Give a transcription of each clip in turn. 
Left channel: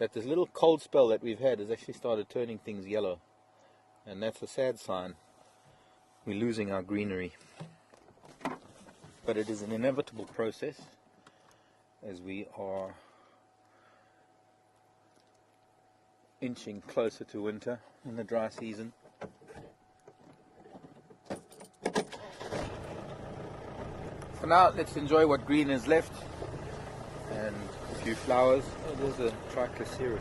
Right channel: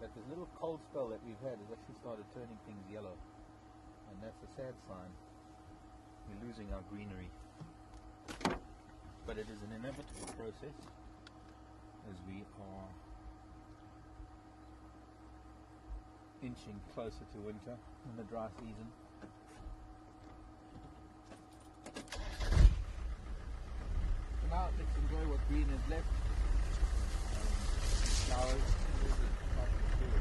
that this little cold spell that we've had has actually started turning things yellow, and that's a sad sign. We're losing our greenery, but it is an inevitable process as we are inching closer to winter in the dry season. For now, let's enjoy what green is left and a few flowers. Oh, there's a trichoceros.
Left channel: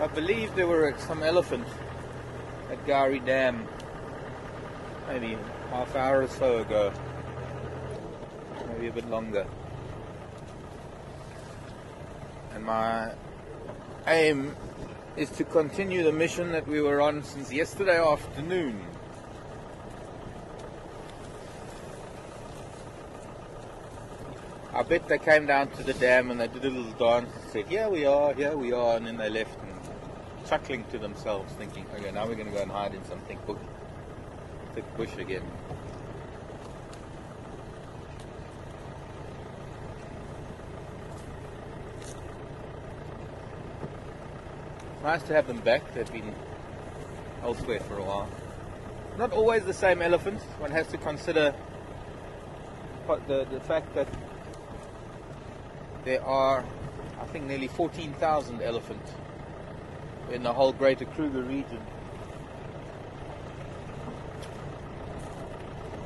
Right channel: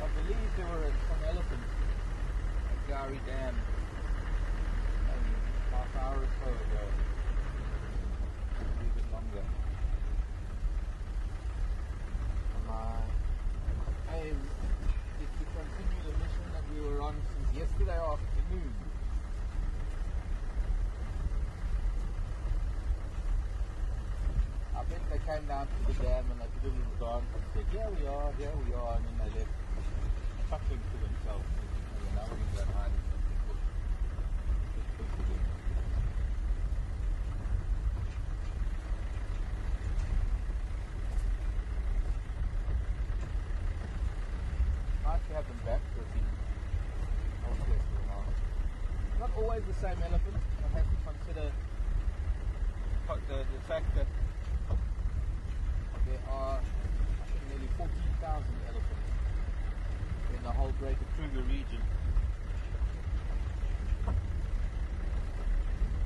I believe there were some elephants at Gowrie Dam maybe half hour or so ago, maybe a bit longer. And my aim is to continue the mission that we were on since yesterday afternoon. I bet they came down to the dam and they did a little dance and said, here we are, and then they left, chuckling to themselves, thinking, okay, now we're going to go and hide in some thick bush again. Nice to have them back. They've been elsewhere for a while. Not always the same elephants. One has to consider the fact that there are, I think, nearly 14,000 elephants in the whole greater Kruger region.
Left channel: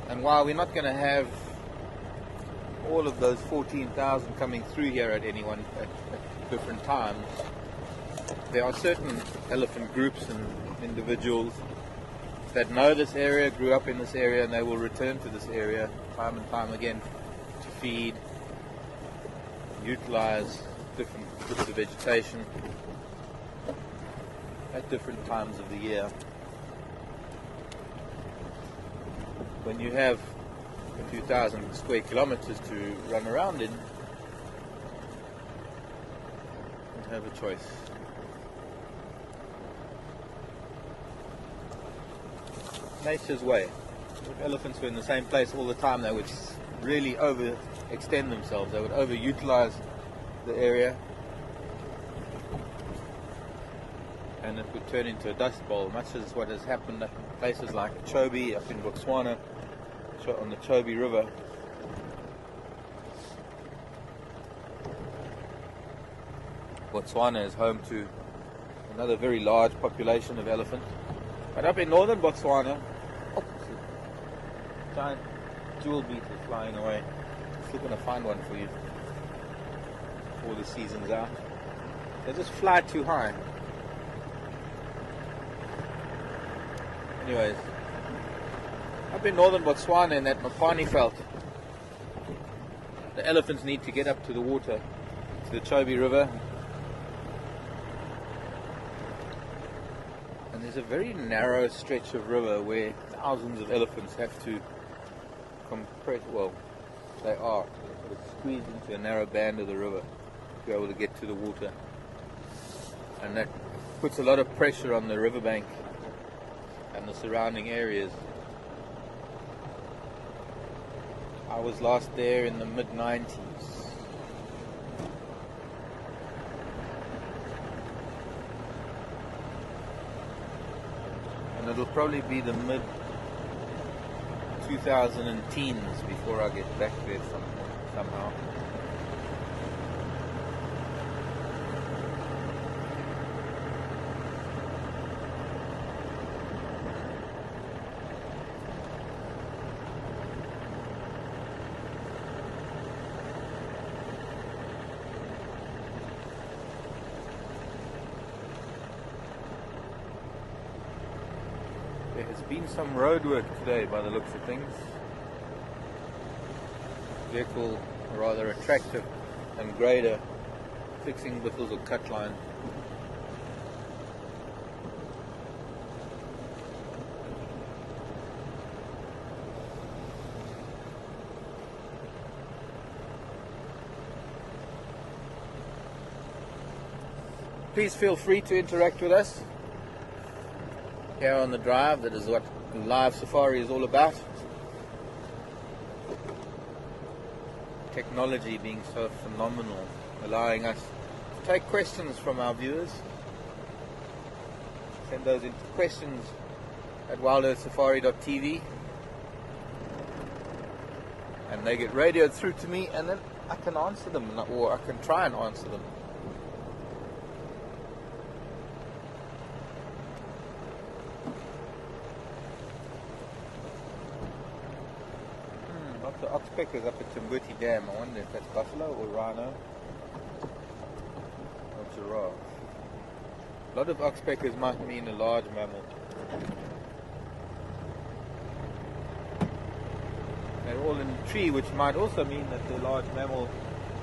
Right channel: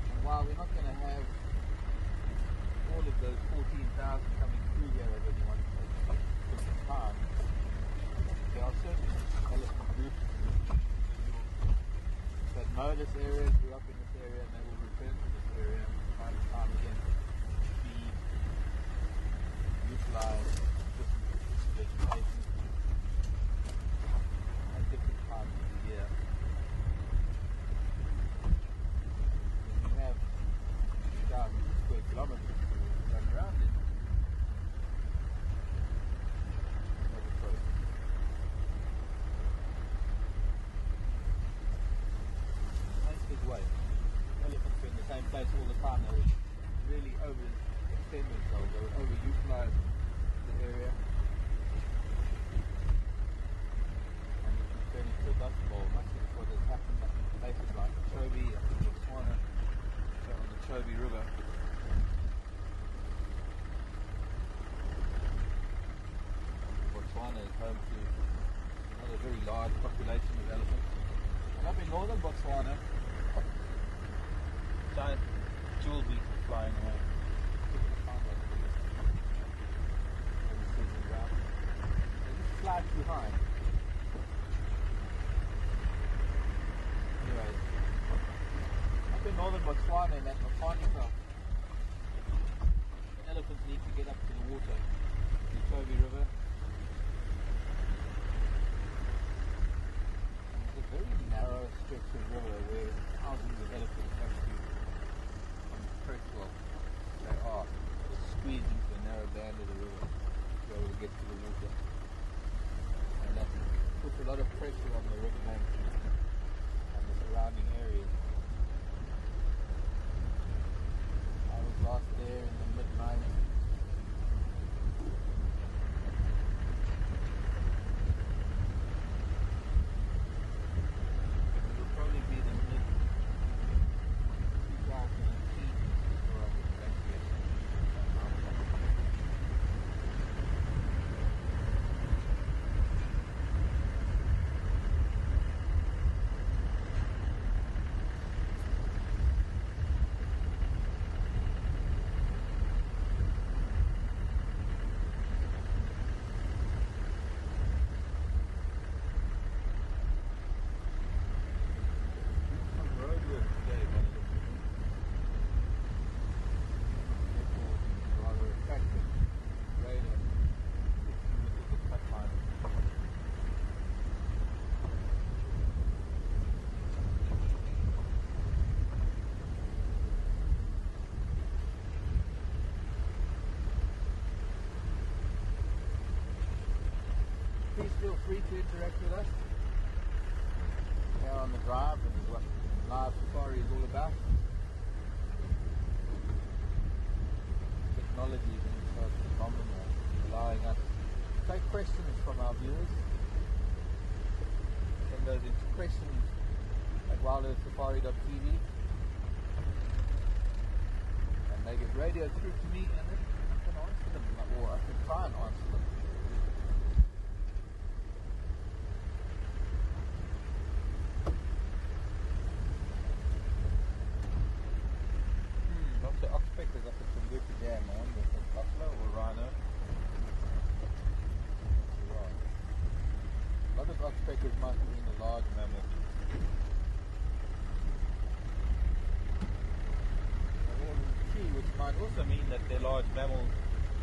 And while we're not going to have all of those 14,000 coming through here at any one at different times, there are certain elephant groups and individuals that know this area, grew up in this area, and they will return to this area time and time again to feed, utilize different bits of vegetation at different times of the year. When you have a few thousand square kilometers to run around in, you have a choice. Nature's way. If elephants were in the same place all the time, they would really overextend themselves. They would overutilize the area, and it would turn into a dust bowl, much as what has happened at places like Chobe up in Botswana, on the Chobe River. Botswana is home to another very large population of elephants. But up in northern Botswana, giant jewel beetles flying away. Still going to find one for you before the season's out. They just fly too high. Anyways, up in northern Botswana in that Mopani veld, the elephants need to get up to the water, to the Chobe River. And there's a very narrow stretch of river where thousands of elephants have to compress, well, they are squeezed into a narrow band of the river to be able to get to the water. And that puts a lot of pressure on the riverbank and the surrounding areas. I was last there in the mid-90s. And it'll probably be the mid-2010s before I get back there somehow. Been some road work today by the looks of things. Vehicle, rather a tractor and grader, fixing bushels of cut line. please feel free to interact with us here on the drive. That is what live safari is all about. Technology being so phenomenal, allowing us to take questions from our viewers, send those into questions at wildearthsafari.tv, and they get radioed through to me, and then I can answer them, or I can try and answer them. Lots of oxpeckers up at Timbuti Dam. I wonder if that's buffalo or rhino or giraffe. A lot of oxpeckers might mean a large mammal. They're all in the tree, which might also mean that the large mammal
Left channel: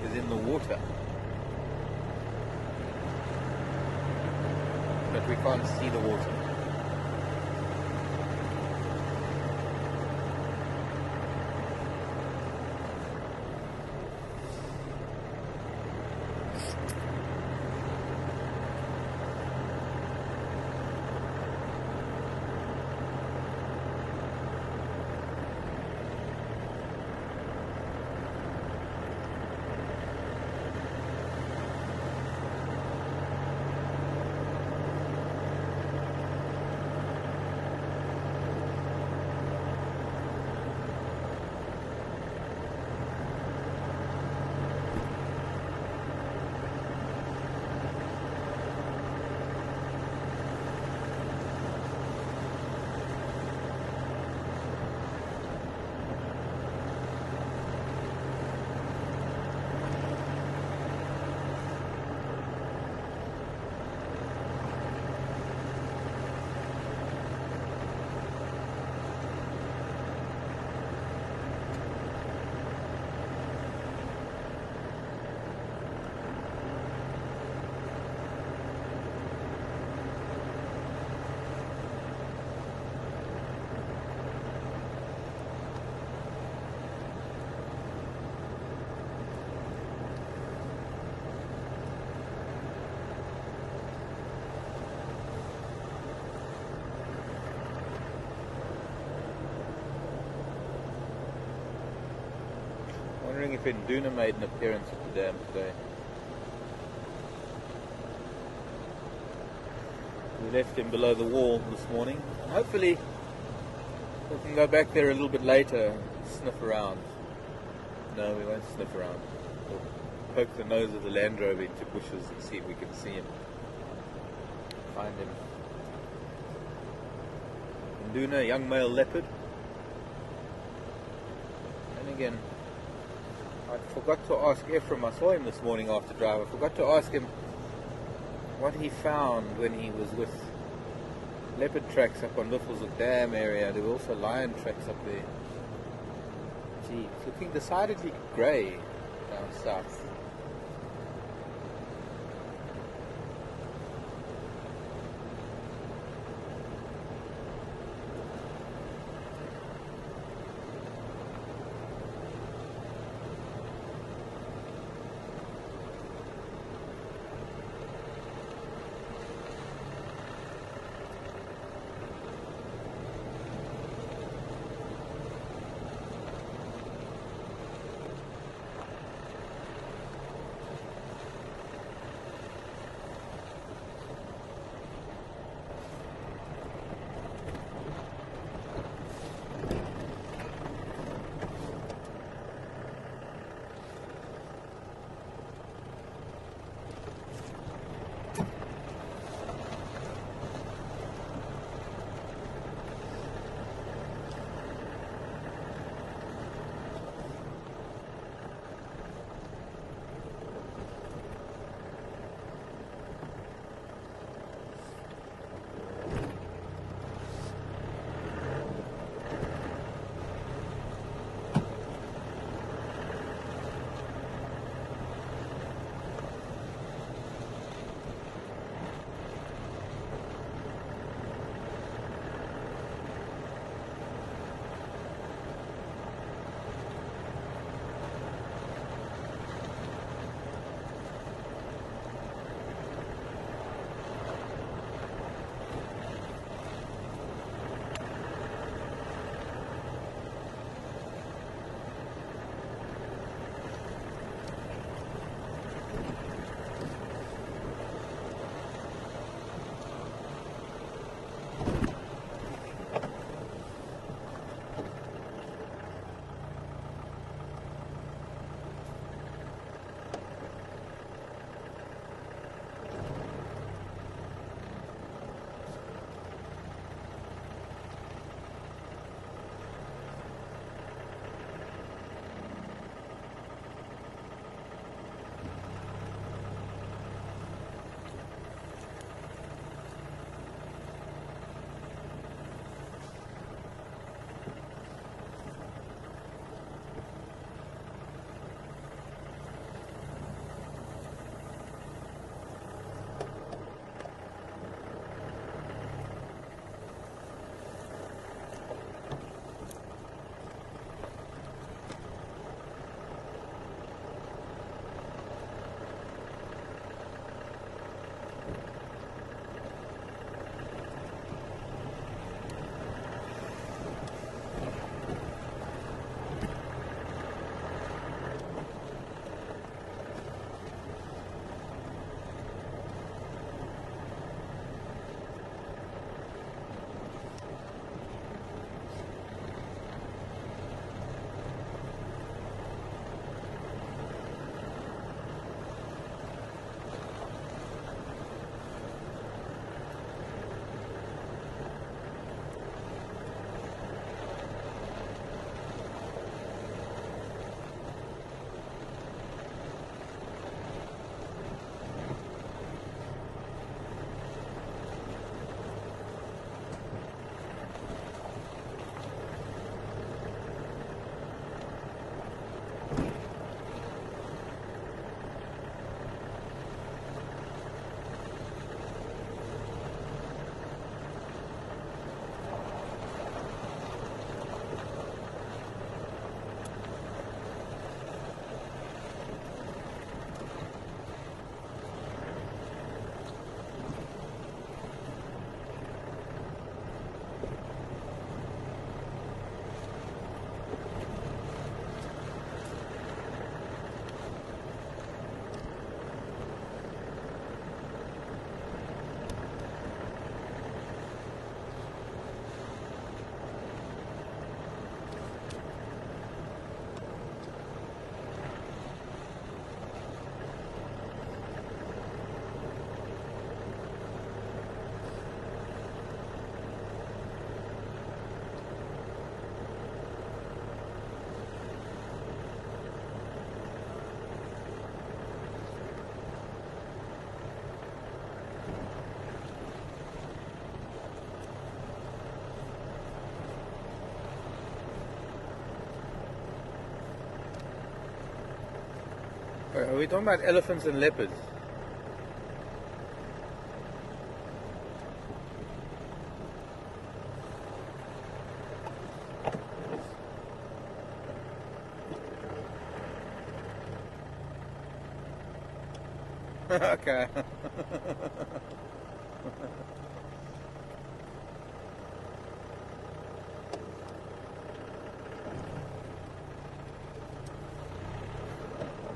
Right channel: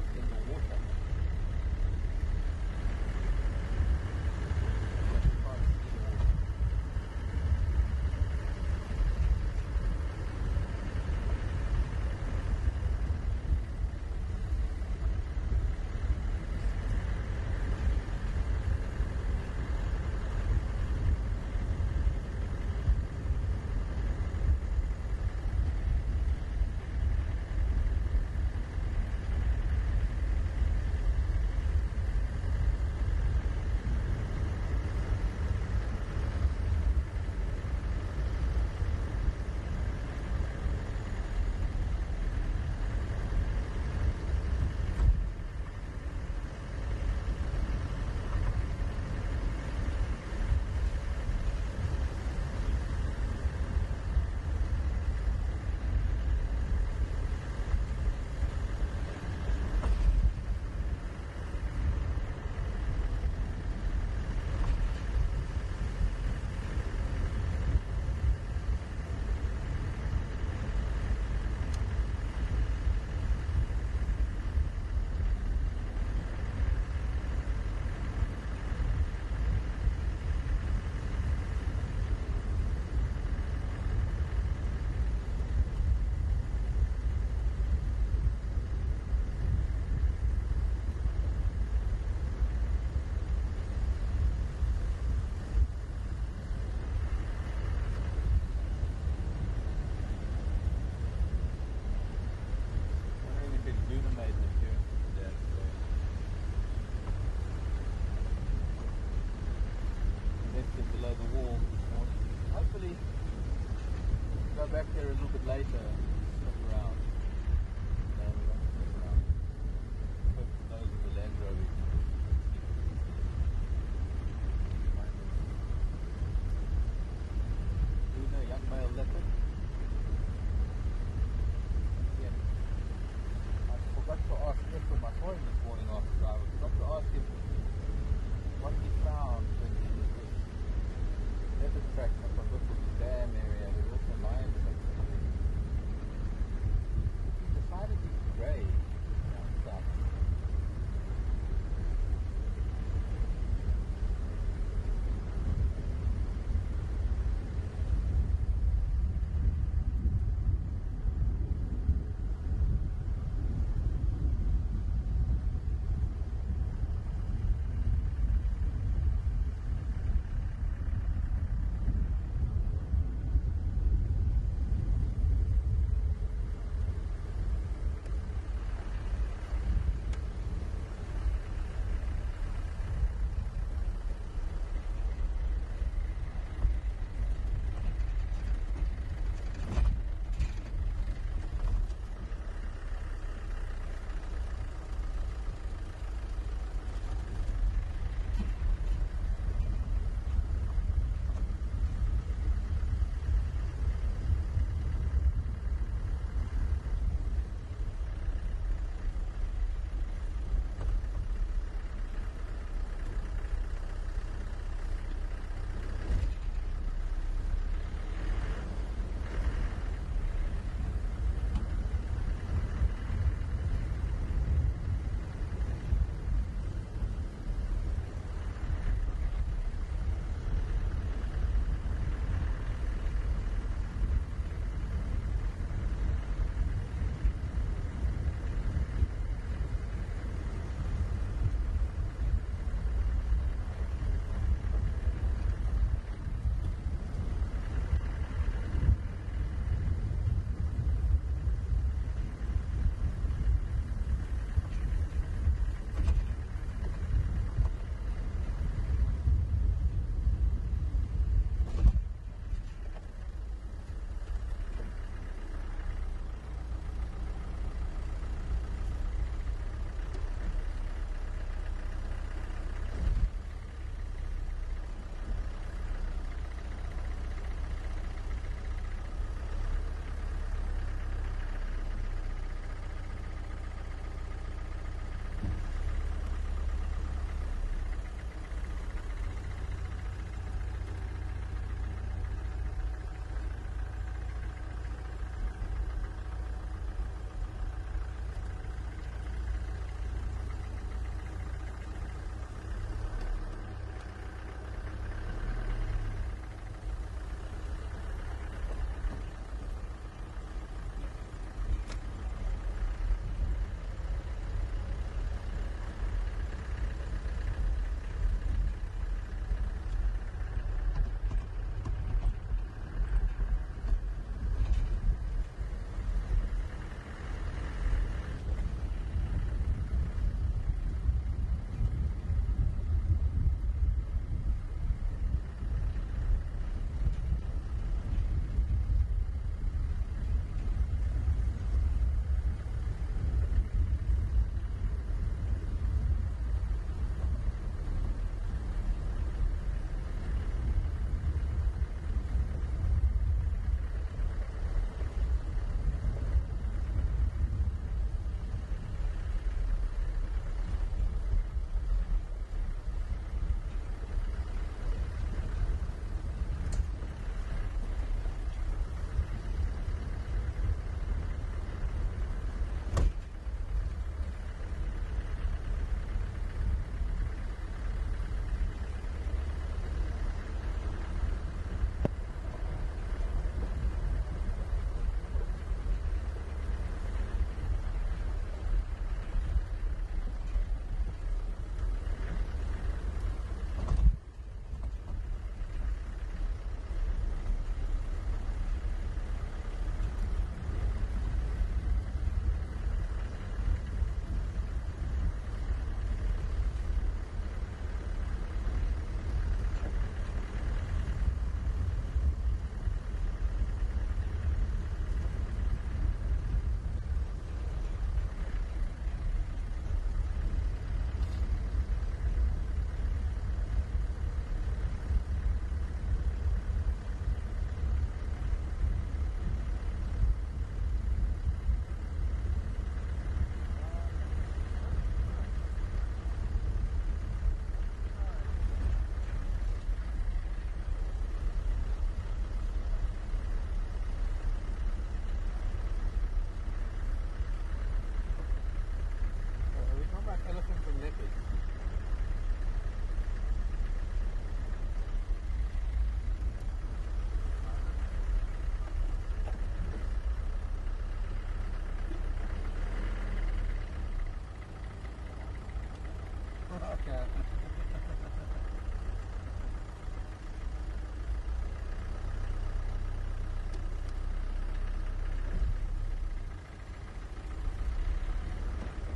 is in the water. But we can't see the water. If Induna made an appearance at the dam today. We left him below the wall this morning. Hopefully we can go back there a little bit later and sniff around. No, we won't sniff around. We'll poke the nose of the Land Rover into bushes and see if we can see him. Find him. Induna, young male leopard. And again, I forgot to ask Ephraim, I saw him this morning after drive, I forgot to ask him what he found when he was with leopard tracks up on Liffelshoek Dam area. There were also lion tracks up there. Gee, it's looking decidedly grey down south. Are we talking about elephants and leopards? Okay.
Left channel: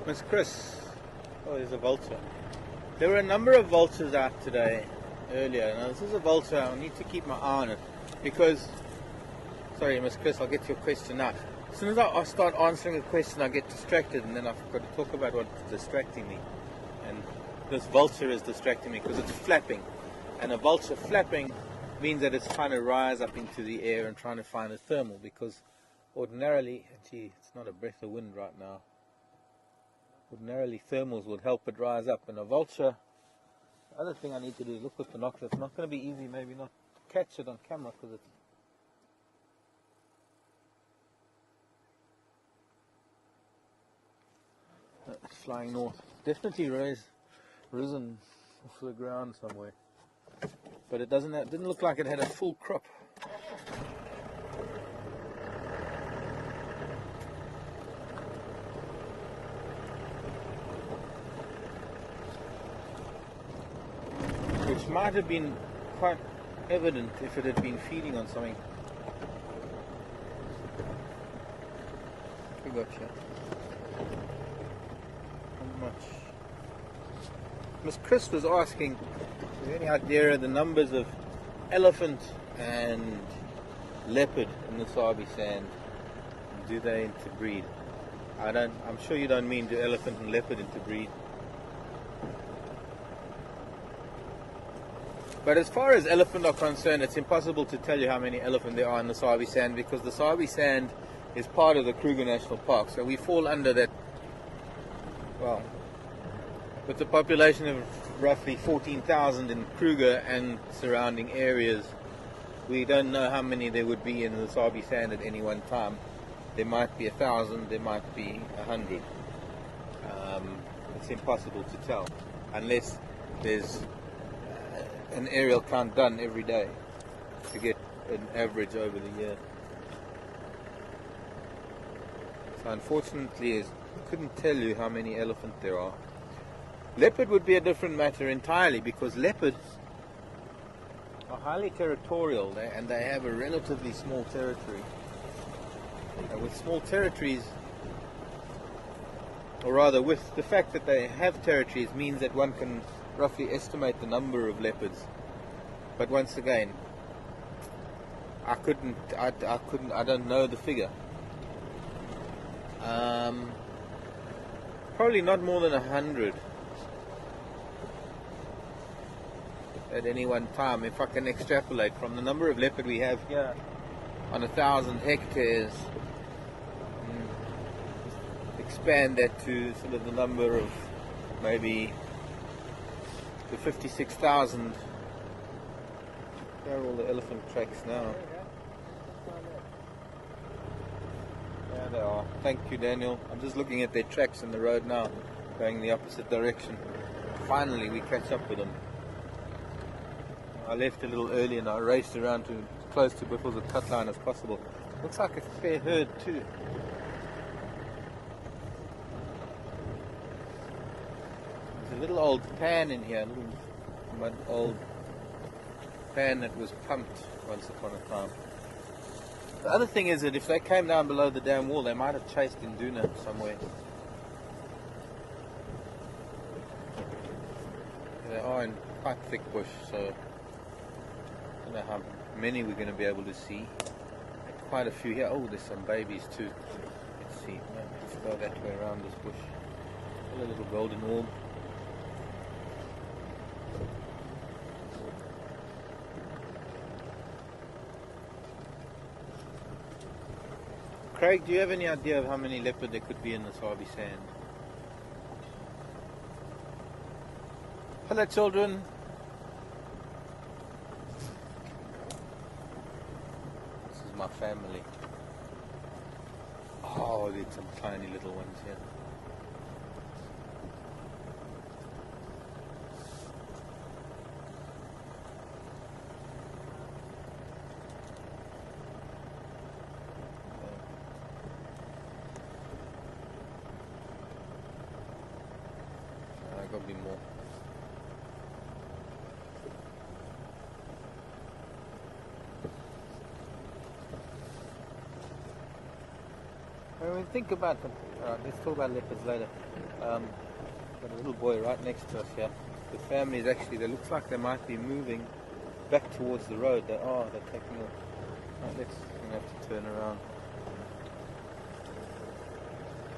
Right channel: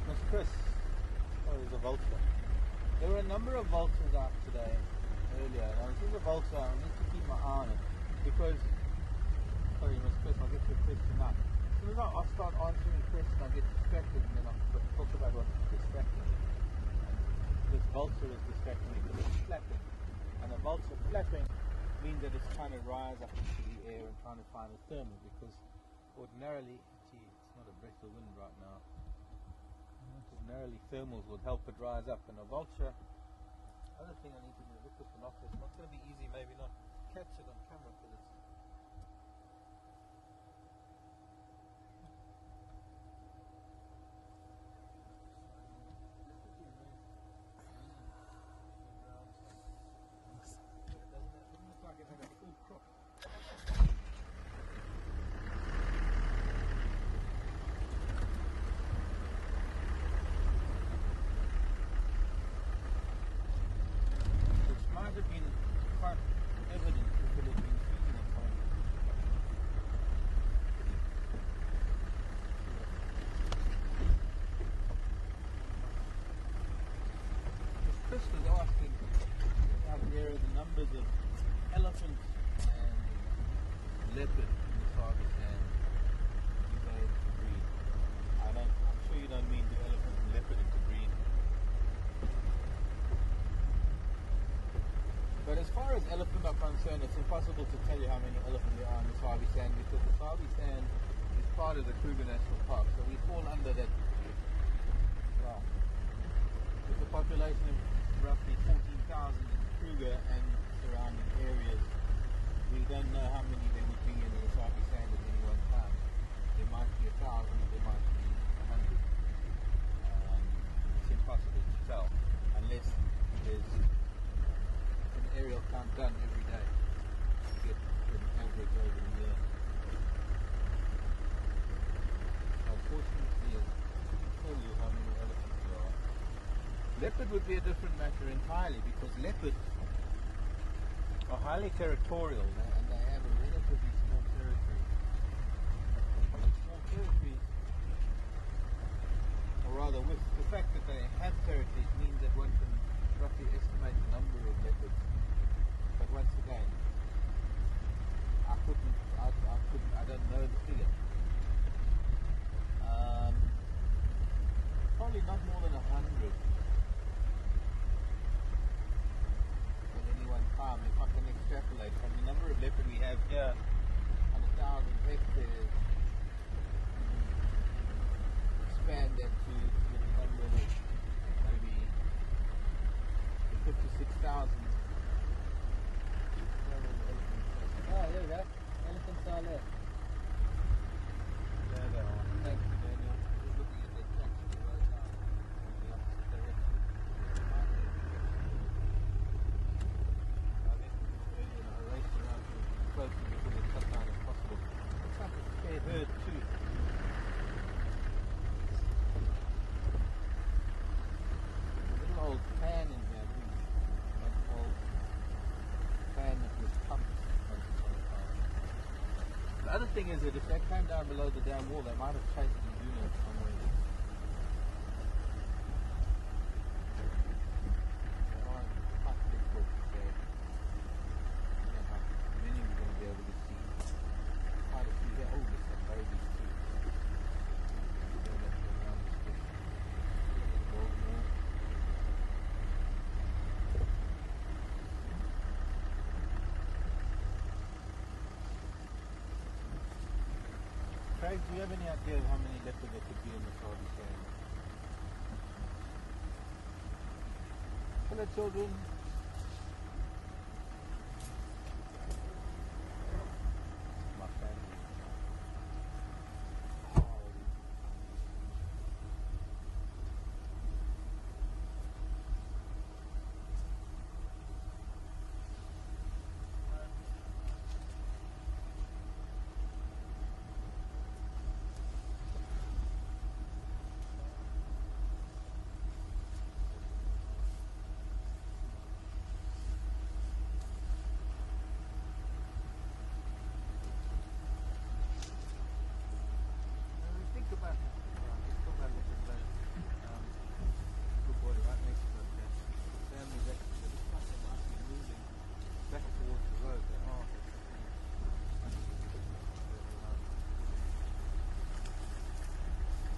Miss Chris. Oh, there's a vulture. There were a number of vultures out today, earlier. Now, this is a vulture. I need to keep my eye on it because... Sorry, Miss Chris, I'll get to your question now. As soon as I start answering a question, I get distracted, and then I've got to talk about what's distracting me. And this vulture is distracting me because it's flapping. And a vulture flapping means that it's trying to rise up into the air and trying to find a thermal, because ordinarily, gee, it's not a breath of wind right now. Ordinarily thermals would help it rise up, and a vulture, the other thing I need to do is look with binoculars. It's not going to be easy, maybe not catch it on camera because it's flying north. Definitely risen off the ground somewhere, but it didn't look like it had a full crop. Which might have been quite evident if it had been feeding on something. We got here. Not much. Miss Chris was asking, is there any idea of the numbers of elephant and leopard in the Sabi sand? Do they interbreed? I'm sure you don't mean do elephant and leopard interbreed. But as far as elephant are concerned, it's impossible to tell you how many elephant there are in the Sabi sand, because the Sabi sand is part of the Kruger National Park. So we fall under that, well, with the population of roughly 14,000 in Kruger and surrounding areas, we don't know how many there would be in the Sabi sand at any one time. There might be 1,000, there might be 100. It's impossible to tell unless there's an aerial count done every day to get an average over the year. So unfortunately, I couldn't tell you how many elephant there are. Leopard would be a different matter entirely, because leopards are highly territorial and they have a relatively small territory. And with small territories, or rather with the fact that they have territories, means that one can roughly estimate the number of leopards. But once again, I don't know the figure. Probably not more than 100 at any one time. If I can extrapolate from the number of leopard we have here on 1,000 hectares, expand that to sort of the number of maybe the 56,000. Where are all the elephant tracks now? There they are. Thank you, Daniel. I'm just looking at their tracks in the road now, going the opposite direction. Finally, we catch up with them. I left a little early and I raced around to close to Buffalo's cut line as possible. Looks like a fair herd too. There's a little old pan in here, a little old pan that was pumped once upon a time. The other thing is that if they came down below the dam wall, they might have chased Induna somewhere. They are in quite thick bush, so I don't know how many we're going to be able to see. Quite a few here. Oh, there's some babies too. Let's see. No, let's go that way around this bush. A little golden orb. Craig, do you have any idea of how many leopard there could be in the Sabi sand? Hello, children. This is my family. Oh, there's some tiny little ones here. think about them. Alright, let's talk about leopards later. Got a little boy right next to us here. The family is actually, they look like they might be moving back towards the road. They are, they're taking off. Right, let's have to turn around.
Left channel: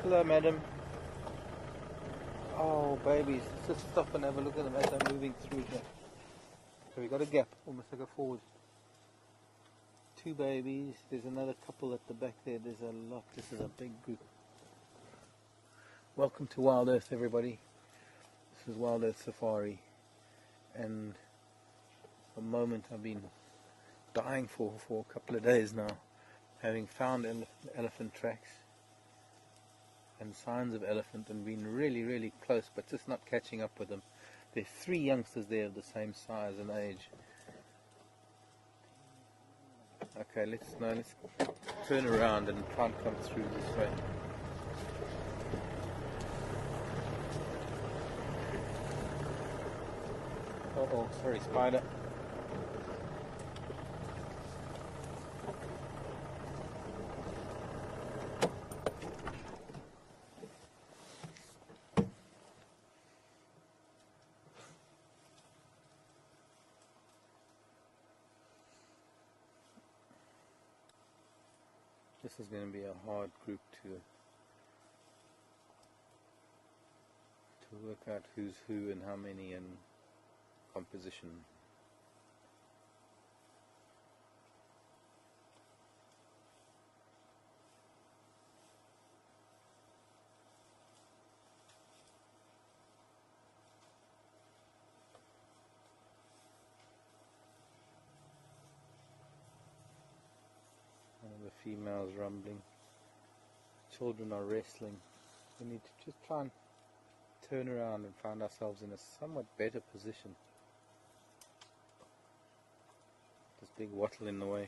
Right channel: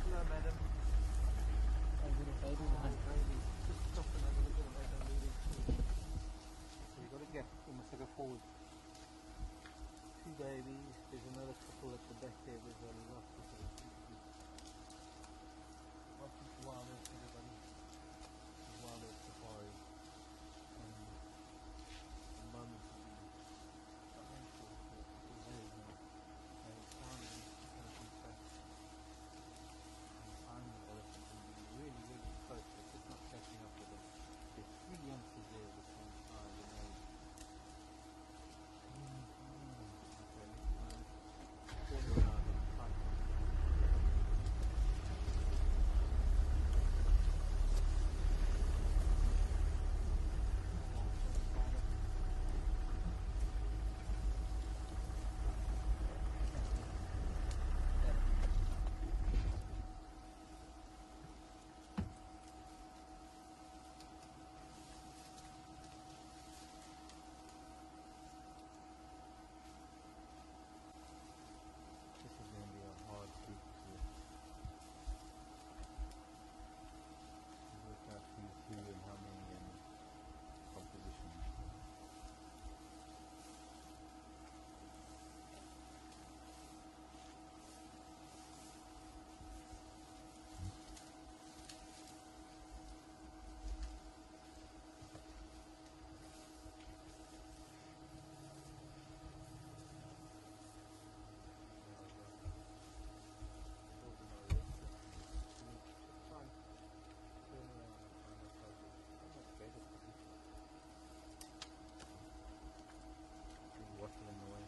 Hello, madam. Oh, babies, just stop and have a look at them as they're moving through here. So we got a gap, almost like a forward. 2 babies, there's another couple at the back there, there's a lot, this is a big group. Welcome to Wild Earth, everybody. This is Wild Earth Safari, and the moment I've been dying for a couple of days now, having found elephant tracks and signs of elephant and been really close, but just not catching up with them. There are 3 youngsters there of the same size and age. Okay, let's turn around and try and come through this way. Oh, sorry, spider. This is going to be a hard group to work out who's who and how many and composition. Females rumbling, children are wrestling. We need to just try and turn around and find ourselves in a somewhat better position. This big wattle in the way.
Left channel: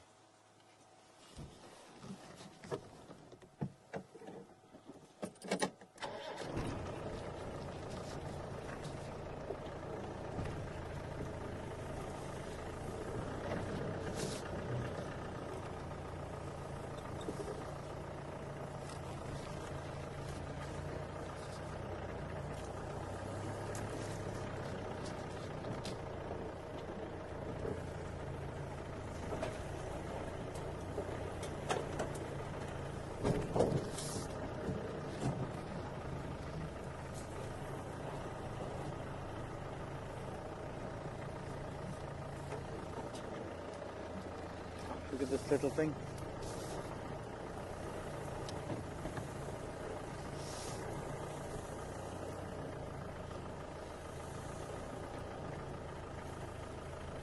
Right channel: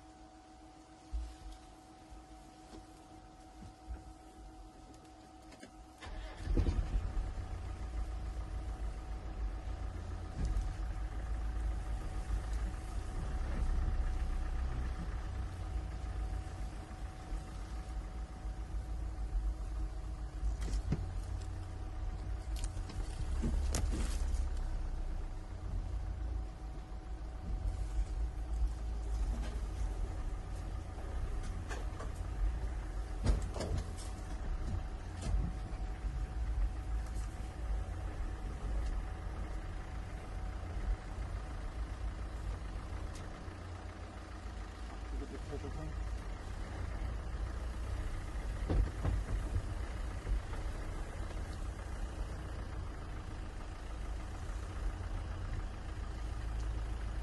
Look at this little thing.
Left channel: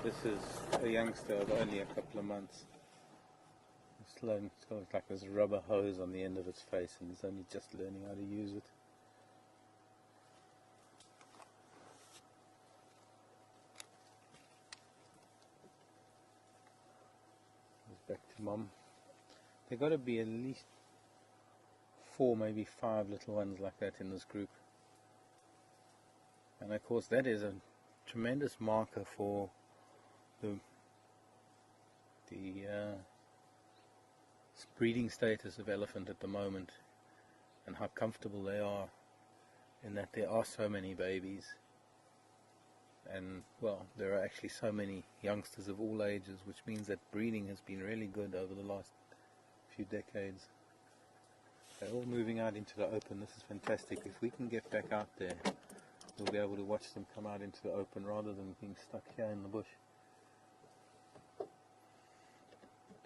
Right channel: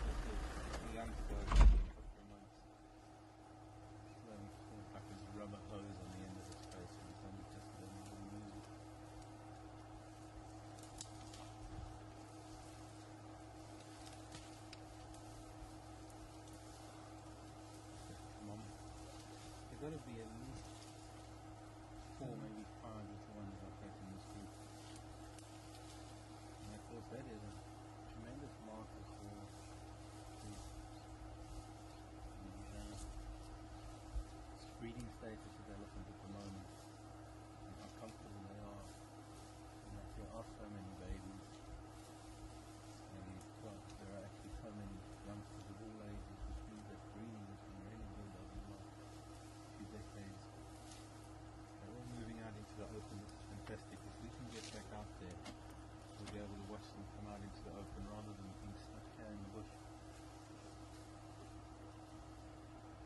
This is a youngster of only a couple of months. It's got like this rubber hose on the end of its face, and it's only just learning how to use it. Back to mum. There got to be at least 4, maybe 5 little ones like that in this group, and of course that is a tremendous marker for the breeding status of elephant at the moment, and how comfortable they are in that there are so many babies, and well, there are actually so many youngsters of all ages, which means that breeding has been really good over the last few decades. They're all moving out into the open. This is fantastic. If we can get back out there, we'll be able to watch them come out into the open rather than being stuck here in the bush.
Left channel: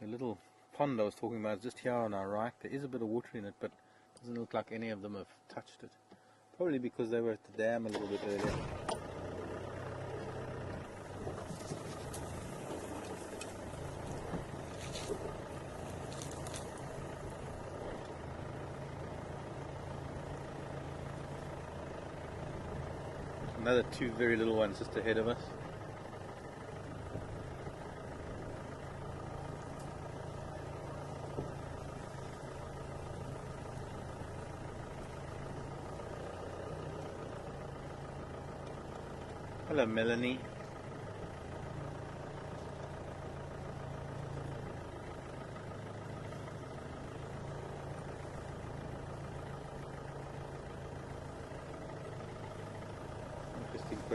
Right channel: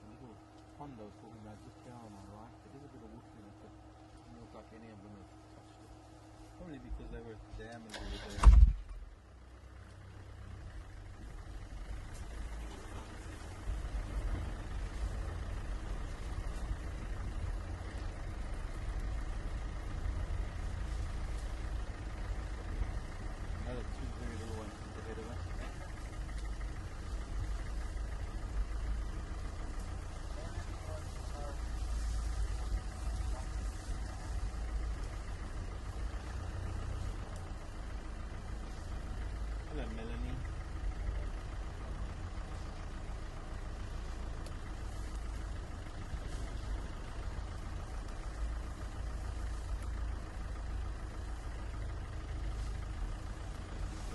The little pond I was talking about is just here on our right. There is a bit of water in it, but it doesn't look like any of them have touched it. Probably because they were at the dam a little bit earlier. Another 2 very little ones just ahead of us. Hello, Melanie.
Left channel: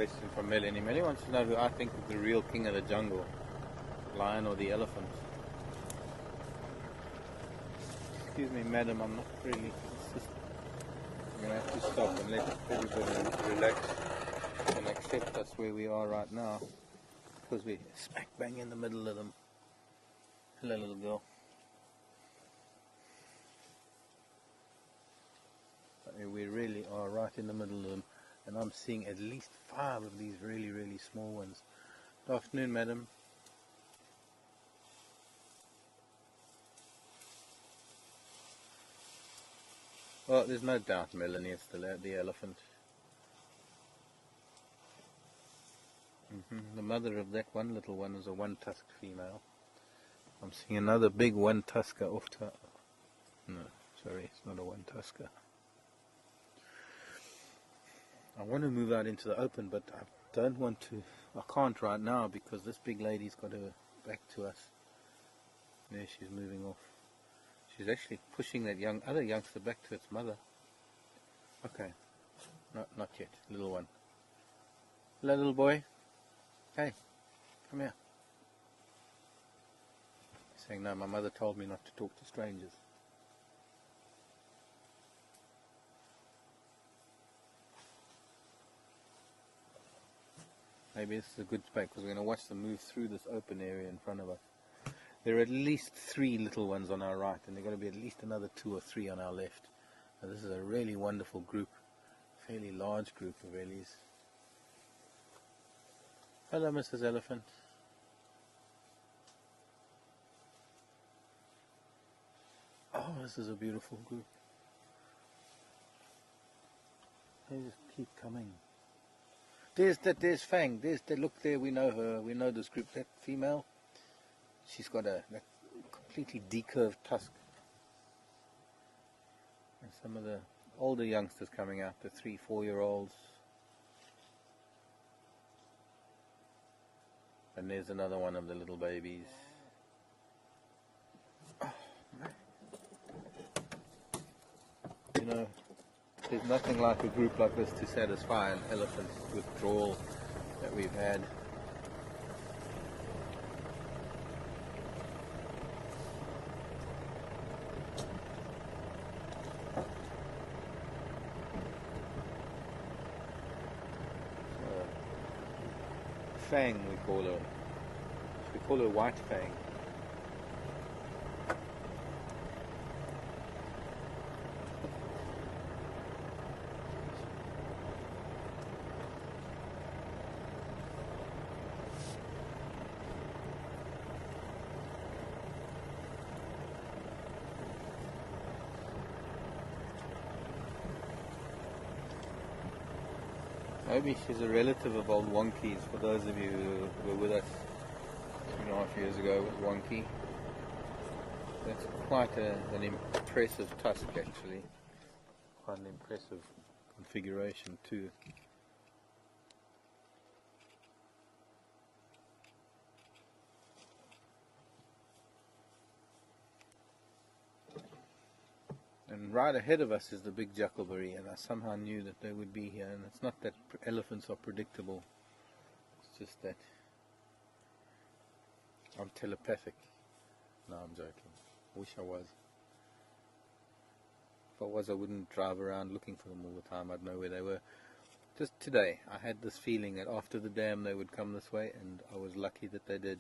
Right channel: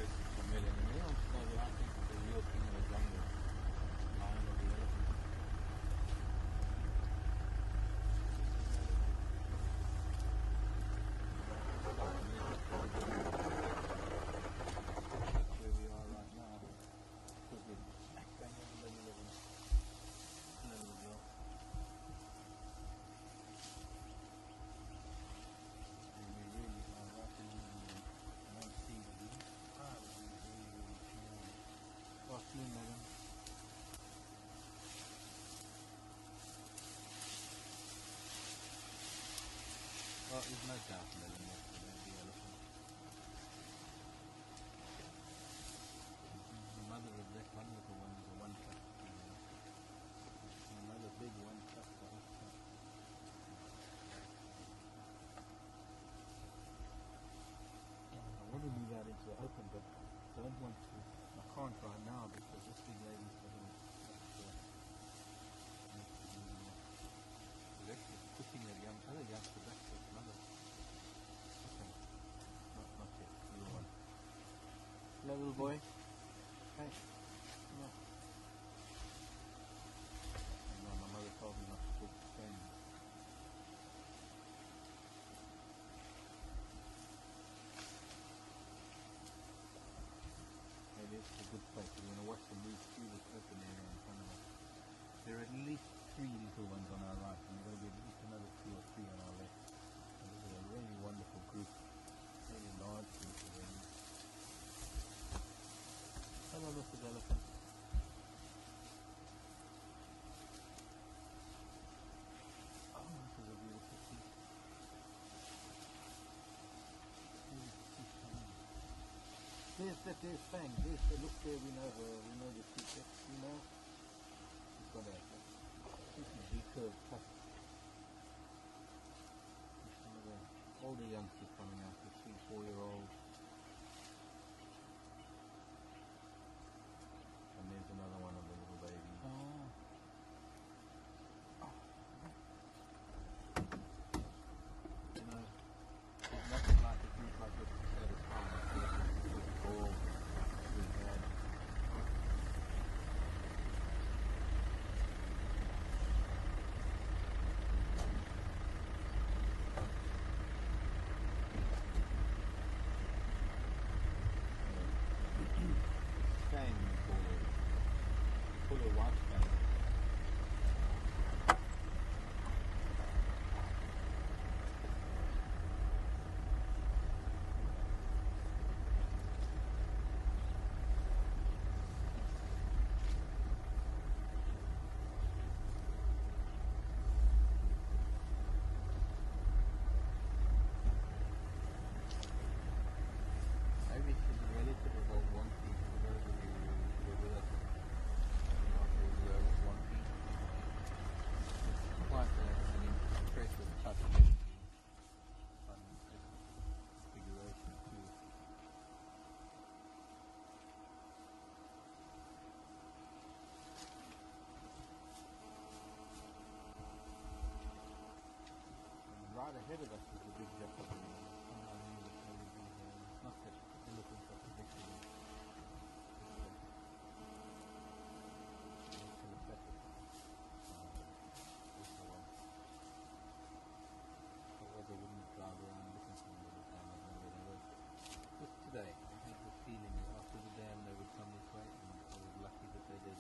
question from Melanie. Melanie wants to know who I think is the real king of the jungle, lion or the elephant. Excuse me, madam, I'm not really. I'm going to have to stop and let everybody relax and accept us where we are right now, because we're smack bang in the middle of them. Hello, little girl. I mean, we really are right in the middle of them, and I'm seeing at least 5 of these really, really small ones. Good afternoon, madam. Well, there's no doubt, Melanie, it's the elephant. The mother of that one little one is a one-tusked female. I'm seeing another big one-tusker off to... No, sorry, it's not a one-tusker. I want to move out into the open, but I don't want to... I can't right now because this big lady's got her back to us. There, she's moving off. She's actually pushing that other youngster back to its mother. Okay. No, not yet. Little one. Hello, little boy. Hey, come here. Saying no, my mother told me not to talk to strangers. Maybe this is a good spot because we're going to watch them move through this open area in front of us. There are at least 3 little ones on our right, and there are going to be at least another 2 or 3 on our left. So this is a really wonderful group, fairly large group of ellies. Hello, Mrs. Elephant. Oh, this is a beautiful group. They just keep coming. There's Fang. Look there, we know her. We know this group. That female, she's got a completely decurved tusk. And some of the older youngsters coming out, the 3-4-year-olds. And there's another one of the little babies. Oh, you know, there's nothing like a group like this to satisfy an elephant withdrawal that we've had. Fang, we call her. We call her White Fang. Maybe she's a relative of old Wonky's, for those of you who were with us 2.5 years ago with Wonky. That's quite an impressive tusk, actually. Quite an impressive configuration too. And right ahead of us is the big Jackalberry, and I somehow knew that they would be here. And it's not that elephants are predictable, it's just that I'm telepathic. No, I'm joking. Wish I was. If I was, I wouldn't drive around looking for them all the time. I'd know where they were. Just today, I had this feeling that after the dam they would come this way, and I was lucky that they did.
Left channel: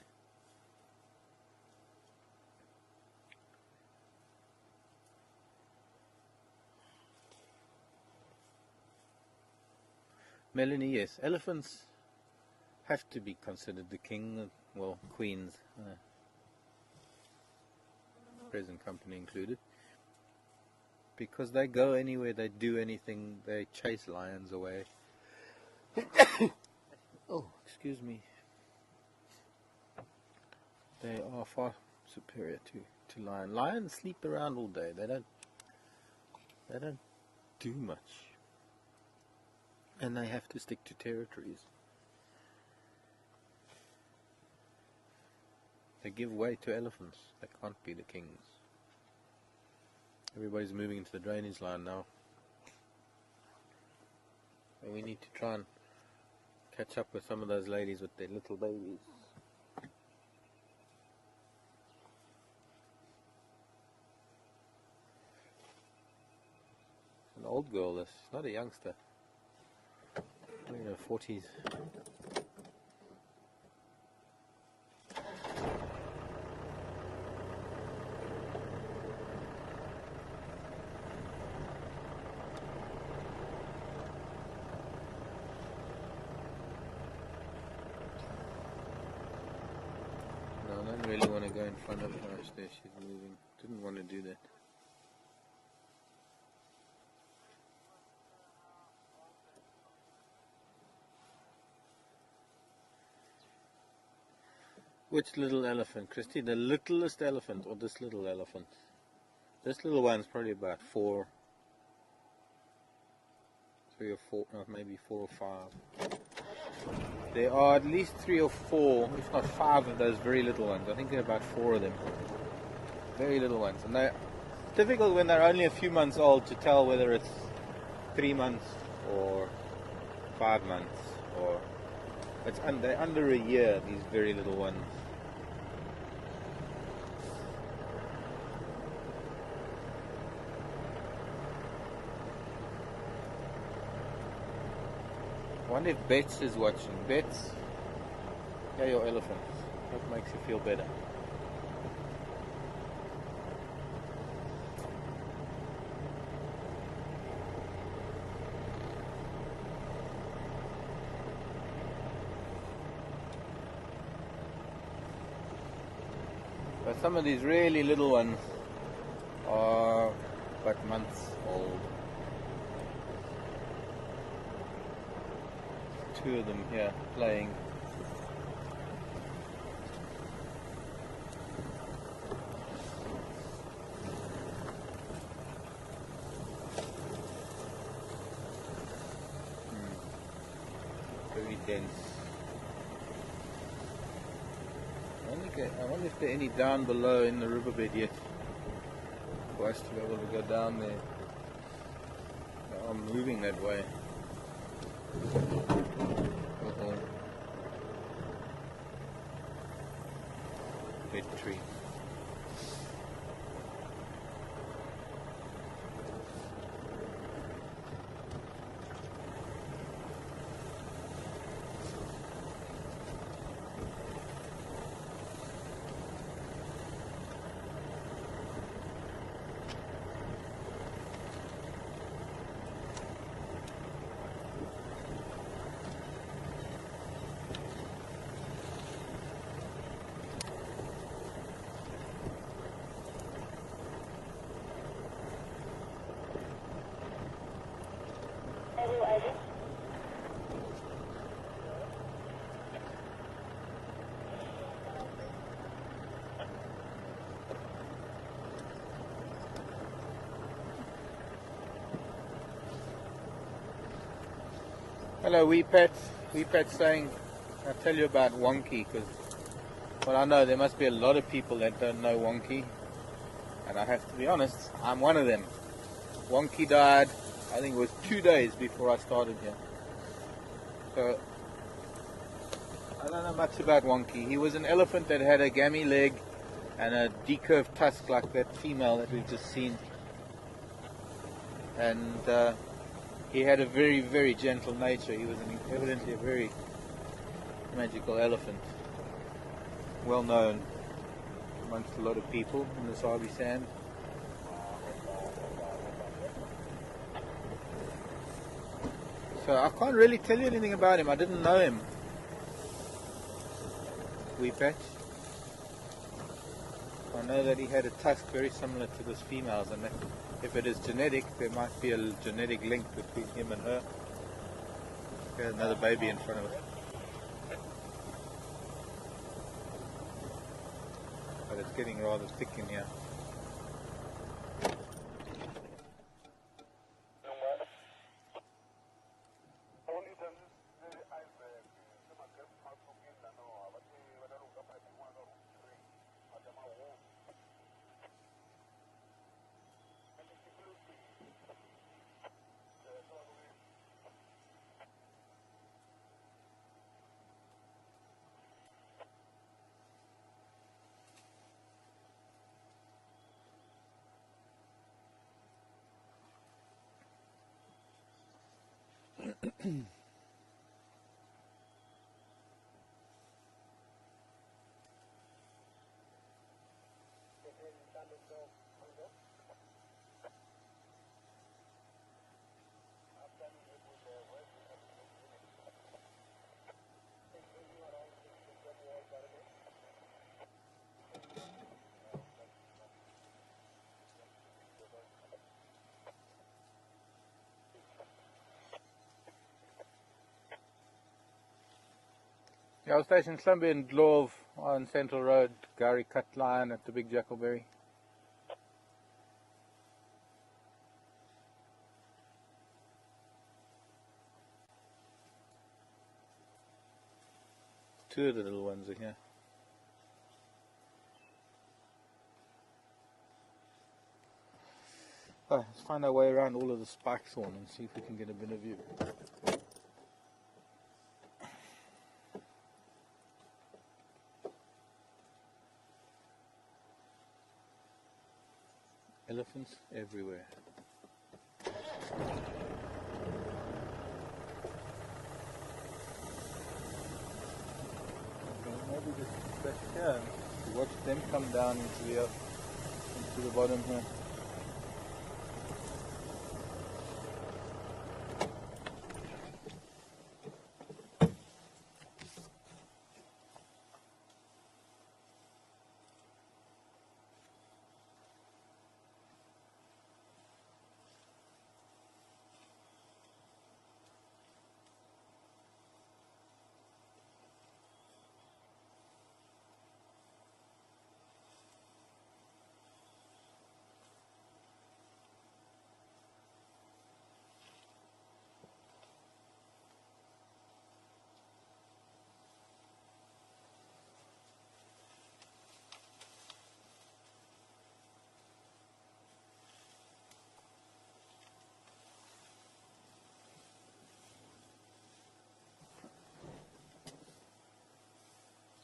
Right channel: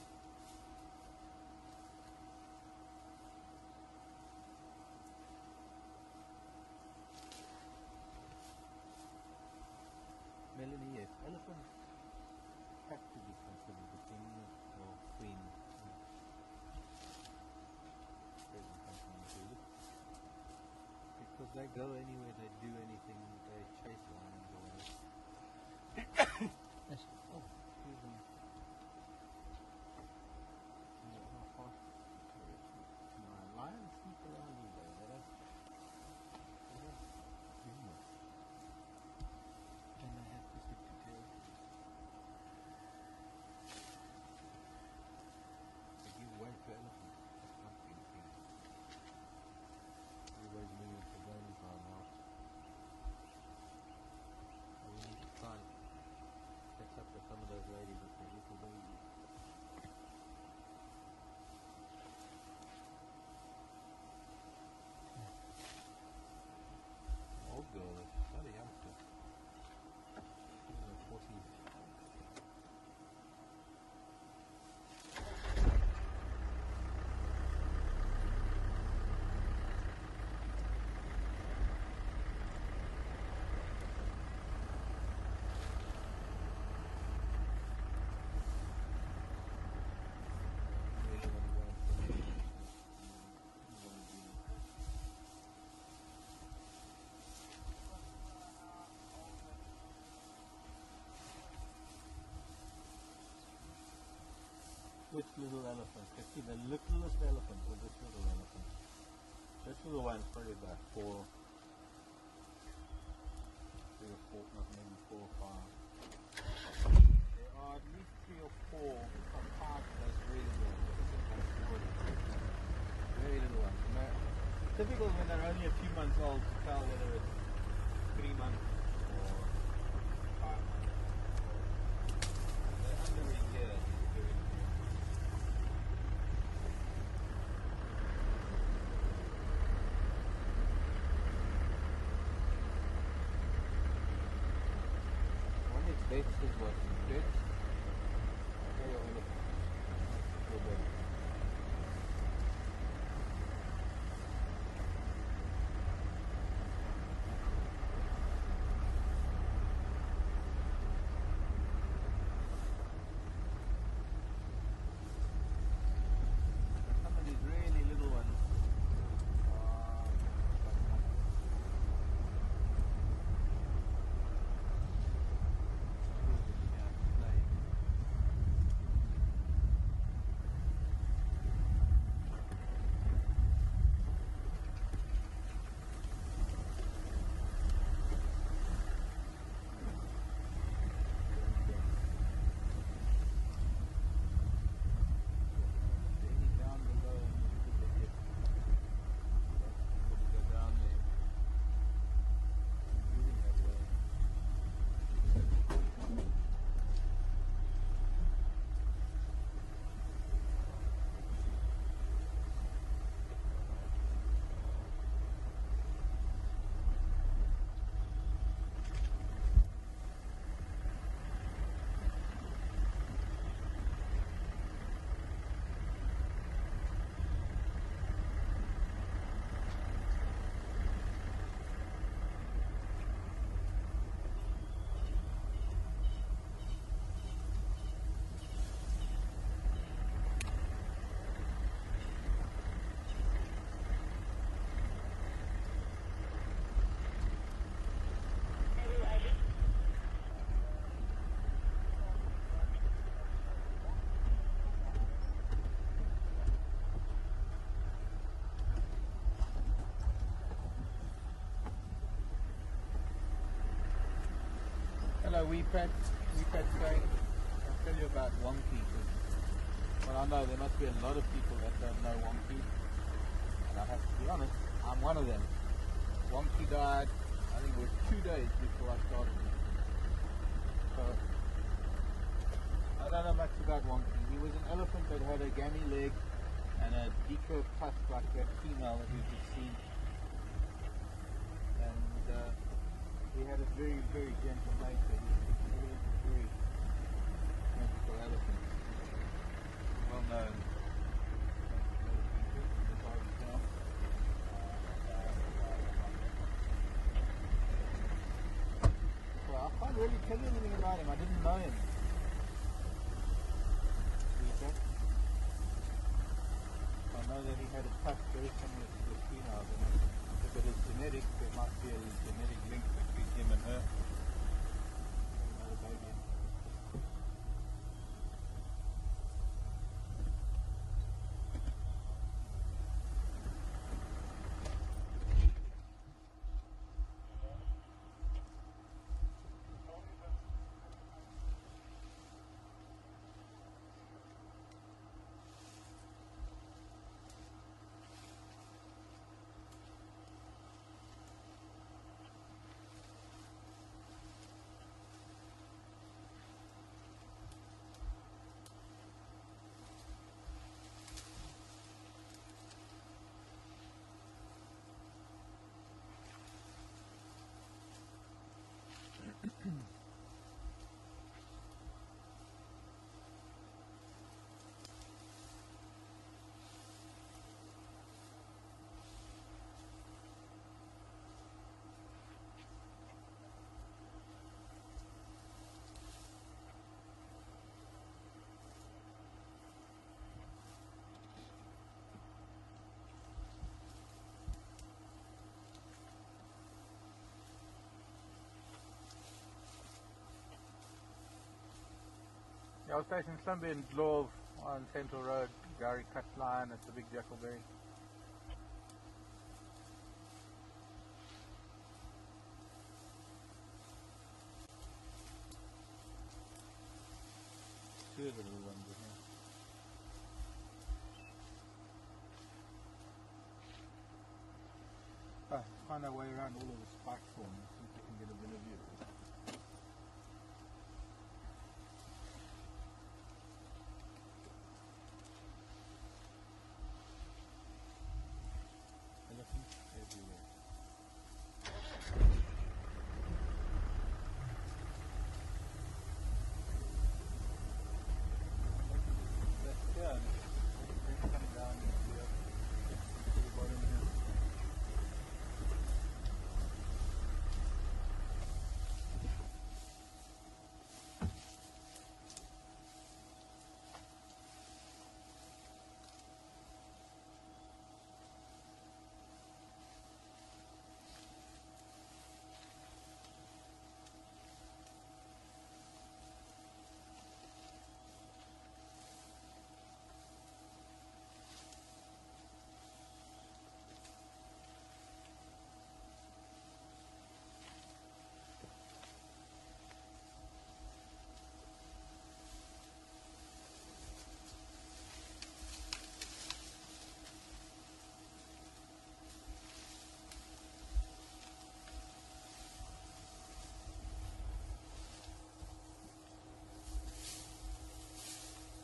Melanie, yes, elephants have to be considered the king, well, queens, present company included, because they go anywhere, they do anything, they chase lions away. Oh, excuse me. They are far superior to lion. Lions sleep around all day. They don't do much. And they have to stick to territories. They give way to elephants. They can't be the kings. Everybody's moving into the drainage line now. And we need to try and catch up with some of those ladies with their little babies. An old girl, this, not a youngster. In her 40s. Really want to go in front of her. There she's moving. Didn't want to do that. Which little elephant, Christy? The littlest elephant or this little elephant? This little one's probably about 3 or 4, maybe 4 or 5. There are at least 3 or 4, if not 5 of those very little ones. I think there are about 4 of them. Very little ones. And they're difficult when they're only a few months old to tell whether it's 3 months or 5 months. Or they're under a year, these very little ones. I wonder if Bets is watching. Bets, yeah, your elephant. What makes you feel better? But some of these really little ones are but months old. 2 of them here playing. Very dense. I wonder if there are any down below in the riverbed yet for us to be able to go down there. I'm moving that way. Big tree. Hello, wee pets. Wee pets saying, I'll tell you about Wonky, because, well, I know there must be a lot of people that don't know Wonky, and I have to be honest, I'm one of them. Wonky died, I think it was 2 days before I started here. So, I don't know much about Wonky. He was an elephant that had a gammy leg and a decurved tusk like that female that we've just seen. And he had a very, very gentle nature. He was evidently a very magical elephant. Well known amongst a lot of people in the Sabi Sand. So I can't really tell you anything about him. I didn't know him. Wee Patch. I know that he had a tusk very similar to this female's, and that if it is genetic, there might be a genetic link between him and her. There's another baby in front of her. But it's getting rather thick in here. I was stationed in Slumby and Glove on Central Road. Gary cut line at the Big Jackalberry. Two of the little ones are here. Let's find our way around all of the spike thorn and see if we can get a better view. Elephants everywhere. Maybe just back here. Watch them come down into the bottom here.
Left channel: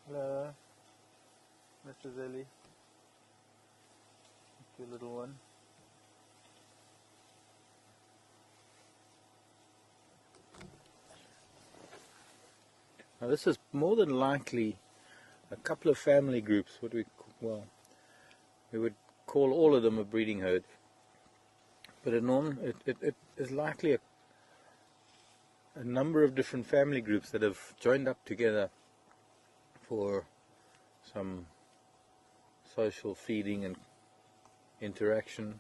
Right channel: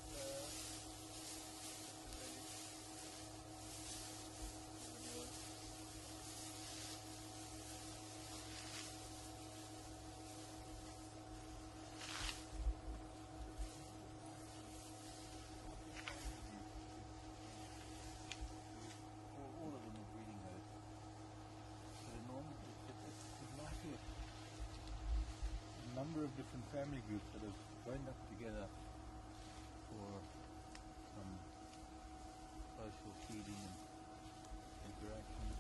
Hello, Mr. Zelly, the little one. Now this is more than likely a couple of family groups, we would call all of them a breeding herd, but it is likely a number of different family groups that have joined up together for some social feeding and interaction.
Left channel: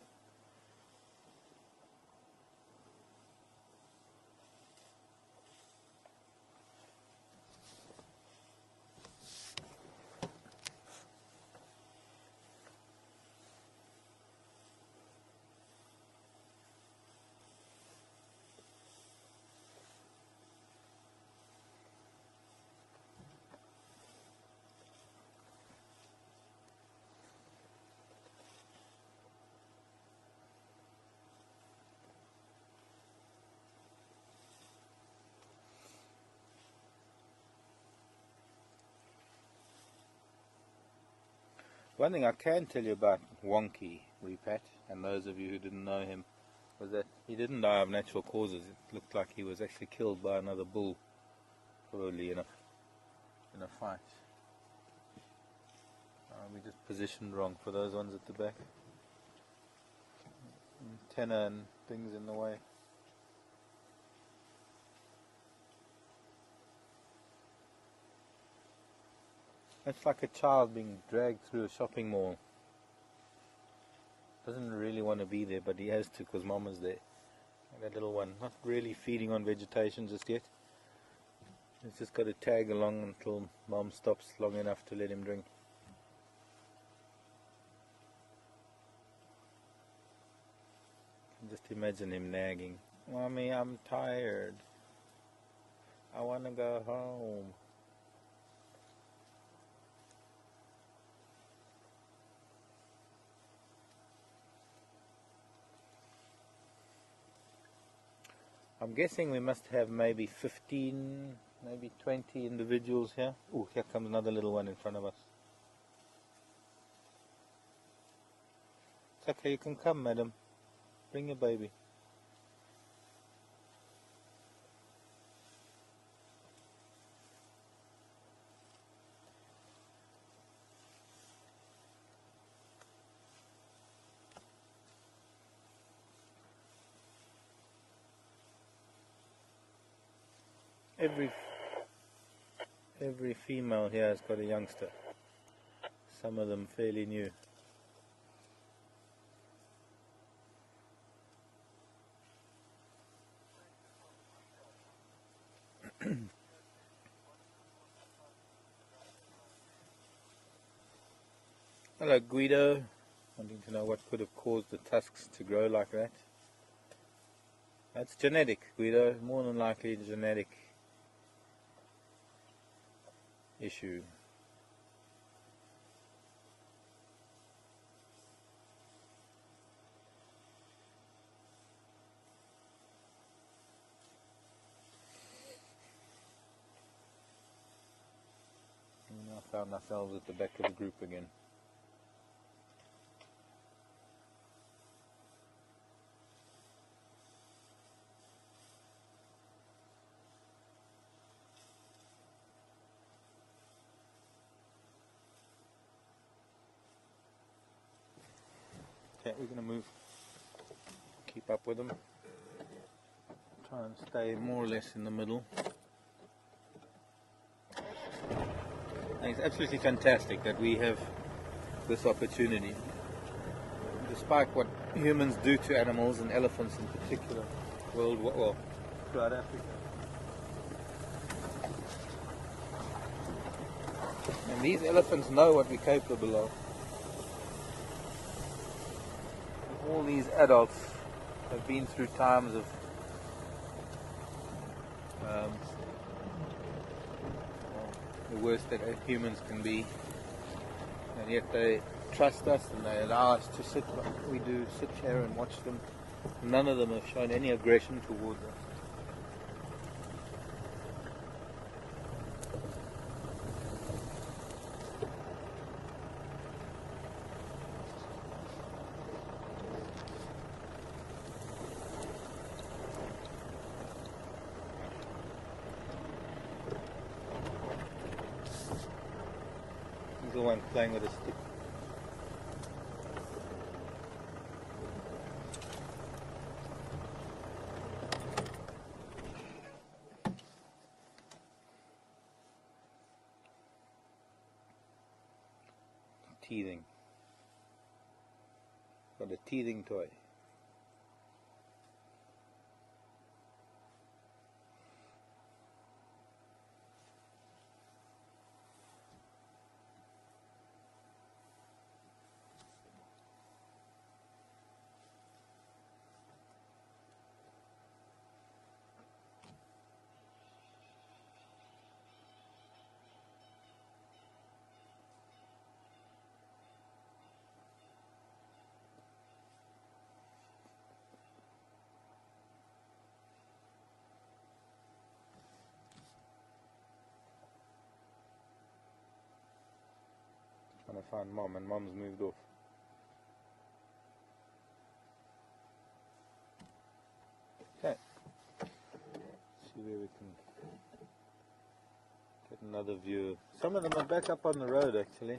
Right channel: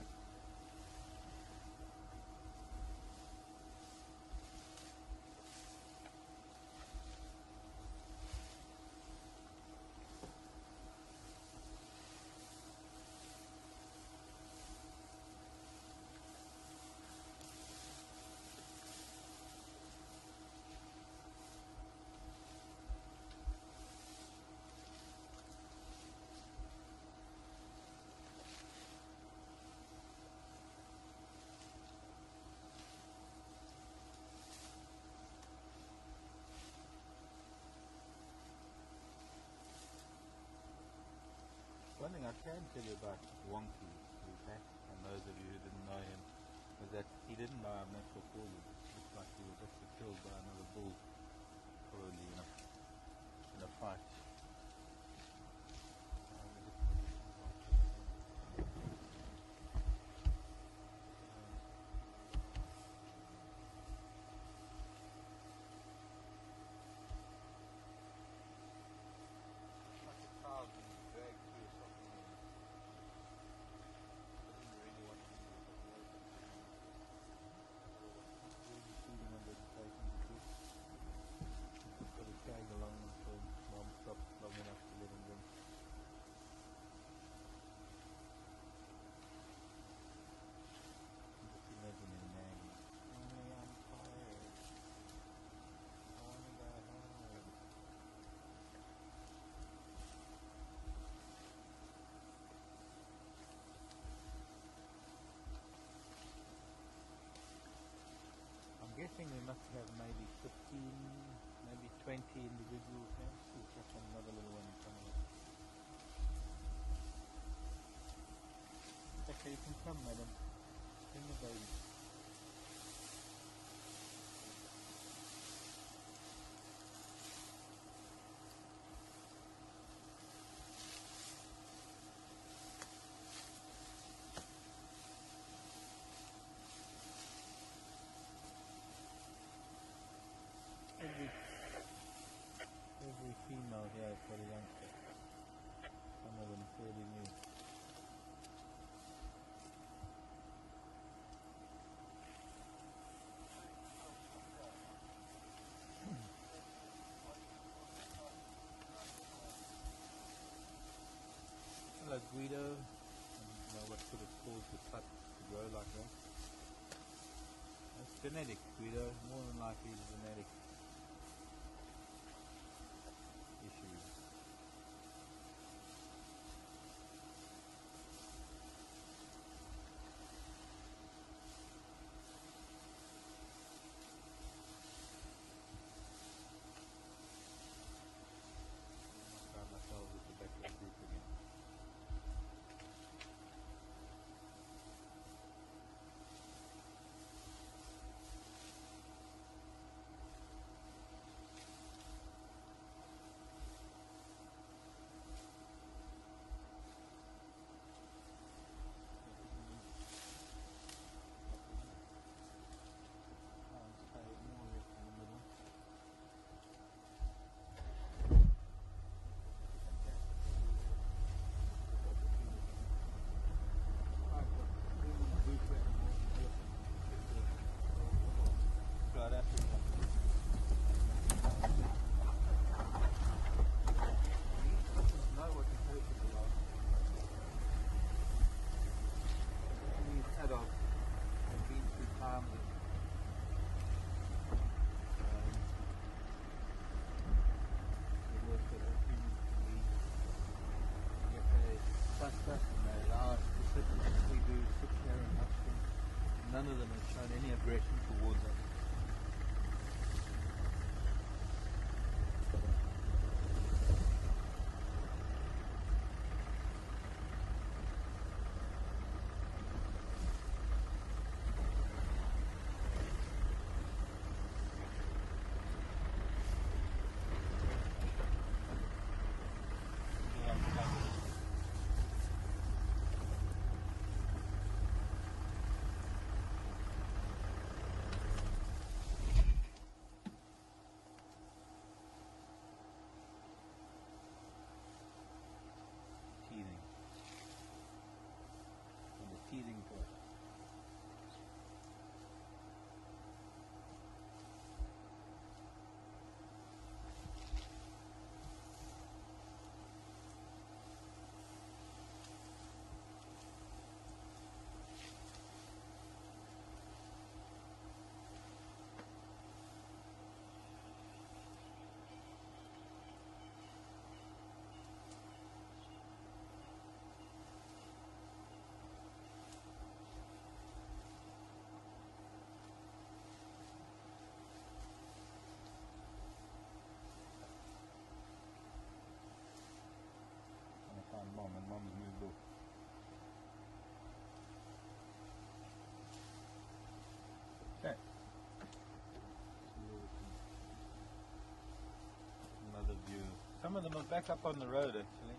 One thing I can tell you about Wonky Repat, and those of you who didn't know him, was that he didn't die of natural causes. It looked like he was actually killed by another bull, probably in a fight. We just positioned wrong for those ones at the back. Antenna and things in the way. It's like a child being dragged through a shopping mall. Doesn't really want to be there, but he has to because Mom is there. That little one, not really feeding on vegetation just yet. He's just got to tag along until Mom stops long enough to let him drink. Just imagine him nagging. Mommy, I'm tired. I want to go home. I'm guessing we must have maybe 15, maybe 20 individuals here. Oh, here comes another little one in front of us. It's okay, you can come, madam. Bring your baby. Every female here has got a youngster. Some of them fairly new. Hello Guido. Wanting to know what could have caused the tusks to grow like that. That's genetic, Guido. More than likely a genetic issue. And now found ourselves at the back of the group again. Okay, we're going to move, keep up with them, try and stay more or less in the middle. And it's absolutely fantastic that we have this opportunity, despite what humans do to animals and elephants in particular, well, throughout Africa. And these elephants know what we're capable of. All these adults have been through times of the worst that humans can be, and yet they trust us and they allow us to sit here and watch them. None of them have shown any aggression towards us. The one playing with a stick. Teething. Got a teething toy. Trying to find Mom, and Mom's moved off. Okay. See where we can get another view. Some of them are back up on the road actually.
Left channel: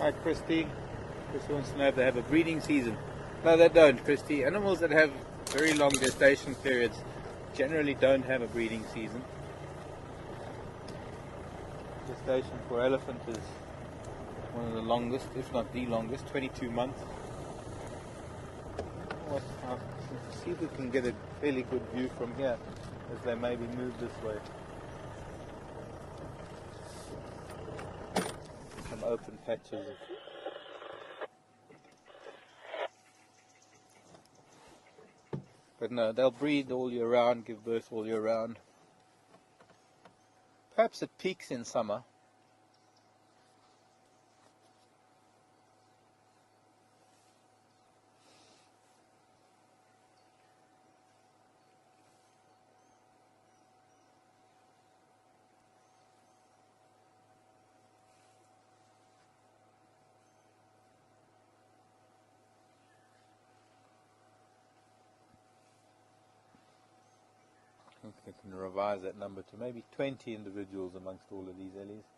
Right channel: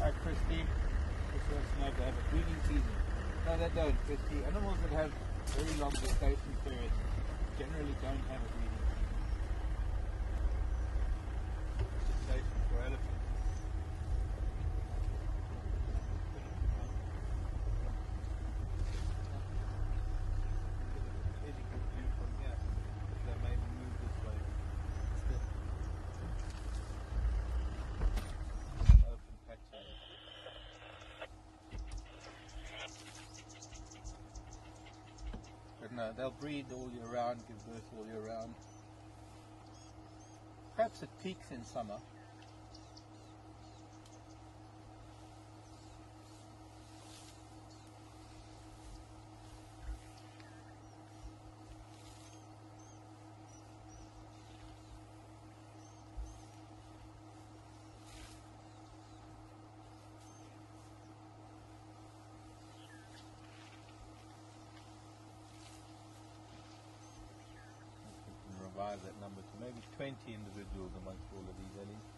Hi Christy. Just wants to know if they have a breeding season. No, they don't, Christy. Animals that have very long gestation periods generally don't have a breeding season. Gestation for elephant is one of the longest, if not the longest, 22 months. I'll see if we can get a fairly good view from here as they maybe move this way. Some open patches. But no, they'll breed all year round, give birth all year round. Perhaps it peaks in summer. We can revise that number to maybe 20 individuals amongst all of these ellies.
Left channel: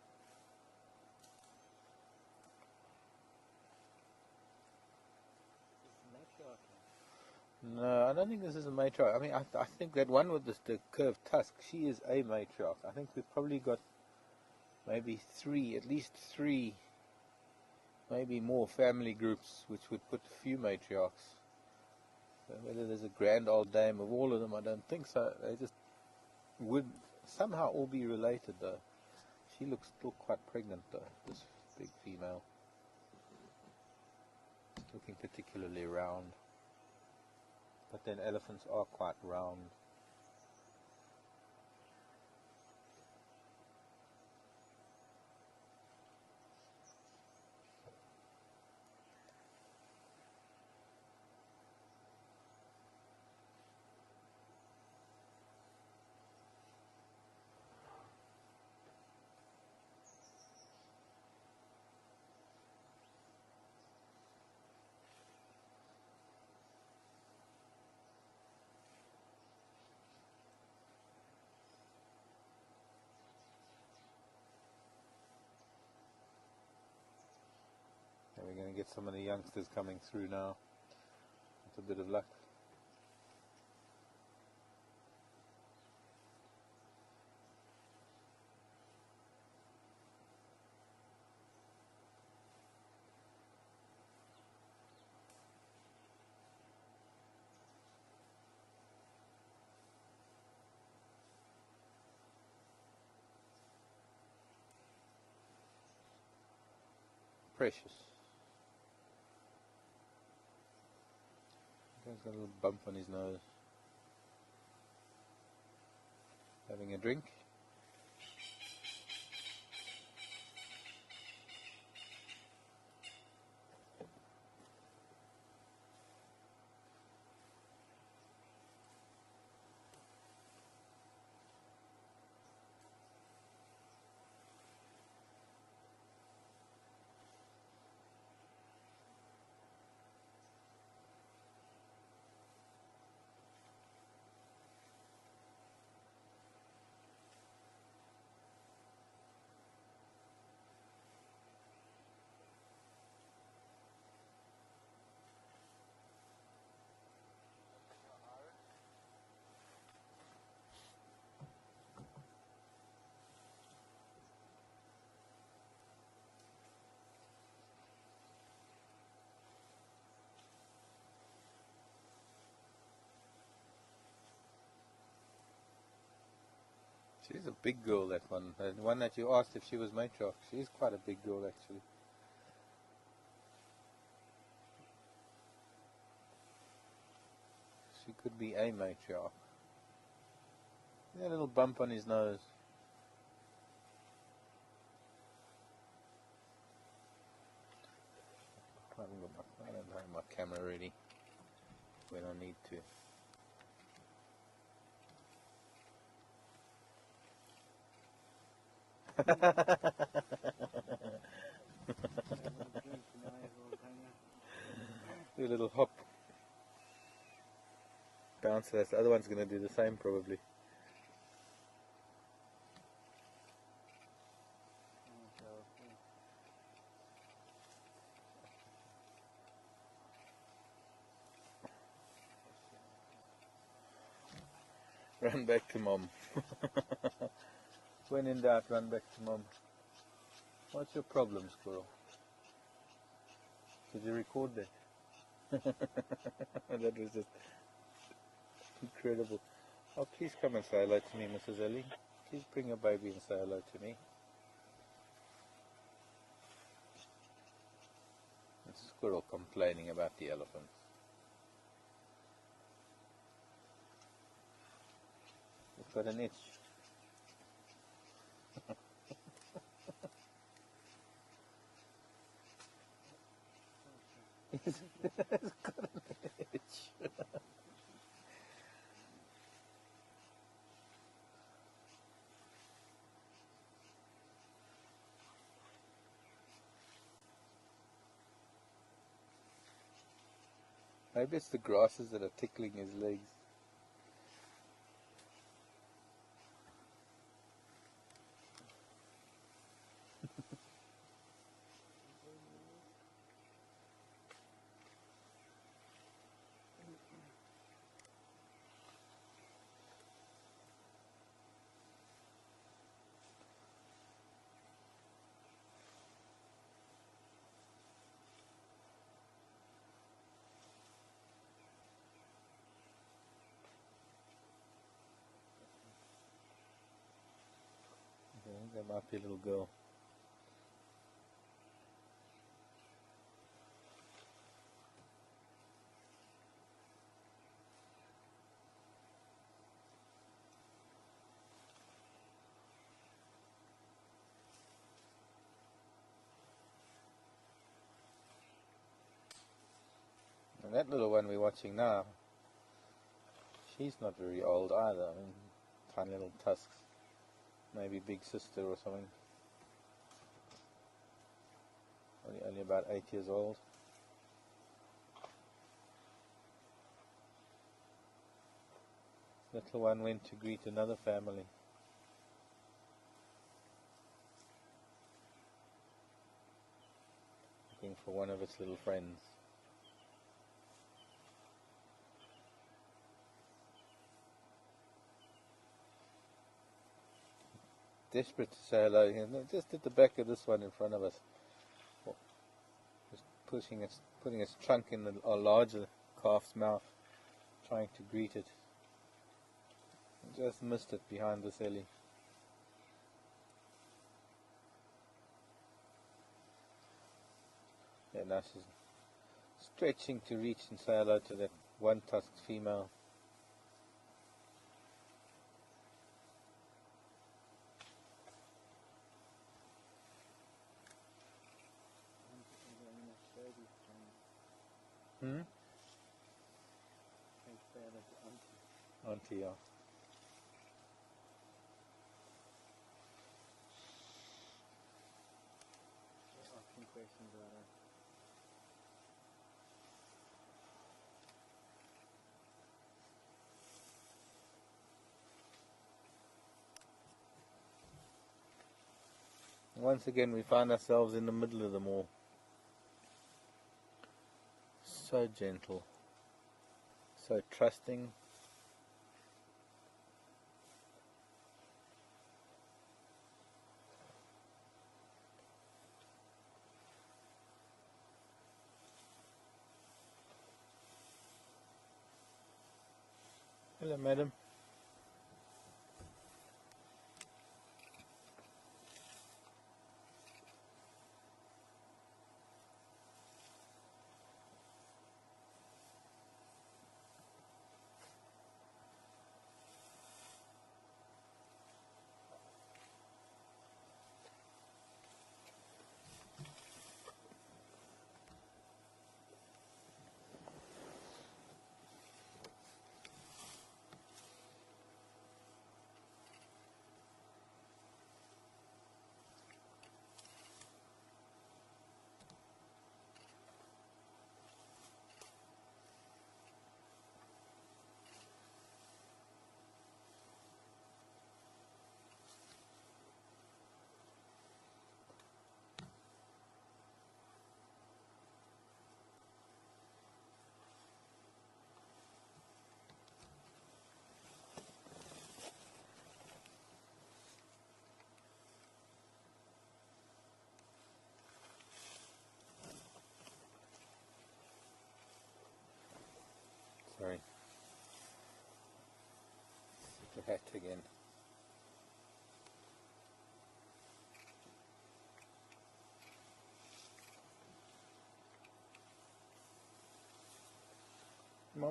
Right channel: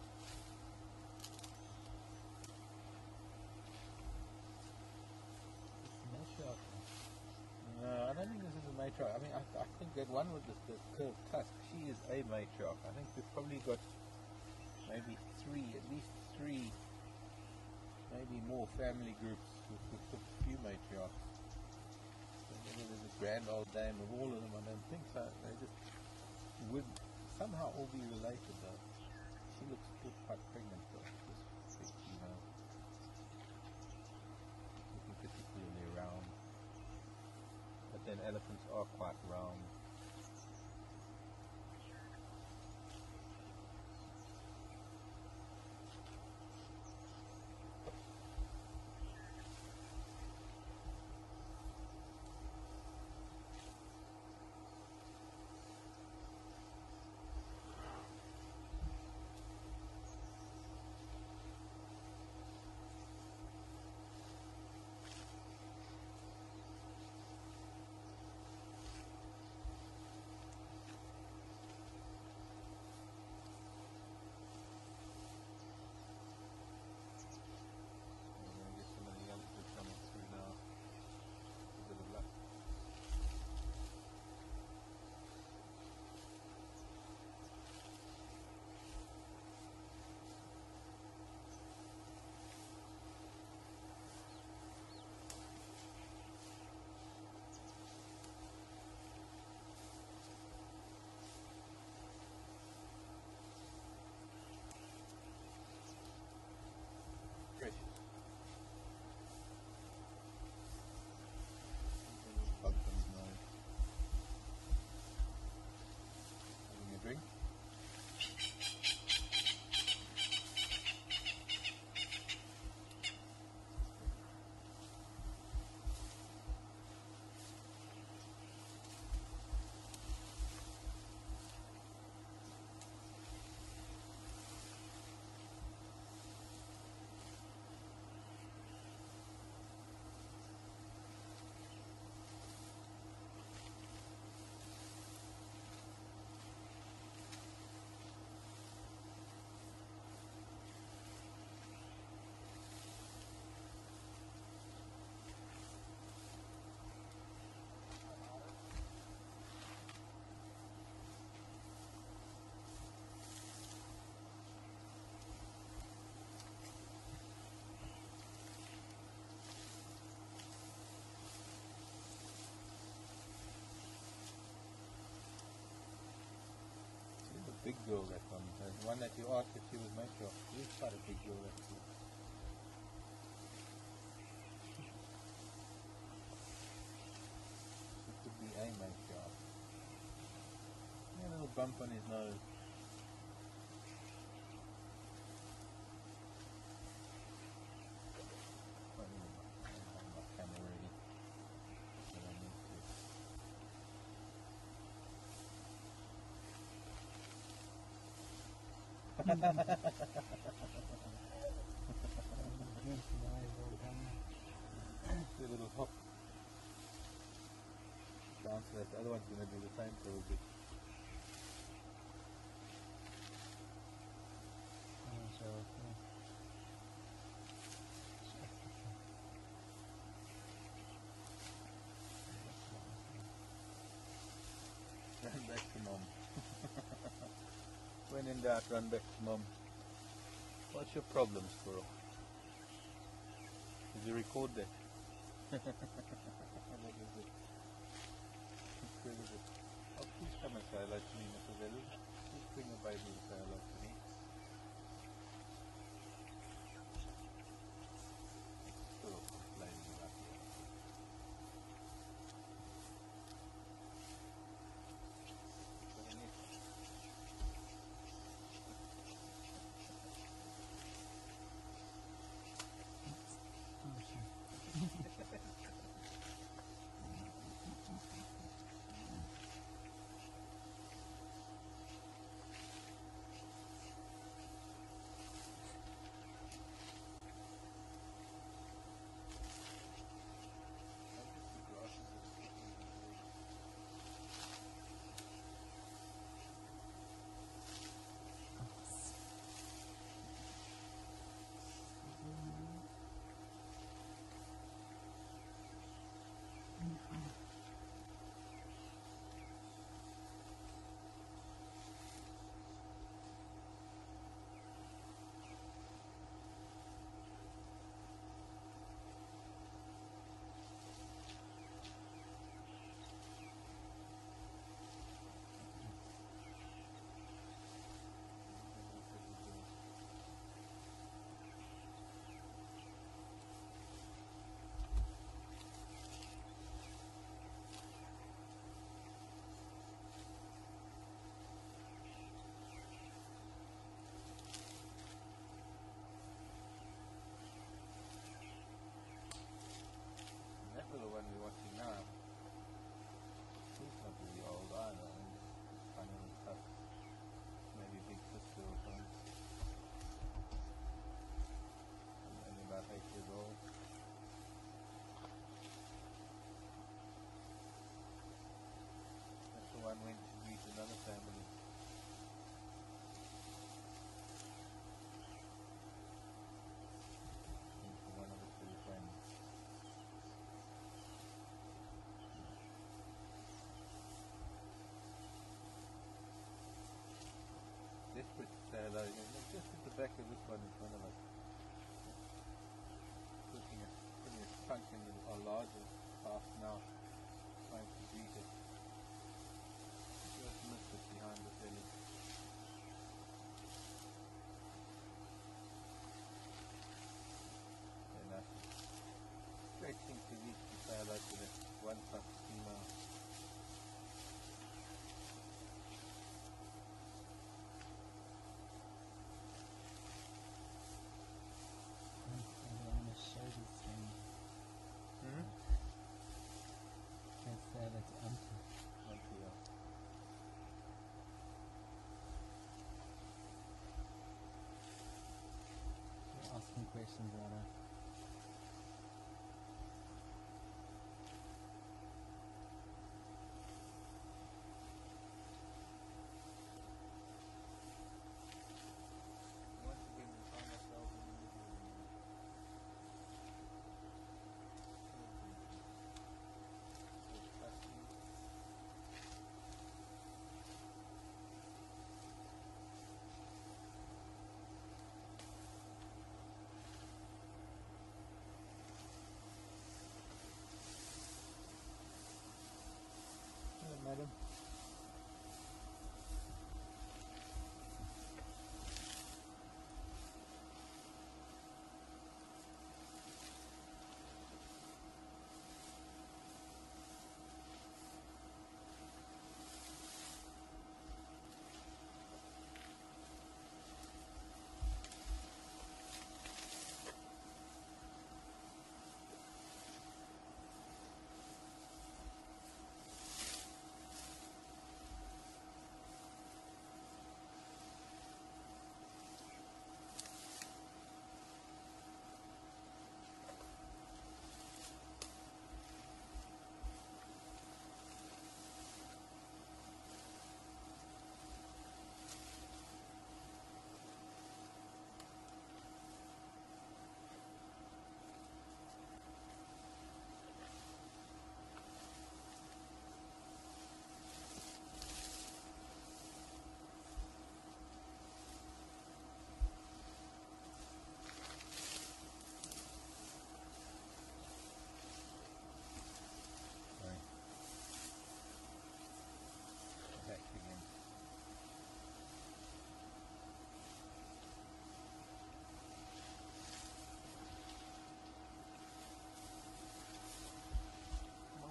No, I don't think this is a matriarch. I mean, I think that one with the curved tusk, she is a matriarch. I think we've probably got maybe at least three, maybe more family groups, which would put a few matriarchs. Whether there's a grand old dame of all of them, I don't think so. They just would somehow all be related, though. She looks still quite pregnant, though, this big female. Looking particularly round. But then elephants are quite round. Get some of the youngsters coming through now. A bit of luck. Precious. Got a little bump on his nose. Having a drink. She's a big girl, that one. The one that you asked if she was matriarch. She is quite a big girl, actually. She could be a matriarch. A little bump on his nose. I don't have my camera ready when I need to. Do a little hop. Bounce. The other one's going to do the same, probably. back to mom. When in doubt, run back to mom. What's your problem, squirrel? Did you record that? That was it. Incredible. Oh, please come and say hello to me, Mrs. Ellie. Please bring a baby and say hello to me. It's a squirrel complaining about the elephant. It's got an itch. It's got an itch. Maybe it's the grasses that are tickling his legs. There might be a little girl. And that little one we're watching now, she's not very old either. Tiny little tusks. Maybe big sister or something. Only about 8 years old. Little one went to greet another family. Looking for one of its little friends. Desperate to say hello, and just at the back of this one in front of us. Just putting its trunk in a larger calf's mouth, trying to greet it. Just missed it behind this ellie. And now she's stretching to reach and say hello to that one tusked female. Auntie, yeah. Asking questions about her. Once again we find ourselves in the middle of them all. So gentle, so trusting. Hello, madam.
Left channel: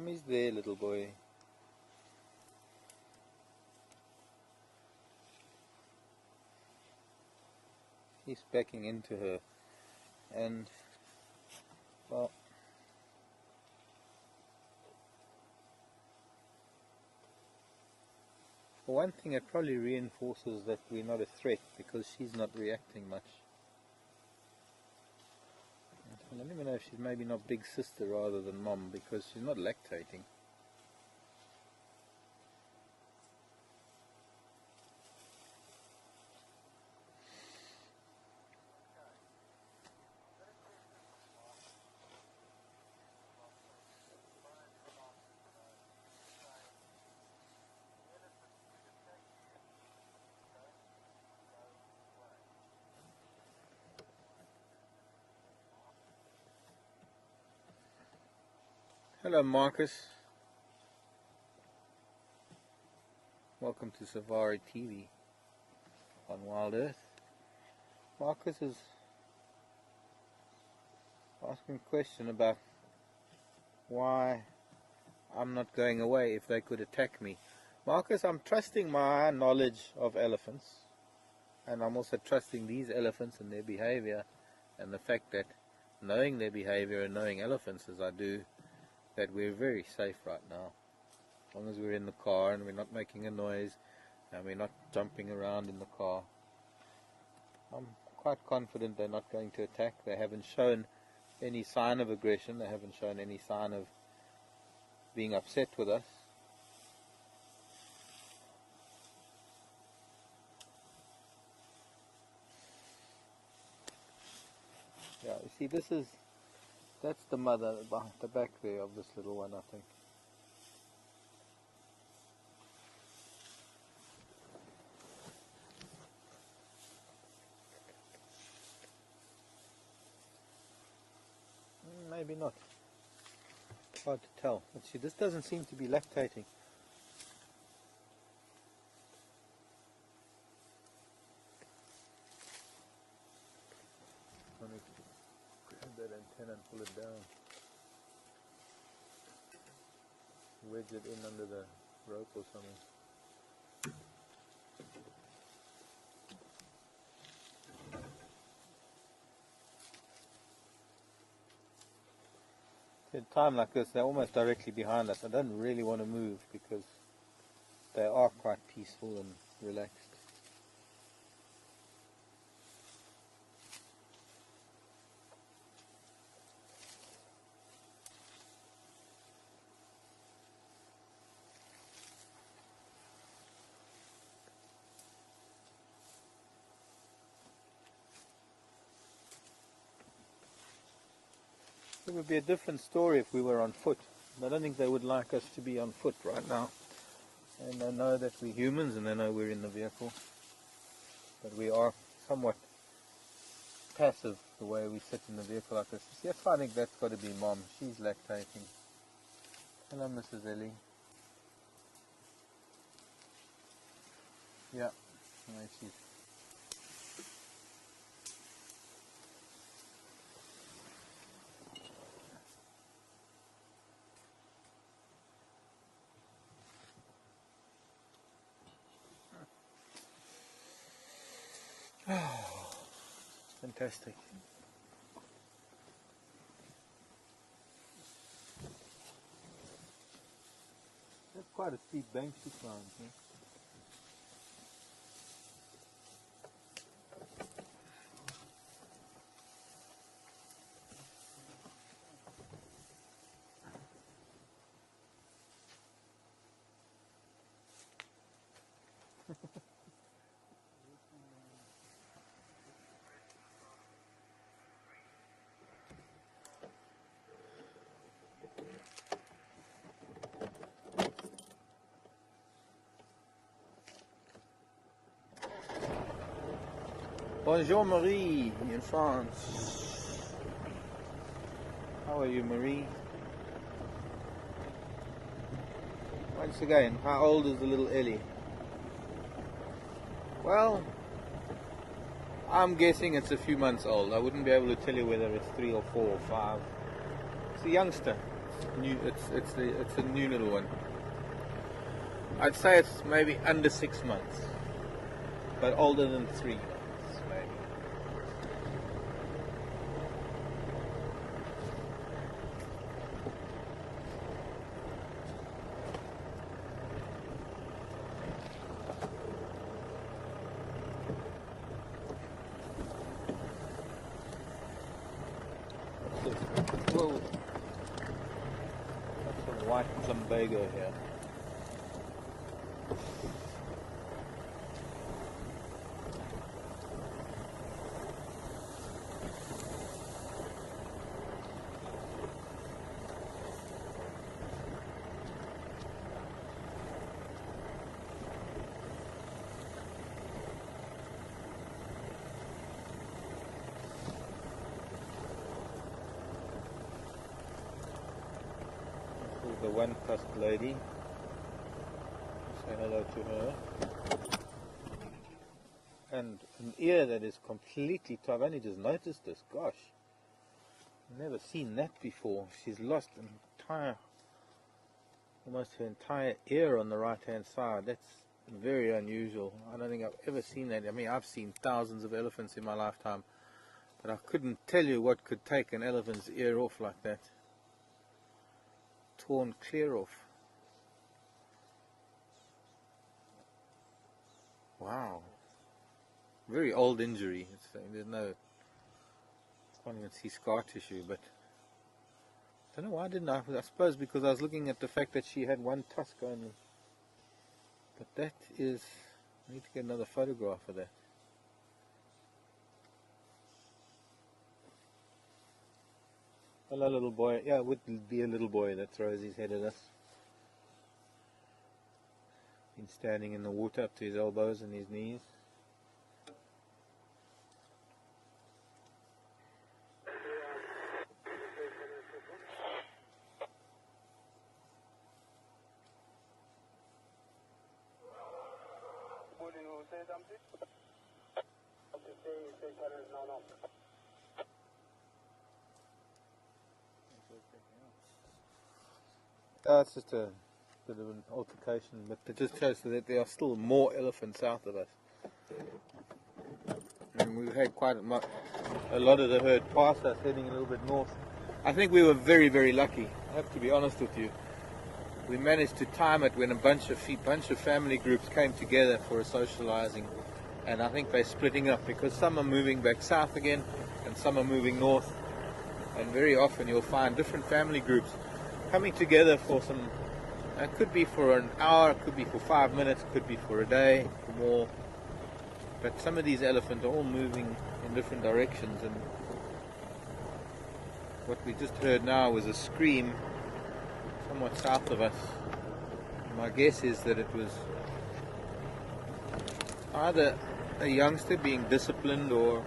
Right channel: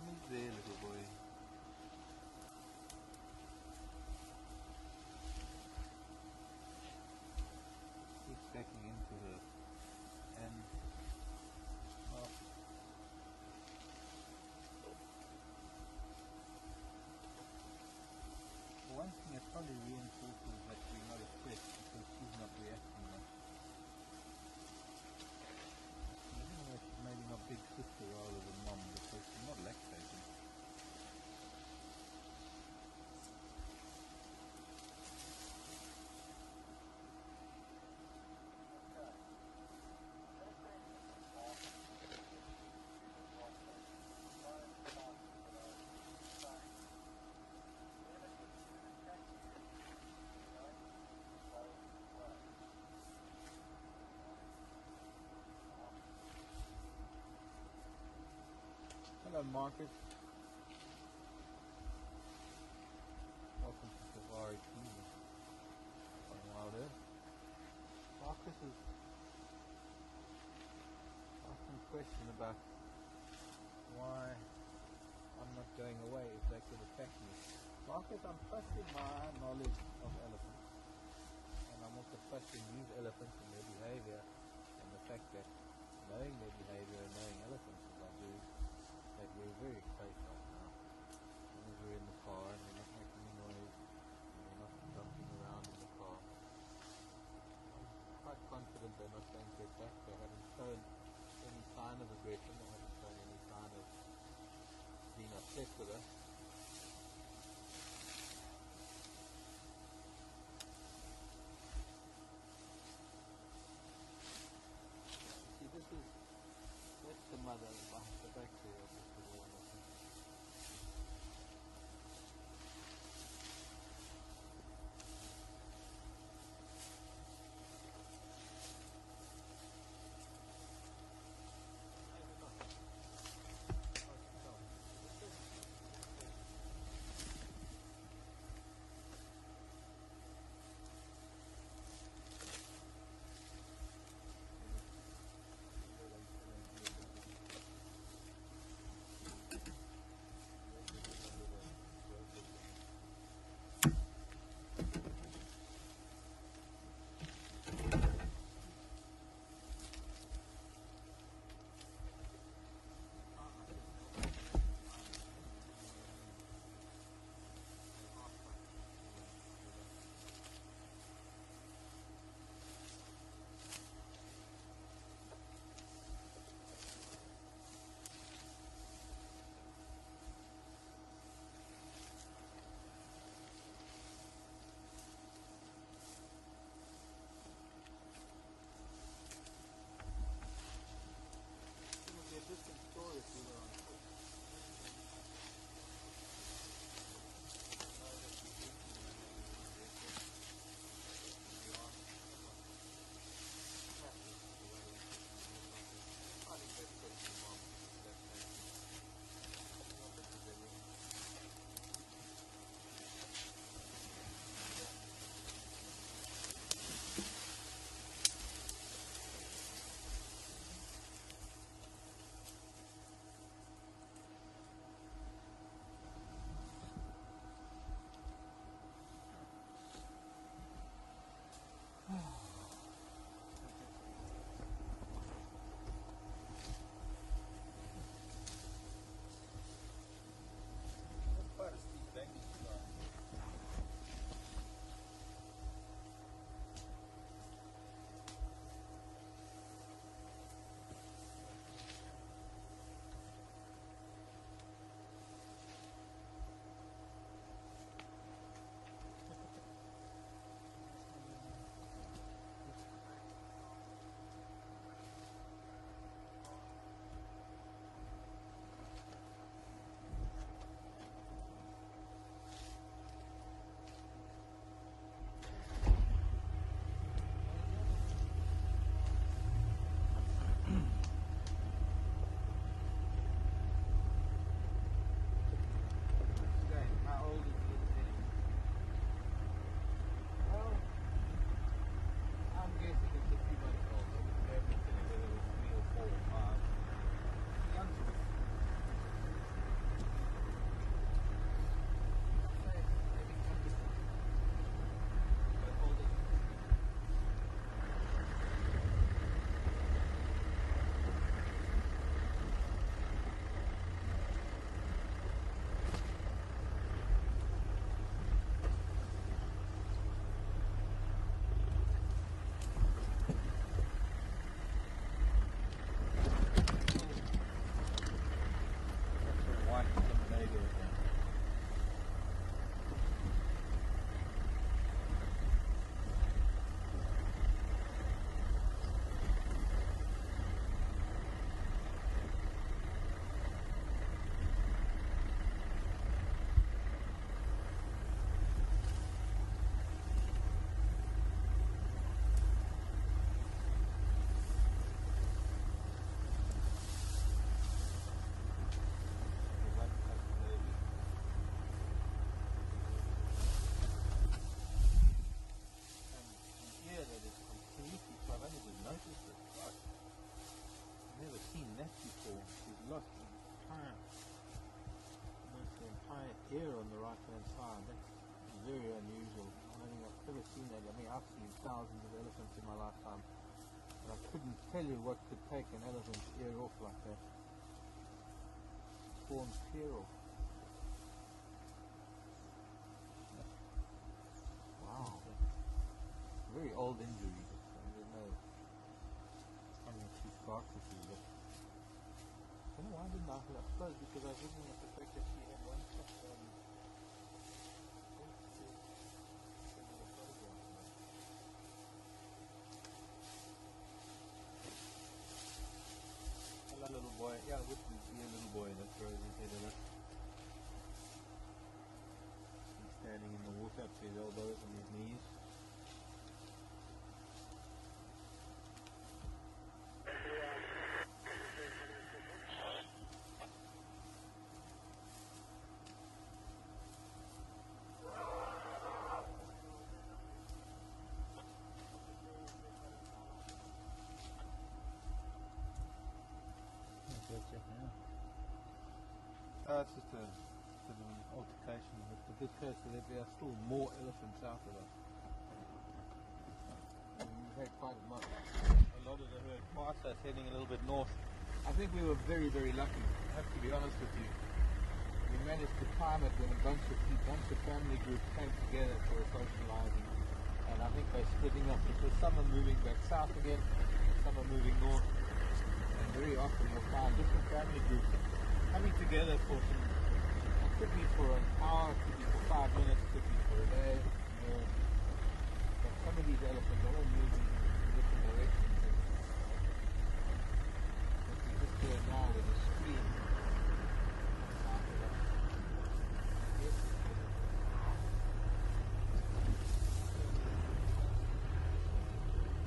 Mommy's there, little boy. He's backing into her, and well, for one thing, it probably reinforces that we're not a threat because she's not reacting much. I don't even know if she's maybe not big sister rather than mom because she's not lactating. Hello Marcus, welcome to Safari TV on Wild Earth. Marcus is asking a question about why I'm not going away if they could attack me. Marcus, I'm trusting my knowledge of elephants, and I'm also trusting these elephants and their behavior, and the fact that knowing their behavior and knowing elephants as I do, that we're very safe right now. As long as we're in the car and we're not making a noise and we're not jumping around in the car. I'm quite confident they're not going to attack. They haven't shown any sign of aggression. They haven't shown any sign of being upset with us. Yeah, you see, that's the mother behind the back there of this little one, I think. Maybe not. It's hard to tell. Let's see, this doesn't seem to be lactating. Let me grab that antenna and pull it down. Wedge it in under the rope or something. At a time like this, they're almost directly behind us. I don't really want to move because they are quite peaceful and relaxed. It would be a different story if we were on foot. I don't think they would like us to be on foot right now. And they know that we're humans and they know we're in the vehicle. But we are somewhat passive the way we sit in the vehicle like this. Yes, I think that's got to be Mom. She's lactating. Hello, Mrs. Ellie. Yeah, there she is. Fantastic. That's quite a steep bank she climbed. Bonjour Marie, in France. How are you, Marie? Once again, how old is the little Ellie? Well, I'm guessing it's a few months old. I wouldn't be able to tell you whether it's 3 or 4 or 5. It's a youngster. New, it's a new little one. I'd say it's maybe under 6 months, but older than 3 months, maybe. Whoa. That's some white lumbago here. The one-tusked lady. Say hello to her. And an ear that is completely, I've only just noticed this, gosh. Never seen that before. She's lost almost her entire ear on the right hand side. That's very unusual. I don't think I've ever seen that. I mean, I've seen thousands of elephants in my lifetime, but I couldn't tell you what could take an elephant's ear off like that. Torn clear off. Wow. Very old injury. There's no, can't even see scar tissue, but I don't know why didn't I suppose because I was looking at the fact that she had one tusk on. But that is, I need to get another photograph of that. Hello, little boy. Yeah, it wouldn't be a little boy that throws his head at us. He's standing in the water up to his elbows and his knees. It's just a bit of an altercation, but it just shows that there are still more elephants south of us. And we've had quite a lot of the herd pass us heading a little bit north. I think we were very, very lucky, I have to be honest with you. We managed to time it when a bunch of family groups came together for a socializing, and I think they're splitting up because some are moving back south again and some are moving north, and very often you'll find different family groups coming together for some, it could be for an hour, it could be for 5 minutes, it could be for a day, or more. But some of these elephants are all moving in different directions, and what we just heard now was a scream somewhat south of us. My guess is that it was either a youngster being disciplined or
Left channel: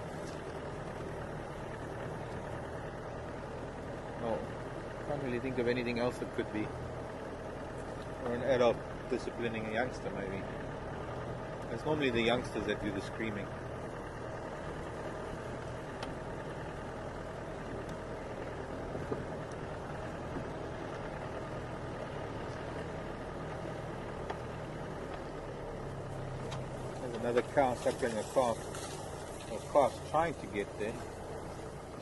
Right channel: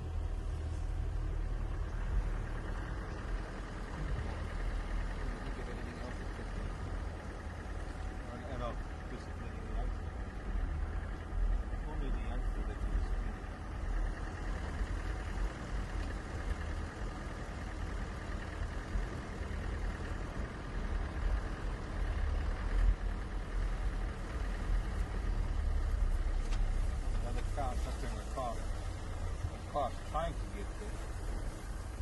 really think of anything else it could be, or an adult disciplining a youngster maybe. It's normally the youngsters that do the screaming. There's another cow suckling a calf. A calf's trying to get there,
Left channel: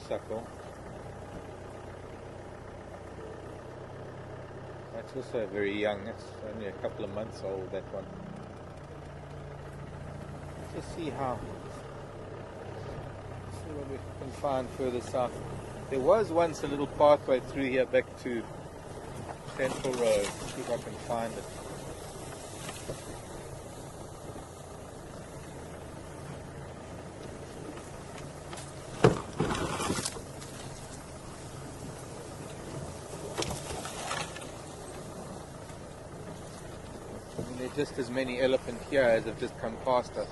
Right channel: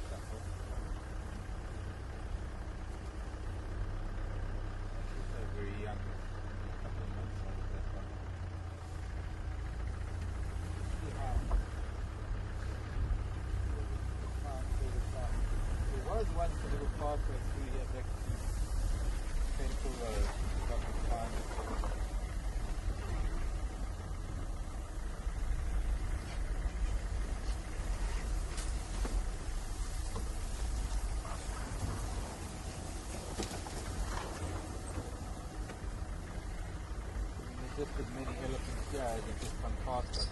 suckle. It's also very young, it's only a couple of months old, that one. Let's see what we can find further south. There was once a little pathway through here back to Central Road. See if I can find it. Just as many elephants here as have just come past us,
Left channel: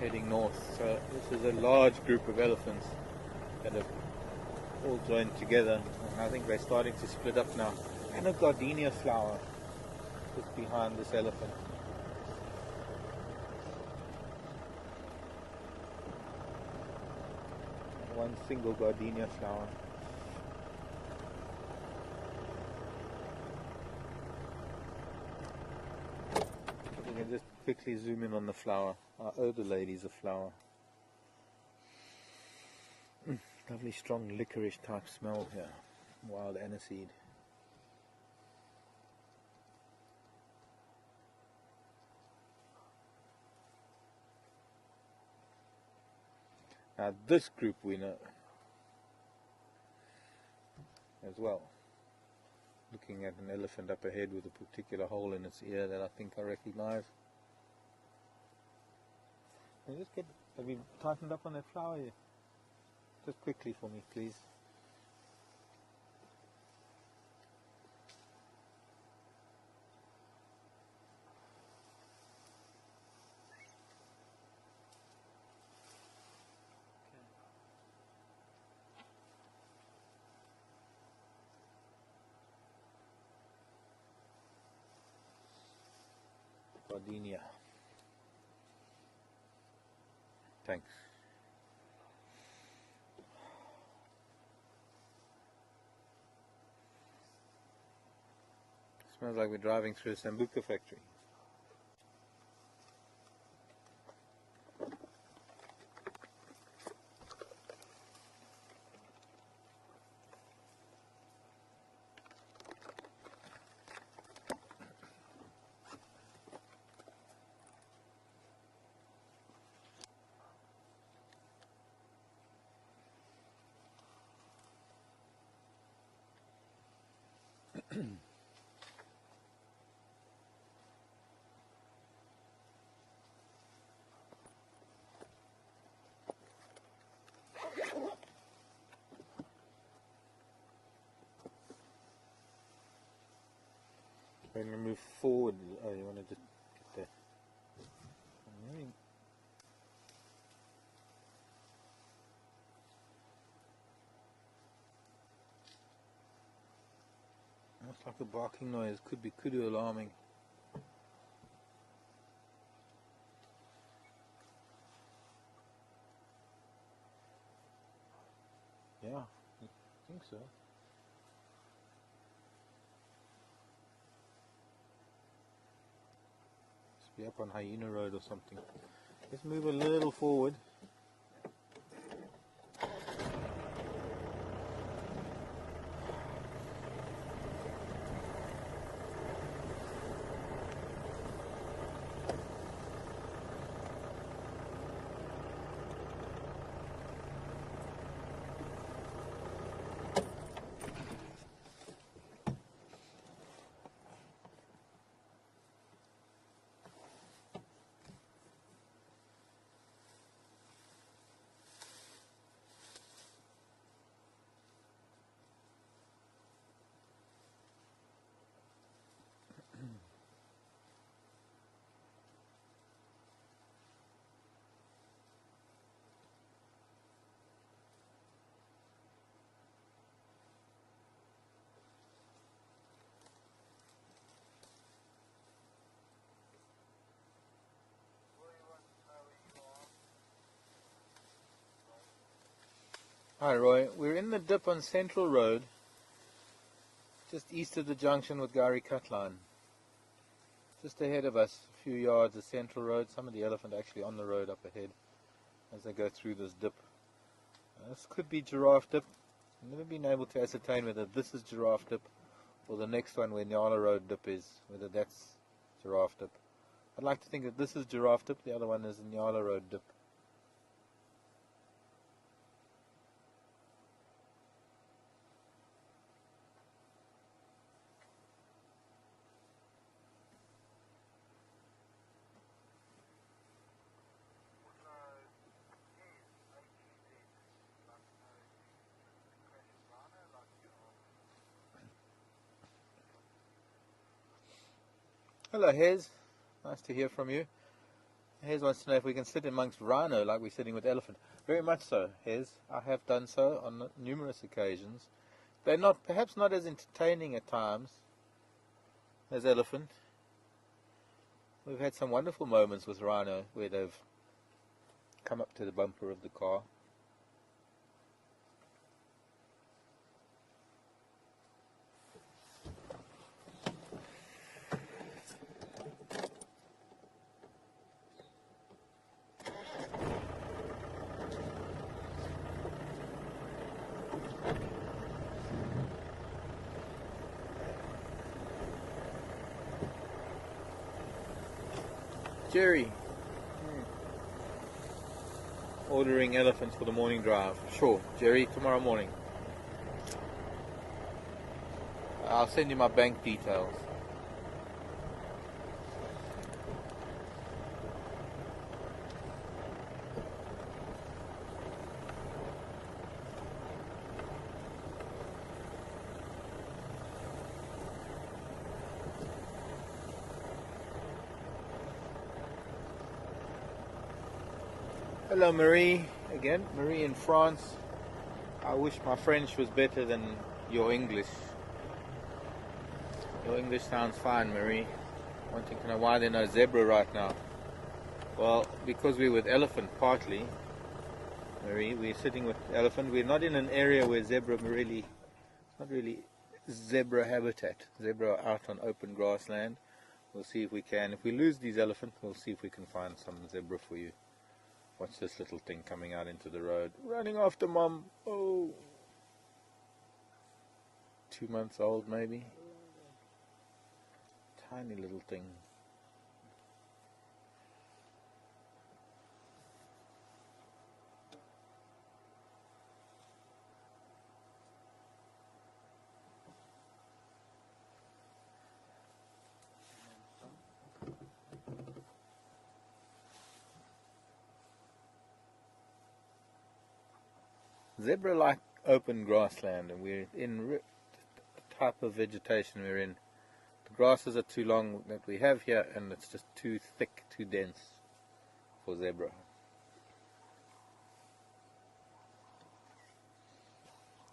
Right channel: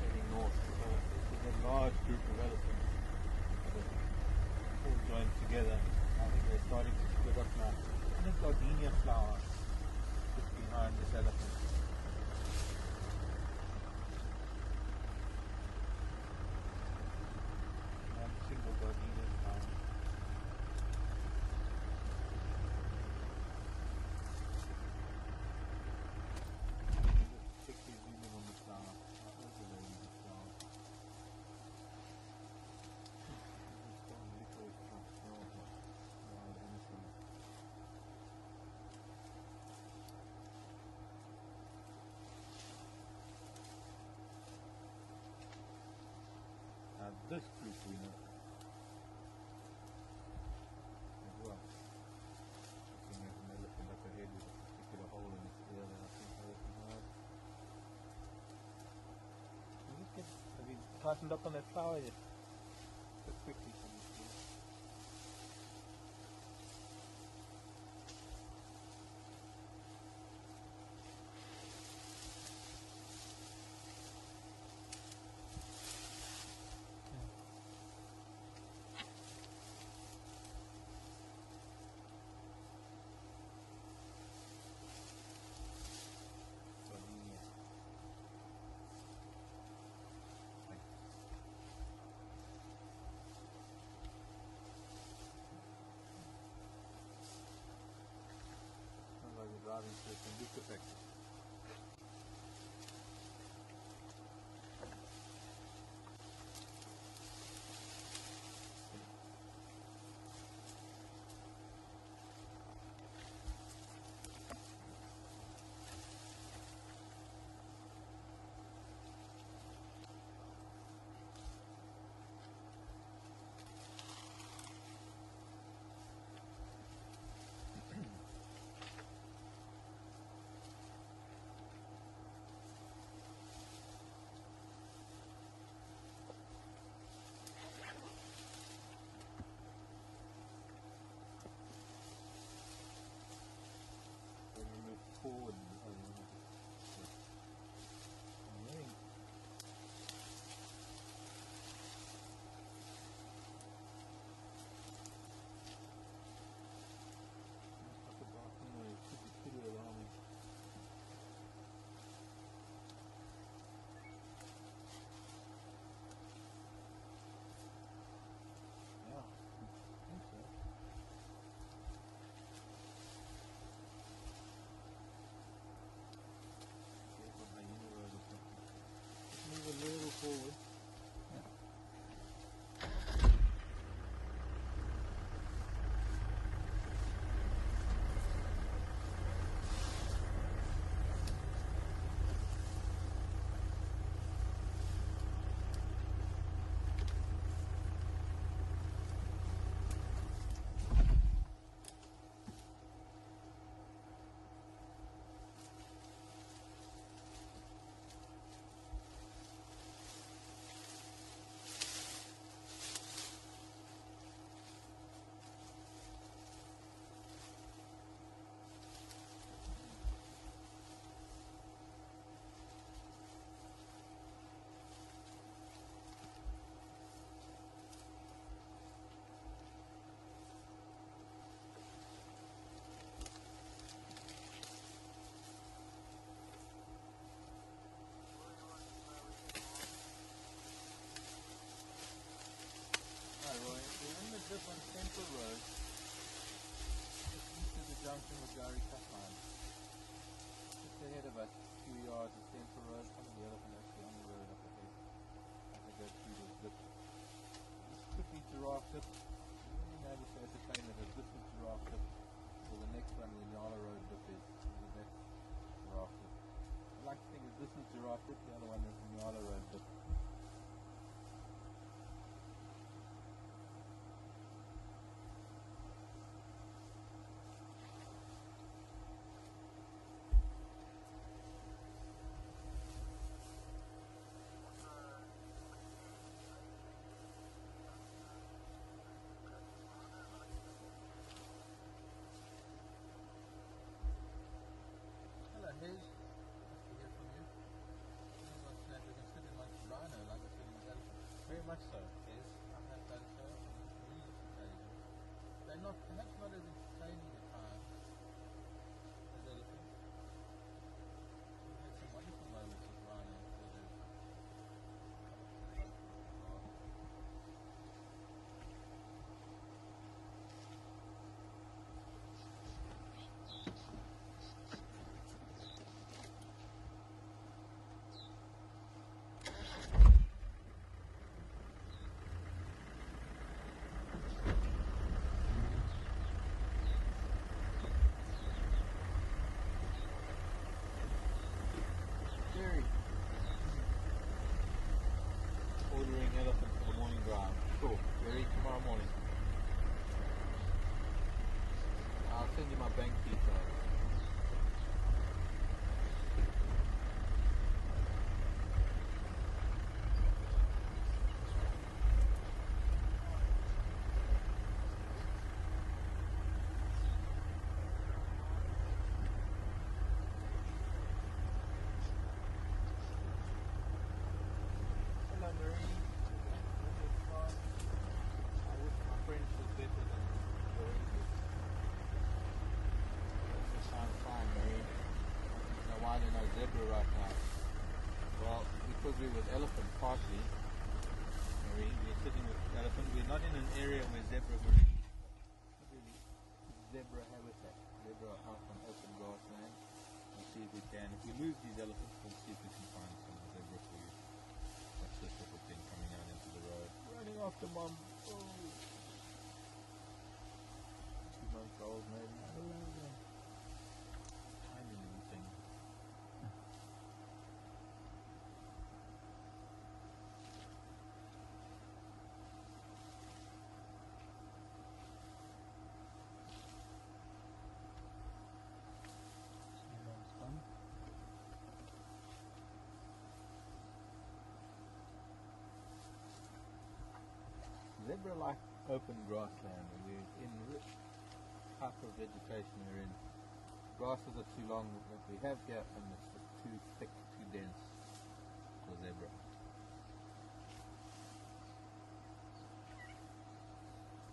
heading north. So this is a large group of elephants that have all joined together. And I think they're starting to split up now. And a gardenia flower just behind this elephant. One single gardenia flower. quickly zoom in on the flower. Our other lady's a flower. Lovely strong licorice type smell here. Wild aniseed. Now this group we know as well. Looking at an elephant up ahead with a particular hole in its ear that I think I recognize. Have you tightened up on that flower yet? Just quickly for me, please. Gardenia. Thanks. Smells like we're driving through a Sambuca factory. When we move forward, oh, you wanted to that. That's like a barking noise. Could be kudu alarming. Yeah, I think so. Be up on Hyena Road or something. Let's move a little forward. Hi Roy, we're in the dip on Central Road, just east of the junction with Gari Cut Line. Just ahead of us, a few yards of Central Road, some of the elephant actually on the road up ahead as they go through this dip. This could be Giraffe Dip. I've never been able to ascertain whether this is Giraffe Dip or the next one where Nyala Road Dip is, whether that's Giraffe Dip. I'd like to think that this is Giraffe Dip, the other one is Nyala Road Dip. Hello Hez, nice to hear from you. Hez wants to know if we can sit amongst rhino like we're sitting with elephant. Very much so, Hez. I have done so on numerous occasions. They're not, perhaps not as entertaining at times as elephant. We've had some wonderful moments with rhino where they've come up to the bumper of the car. Jerry. Ordering elephants for the morning drive. Sure, Jerry, tomorrow morning. I'll send you my bank details. Hello Marie, again, Marie in France. I wish my French was better than your English. Your English sounds fine, Marie. Wanting to know why there's no zebra right now. Well, because we're with elephant partly, Marie. We're sitting with elephant. We're not in an area where zebra really, not really zebra habitat. Zebra are out on open grassland. We'll see if we can. If we lose these elephants, we'll see if we can find some zebra for you. What's this little thing coming out into the road? Running after mum. Oh. 2 months old maybe. Tiny little thing. Zebra like open grassland, and we're in type of vegetation we're in. The grasses are too long that we have here, and it's just too thick, too dense for zebra.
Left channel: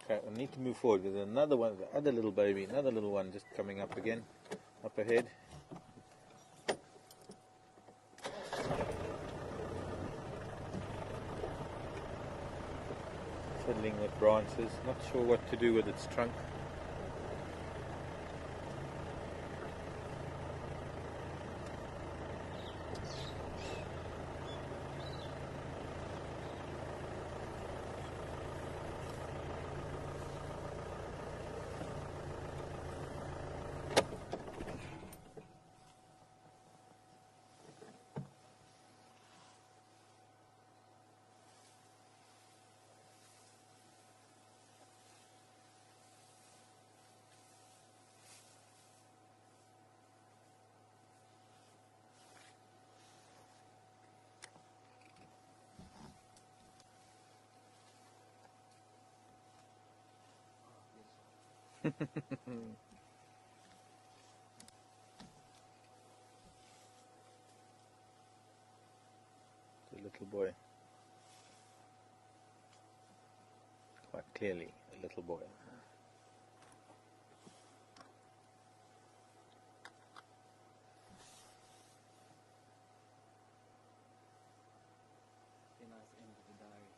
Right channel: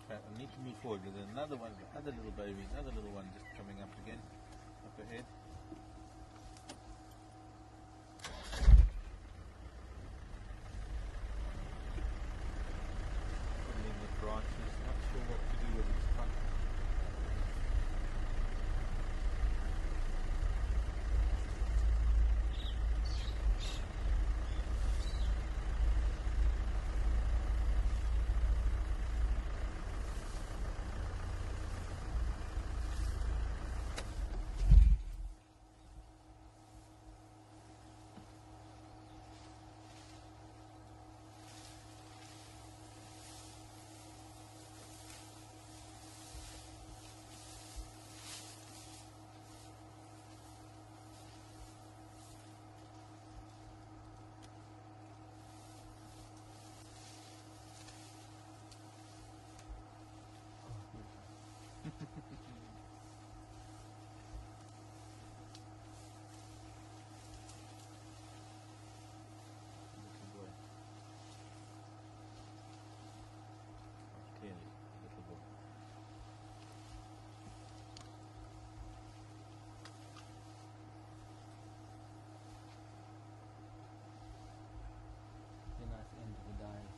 Okay, I need to move forward. There's another one, the other little baby, another little one just coming up again, up ahead. Fiddling with branches, not sure what to do with its trunk. The little boy. Quite clearly, a little boy. A nice end to the diary.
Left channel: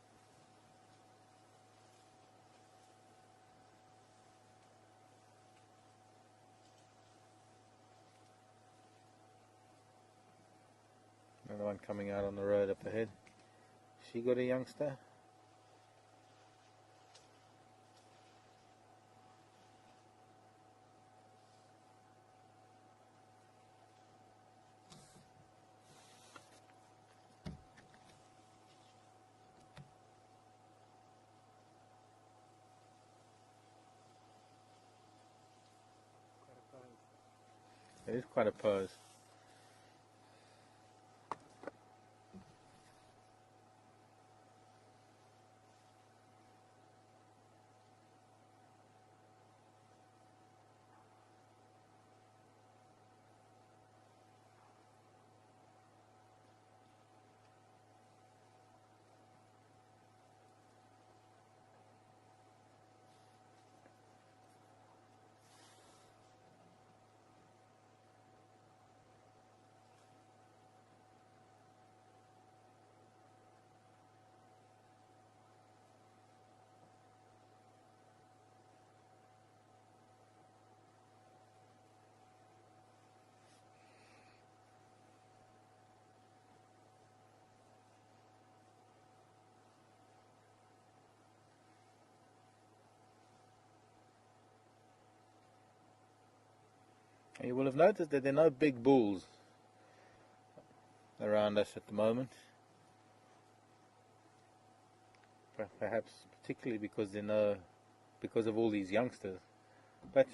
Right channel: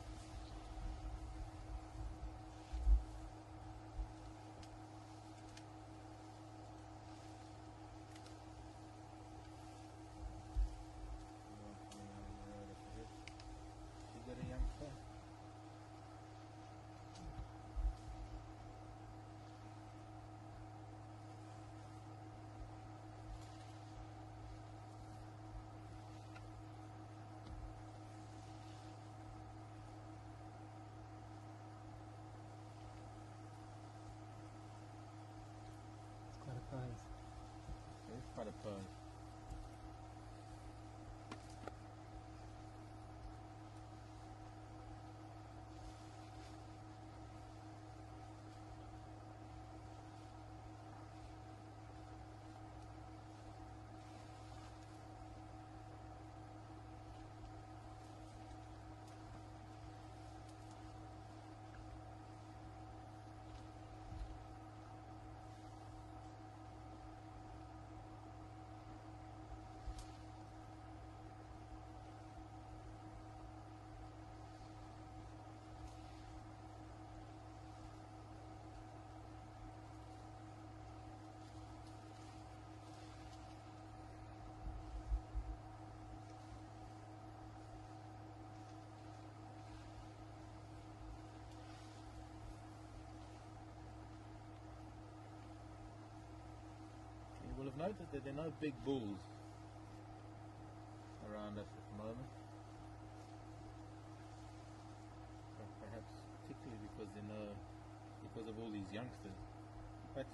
Another one coming out on the road up ahead. She got a youngster? It's quite a pose. It is quite a pose. You will have noticed that there are no big bulls. around us at the moment. Perhaps particularly because they know, because of all these youngsters. But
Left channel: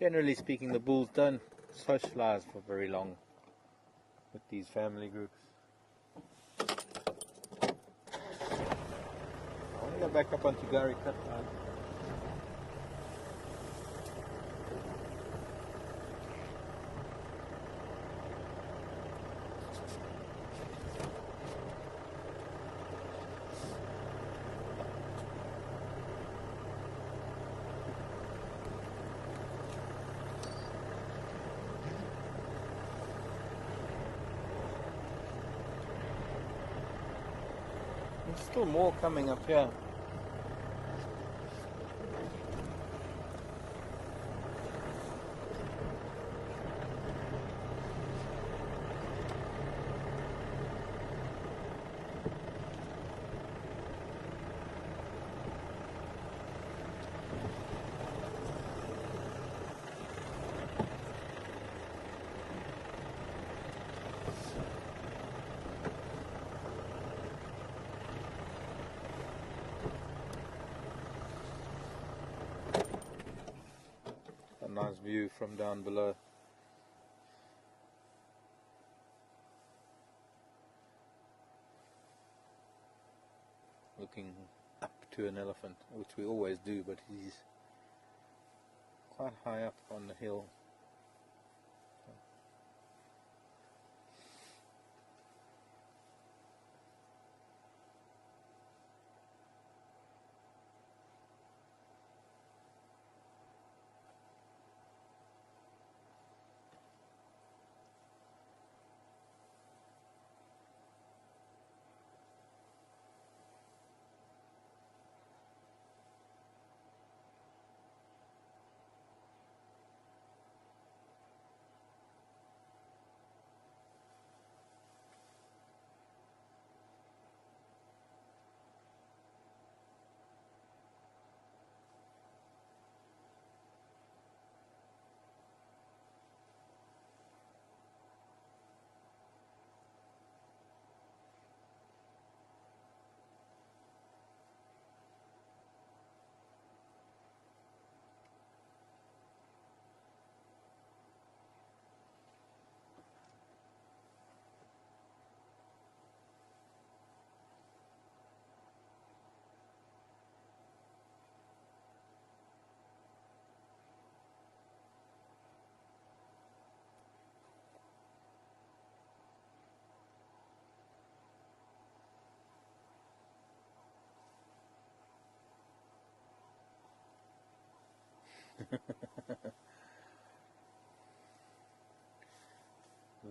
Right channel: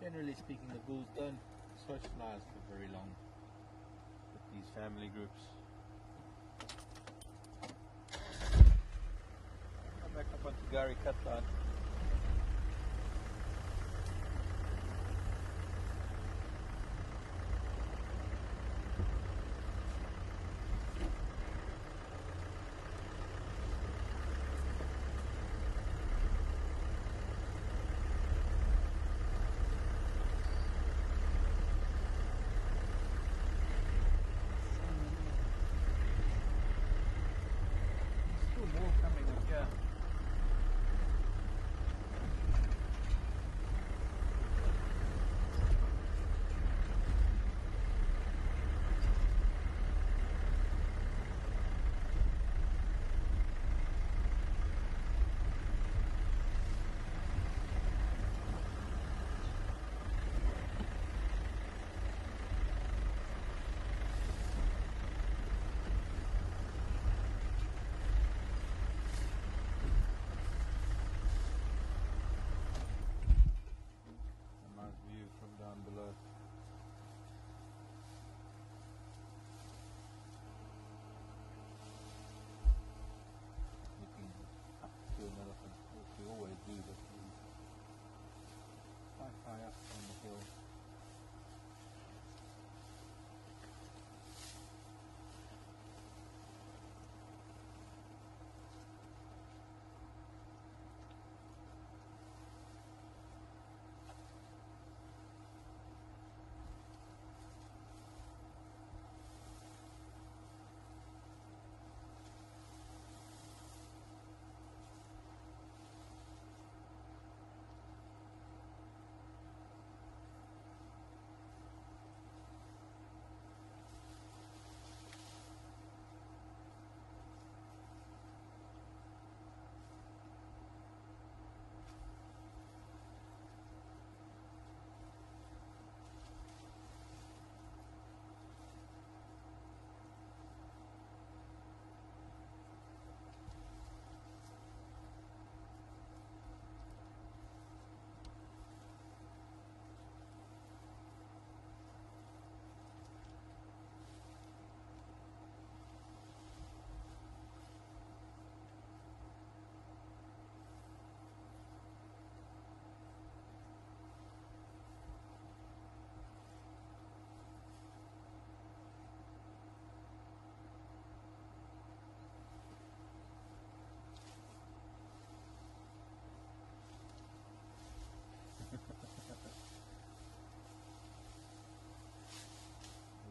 generally speaking, the bulls don't socialize for very long with these family groups. I want to go back up onto Gary Cut Line. There's still more coming up here. Nice view from down below. Looking up to an elephant, which we always do, but he's quite high up on the hill.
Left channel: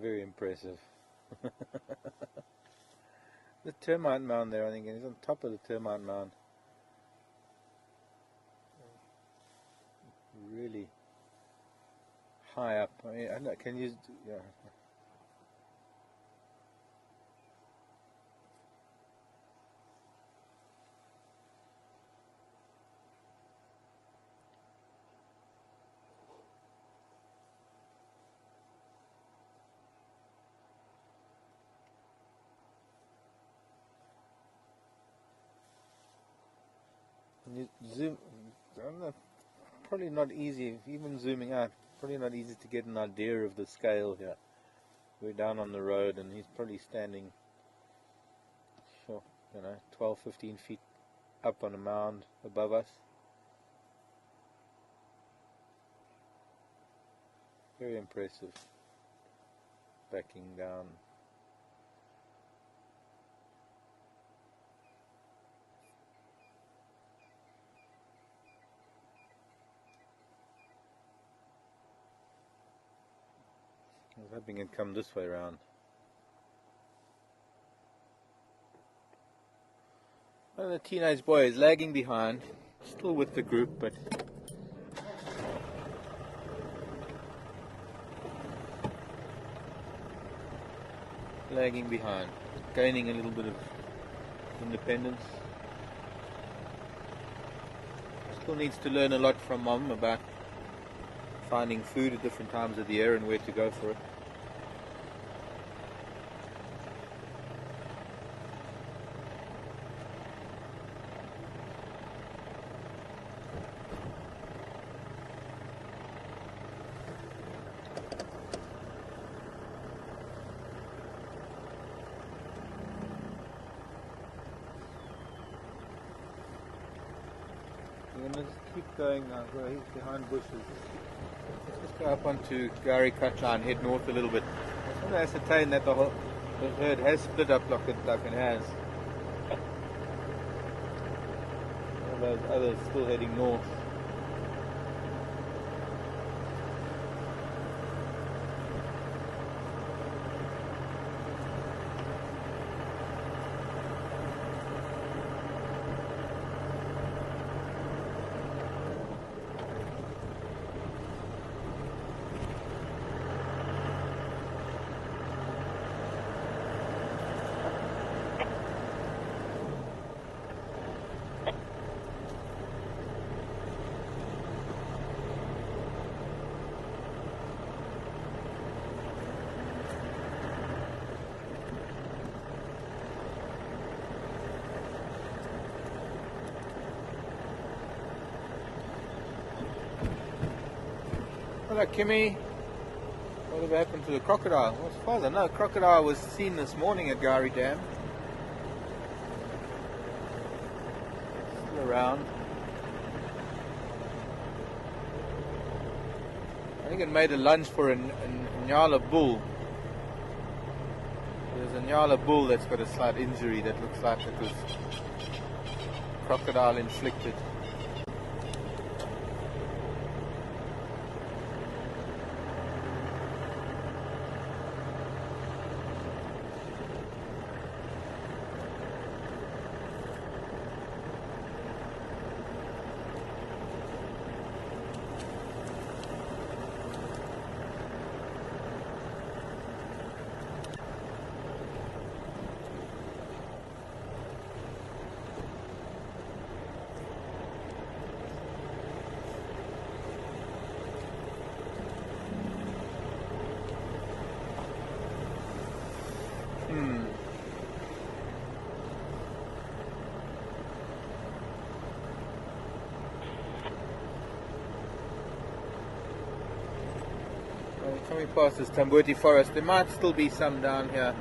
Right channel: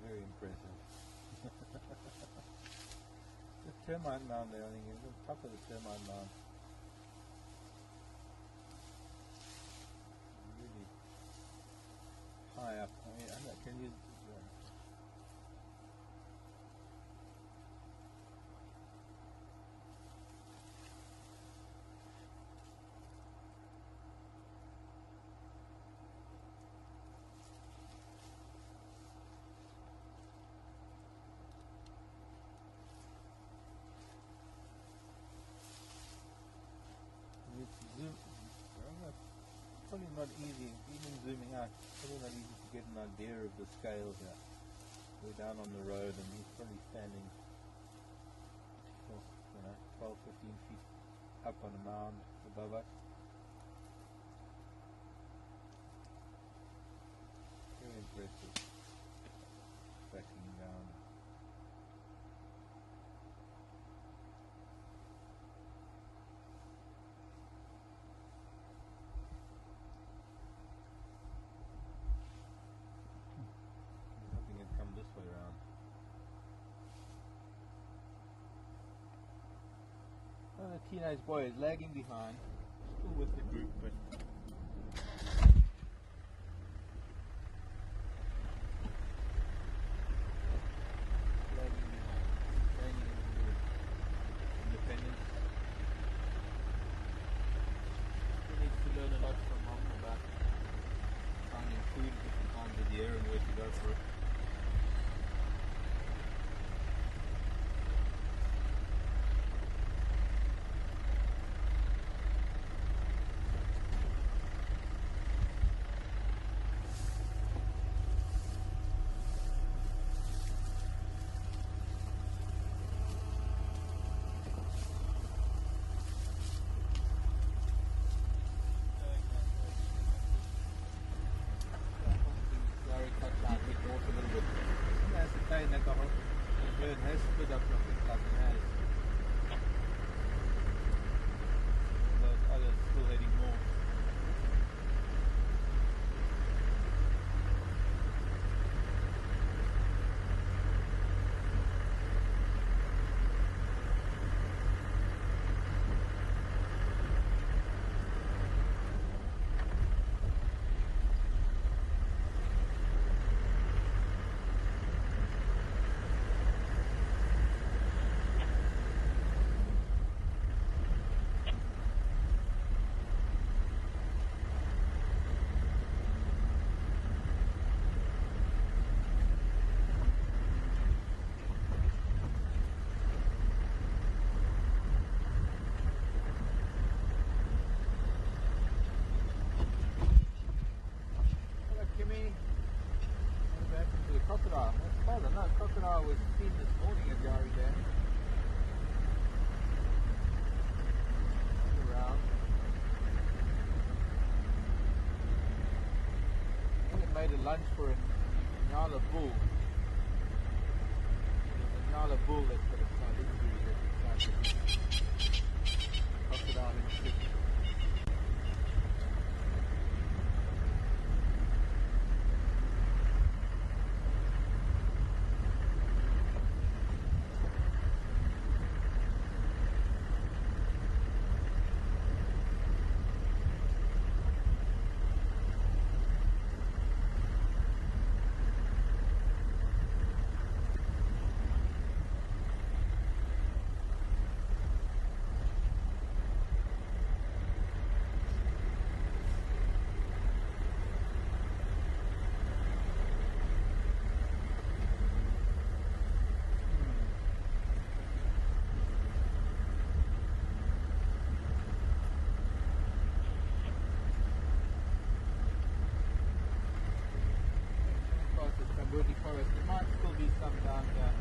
Very impressive. The termite mound there, I think, is on top of the termite mound. Really high up. I mean, I know, can you? Yeah. You zoom, probably not easy, even zooming out, probably not easy to get an idea of the scale here. We're down on the road and he's probably standing, sure, 12, 15 feet up on a mound above us. Very impressive. Backing down. I was hoping it'd come this way around. Well, the teenage boy is lagging behind, still with the group, but lagging behind, gaining a little bit of independence. Still needs to learn a lot from Mom about finding food at different times of the year and where to go for it. going now. Well, he's behind bushes. Let's go up onto Gary Cut Line, head north a little bit. I want to ascertain that the herd has split up like it has. All those others still heading north. Hello, Kimmy. Whatever happened to the crocodile? Well, as far as I know, crocodile was seen this morning at Gari Dam. Still around. I think it made a lunge for a Nyala bull. There's a Nyala bull that's got a slight injury that looks like it was crocodile inflicted. Coming past this Tambuti forest, there might still be some down here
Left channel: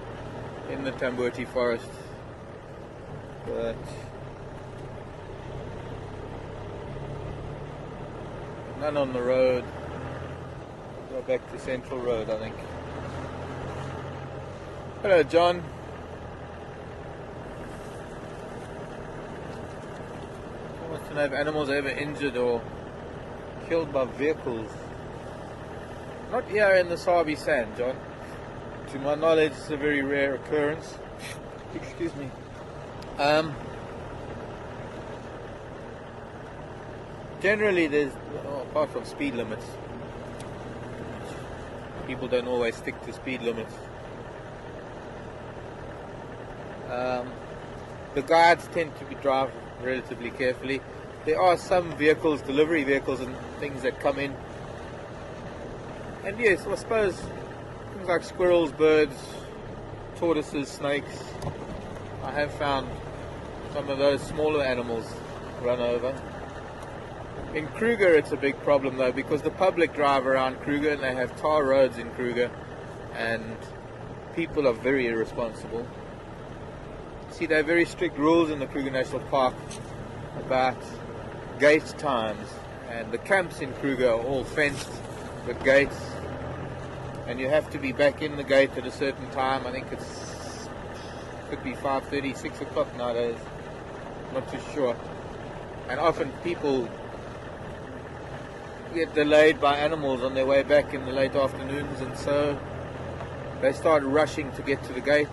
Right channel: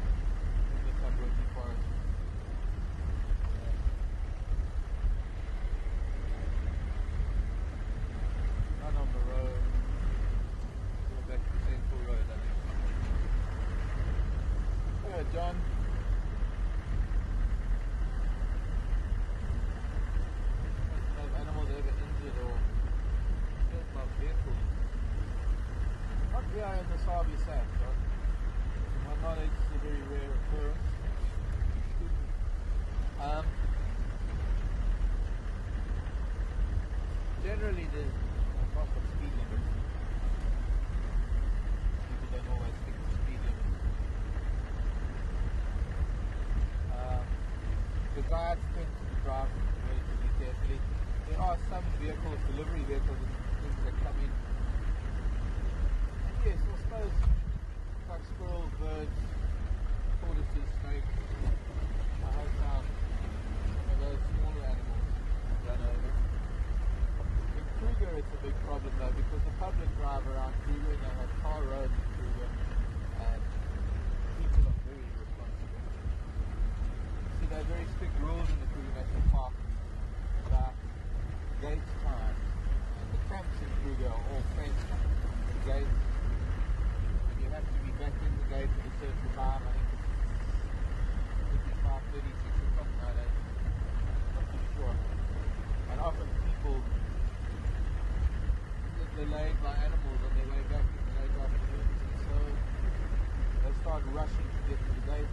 in the Tambuti forest, but none on the road. Go back to Central Road, I think. Hello, John. He wants to know if animals are ever injured or killed by vehicles. Not here in the Sabi Sand, John. To my knowledge, it's a very rare occurrence. Excuse me. Generally, there's, apart from speed limits, people don't always stick to speed limits. The guides tend to drive relatively carefully. There are some vehicles, delivery vehicles and things that come in. And yes, I suppose things like squirrels, birds, tortoises, snakes. I have found some of those smaller animals run over. In Kruger it's a big problem though, because the public drive around Kruger and they have tar roads in Kruger and people are very irresponsible. See, there are very strict rules in the Kruger National Park about gate times, and the camps in Kruger are all fenced with gates, and you have to be back in the gate at a certain time. I think could be 5:30, 6 o'clock nowadays, not too sure. And often people get delayed by animals on their way back in the late afternoons, and so they start rushing to get to the gate,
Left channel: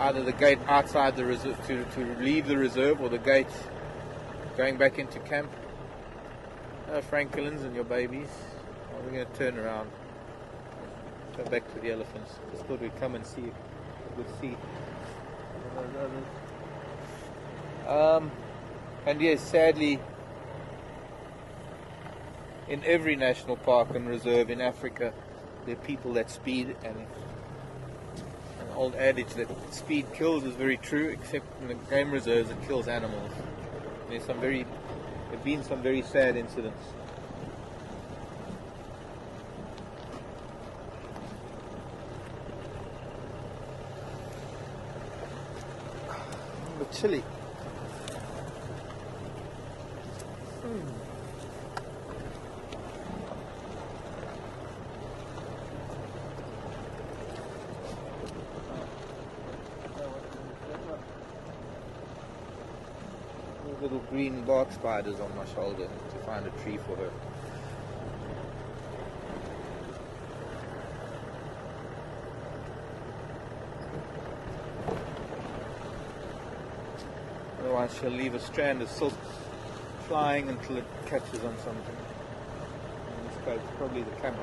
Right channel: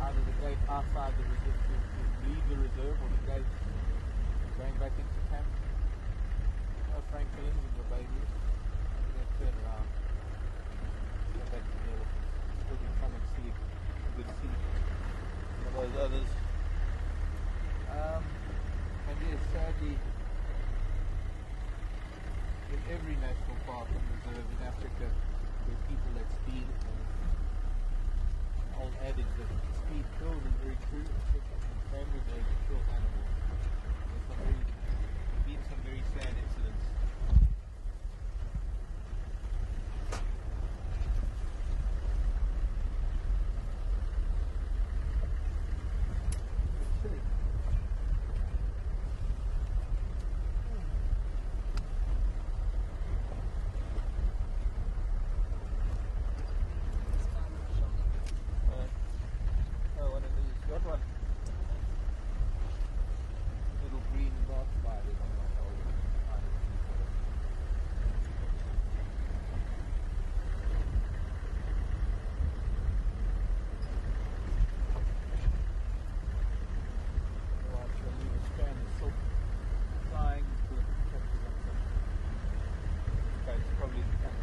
either the gate outside the reserve to leave the reserve, or the gate going back into camp. Franklins and your babies. We're going to turn around, go back to the elephants. Just thought we'd come and see and yes, sadly, in every national park and reserve in Africa, there are people that speed, and an old adage that speed kills is very true, except in the game reserves it kills animals. There have been some very sad incidents. But chilly. little green bark spiders on my shoulder to find a tree for her. Otherwise she'll leave a strand of silk flying until it catches on something. In this case, probably the camel.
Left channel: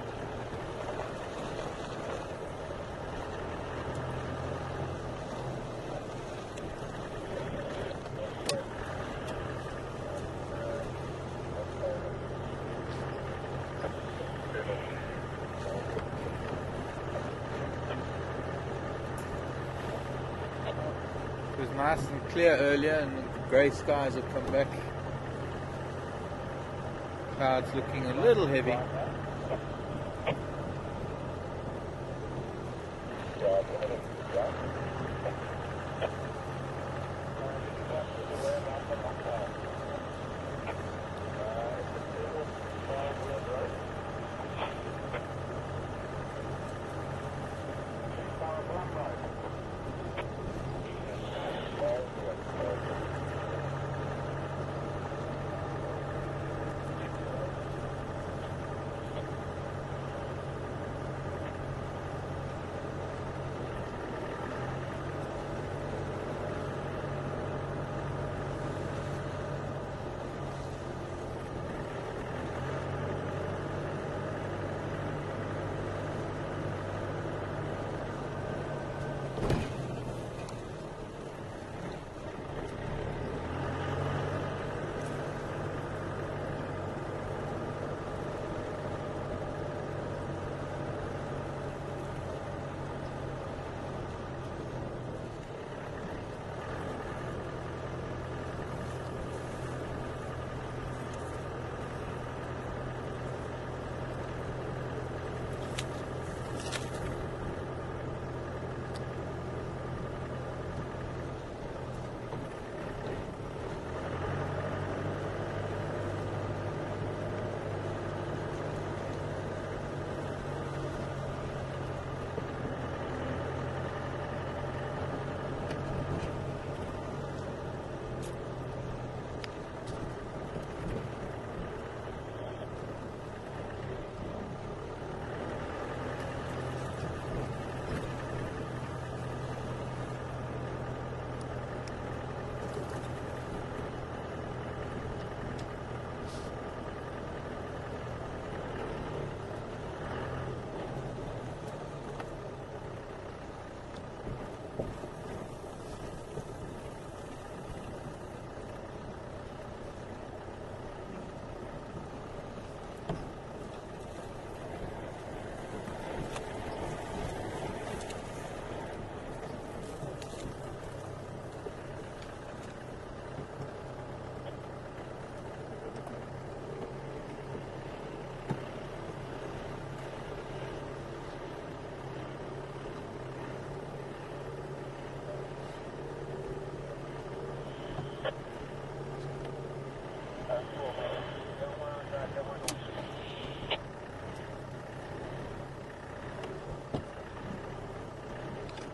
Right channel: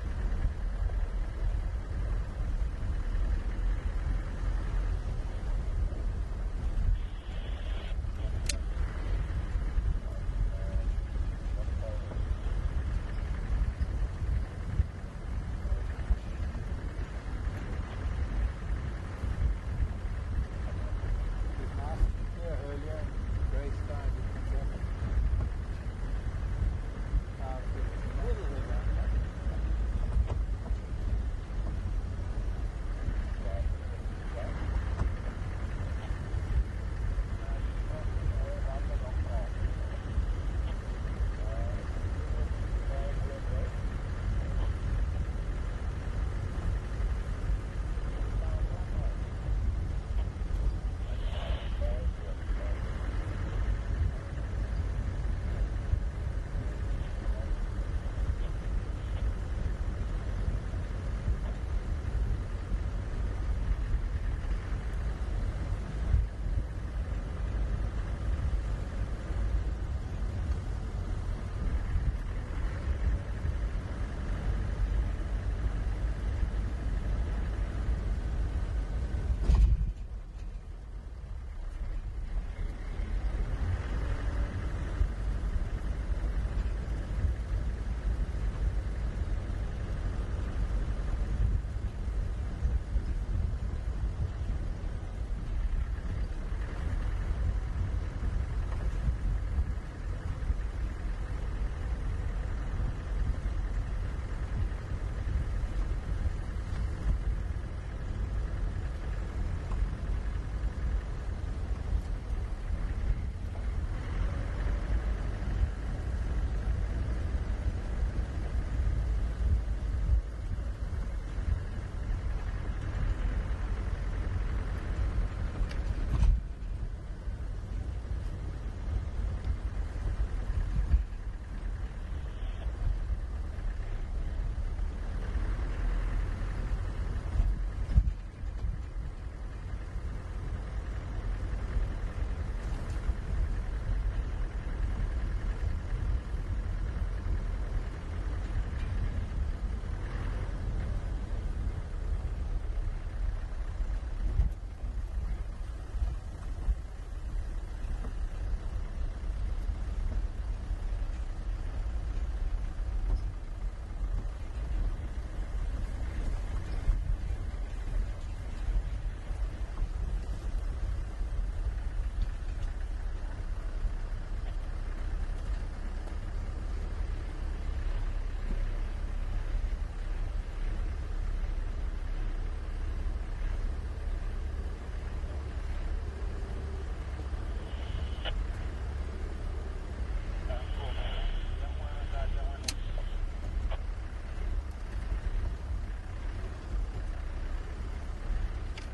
It was nice and clear earlier, and the grey skies have come back. Clouds looking a little heavy.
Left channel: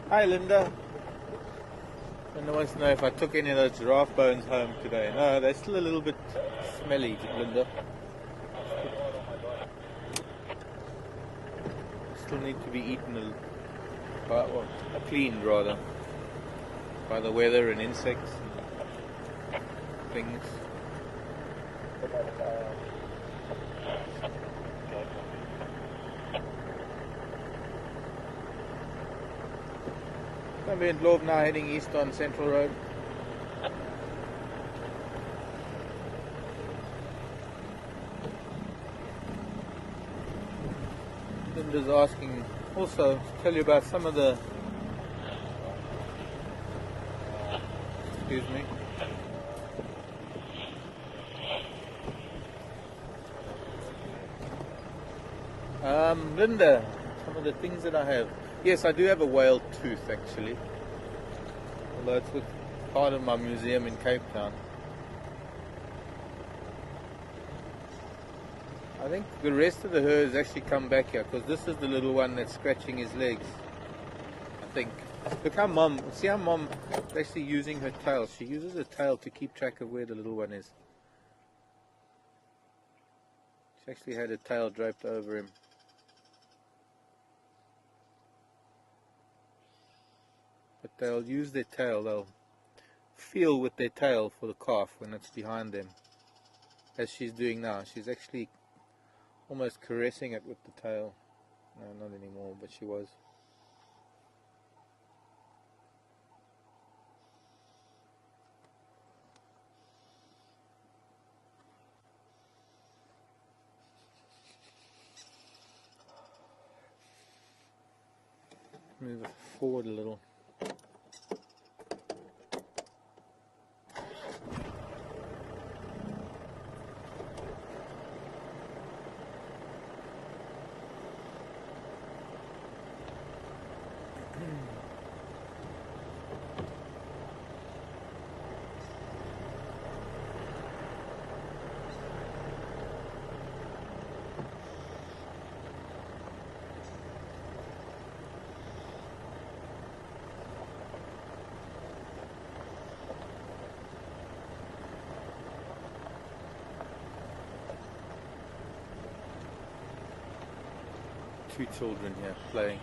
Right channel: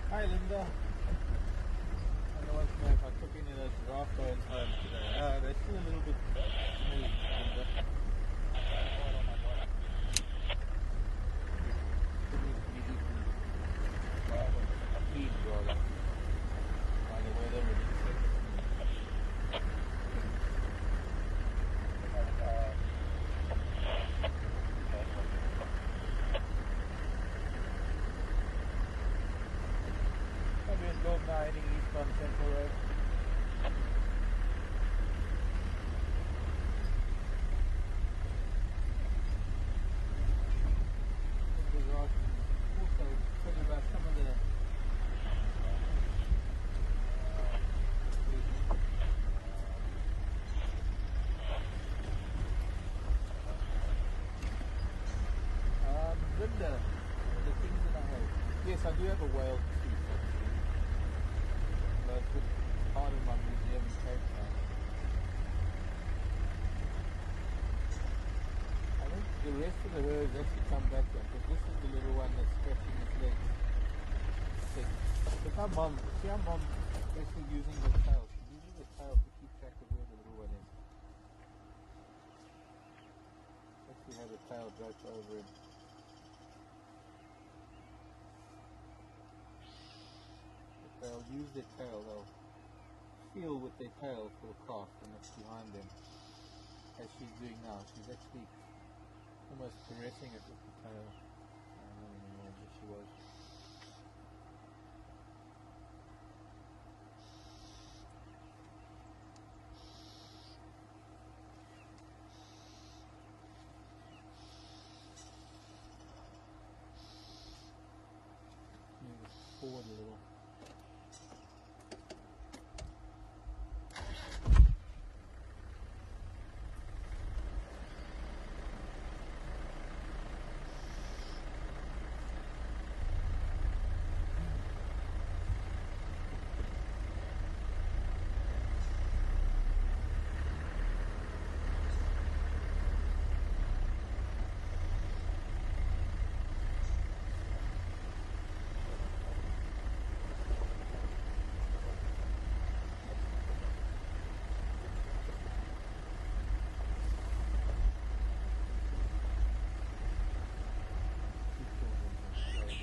Hi Linda. Linda wants to know if I took any of those giraffe bones home today. No, they're still a little bit smelly, Linda. Still need to be eaten, cleaned rather, by the weather and insects, things. We're in Globe now, heading east on Central Road. Linda's asking also to tell you about some of the, excuse me, Linda, some of the things that I have. Yes, I do have a whale tooth actually, although it's with part of my museum in Cape Town. I think the rest of the herd has actually come back here, because this is the little one that's scratching his legs, I think. Look how mom, see how mom is actually using her tail. She uses her tail to keep track of where the little one is. She actually had her tail draped over him. But they'll use their tail, they'll feel with their tail for the calf when it's behind them. As she's doing now, she's actually almost caressing it with the tail. No, not anymore, but she was. Move it forward a little. Two children here playing.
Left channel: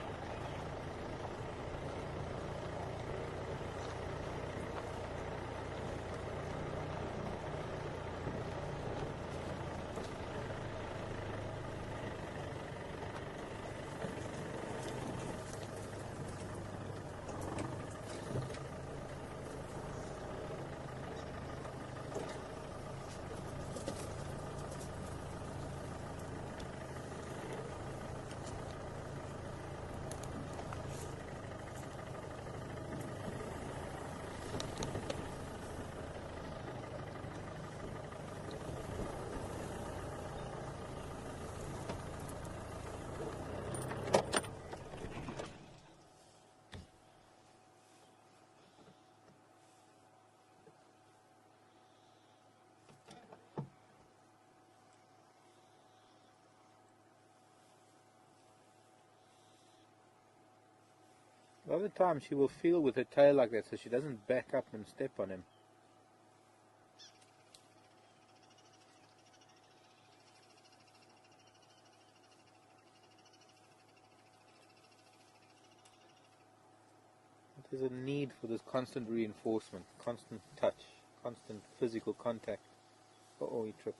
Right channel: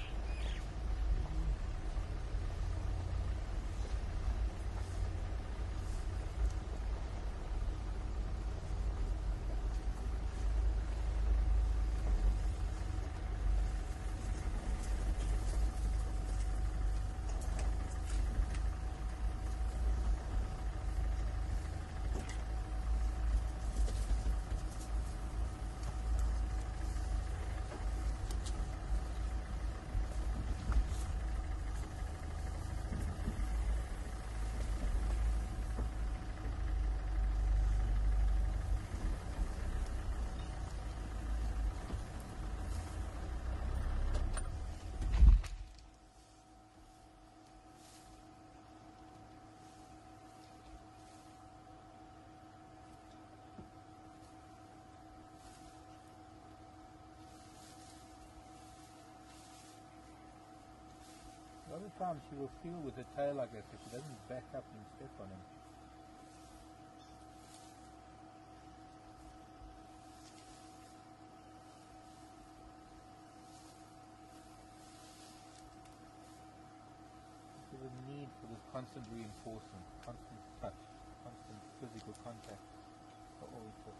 A lot of the time she will feel with her tail like that so she doesn't back up and step on him. There's a need for this constant reinforcement, constant touch, constant physical contact for all trips.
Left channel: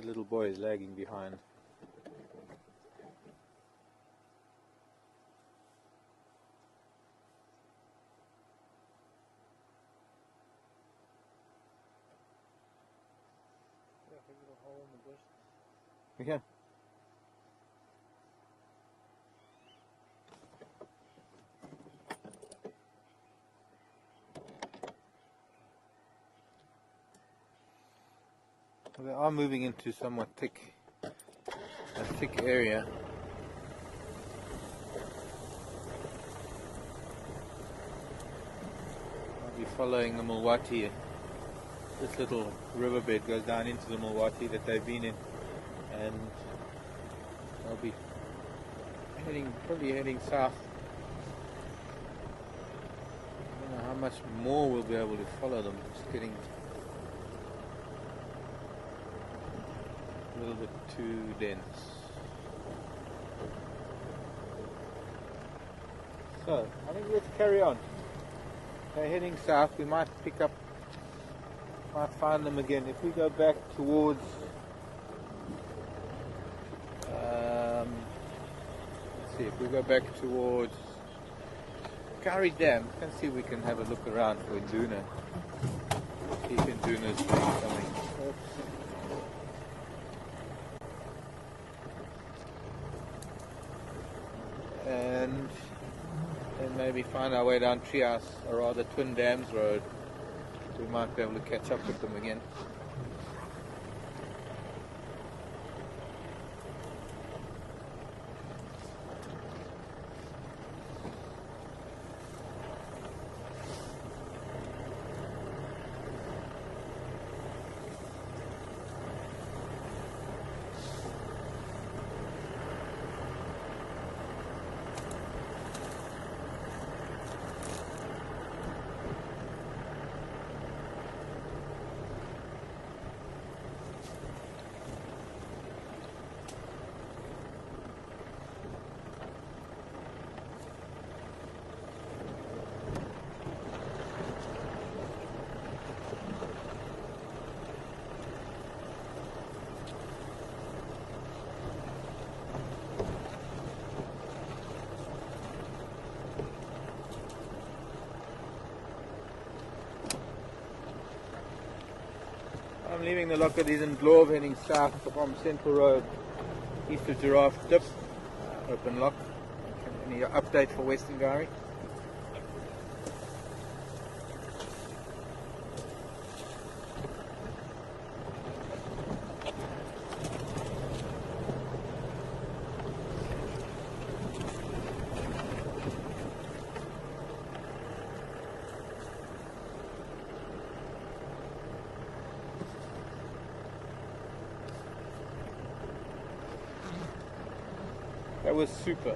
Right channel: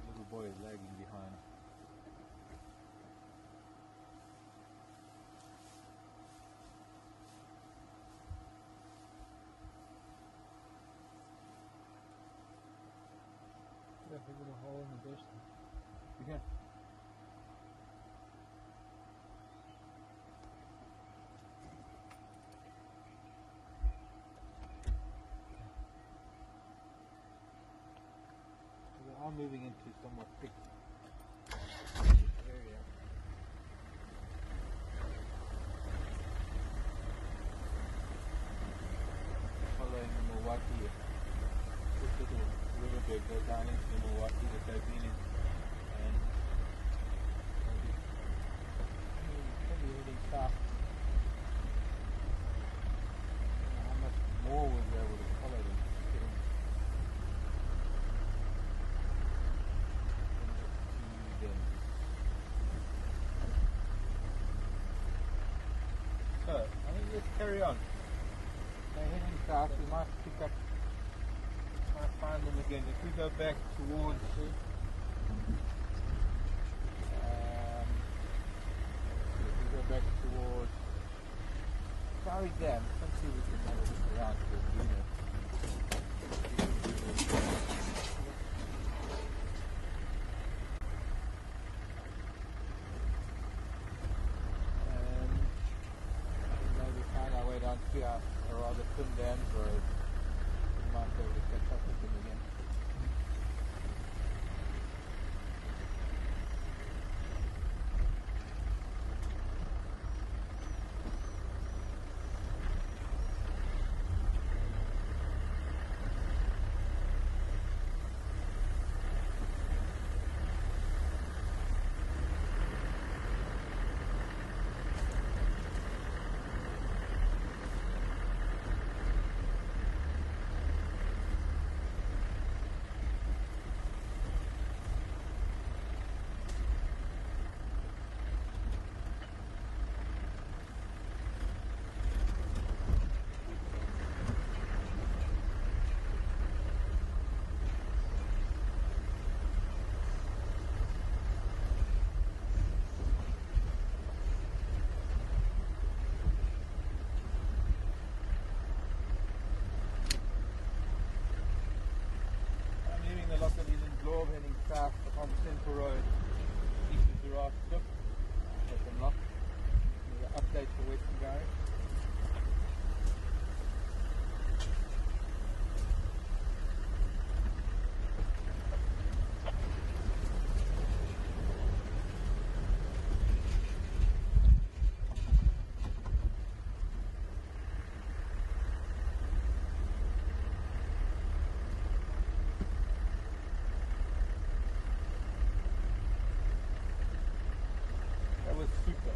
That little boy is lagging behind. Look, there's a hole in the bush there. Okay. They are moving into somewhat thick area. I'll be following the Mulwati. This little riverbed goes down into the Mulwati that they've been in, and I'll be probably heading south. I don't know how much more we'll be able to follow them. It's getting a little bit too dense. So, I think let's carry on. They're heading south. We might find them again. If we go back towards let's see, if we go back towards Kari Dam, let's see if we can have a look around for Duna. See if Duna's coming. And then maybe find our way down Treehouse, or rather Twin Dams Road. We might be able to catch up with them again. I'm leaving the Locketies in Glove, heading south from Central Road, east of Giraffe Dip, open lock. Any update for Western Gary? That was super.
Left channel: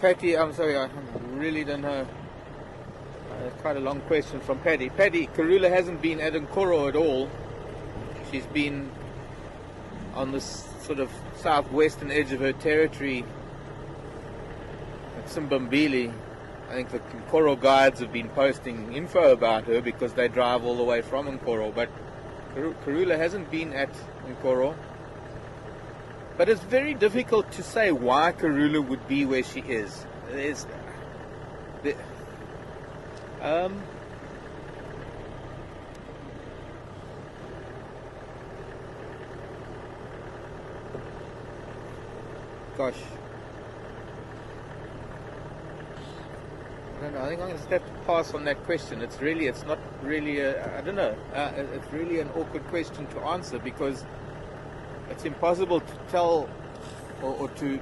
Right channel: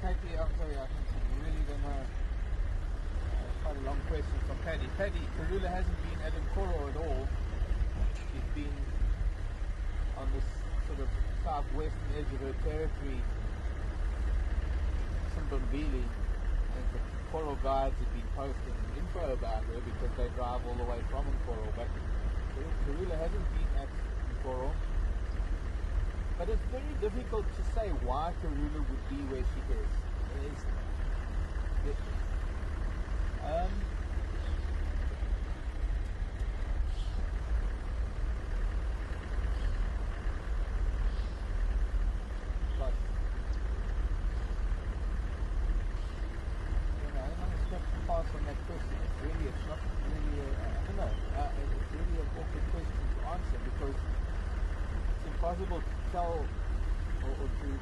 Patty, I'm sorry, I really don't know. Quite a long question from Patty. Patty, Karula hasn't been at Nkoro at all. She's been on this sort of southwestern edge of her territory at Simbambili. I think the Nkoro guides have been posting info about her because they drive all the way from Nkoro, but Karula hasn't been at Nkoro. But it's very difficult to say why Karula would be where she is. Gosh. I don't know. I think I'm going to have to pass on that question. It's not really I don't know. It's really an awkward question to answer because it's impossible to tell or to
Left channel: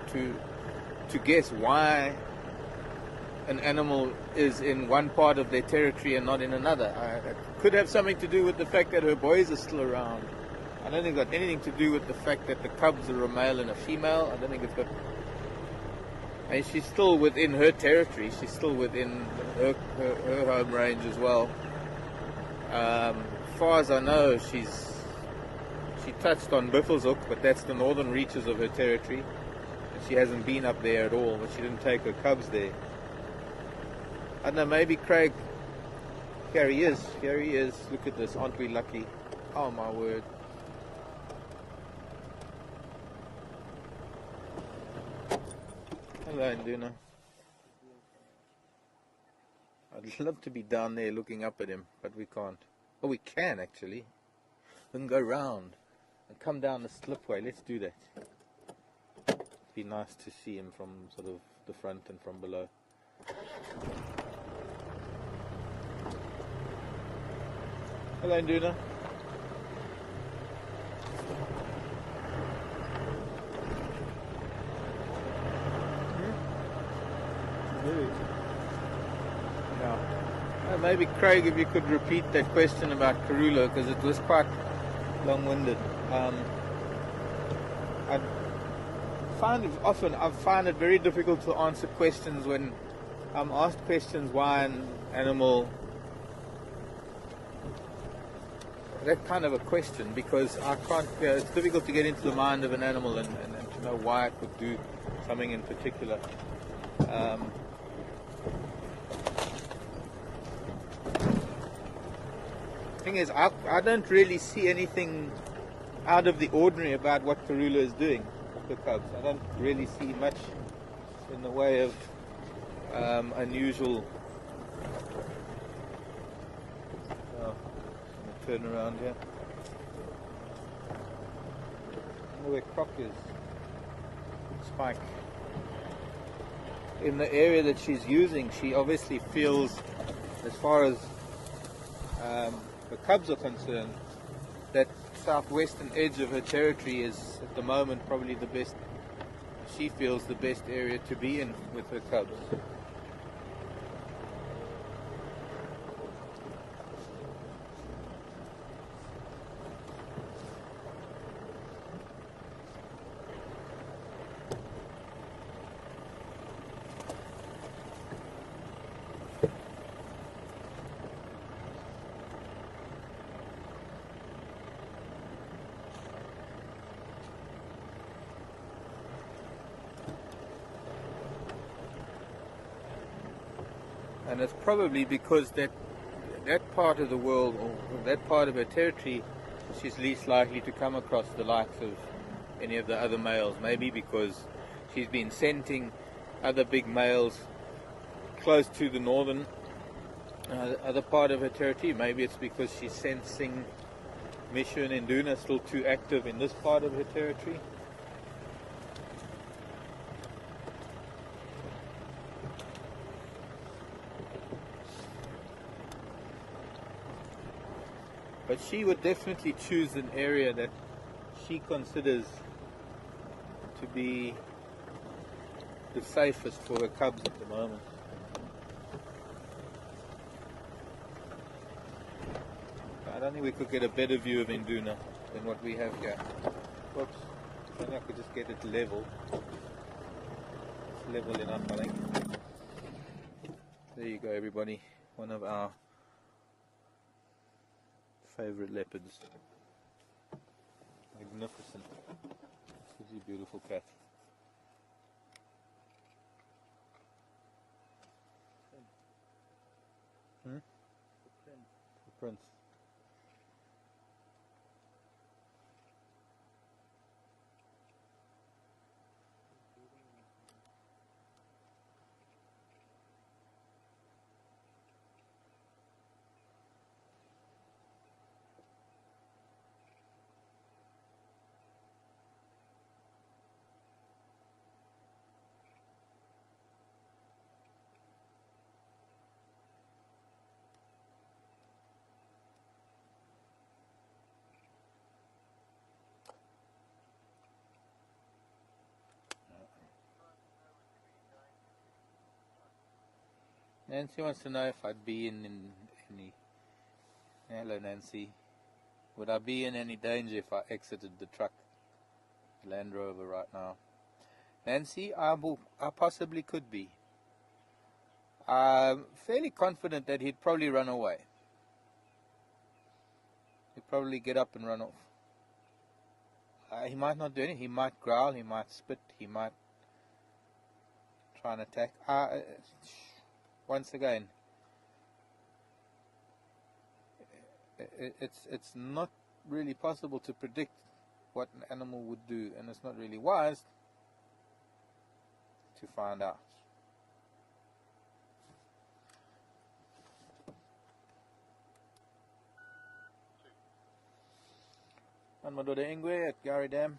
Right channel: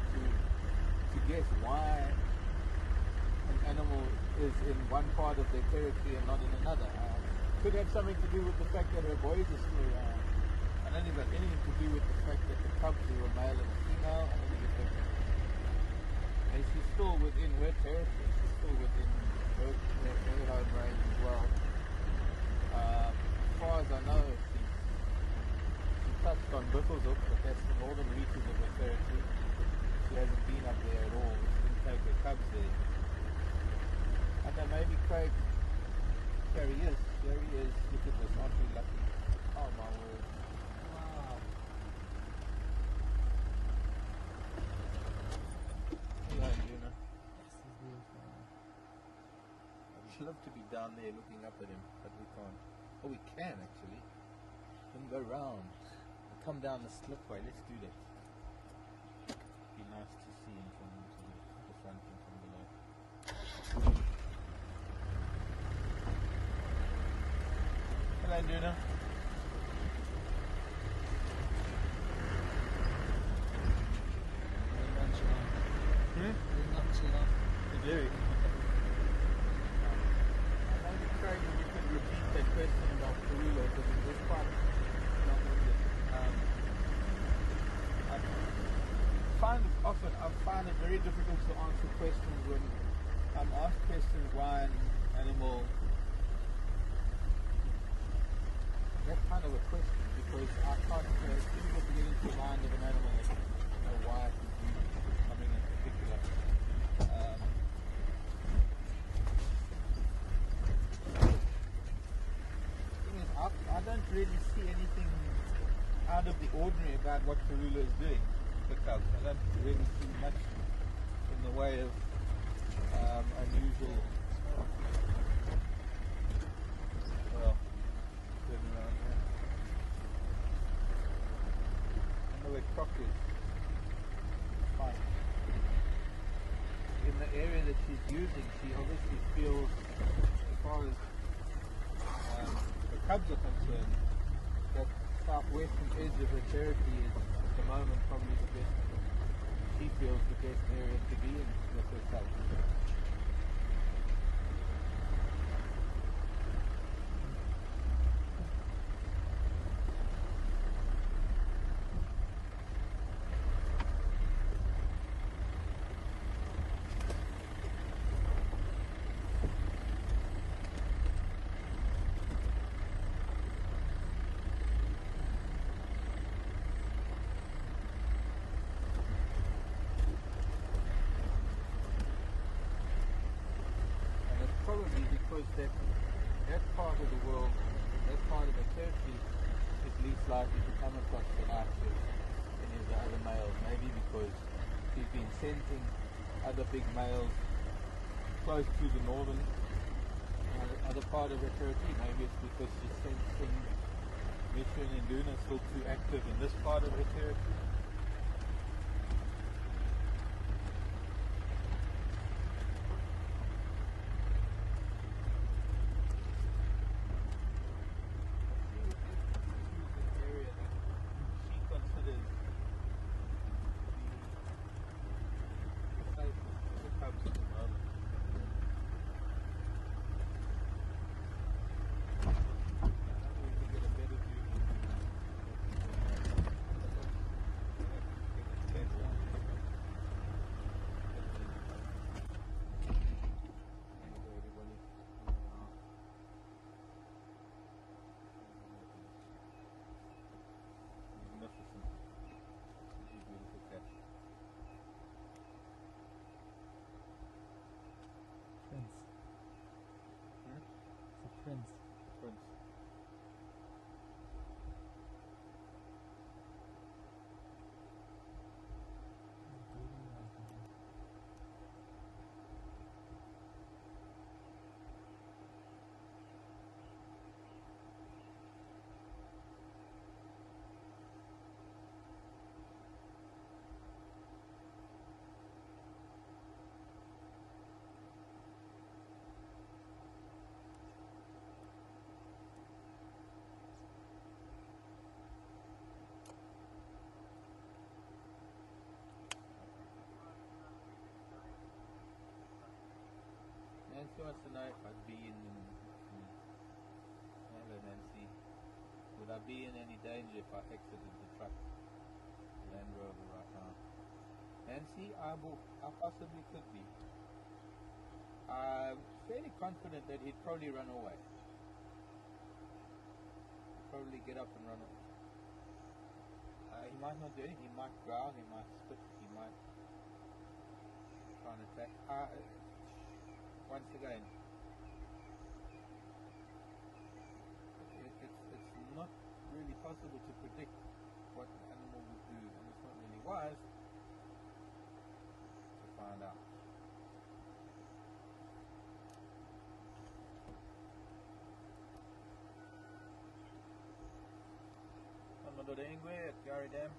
guess why an animal is in one part of their territory and not in another. It could have something to do with the fact that her boys are still around. I don't think it's got anything to do with the fact that the cubs are a male and a female. I don't think it's got... And she's still within her territory. She's still within her home range as well. As far as I know, she touched on Buffelshoek, but that's the northern reaches of her territory. And she hasn't been up there at all, but she didn't take her cubs there. I don't know, maybe Craig... Here he is. Look at this. Aren't we lucky? Oh my word. Hello, Nduna. I'd love to be down there looking up at him, but we can't. Oh, we can actually. We can go round. Come down the slipway. Let's do that. It'd be nice to see him from sort of the front and from below. Hello, Nduna. Maybe Craig, if you could repeat that question about Karula, because it was quite long-winded. I find it very difficult to answer questions when I'm asked questions why an animal, that kind of a question, because I can't. It's difficult to get into the mind of an animal and to know why it would do something in particular. Thing is, I don't really see anything out of the ordinary about what Karula is doing with the cubs. I don't really see much in the way of unusual. Turn around here. Oh, where Croc is. Spike. In the area that she's using, she obviously feels, as far as the cubs are concerned, that southwestern edge of her territory is at the moment probably the best, she feels the best area to be in with her cubs. And it's probably because that part of the world, or that part of her territory, she's least likely to come across the likes of any of the other males. Maybe because she's been scenting other big males close to the northern other part of her territory. Maybe it's because she's sensing Misha and Nduna still too active in this part of her territory. But she would definitely choose an area that she considers to be the safest for her cubs at the moment. I don't think we could get a better view of Nduna than what we have here. Oops, I think I could just get it level. It's level enough, I think. There you go, everybody. One of our favorite leopards. Magnificent. Such a beautiful cat. Prince. Hmm? It's a prince. Prince. Nancy wants to know if I'd be in any. Hello, Nancy. Would I be in any danger if I exited the truck, Land Rover, right now? Nancy, I possibly could be. I'm fairly confident that he'd probably run away. He'd probably get up and run off. He might not do anything. He might growl, he might spit, he might try and attack. Once again, it's not really possible to predict what an animal would do, and it's not really wise to find out. And my daughter Ingwe at Gary Dam.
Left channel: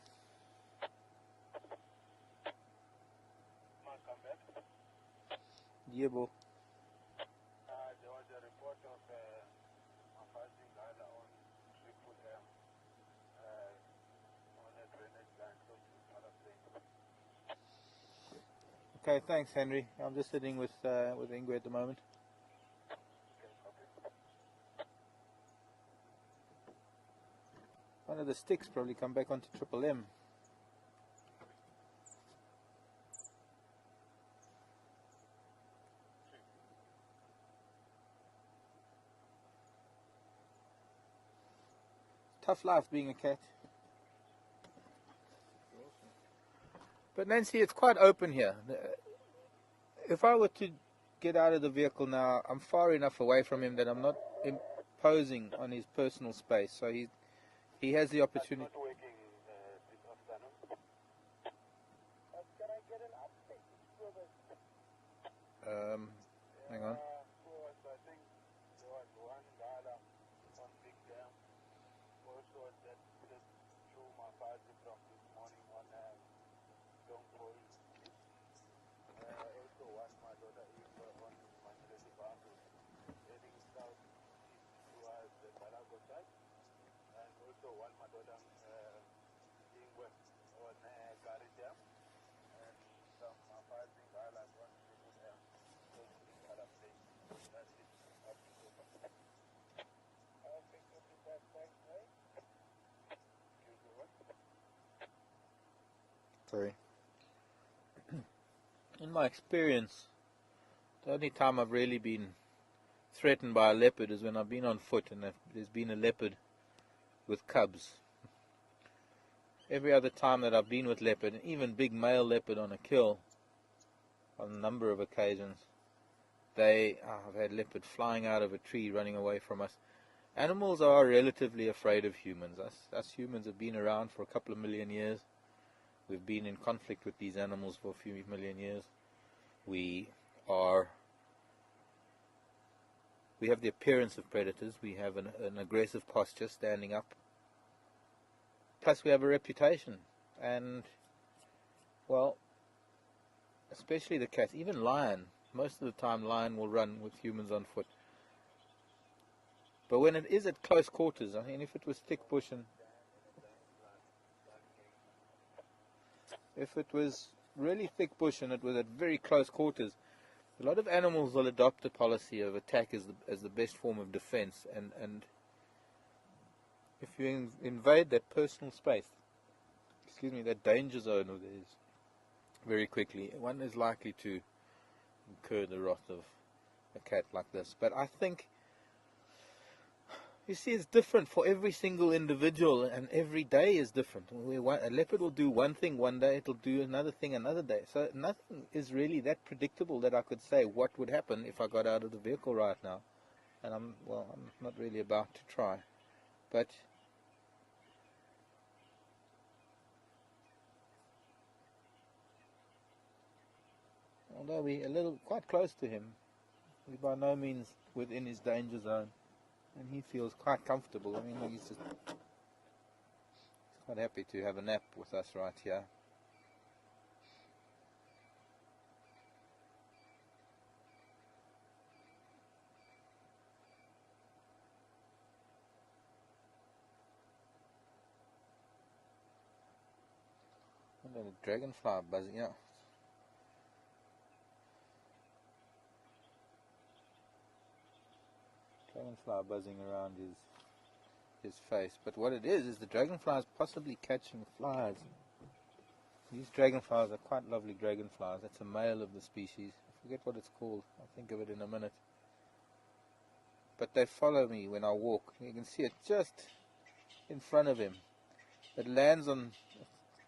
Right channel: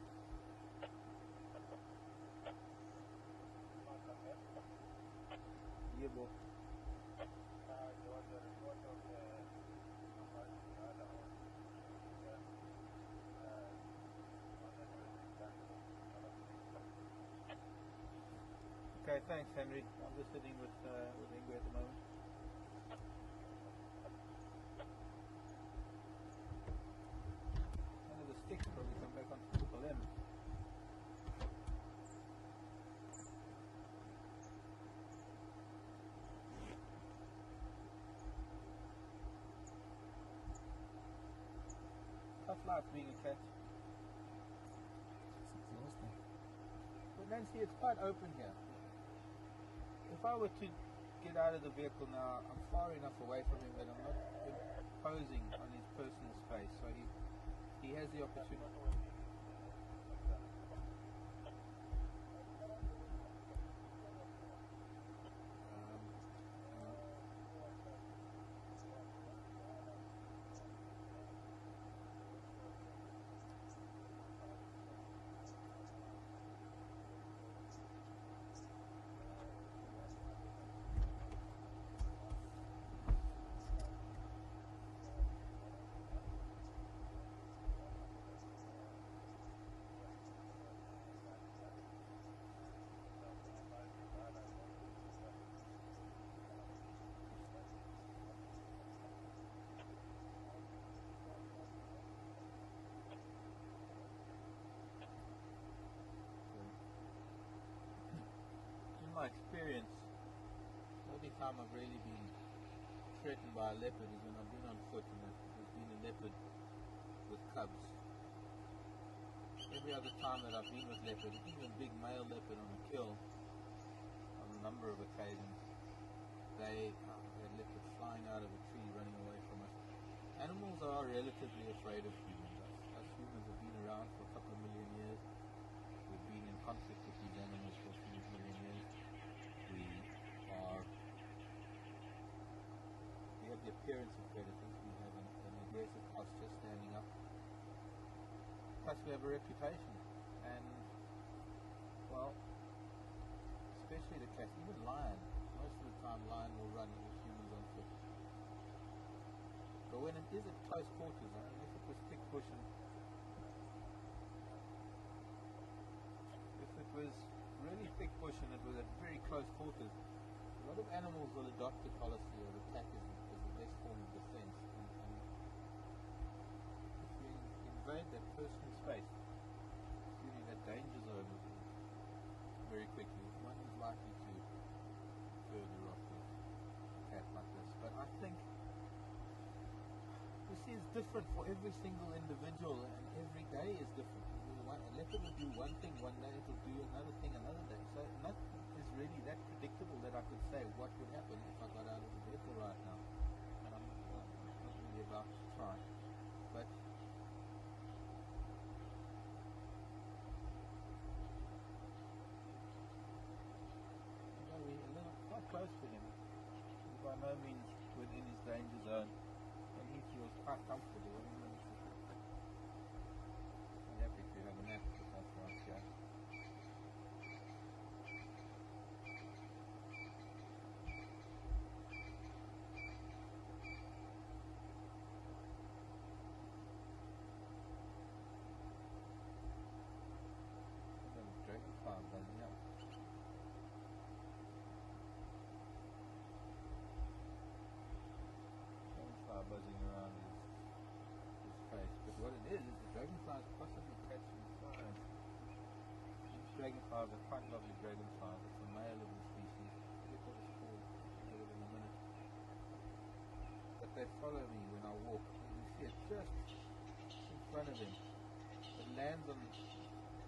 Yeah, bro. There was a report of apartment radar on them on the drainage plan. Okay, thanks, Henry. I'm just sitting with Ingwe at the moment. One of the sticks probably come back onto Triple M. Tough life being a cat. But Nancy, it's quite open here. If I were to get out of the vehicle now, I'm far enough away from him that I'm not imposing on his personal space. So he has the opportunity. Hang on. Sorry. In my experience, the only time I've really been threatened by a leopard is when I've been on foot and there's been a leopard with cubs. Every other time that I've been with leopard, and even big male leopard on a kill, on a number of occasions, I've had leopard flying out of a tree, running away from us. Animals are relatively afraid of humans. Us humans have been around for a couple of million years. We've been in conflict with these animals for a few million years. We have the appearance of predators. We have an aggressive posture, standing up. Plus we have a reputation. And, well, especially the cats, even lion. Most of the time lion will run with humans on foot. But when it is at close quarters, I mean, if it was thick bush and if it was really thick bush and it was at very close quarters, a lot of animals will adopt the policy of attack as the best form of defense, and if you invade that personal space, that danger zone of theirs, very quickly, one is likely to incur the wrath of a cat like this. But I think, you see, it's different for every single individual, and every day is different. A leopard will do one thing one day, it'll do another thing another day. So nothing is really that predictable that I could say what would happen if I got out of the vehicle right now. And I'm not really about to try. But although we're quite close to him, we're by no means within his danger zone. And he feels quite comfortable. I mean, he's just quite happy to have a nap with us right here. And there's a dragonfly buzzing out. buzzing around his face. But what it is the dragonfly is possibly catching flies. These dragonflies are quite lovely dragonflies. That's a male of the species. I forget what it's called. I'll think of it in a minute. But they follow me when I walk. You can see it just in front of him. It lands on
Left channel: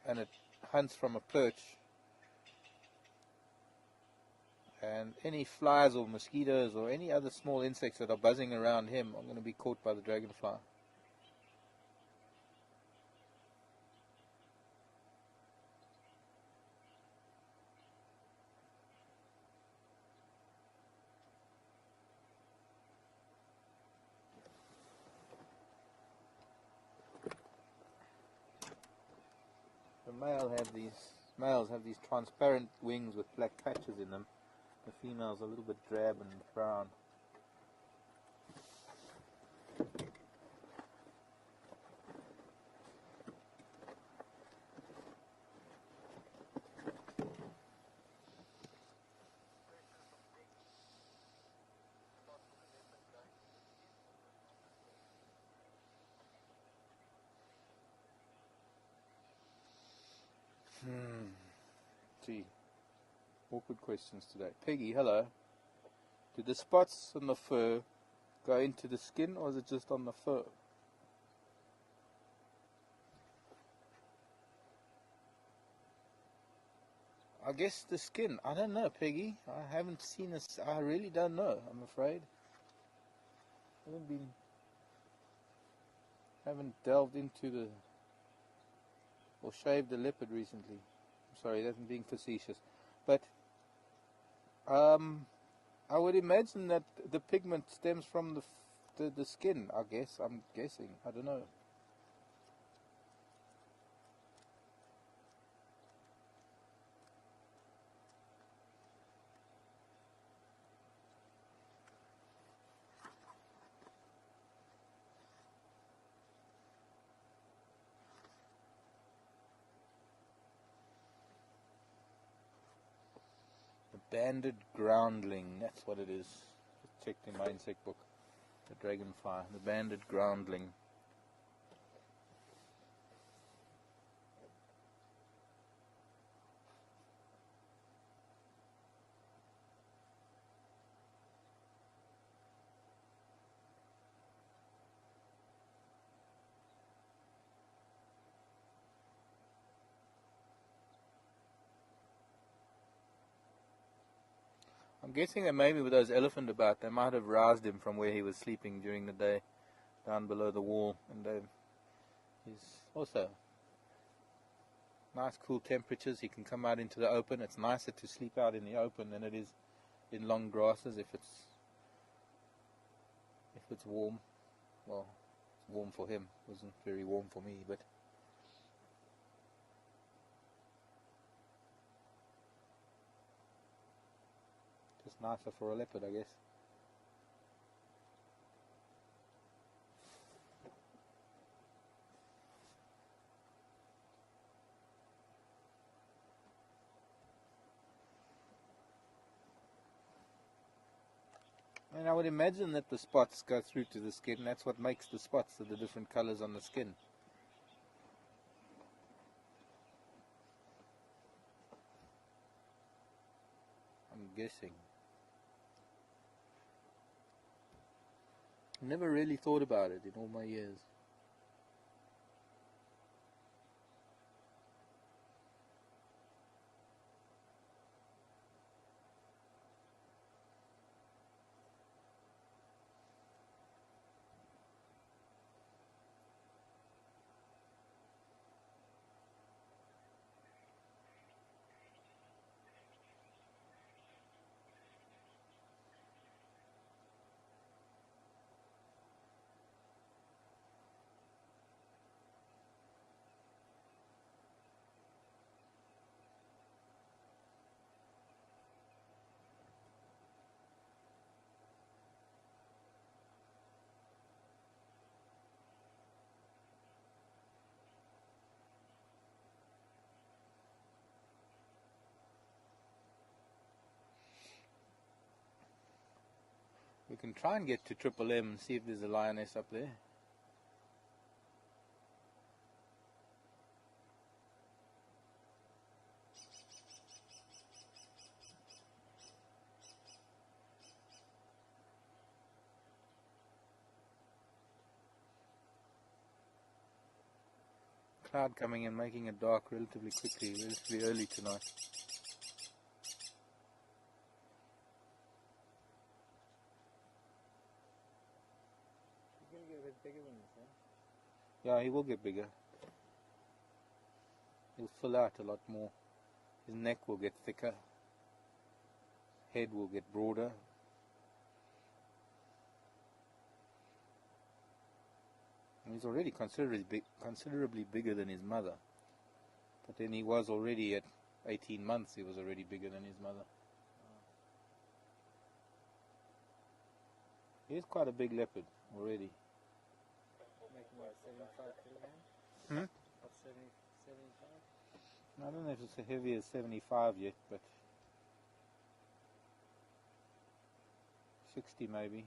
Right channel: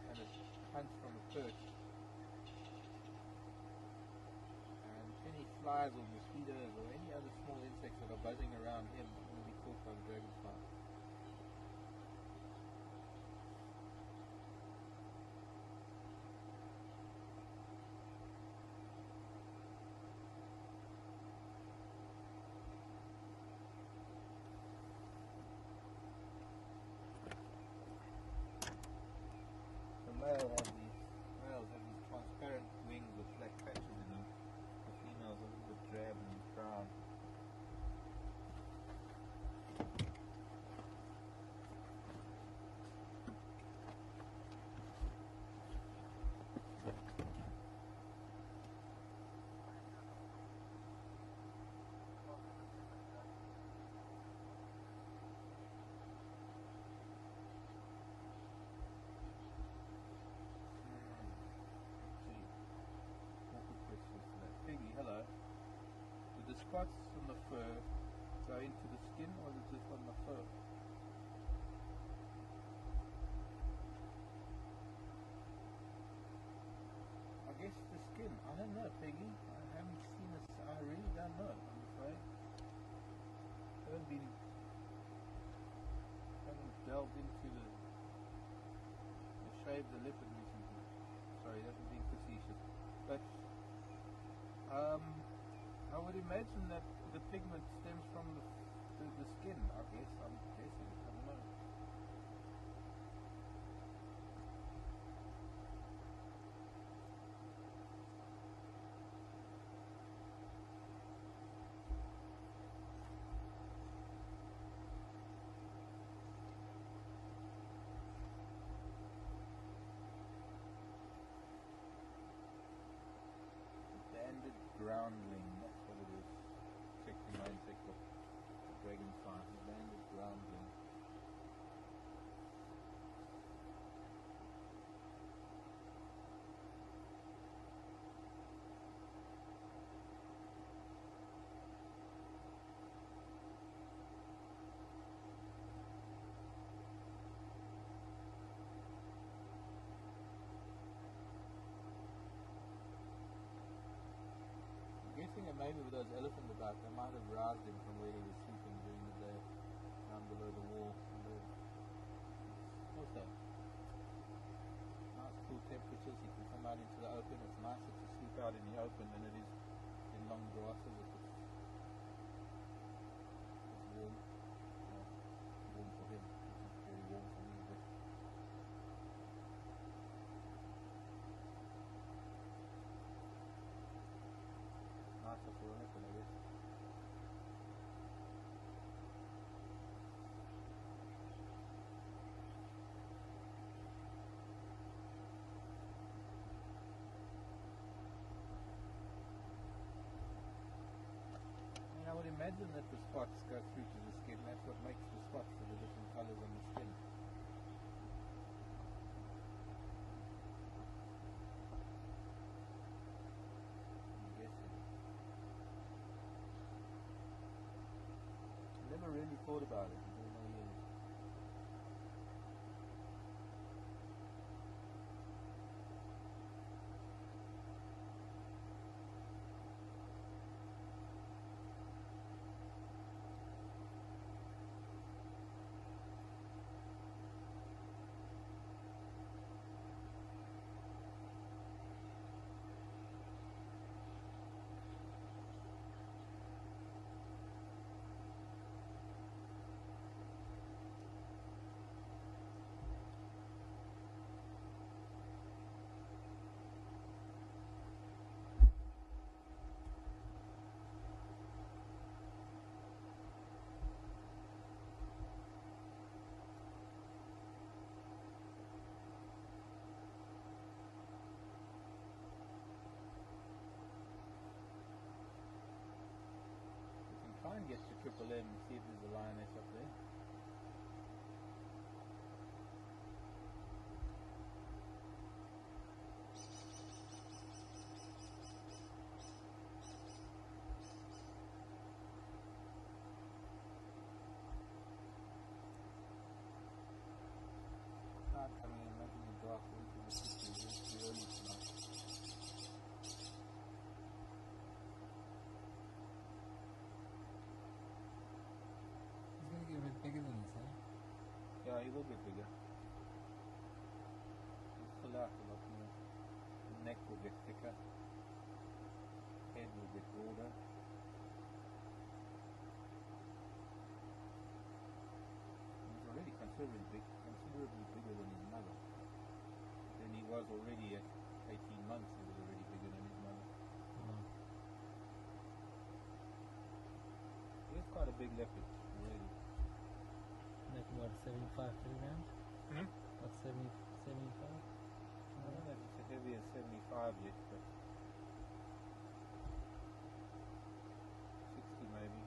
and it hunts from a perch. And any flies or mosquitoes or any other small insects that are buzzing around him are going to be caught by the dragonfly. Males have these transparent wings with black patches in them. The females are a little bit drab and brown. Gee, awkward questions today. Peggy, hello. Do the spots on the fur go into the skin, or is it just on the fur? I guess the skin. I don't know, Peggy. I haven't seen this. I really don't know, I'm afraid. Haven't delved into the or shaved the leopard recently. Sorry, that's being facetious. But I would imagine that the pigment stems from the skin, I guess. I'm guessing. I don't know. Banded groundling, that's what it is. Checked in my insect book. The dragonfly, the banded groundling. I'm guessing that maybe with those elephant about, they might have roused him from where he was sleeping during the day, down below the wall, and then he's also nice cool temperatures. He can come out into the open. It's nicer to sleep out in the open than it is in long grasses if it's warm. Well, it's warm for him. It wasn't very warm for me, but nicer for a leopard, I guess. And I would imagine that the spots go through to the skin. That's what makes the spots, the different colors on the skin. I'm guessing. Never really thought about it in all my years. can try and get to Triple M and see if there's a lioness up there. Cloud coming in, making it dark relatively quickly, relatively early tonight. He's gonna get a bit bigger than this, eh? Yeah, he will get bigger. He'll fill out a lot more. His neck will get thicker. Head will get broader. He's already considerably bigger than his mother. But then he was already at 18 months, he was already bigger than his mother. Wow. He's quite a big leopard already. Like what, 75 kilograms? Hmm? What, 70, 75? I don't know if it's as heavy as 75 yet, but 60 maybe.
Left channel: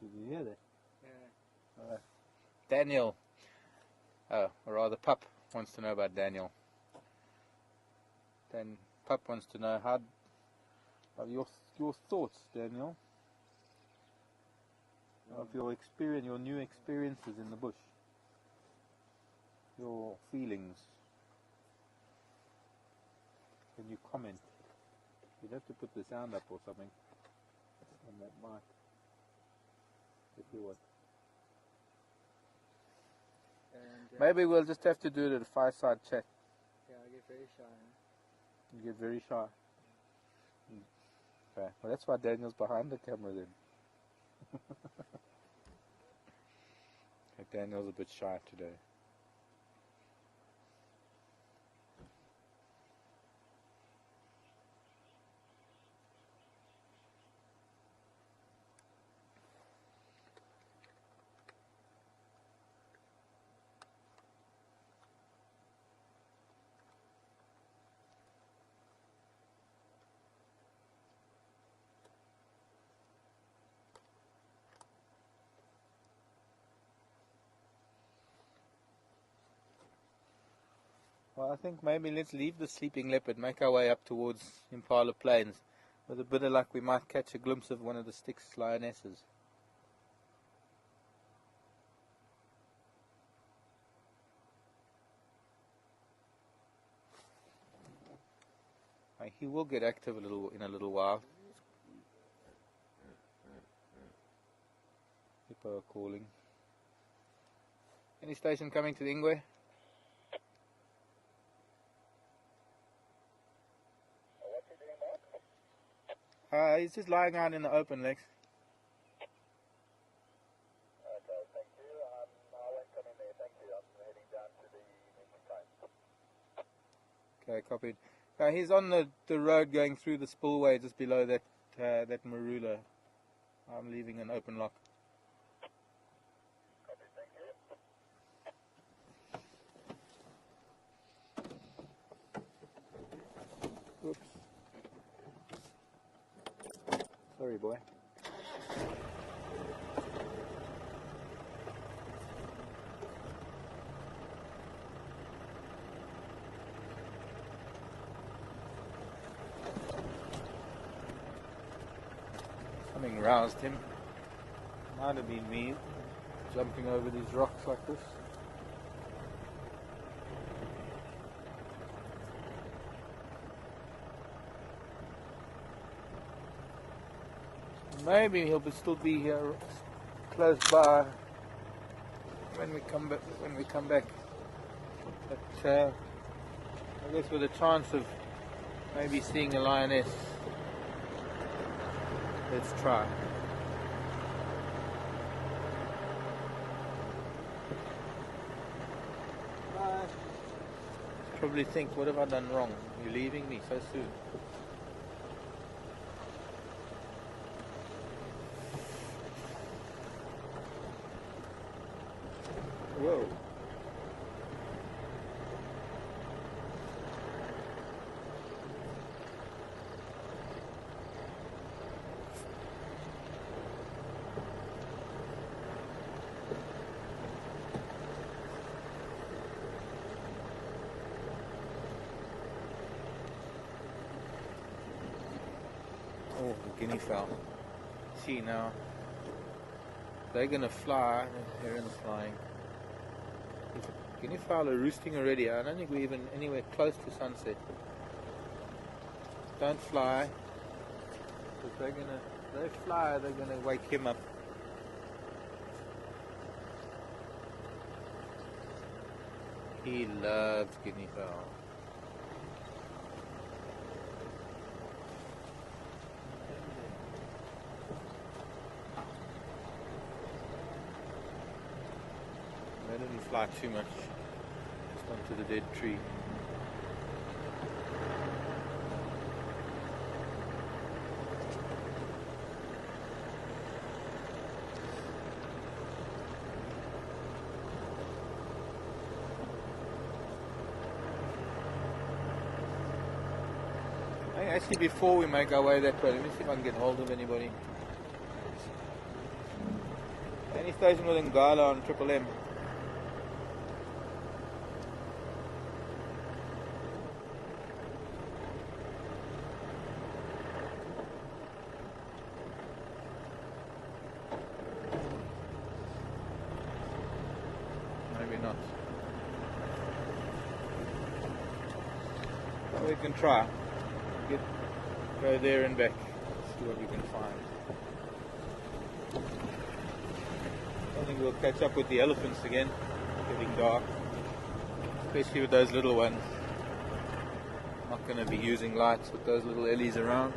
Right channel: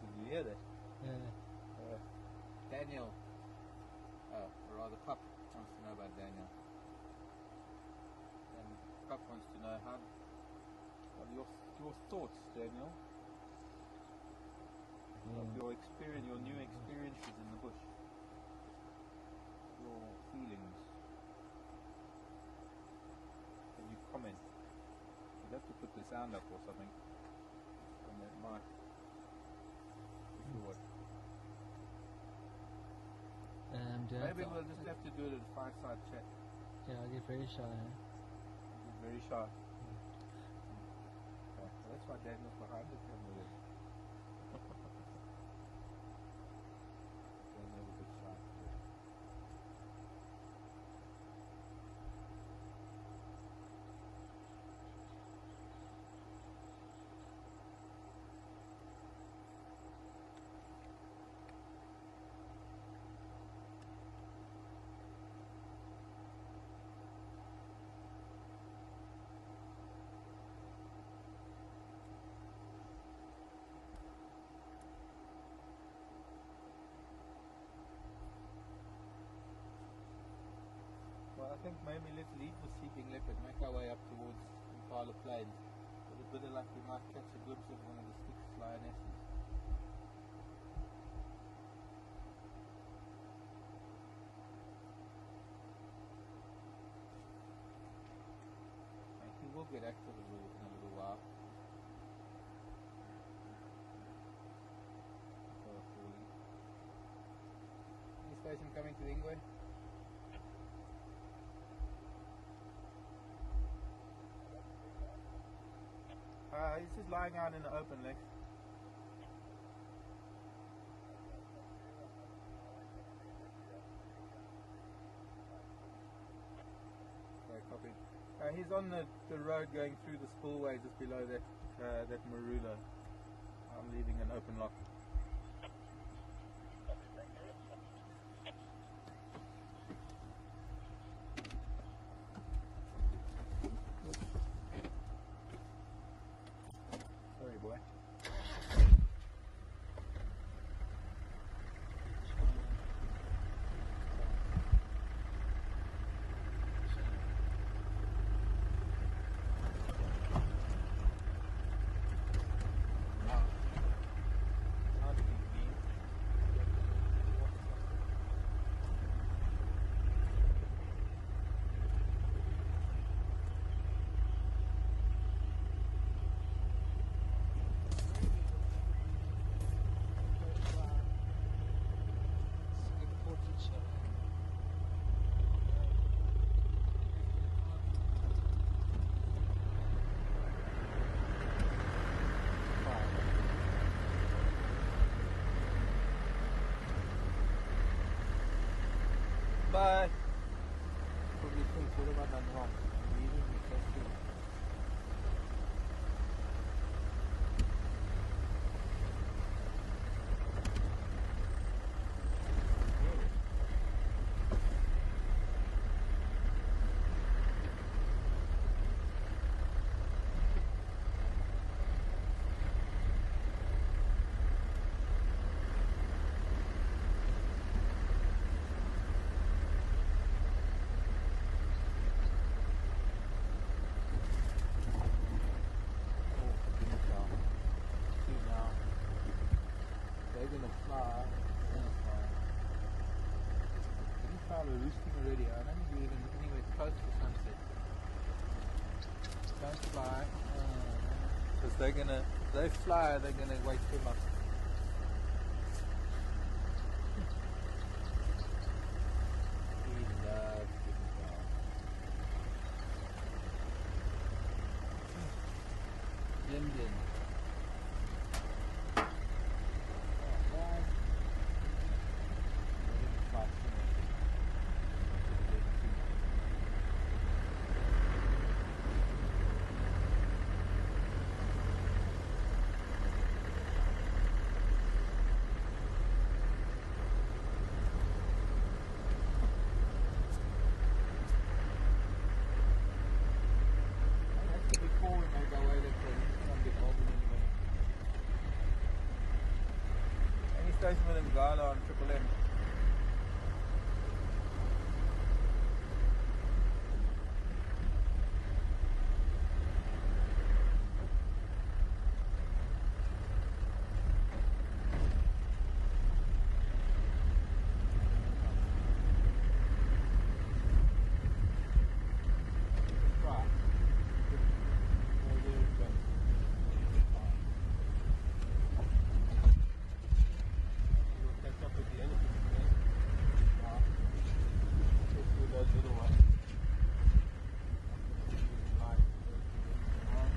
Did you hear that? Yeah. Daniel, or rather Pup, wants to know about Daniel. Then Pup wants to know how your thoughts, Daniel, of your experience, your new experiences in the bush, your feelings. Can you comment? You'd have to put the sound up or something on that mic. If you would. And Maybe we'll just have to do it at a fireside chat. yeah, I get very shy. Eh? You get very sharp. Okay. Well, that's why Daniel's behind the camera then. But Daniel's a bit shy today. Well, I think maybe let's leave the sleeping leopard, make our way up towards Impala Plains. With a bit of luck we might catch a glimpse of one of the Styx lionesses. He will get active in a little while. People are calling. Any station coming to the Ingwe? He's just lying out in the open, Lex. Okay, copied. He's on the road going through the spillway just below that marula. I'm leaving an open lock. Oops. Sorry, boy. Something roused him. Might have been me jumping over these rocks like this. Maybe he'll still be here close by when we come back. But I guess with a chance of maybe seeing a lioness, let's try. probably think, what have I done wrong? You're leaving me so soon. Whoa. Oh, guinea fowl. See now. They're gonna fly. The heron's flying. Guinea fowl are roosting already. I don't think we're even anywhere close to sunset. Don't fly. Don't fly, they're gonna wake him up. He loves guinea fowl. They didn't fly too much. Just onto the dead tree. Actually, before we make our way that way, let me see if I can get hold of anybody. Any station with Ngala on Triple M? Maybe not. Well, we can try. Go there and back, see what we can find. I think we'll catch up with the elephants again, getting dark, especially with those little ones. Not going to be using lights with those little ellies around.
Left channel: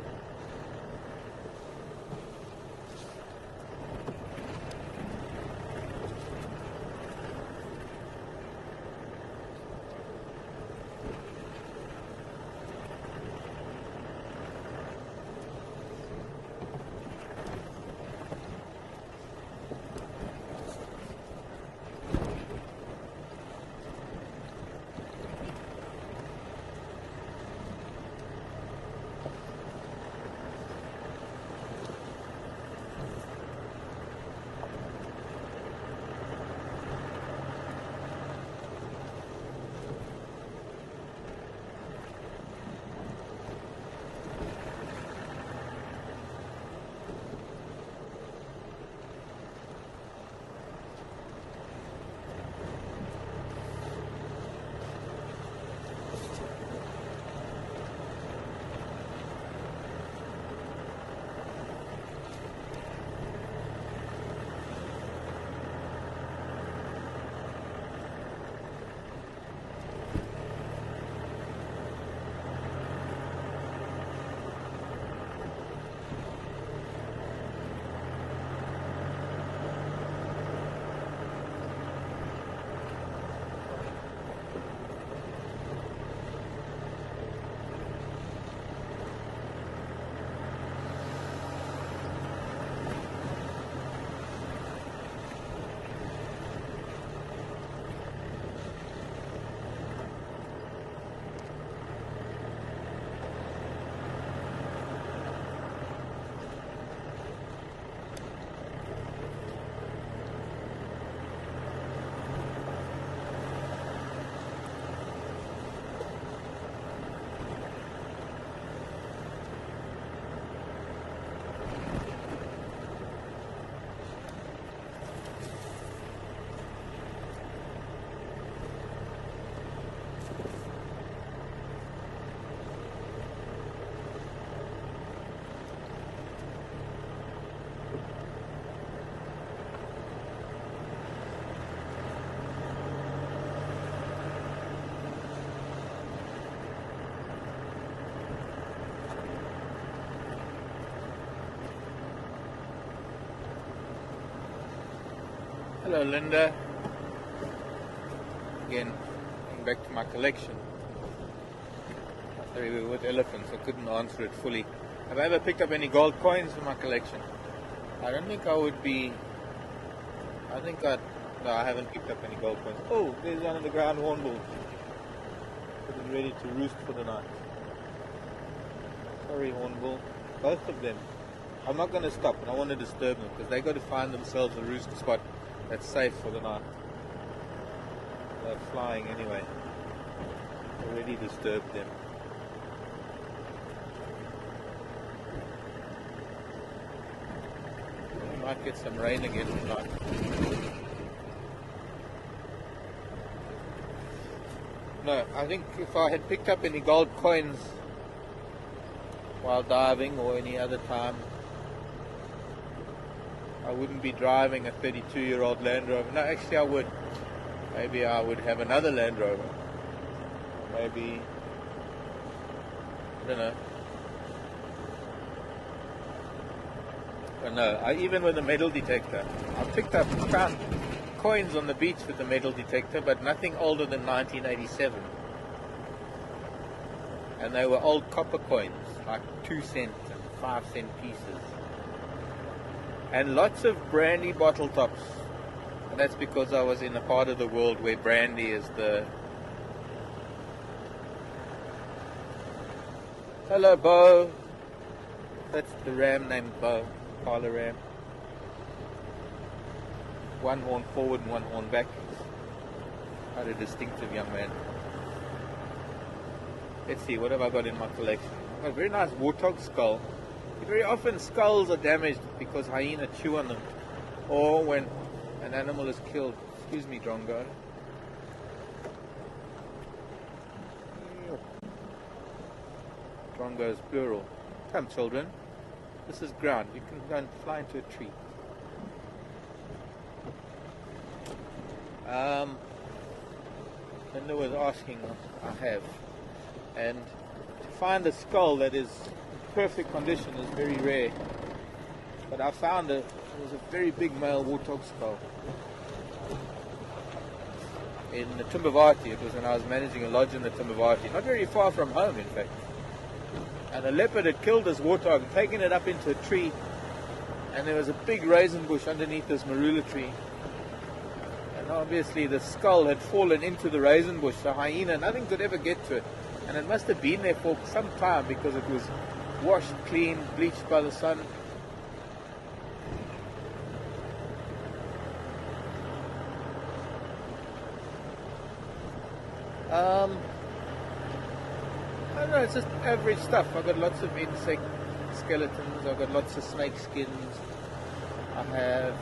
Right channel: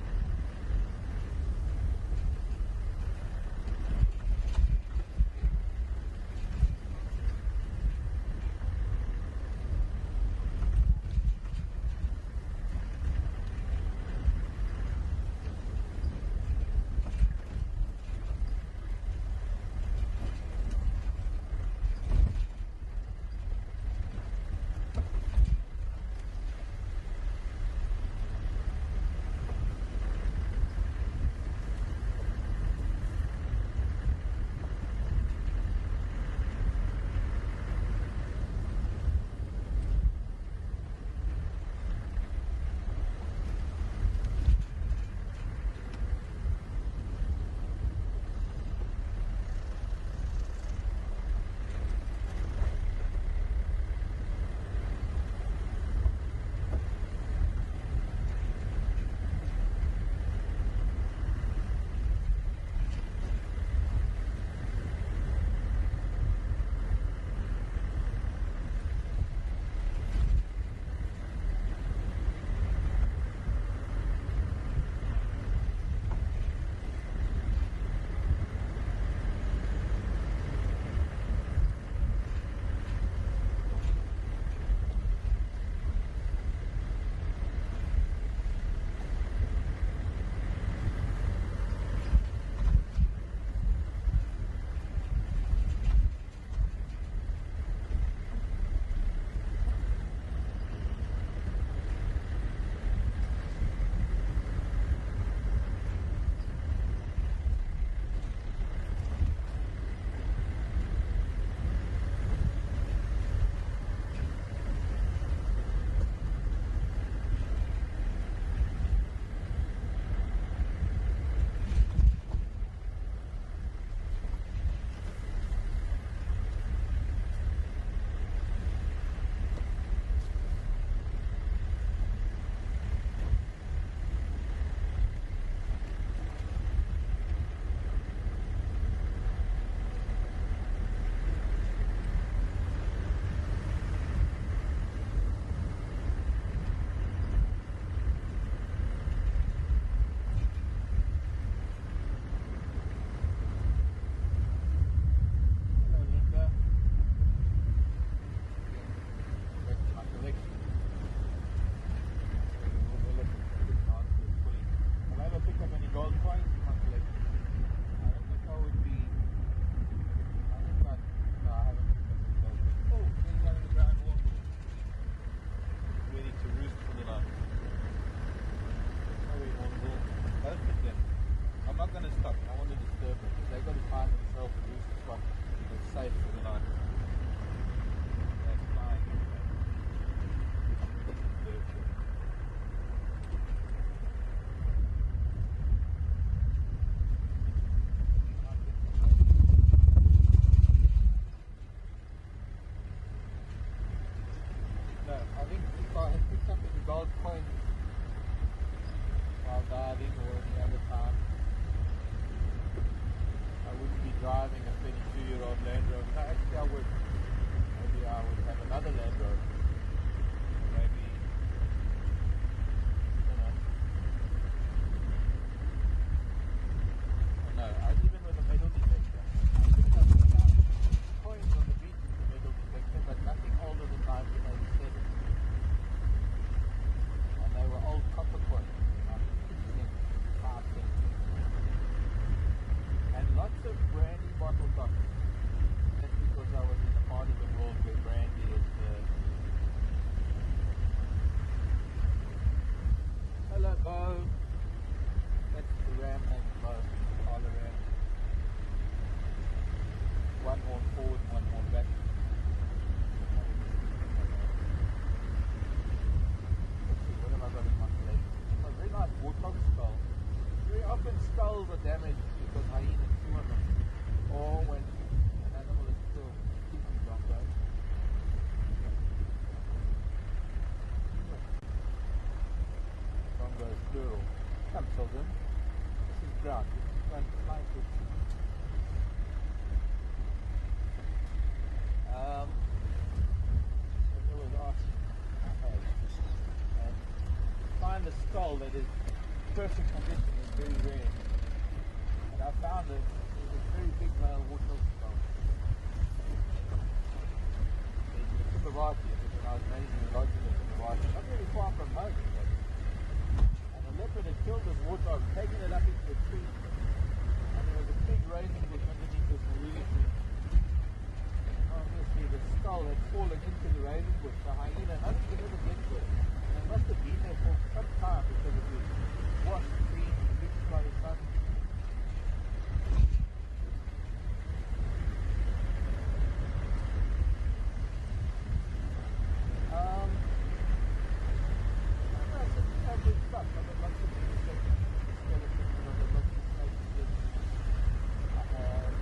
Hello Linda. Again, back to my collection. Sorry, we were with elephants. I couldn't answer it fully. Have I ever picked up any gold coins for my collection? I don't think I would be. No, I haven't picked up any gold coins. Oh, there's one on the ground, hornbill. Getting ready to roost for the night. Sorry, hornbill. Both of them. I'm not going to stop, and I want to disturb them because they got to find themselves a roost spot that's safe for the night. They're flying anyway. Already disturbed them. We might get some rain again tonight. No, I think if I had picked up any gold coins while diving or any other time, I wouldn't be driving a 32-year-old Land Rover. No, actually I would. Maybe I would have another Land Rover. Maybe, I don't know. But no, even with a metal detector, I found coins on the beach with the metal detector, but nothing older than 1987. And they were old copper coins, like 2 cent and 5 cent pieces. And lots of brandy bottle tops. And that's because I was in a part of the world where brandy is the... Hello, Bo. That's the ram named Bo, Parlor Ram. One horn forward and one horn back. Quite a distinctive young man. Let's see, what have I got in my collection? I've got a very nice warthog skull. Very often skulls are damaged because hyena chew on them, or when an animal is killed. Excuse me, Drongo. Drongo is plural. Come, children. This is ground. You can go and fly into a tree. Linda was asking, I have. And to find a skull that is perfect condition is very rare. But I found it was a very big male warthog skull in the Timbavati. It was when I was managing a lodge in the Timbavati, not very far from home in fact. And a leopard had killed this warthog, taken it up into a tree, and there was a big raisin bush underneath this marula tree. And obviously the skull had fallen into the raisin bush, so hyena, nothing could ever get to it. And it must have been there for some time because it was washed clean, bleached by the sun. I don't know, it's just average stuff. I've got lots of insect skeletons, I've got lots of snake skins, I have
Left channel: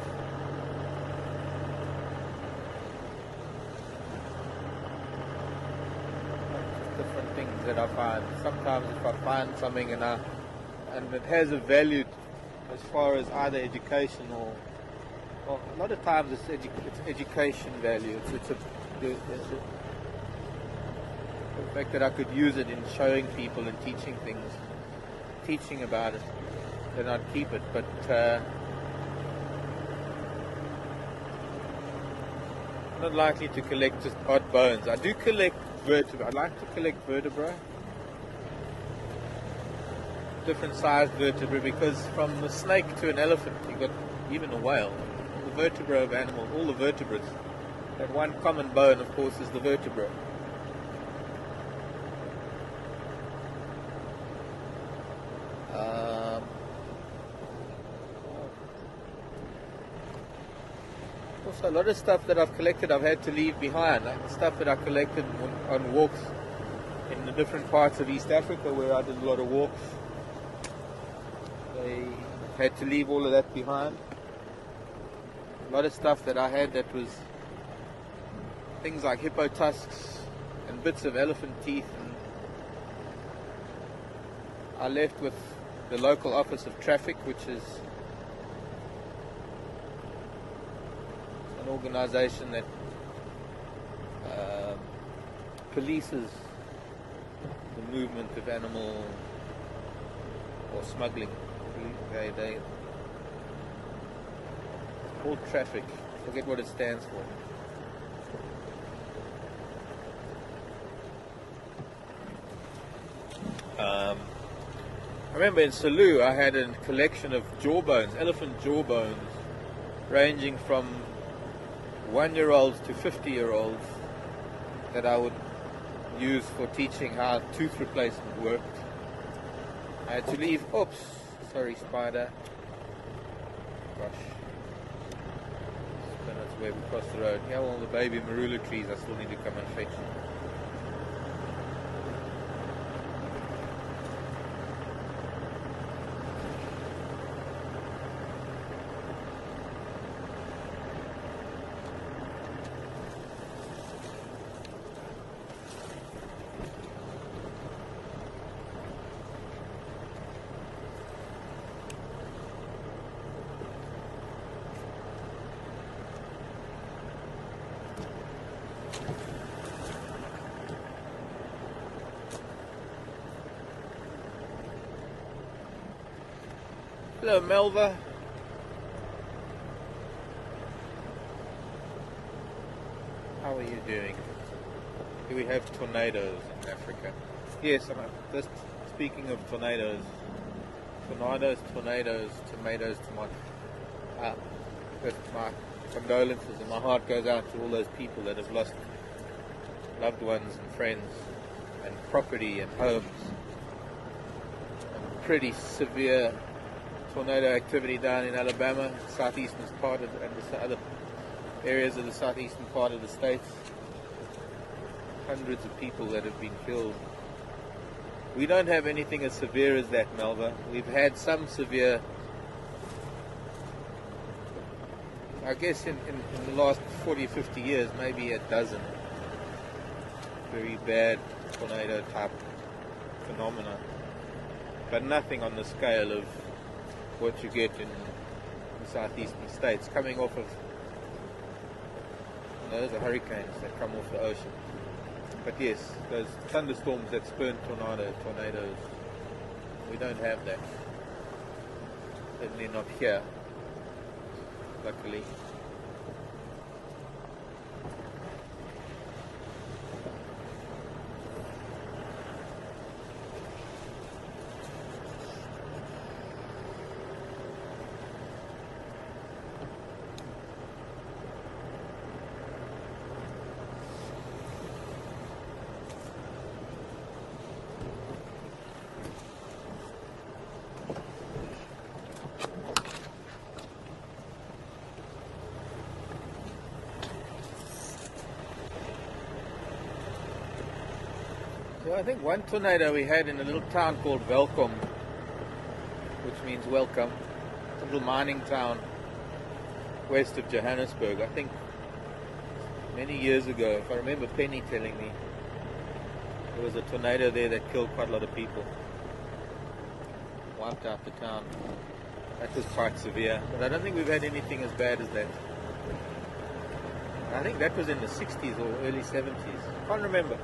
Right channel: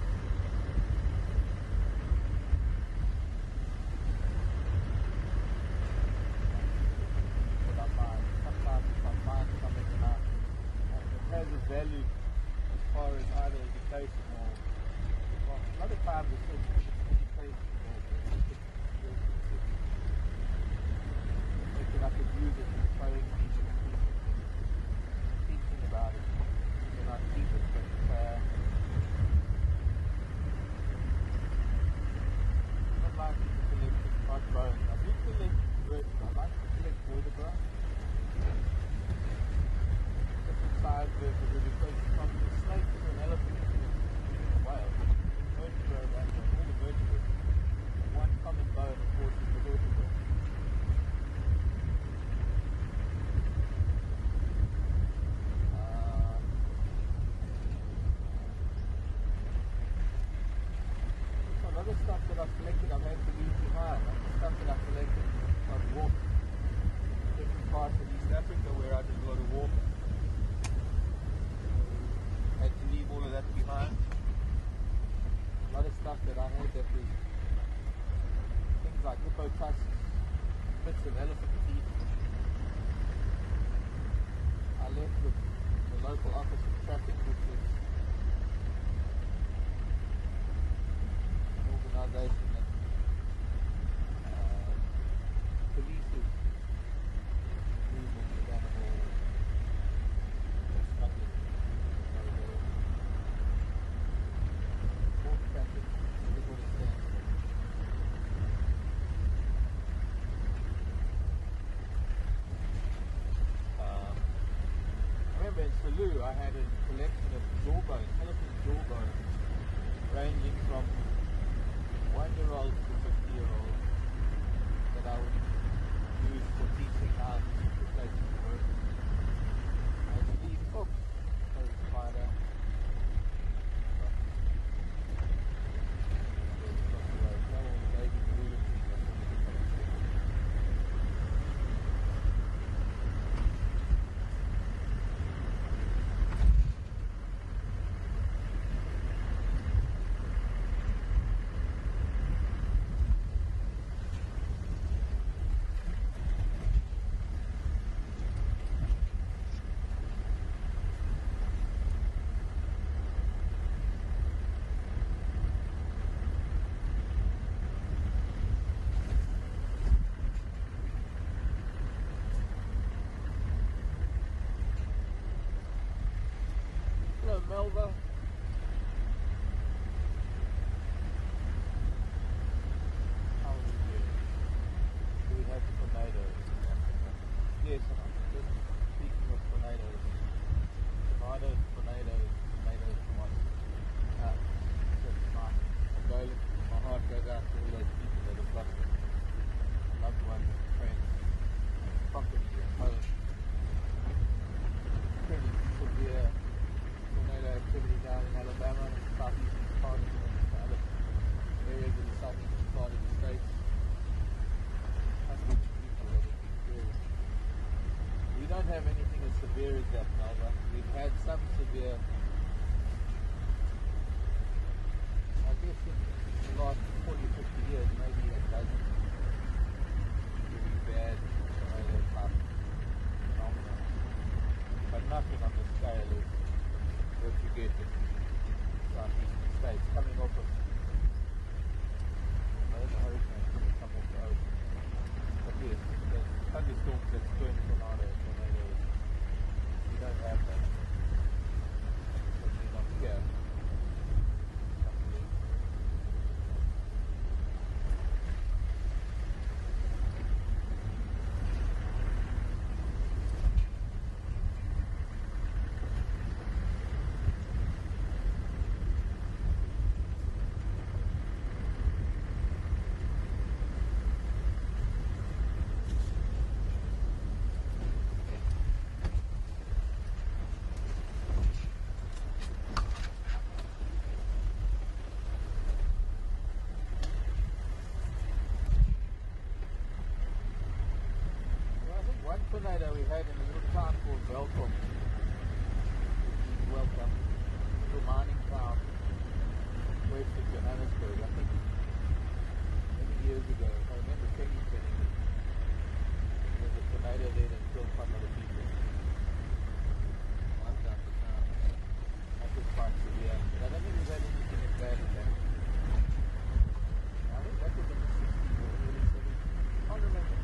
different things that I find. Sometimes if I find something and it has a value as far as either education or a lot of times it's education value. It's the fact that I could use it in showing people and teaching things, teaching about it, then I'd keep it. But not likely to collect just odd bones. I do collect vertebrae. I like to collect vertebrae, different sized vertebrae, because from the snake to an elephant, you got even a whale. The vertebra of animals, all the vertebrates. That one common bone, of course, is the vertebra. Also, a lot of stuff that I've collected I've had to leave behind, like the stuff that I collected on walks in the different parts of East Africa where I did a lot of walks. I had to leave all of that behind. A lot of stuff that I had that was things like hippo tusks and bits of elephant teeth. I left with the local office of traffic, which is an organization that polices the movement of animal or smuggling. They called traffic. Forget what it stands for. remember in Salou I had a collection of jawbones, elephant jawbones, ranging from 1-year-olds to 50-year-olds that I would use for teaching how tooth replacement worked. I had to leave, oops, sorry spider, gosh, that's where we crossed the road. Here are all the baby marula trees I still need to come and fetch. Hello, Melva. How are you doing? Do we have tornadoes in Africa? Yes, and just speaking of tornadoes, tomatoes, tomatoes, just my condolences and my heart goes out to all those people that have lost loved ones and friends and property and homes. Pretty severe tornado activity down in Alabama, southeastern part of the other areas of the southeastern part of the states. Hundreds of people that have been killed. We don't have anything as severe as that, Melva. We've had some severe, I guess in the last 40, 50 years, maybe a dozen very bad tornado type phenomena, but nothing on the scale of what you get in the southeastern states, coming off of, those are hurricanes that come off the ocean. But yes, those thunderstorms that spurn tornadoes, we don't have that. Certainly not here, luckily. I think one tornado we had in a little town called Welkom, which means welcome, a little mining town west of Johannesburg. I think many years ago, if I remember Penny telling me, there was a tornado there that killed quite a lot of people, wiped out the town. That was quite severe, but I don't think we've had anything as bad as that. I think that was in the 60s or early 70s. I can't remember.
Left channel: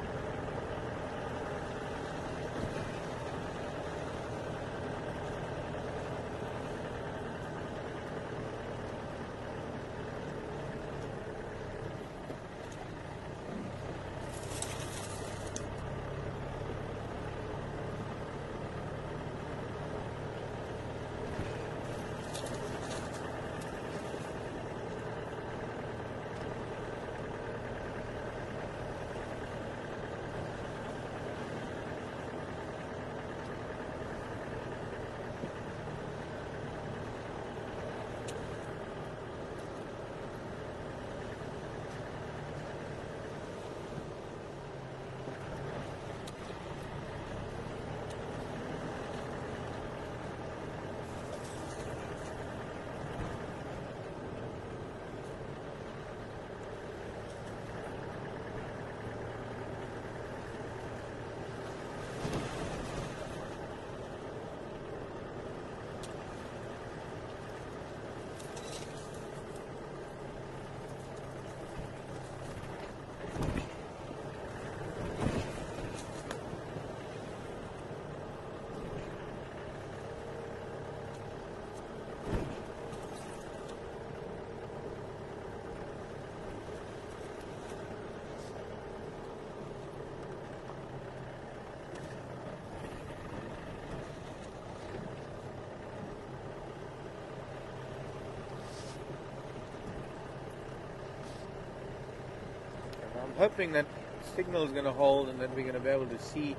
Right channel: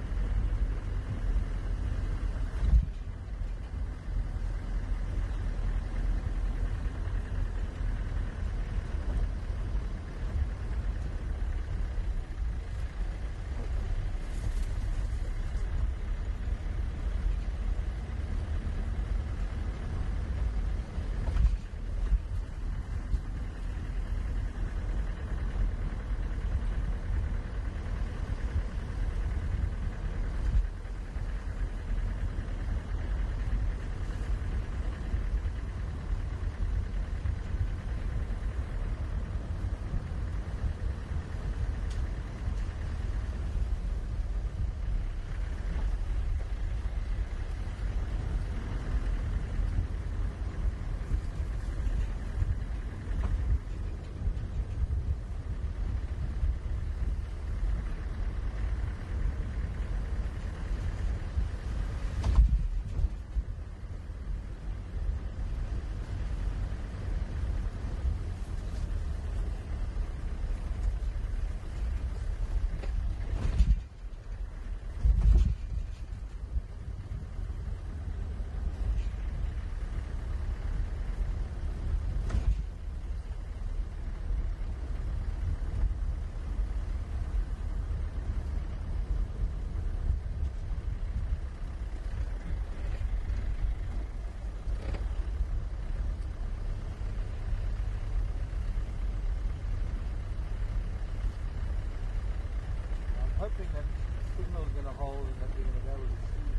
hoping that the signal is going to hold and that we're going to be able to see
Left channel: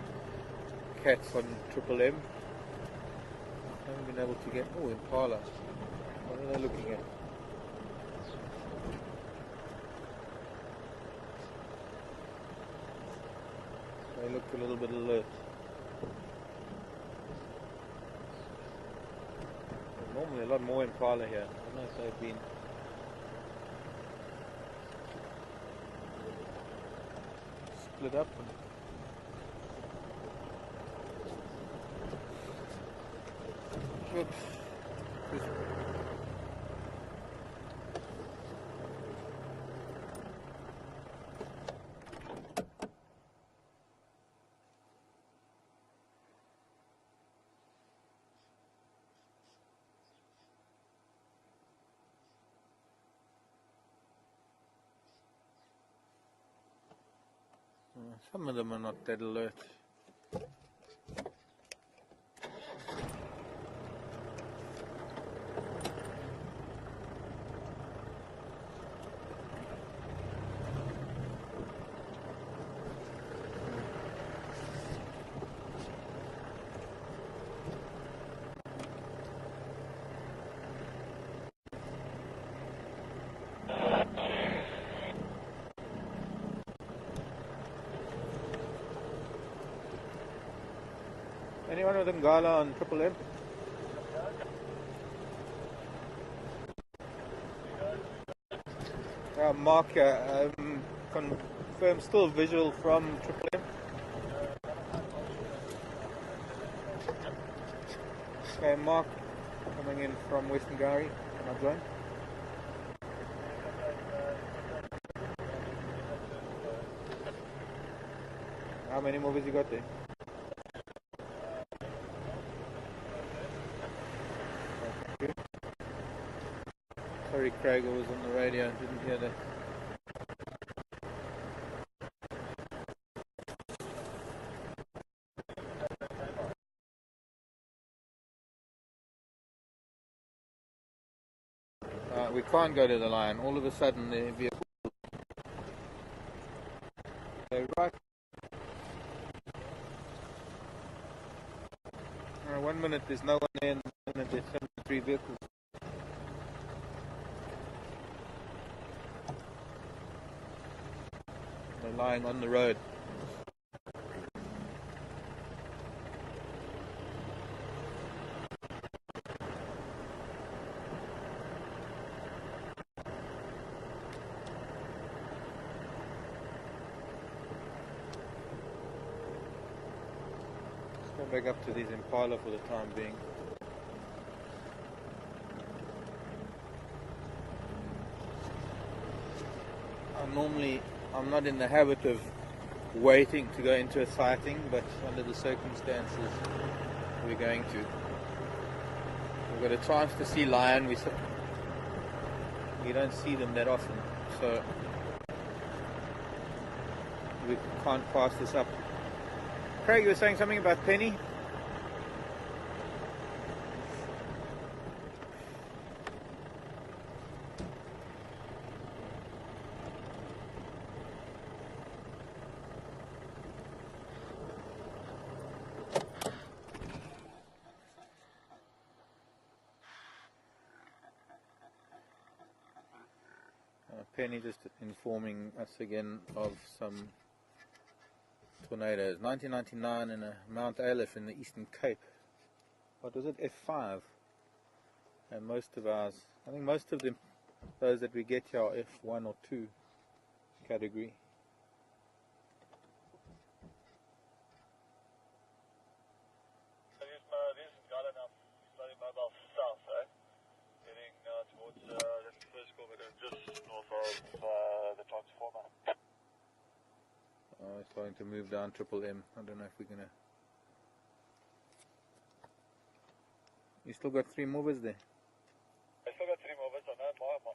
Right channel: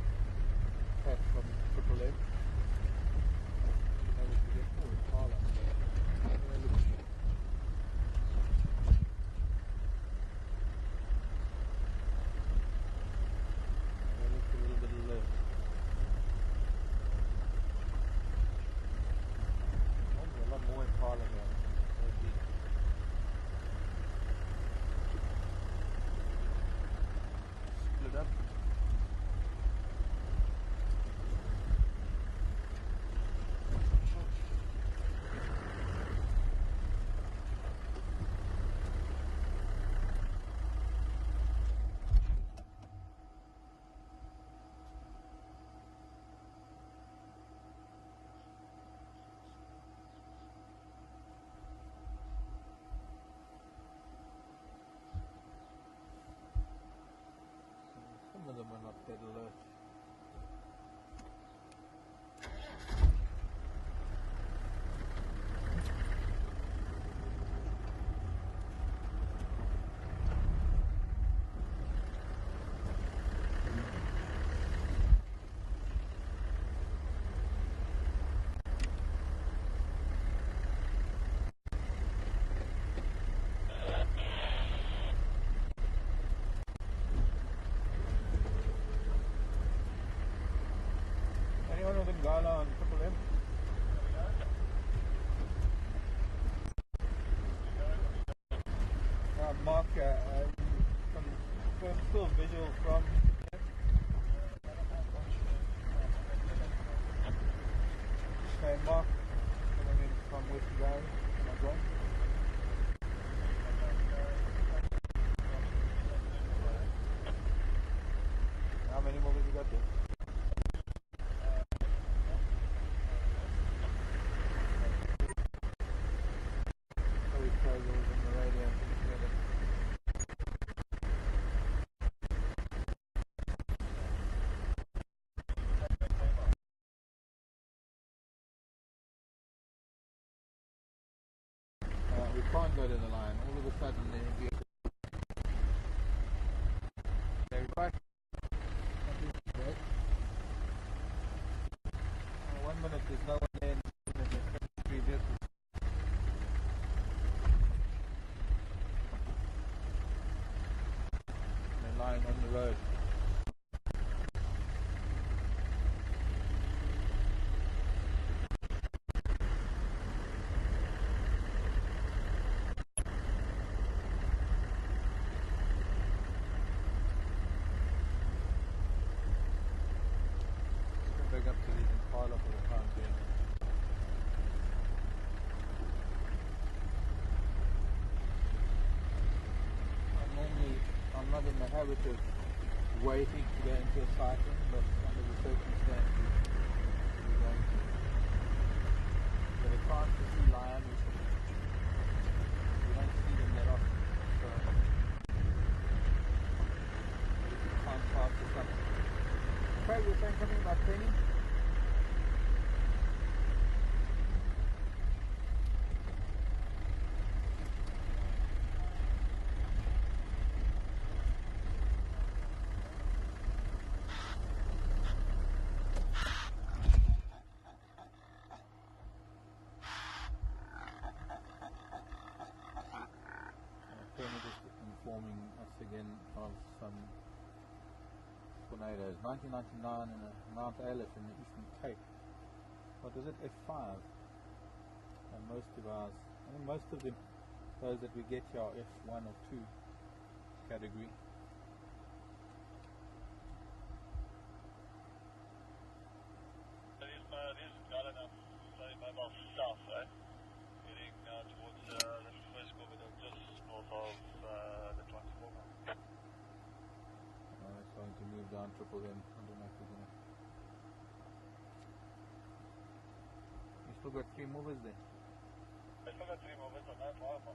cats on Triple M. I haven't been able to get... Oh, Impala. What are they looking at? They look a little bit alert. There's normally a lot more Impala here. I don't know if they've been... split up. Oops. Some of them are not that alert. Anyone with Ngala on Triple M? Mark, confirm still visual from Triple M. Okay, Mark coming in from Western Gary. Am I going? How many movies you got there? Sorry, Craig, was on the radio and didn't hear that. We can't go to the line. All of a sudden, the vehicle. They're right. 1 minute there's no one there, and 1 minute there's 73 vehicles. They're lying on the road. Back up to these Impala for the time being. I'm not in the habit of waiting to go into a sighting, but under the circumstances we're going to. We've got a chance to see lion. We don't see them that often, so we can't pass this up. Craig, you were saying something about Penny? Penny just informing us again of some tornadoes. 1999 in Mount Aleph in the Eastern Cape. What was it? F5. And most of ours, I think most of them, those that we get here are F1 or 2 category. So these got enough slowly mobile south, right? Heading towards that's the first corner, just north of the transformer. Starting to move down Triple M. I don't know if we're gonna. You still got 3 movers there? I still got 3 movers. I know Mark or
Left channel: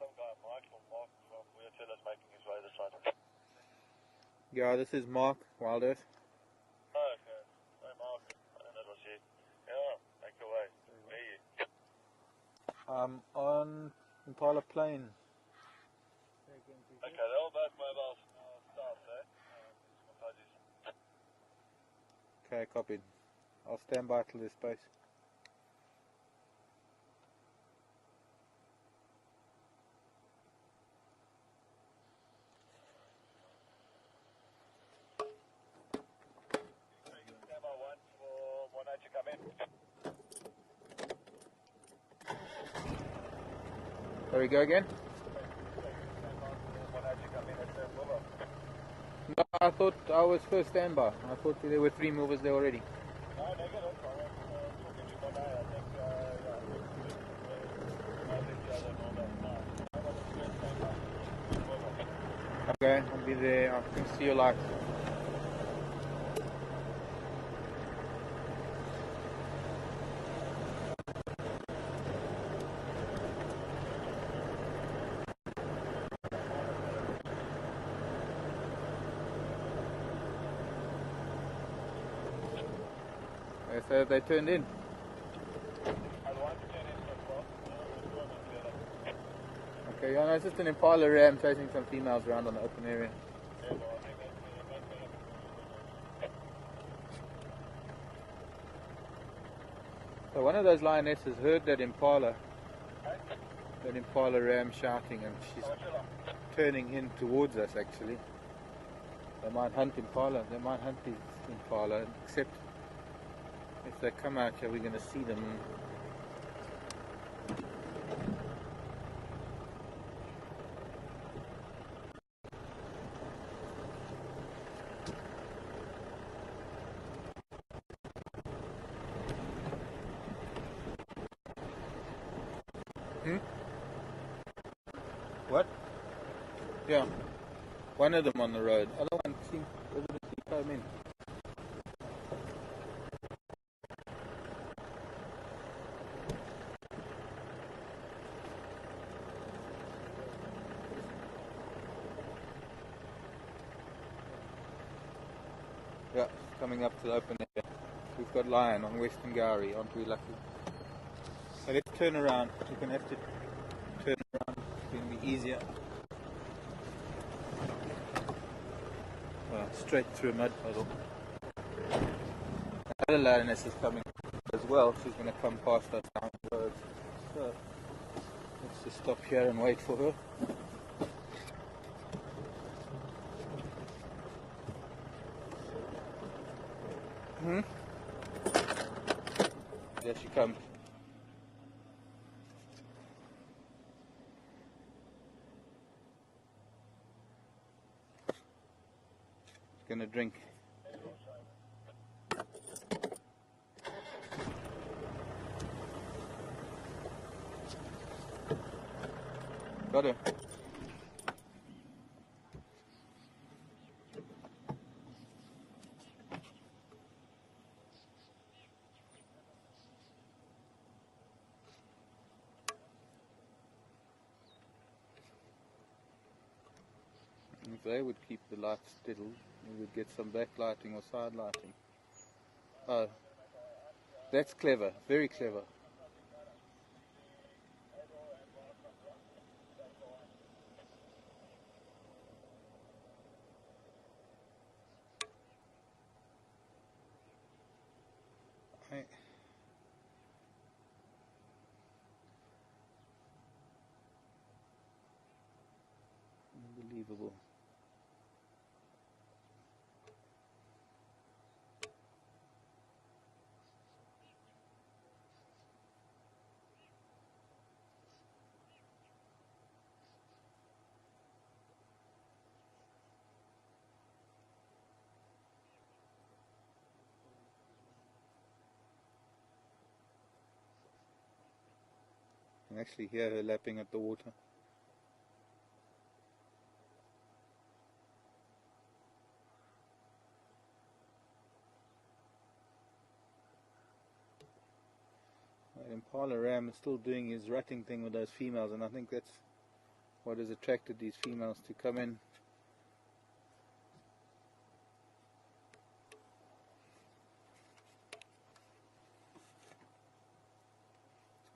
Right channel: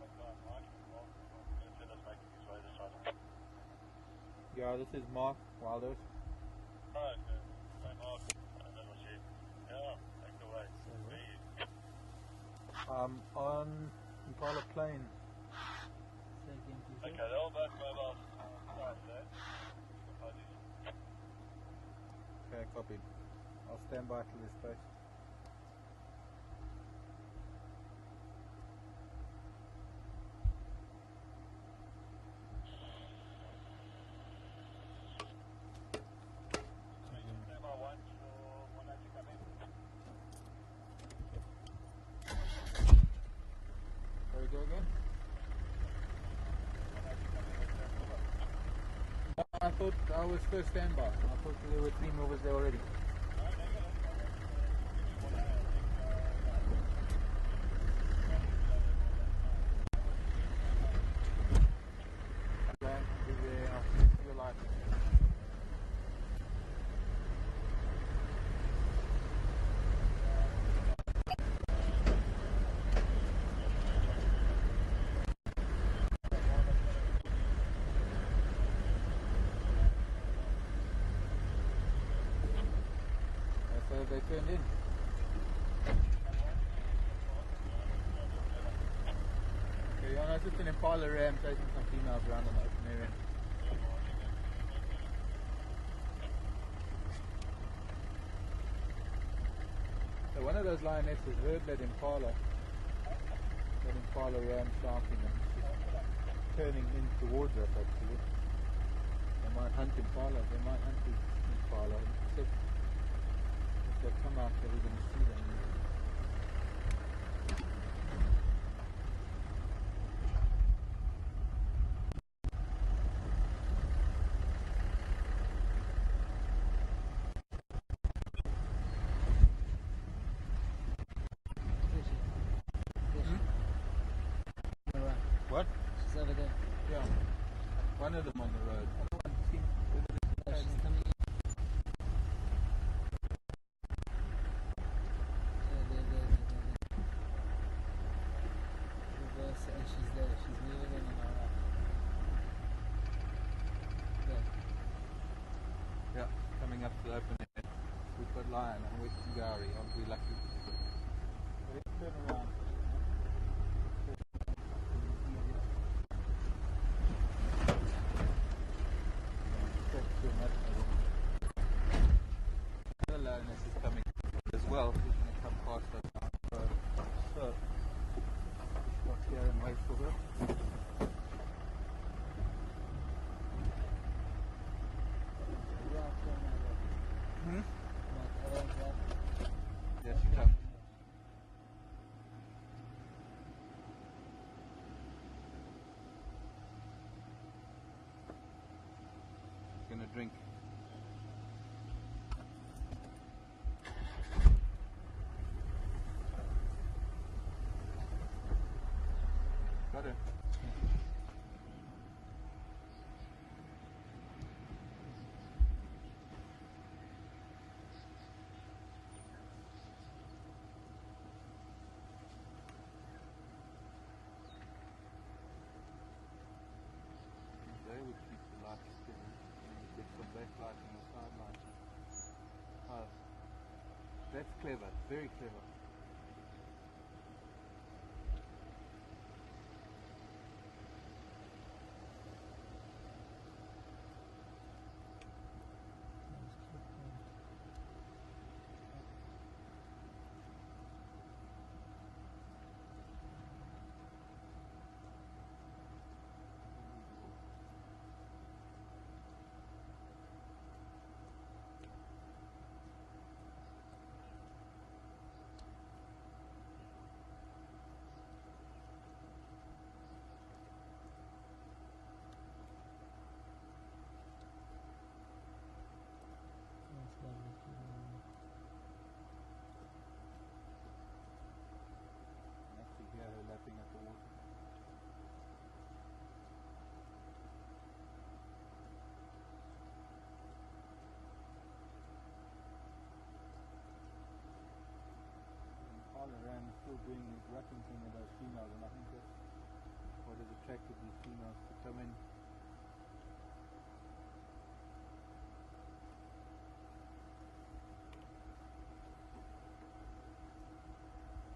some guy, Mark from Leopard making his way this side. Yeah, this is Mark, Wild Earth. Oh, okay. Hi, Mark. That was you. Yeah, take it away. On Impala Plain. Okay, they're all both mobile. Copied. I'll stand by till there's space. Stand by one for one night to come in. There we go again. One night to come in at the river. No, I thought I was first standby. I thought there were 3 movers there already. No, negative. I was talking to one eye. I think, Okay, I'll be there. I'll see you live. Okay, so they turned in. Okay, yeah, no, it's just an Impala Ram chasing some females around on the open area. So one of those lionesses heard that Impala Ram shouting, and she's turning in towards us actually. They might hunt Impala, they might hunt the Impala, except if they come out here we're going to see them. What? She's over there. Yeah. One of them on the road. Other one seems over there. She's coming in. Yeah, coming up to the open area. We've got lion on Western Gowrie, aren't we lucky? So let's turn around. We're going to have to turn around. It's going to be easier. Well, straight through a mud puddle. Another lioness is coming as well. She's going to come past us down the road. So let's just stop here and wait for her. There she comes. Gonna drink. Got her. If they would keep the lights steady, we would get some backlighting or side lighting. Oh, that's clever, very clever. Okay. Unbelievable. I can actually hear her lapping at the water. That Impala Ram is still doing his rutting thing with those females, and I think that's what has attracted these females to come in.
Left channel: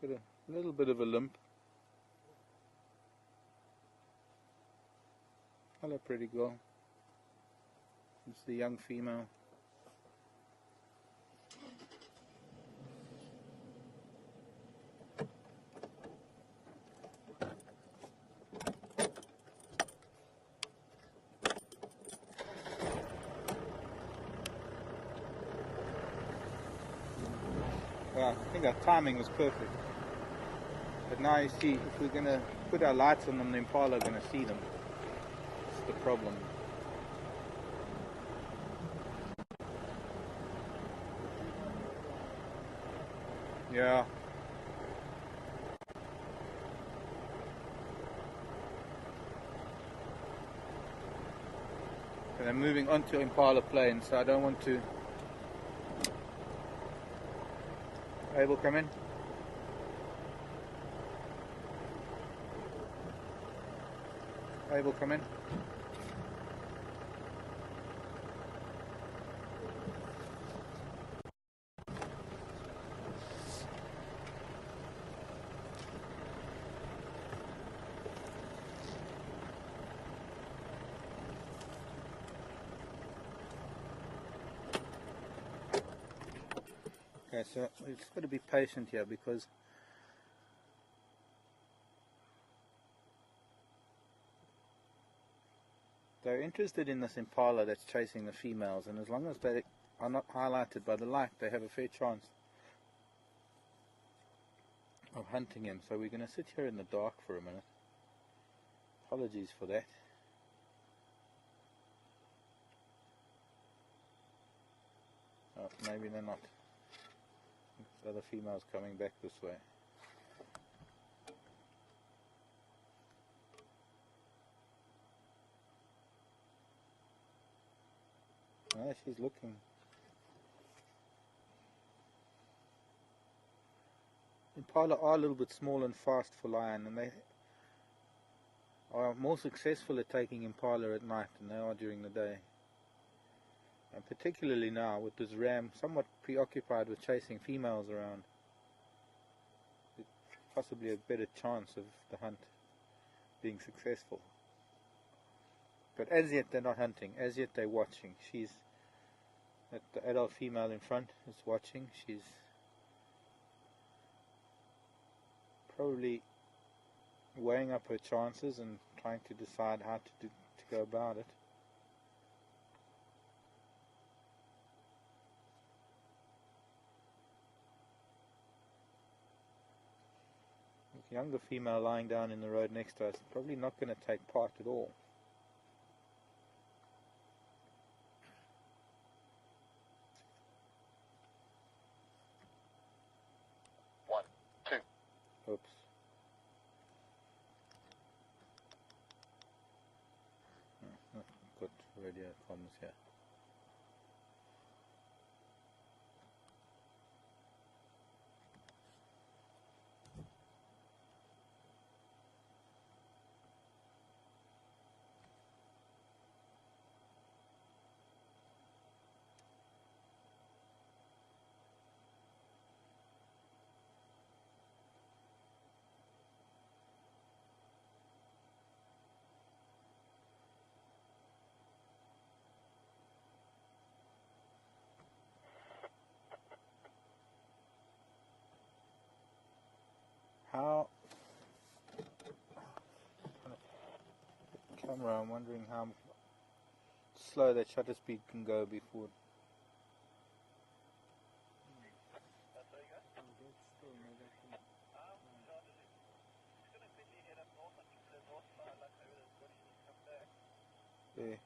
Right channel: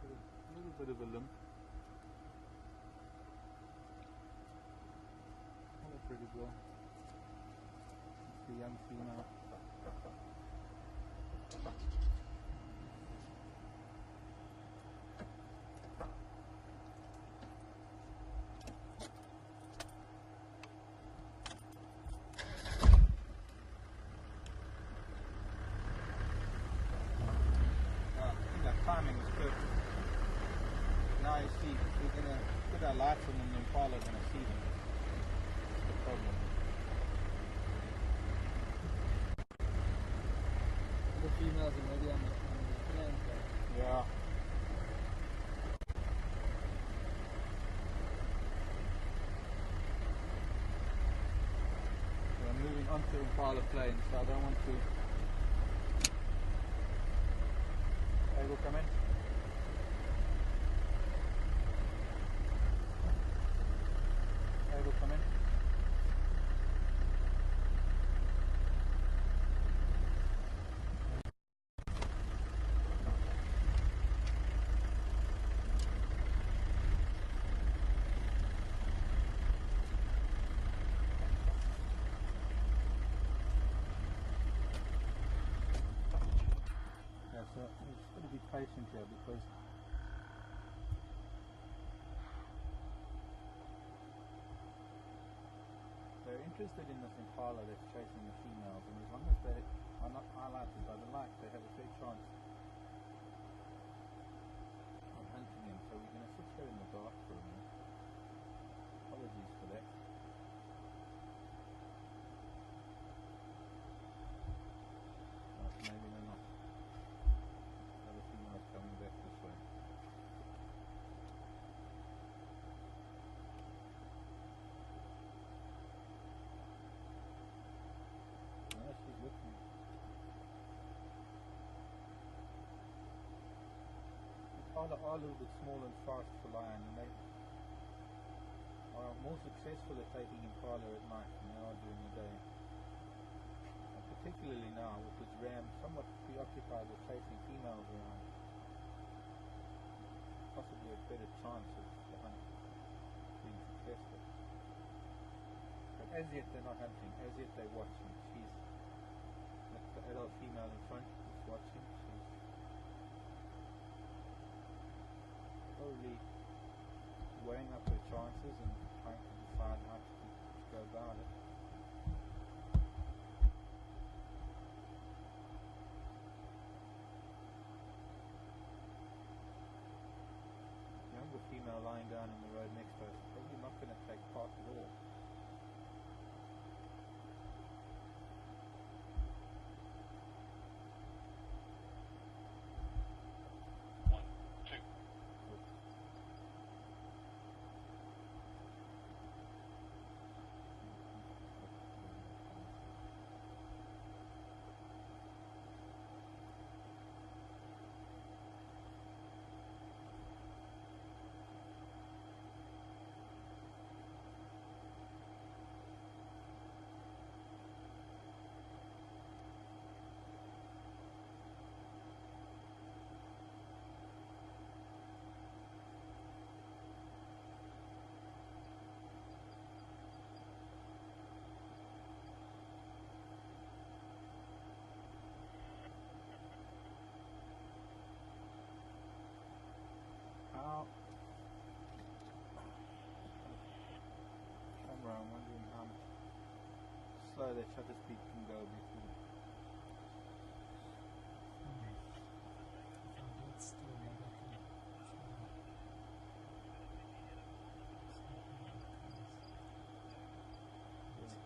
It's got a little bit of a limp. Hello, pretty girl. It's the young female. Yeah, I think our timing was perfect. But now you see, if we're going to put our lights on the Impala, we're going to see them. That's the problem. The females already on the Yeah. And I'm moving onto Impala plain, so I don't want to. Abel, come in. Abel, come in. Okay, so it's got to be patient here because they're interested in this Impala that's chasing the females, and as long as they are not highlighted by the light, they have a fair chance of hunting him. So we're going to sit here in the dark for a minute. Apologies for that. Maybe they're not. The other female's coming back this way. No, she's looking. Impala are a little bit small and fast for lion, and they are more successful at taking Impala at night than they are during the day. And particularly now with this ram somewhat preoccupied with chasing females around, possibly a better chance of the hunt being successful. But as yet they're not hunting, as yet they're watching. She's at the adult female in front is watching. She's probably weighing up her chances and trying to decide how to go about it. The younger female lying down in the road next to us is probably not going to take part at all. Oops. Got radio problems here. How camera, I'm wondering how slow that shutter speed can go before. There.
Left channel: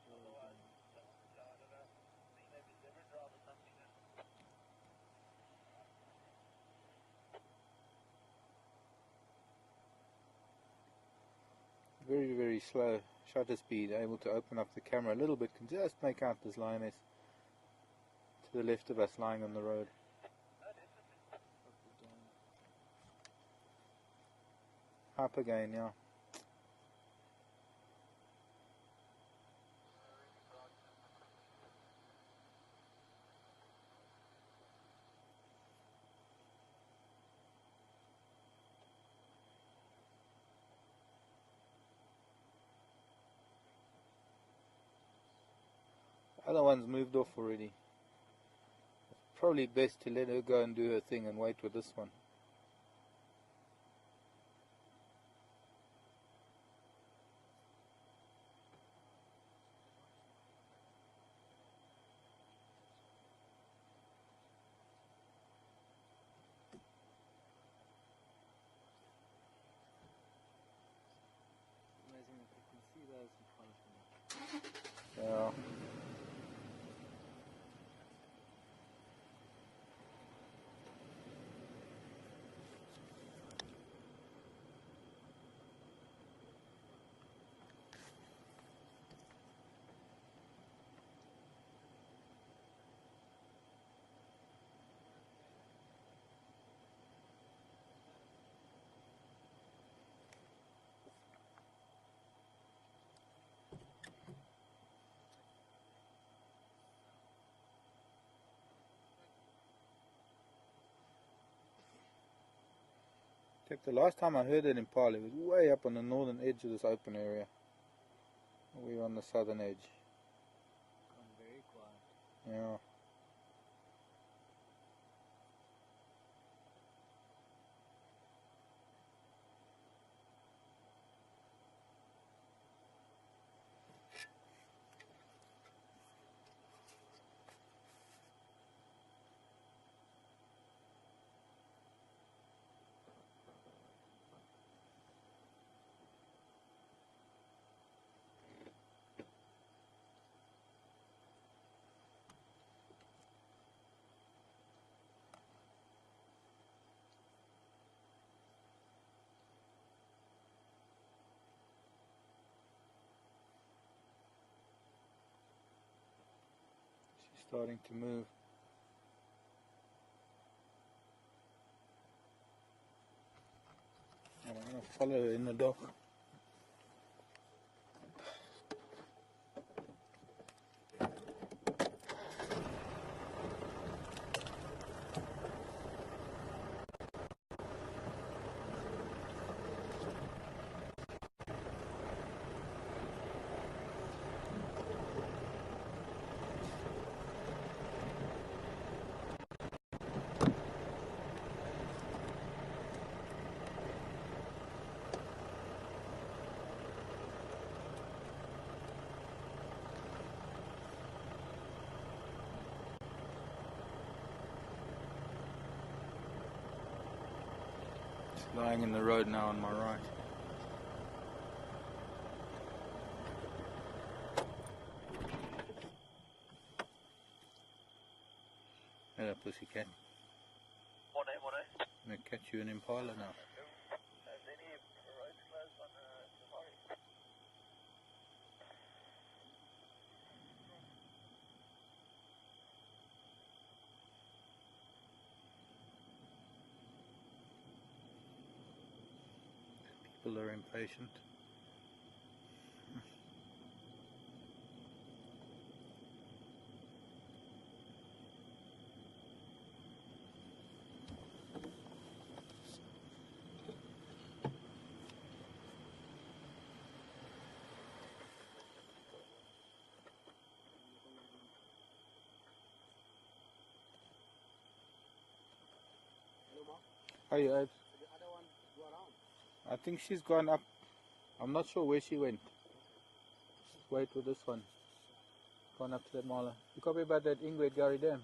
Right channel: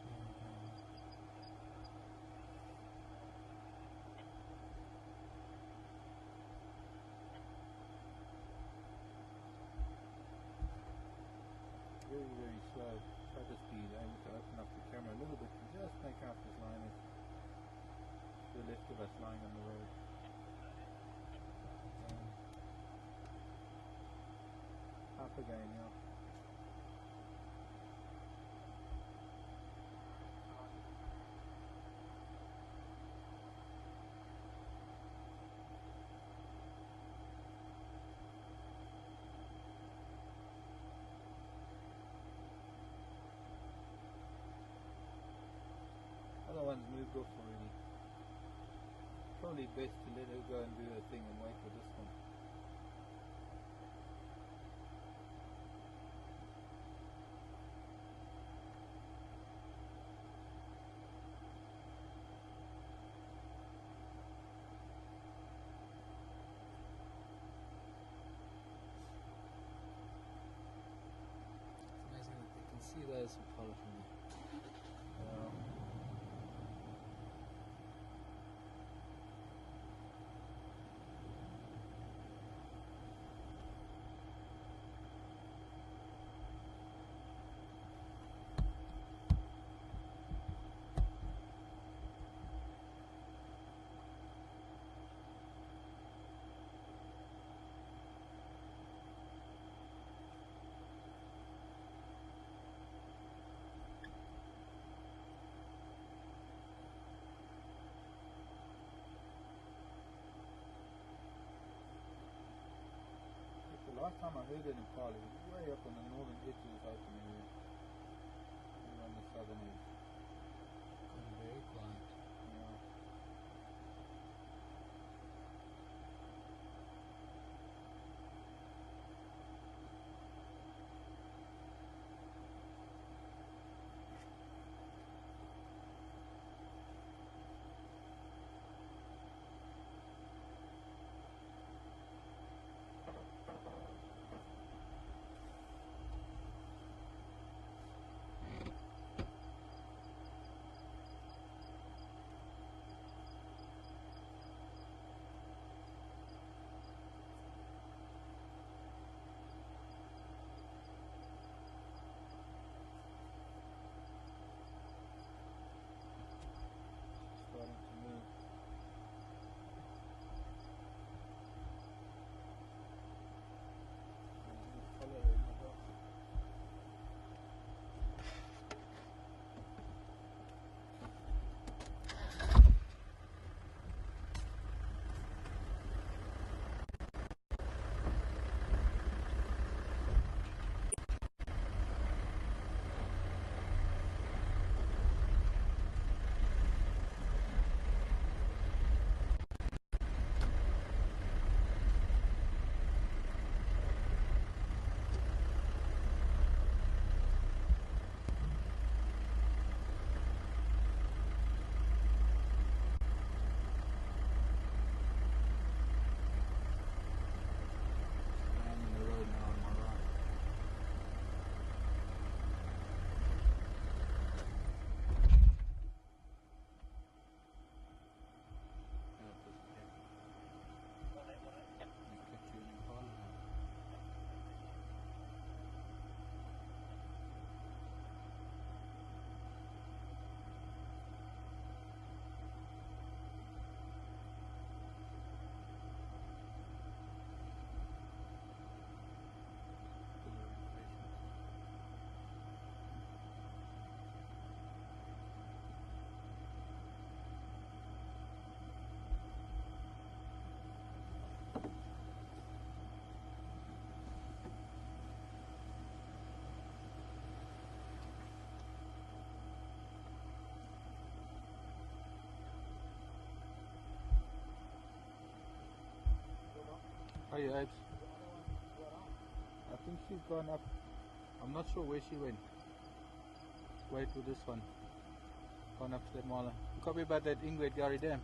Very, very slow shutter speed, able to open up the camera a little bit, can just make out this lioness to the left of us lying on the road. Up again, yeah. Other one's moved off already. Probably best to let her go and do her thing and wait with this one. first Impala for me. Yeah. The last time I heard it in Impala, it was way up on the northern edge of this open area. We were on the southern edge. Gone very quiet. Yeah. Starting to move. I'm going to follow her in the dock. Lying in the road now on my right. Hello, pussycat. What day? I'm going to catch you an Impala now. People are impatient. Hey, Ace. I think she's gone up. I'm not sure where she went. Wait for this one. Gone up to the mall. You call me about that Ingrid Gary Dam.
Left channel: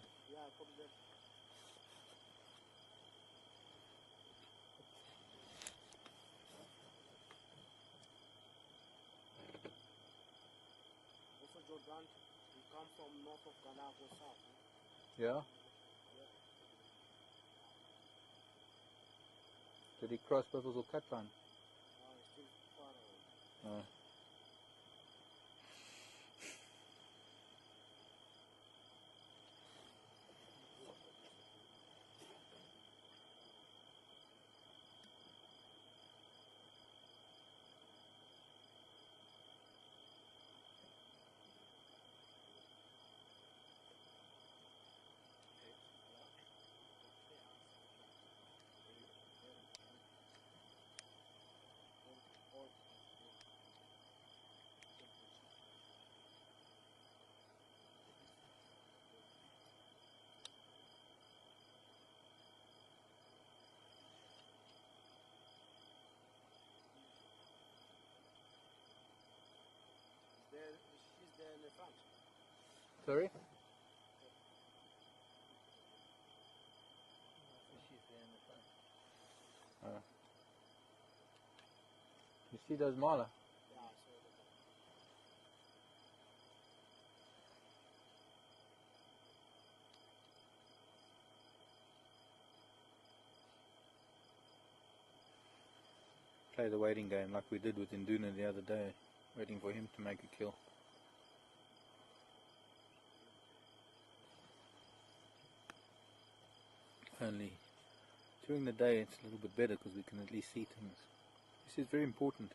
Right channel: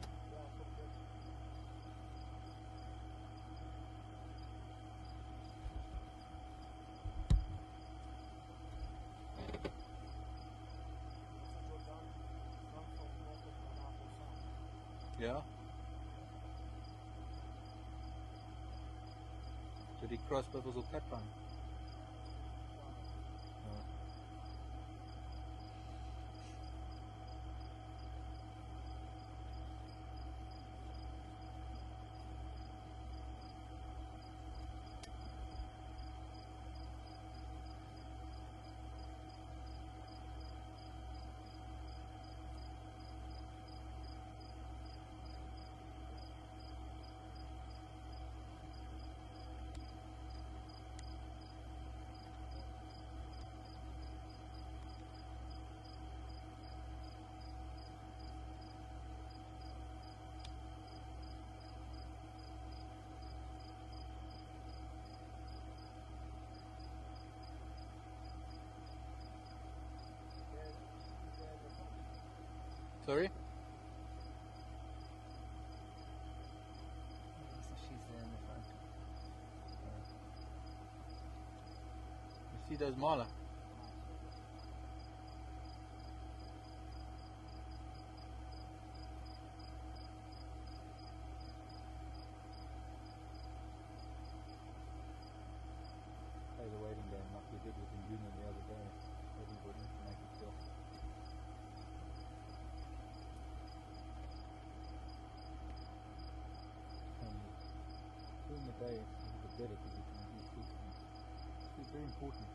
Yeah. Did he cross because of that one? Sorry? So she's there in the front. You see those Mala? play the waiting game like we did with Induna the other day, waiting for him to make a kill. Only during the day it's a little bit better because we can at least see things. This is very important,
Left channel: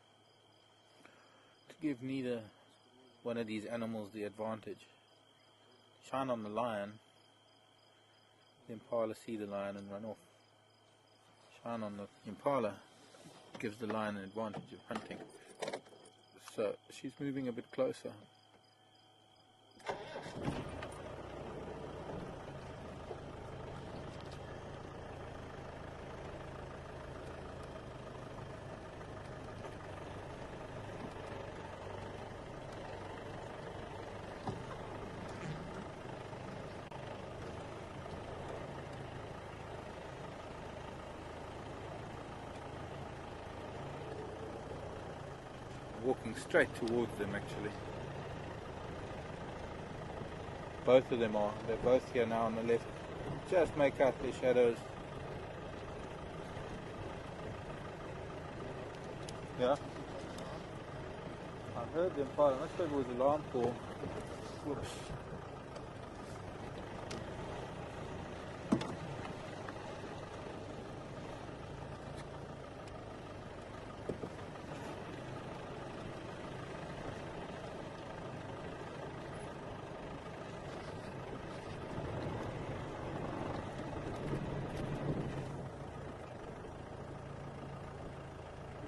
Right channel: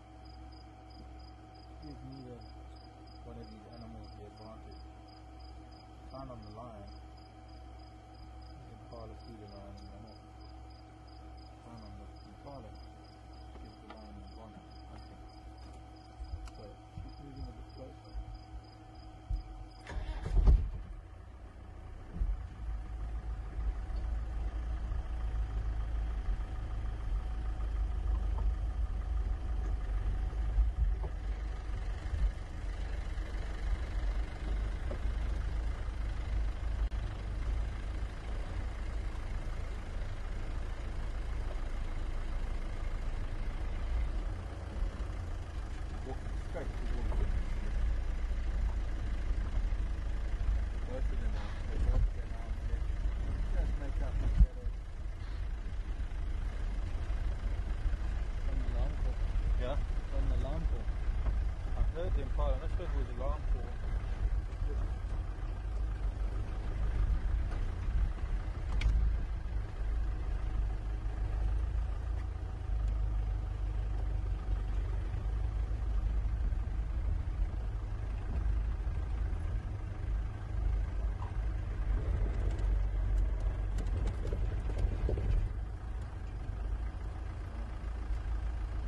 to give neither one of these animals the advantage. Shine on the lion, the impala see the lion and run off. Shine on the impala, gives the lion an advantage of hunting. So she's moving a bit closer. Walking straight towards them actually. Both of them are. They're both here now on the left. Just make out their shadows. Yeah? I heard the fire. I must have it was alarm call. Whoops.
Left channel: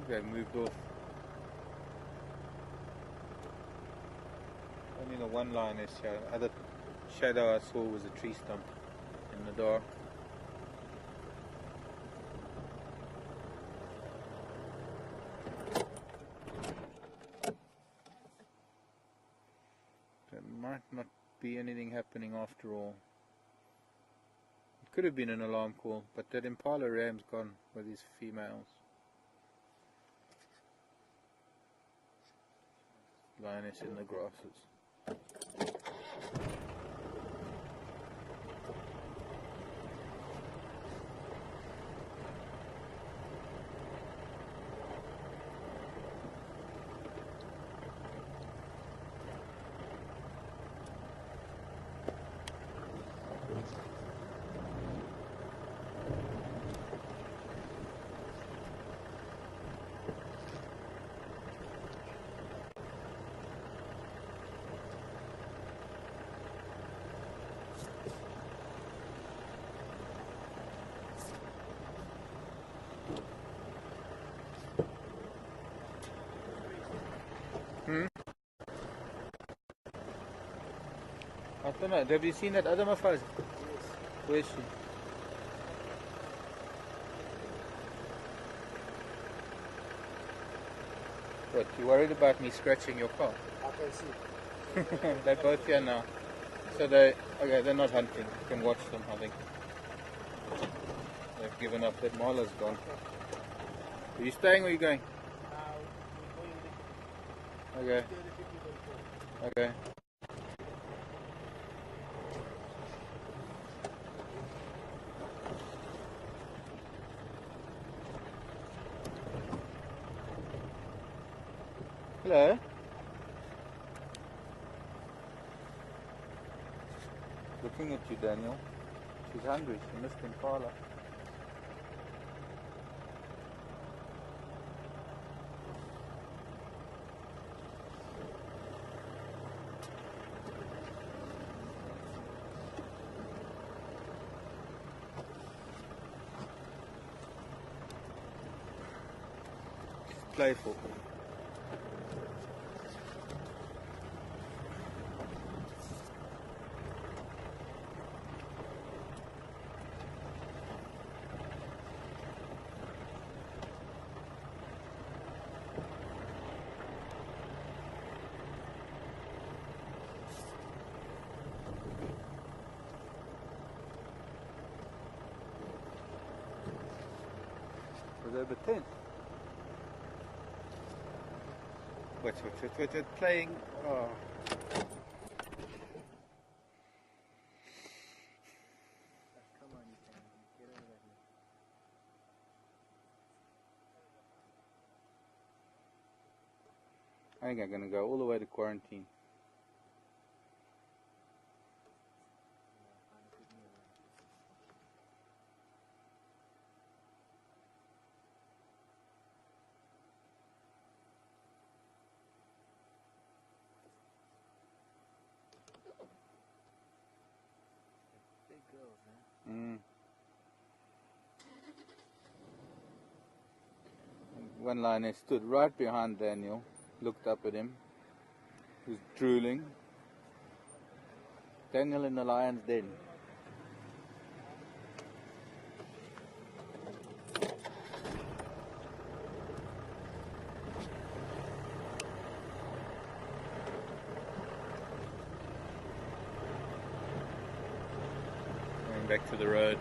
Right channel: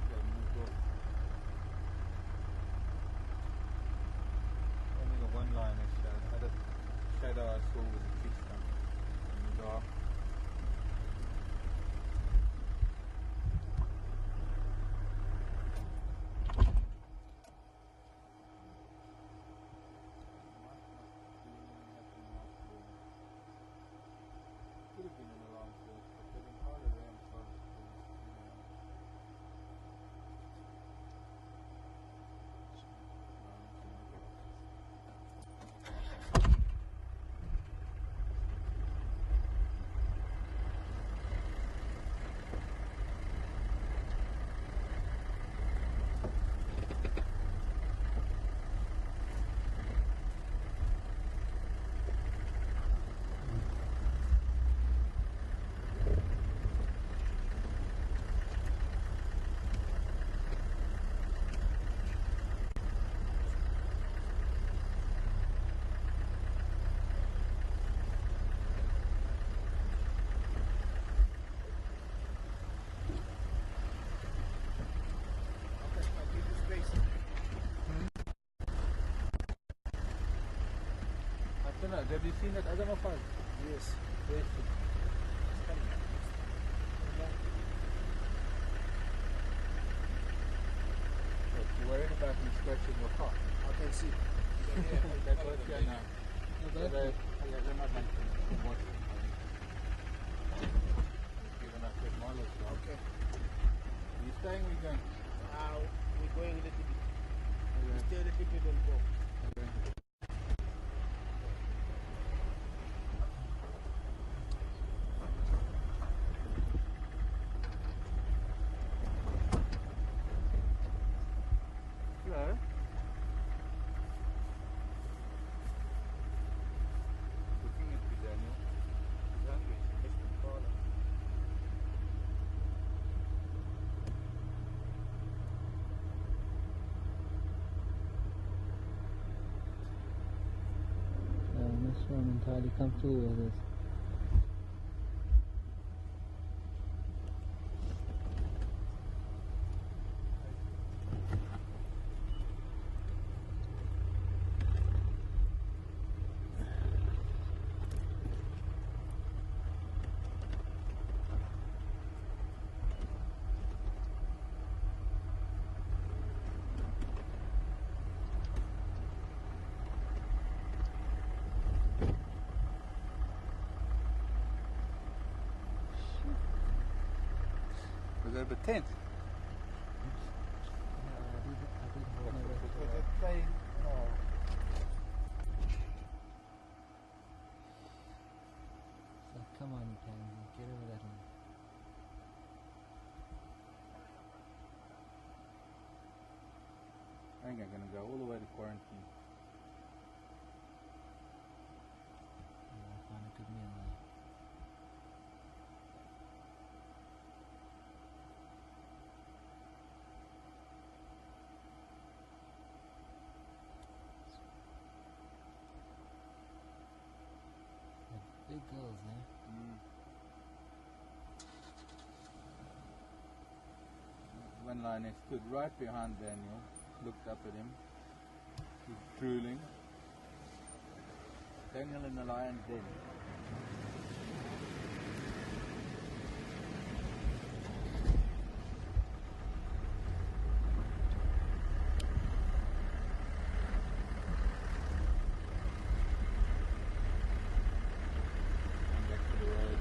Okay, moved off. Only the one line is shown. The other shadow I saw was a tree stump in the dark. There might not be anything happening after all. Could have been an alarm call, but that impala ram's gone with his females. Lioness in the grasses. I don't know, have you seen that other mafaz? Yes. Where is she? What, you worried about me scratching your car? I can see. They're both here now. So they're not hunting. You can watch them, I think. They've given up, that Marla's gone. Are you staying or are you going? We're going Okay. Okay. Hello. Looking at you, Daniel. She's hungry. She missed impala. Next one is how to come through. She's playful. Over 10. What's playing? Oh. So come on, you can get over that one. I think I'm gonna go all the way to quarantine. Ja, gaan natuurlijk niet in. Big girls, hè? One lioness stood right behind Daniel, looked up at him. He was drooling. Daniel in the lion's den. Going back to the road.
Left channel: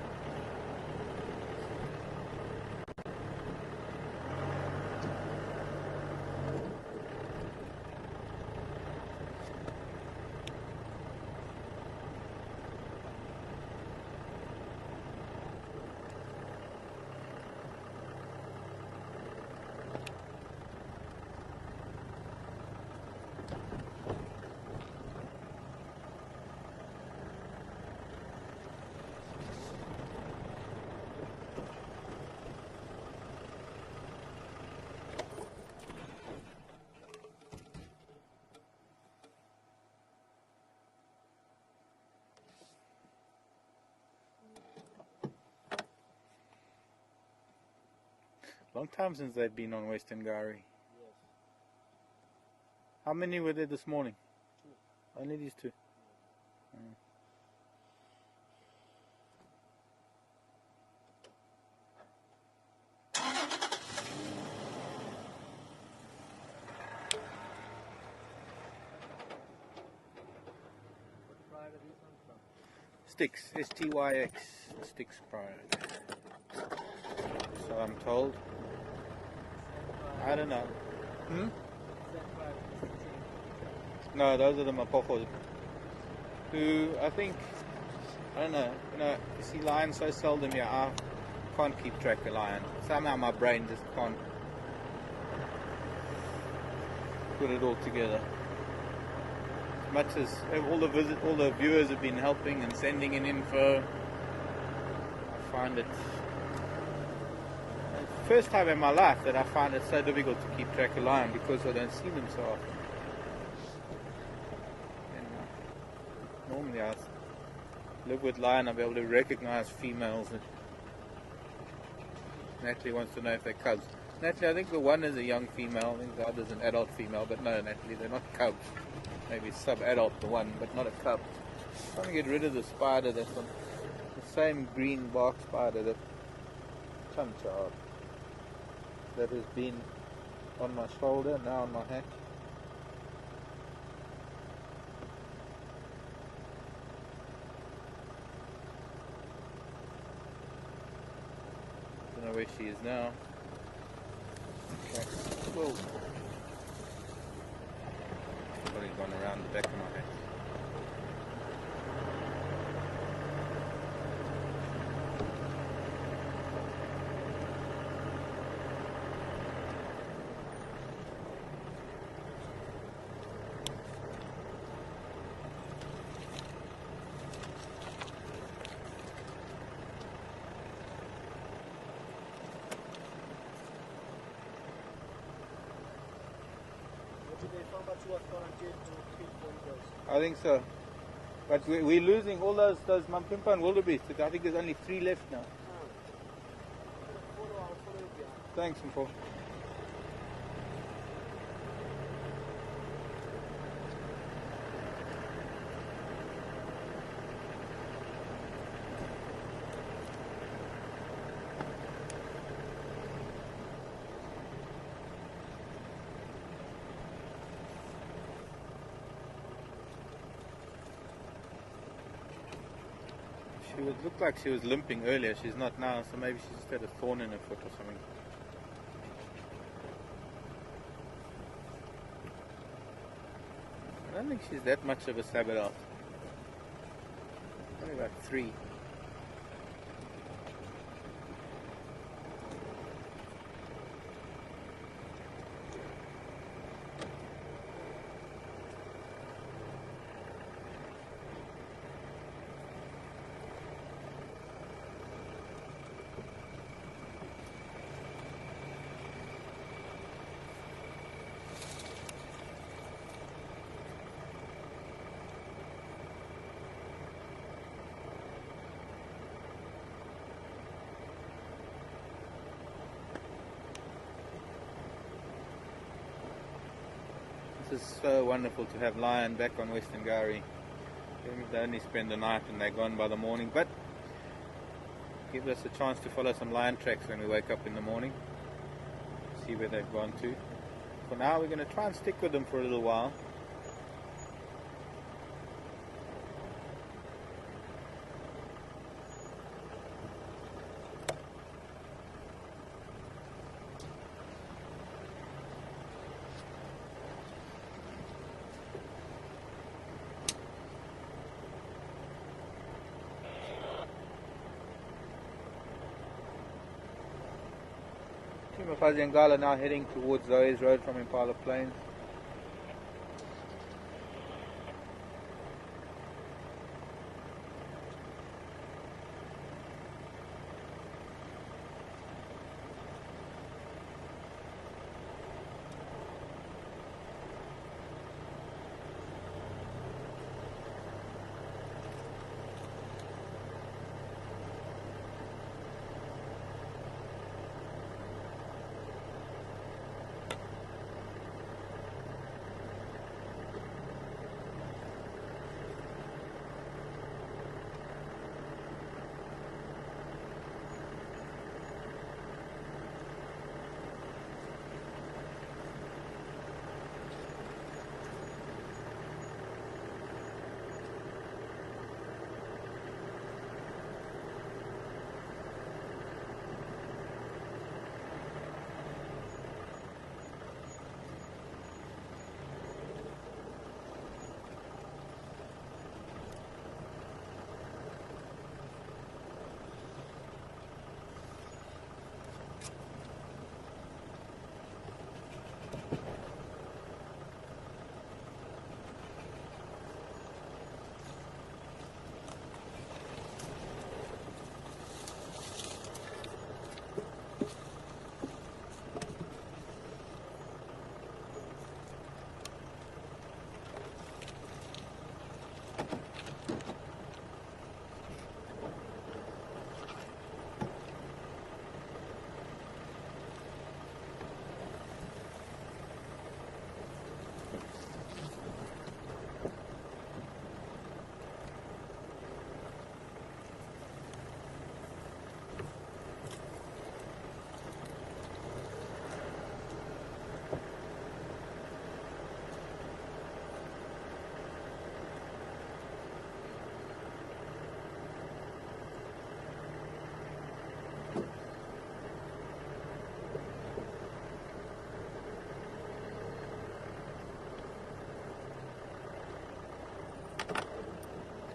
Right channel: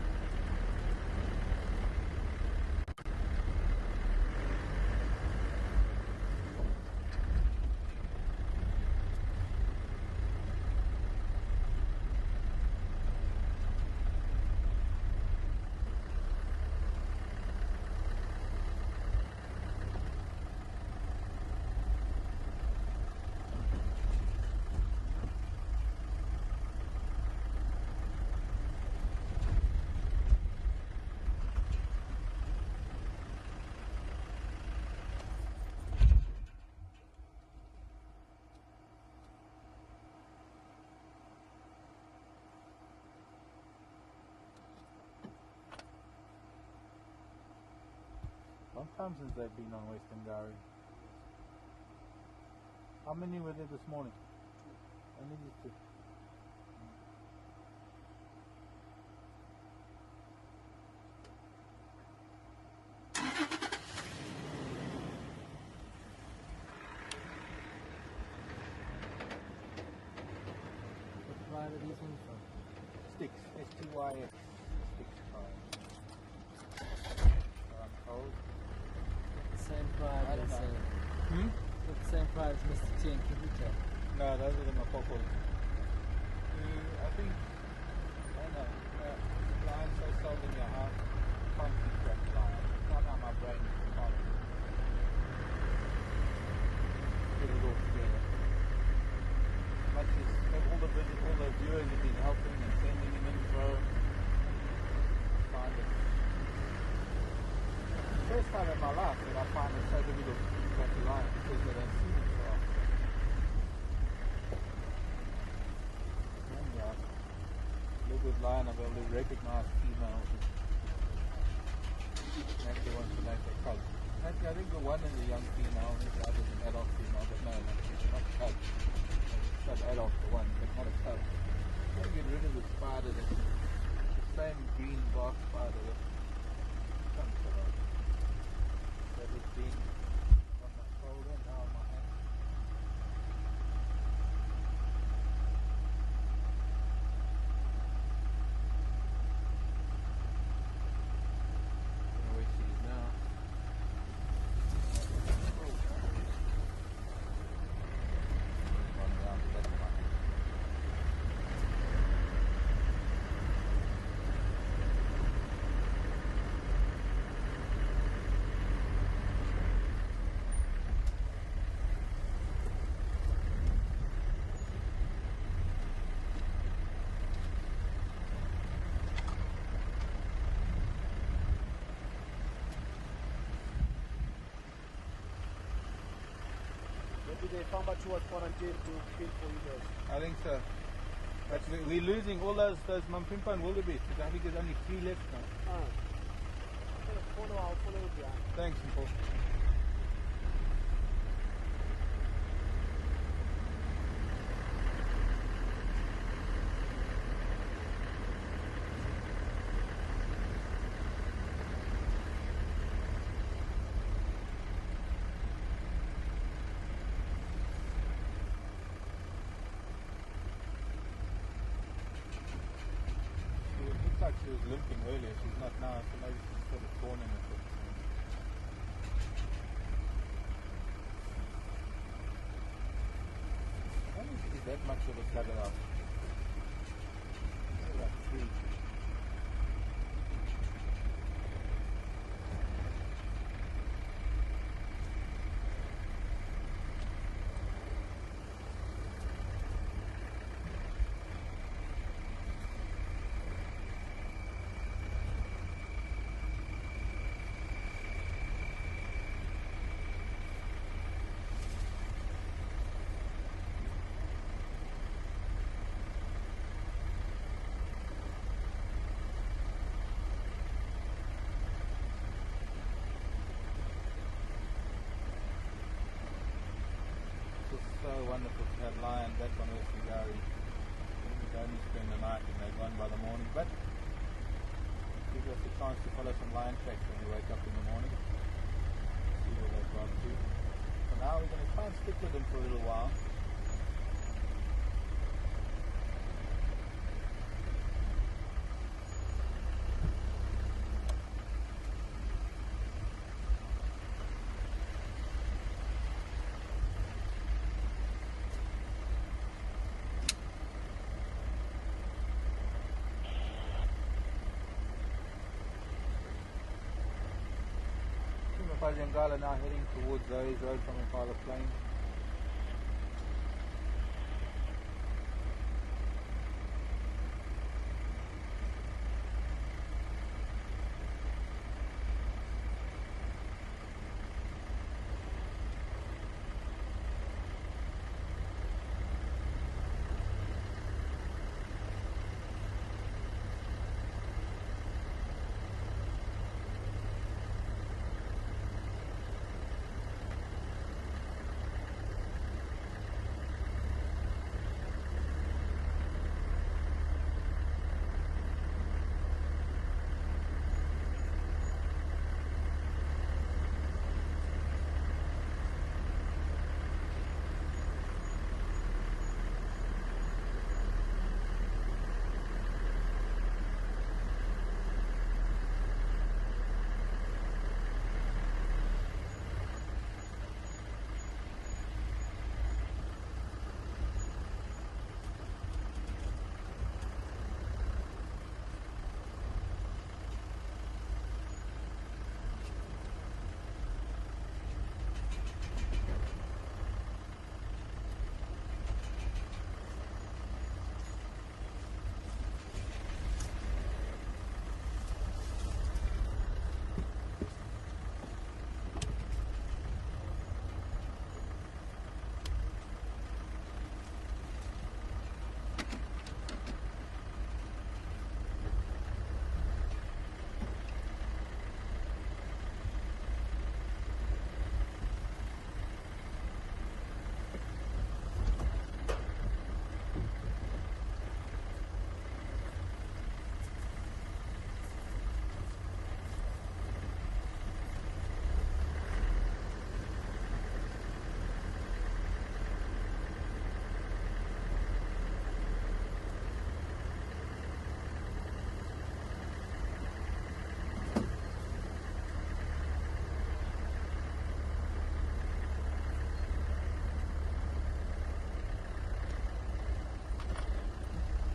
Long time since they've been on Western Gowrie. How many were there this morning? Only these two. What pride are these ones from? Sticks, S-T-Y-X, Sticks Cry. So I'm told. Same pride. I don't know. The same pride as Mr. T and Kabucha. No, those are the Mapojos. Who, I think, I don't know, you see lions so seldom here, I can't keep track of lion. Somehow my brain just can't put it all together. As much as all the viewers have been helping and sending in info, I find it first time in my life that I find it so difficult to keep track of lion because I don't see them so often. Normally I live with lion, I'll be able to recognize females. And Natalie wants to know if they're cubs. Natalie, I think the one is a young female, I think the other is an adult female, but no, Natalie, they're not cubs. Maybe sub-adult the one, but not a cub. I'm trying to get rid of the spider that's on the same green bark spider that Chanchard that has been on my shoulder, now on my hand. Don't know where she is now. Cool. Probably gone around the back of my head. I think so. But we're losing all those Mampimpa and wildebeest. I think there's only 3 left now. Thanks, Paul. It looked like she was limping earlier. She's not now, so maybe she just had a thorn in her foot or something. I don't think she's that much of a Sabbath. Only about 3. is so wonderful to have lion back on Western Gowrie. They only spend the night and they're gone by the morning, but gives us a chance to follow some lion tracks when we wake up in the morning, see where they've gone to. For now we're going to try and stick with them for a little while. Fuzzy and Gala now heading towards Zoe's Road from Impala Plains.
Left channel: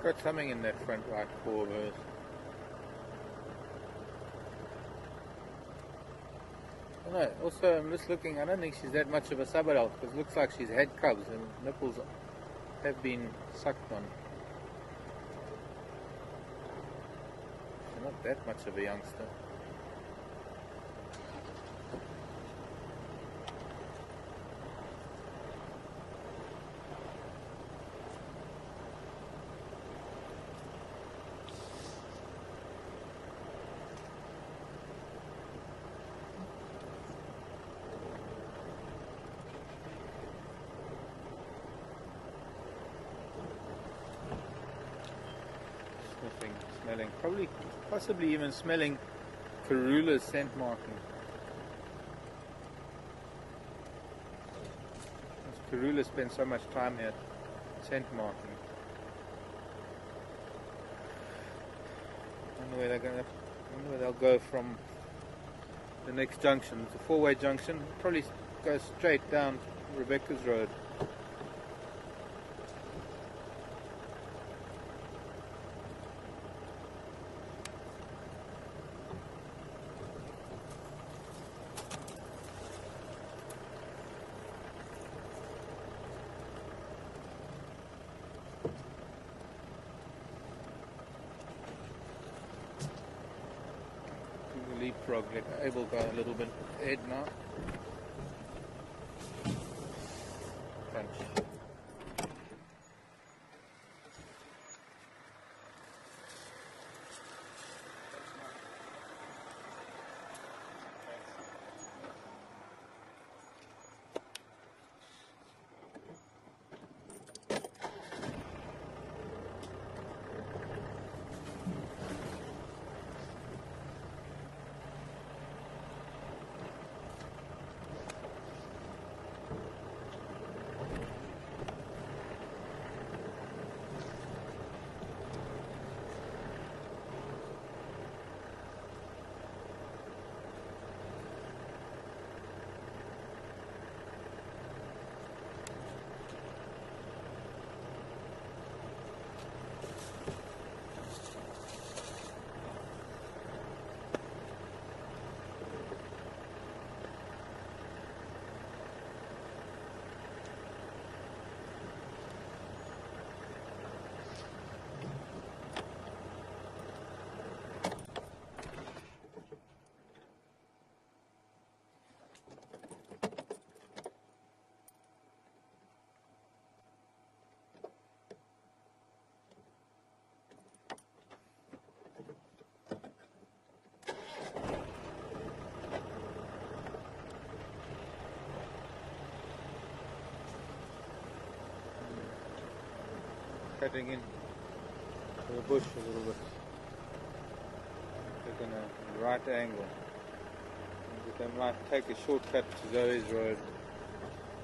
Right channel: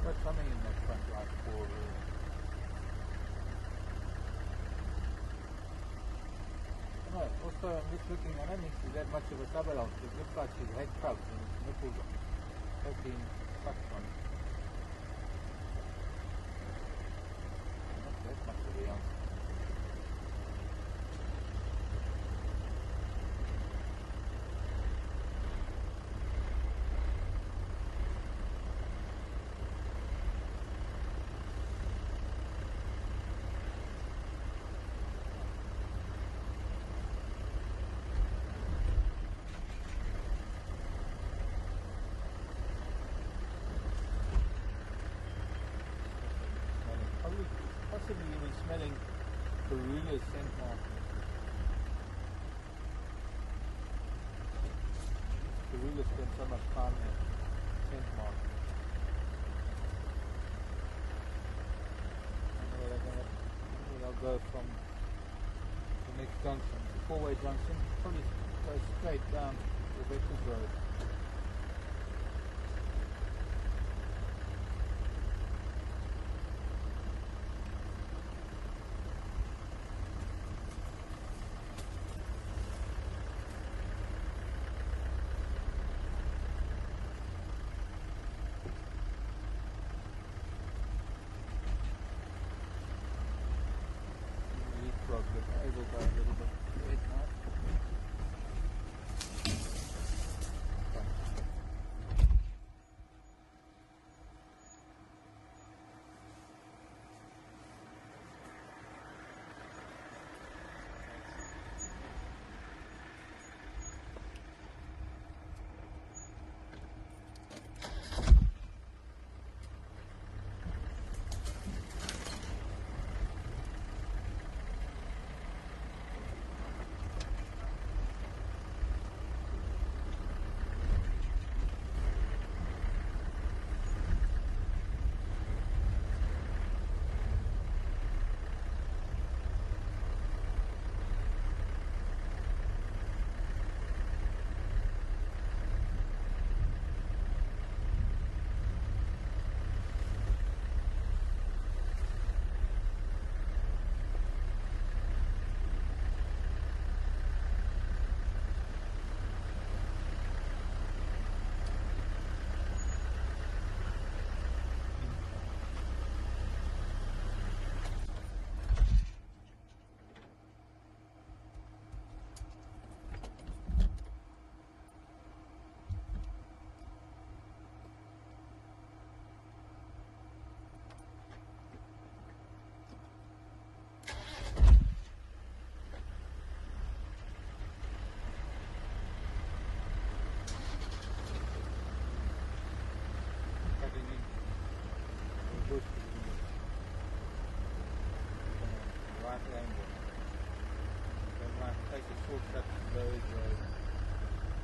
Got something in that front right paw of hers. I don't know, also I'm just looking, I don't think she's that much of a sub-adult because it looks like she's had cubs and nipples have been sucked on. Not that much of a youngster. Probably, possibly even smelling Karula's scent marking. Karula spends so much time here, scent marking. I wonder where they'll go from the next junction. It's a four-way junction. Probably go straight down Rebecca's Road. Leapfrog, able to go a little bit ahead now. Punch. cutting in the bush a little bit. Taking a right angle. They might take a shortcut to Zoe's Road,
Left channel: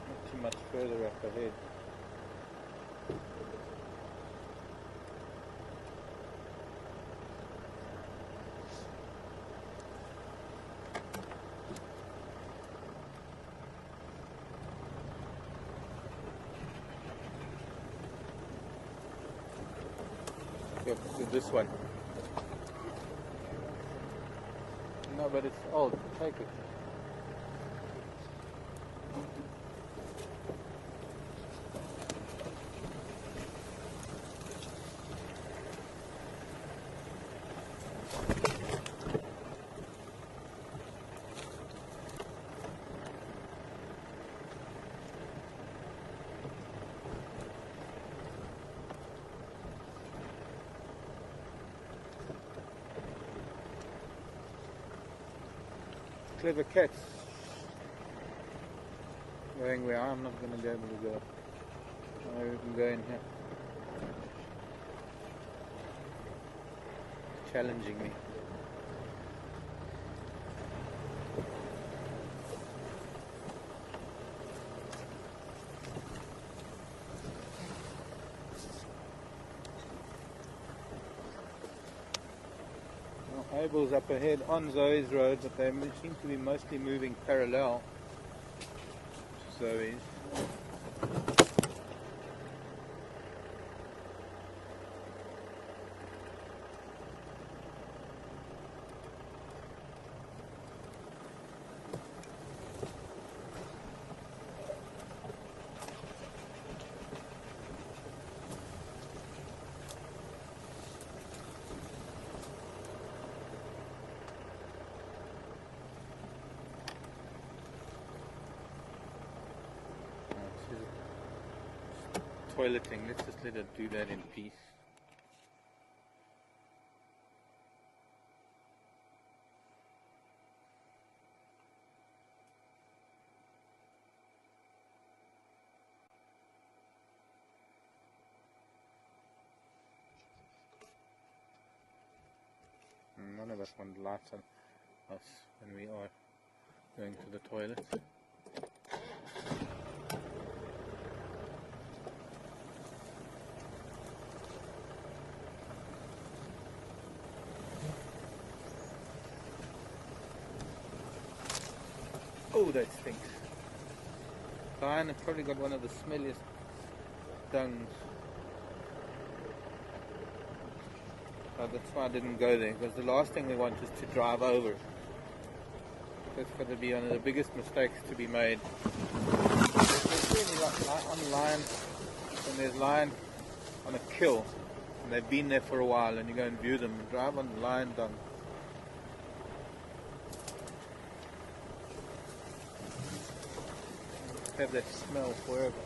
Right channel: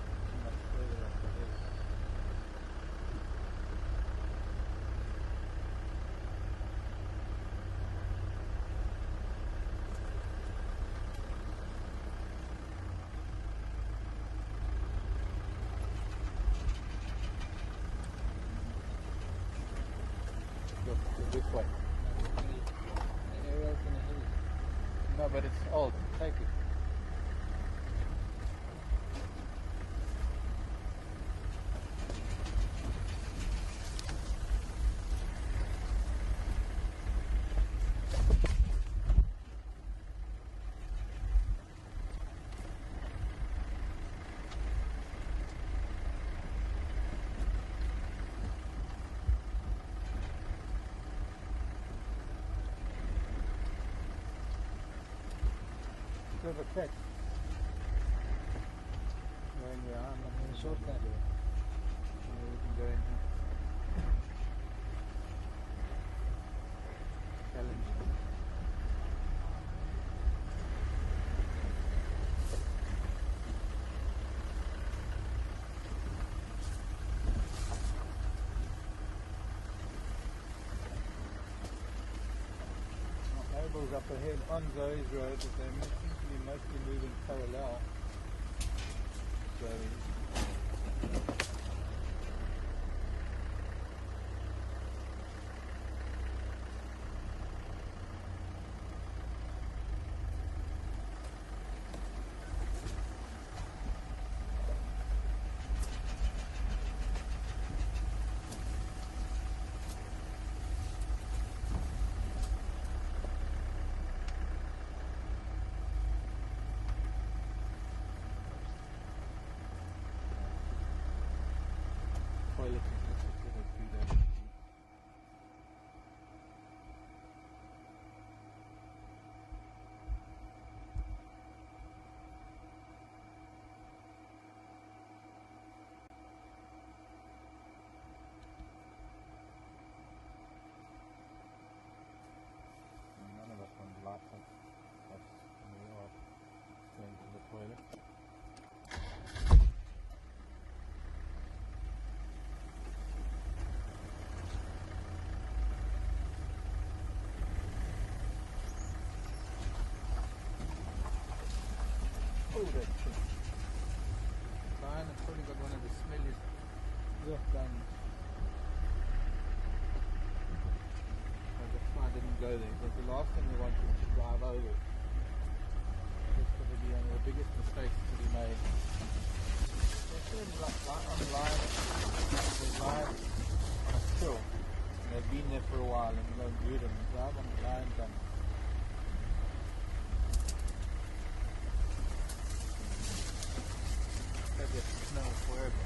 not too much further up ahead. Yep, so this way. No, but it's old. Take it. Clever cats. Going where I'm not going to be able to go. I can go in here. Challenging me. Abel's up ahead on Zoe's Road, but they seem to be mostly moving parallel to Zoe's. Toileting, let's just let it do that in peace. And none of us want lights on us when we are going to the toilet. Oh, that stinks. Diane has probably got one of the smelliest dungs. That's why I didn't go there, because the last thing we want is to drive over. That's going to be one of the biggest mistakes to be made. Especially on the line, when there's line on a kill, and they've been there for a while, and you go and view them, drive on the line dung. Have that smell forever.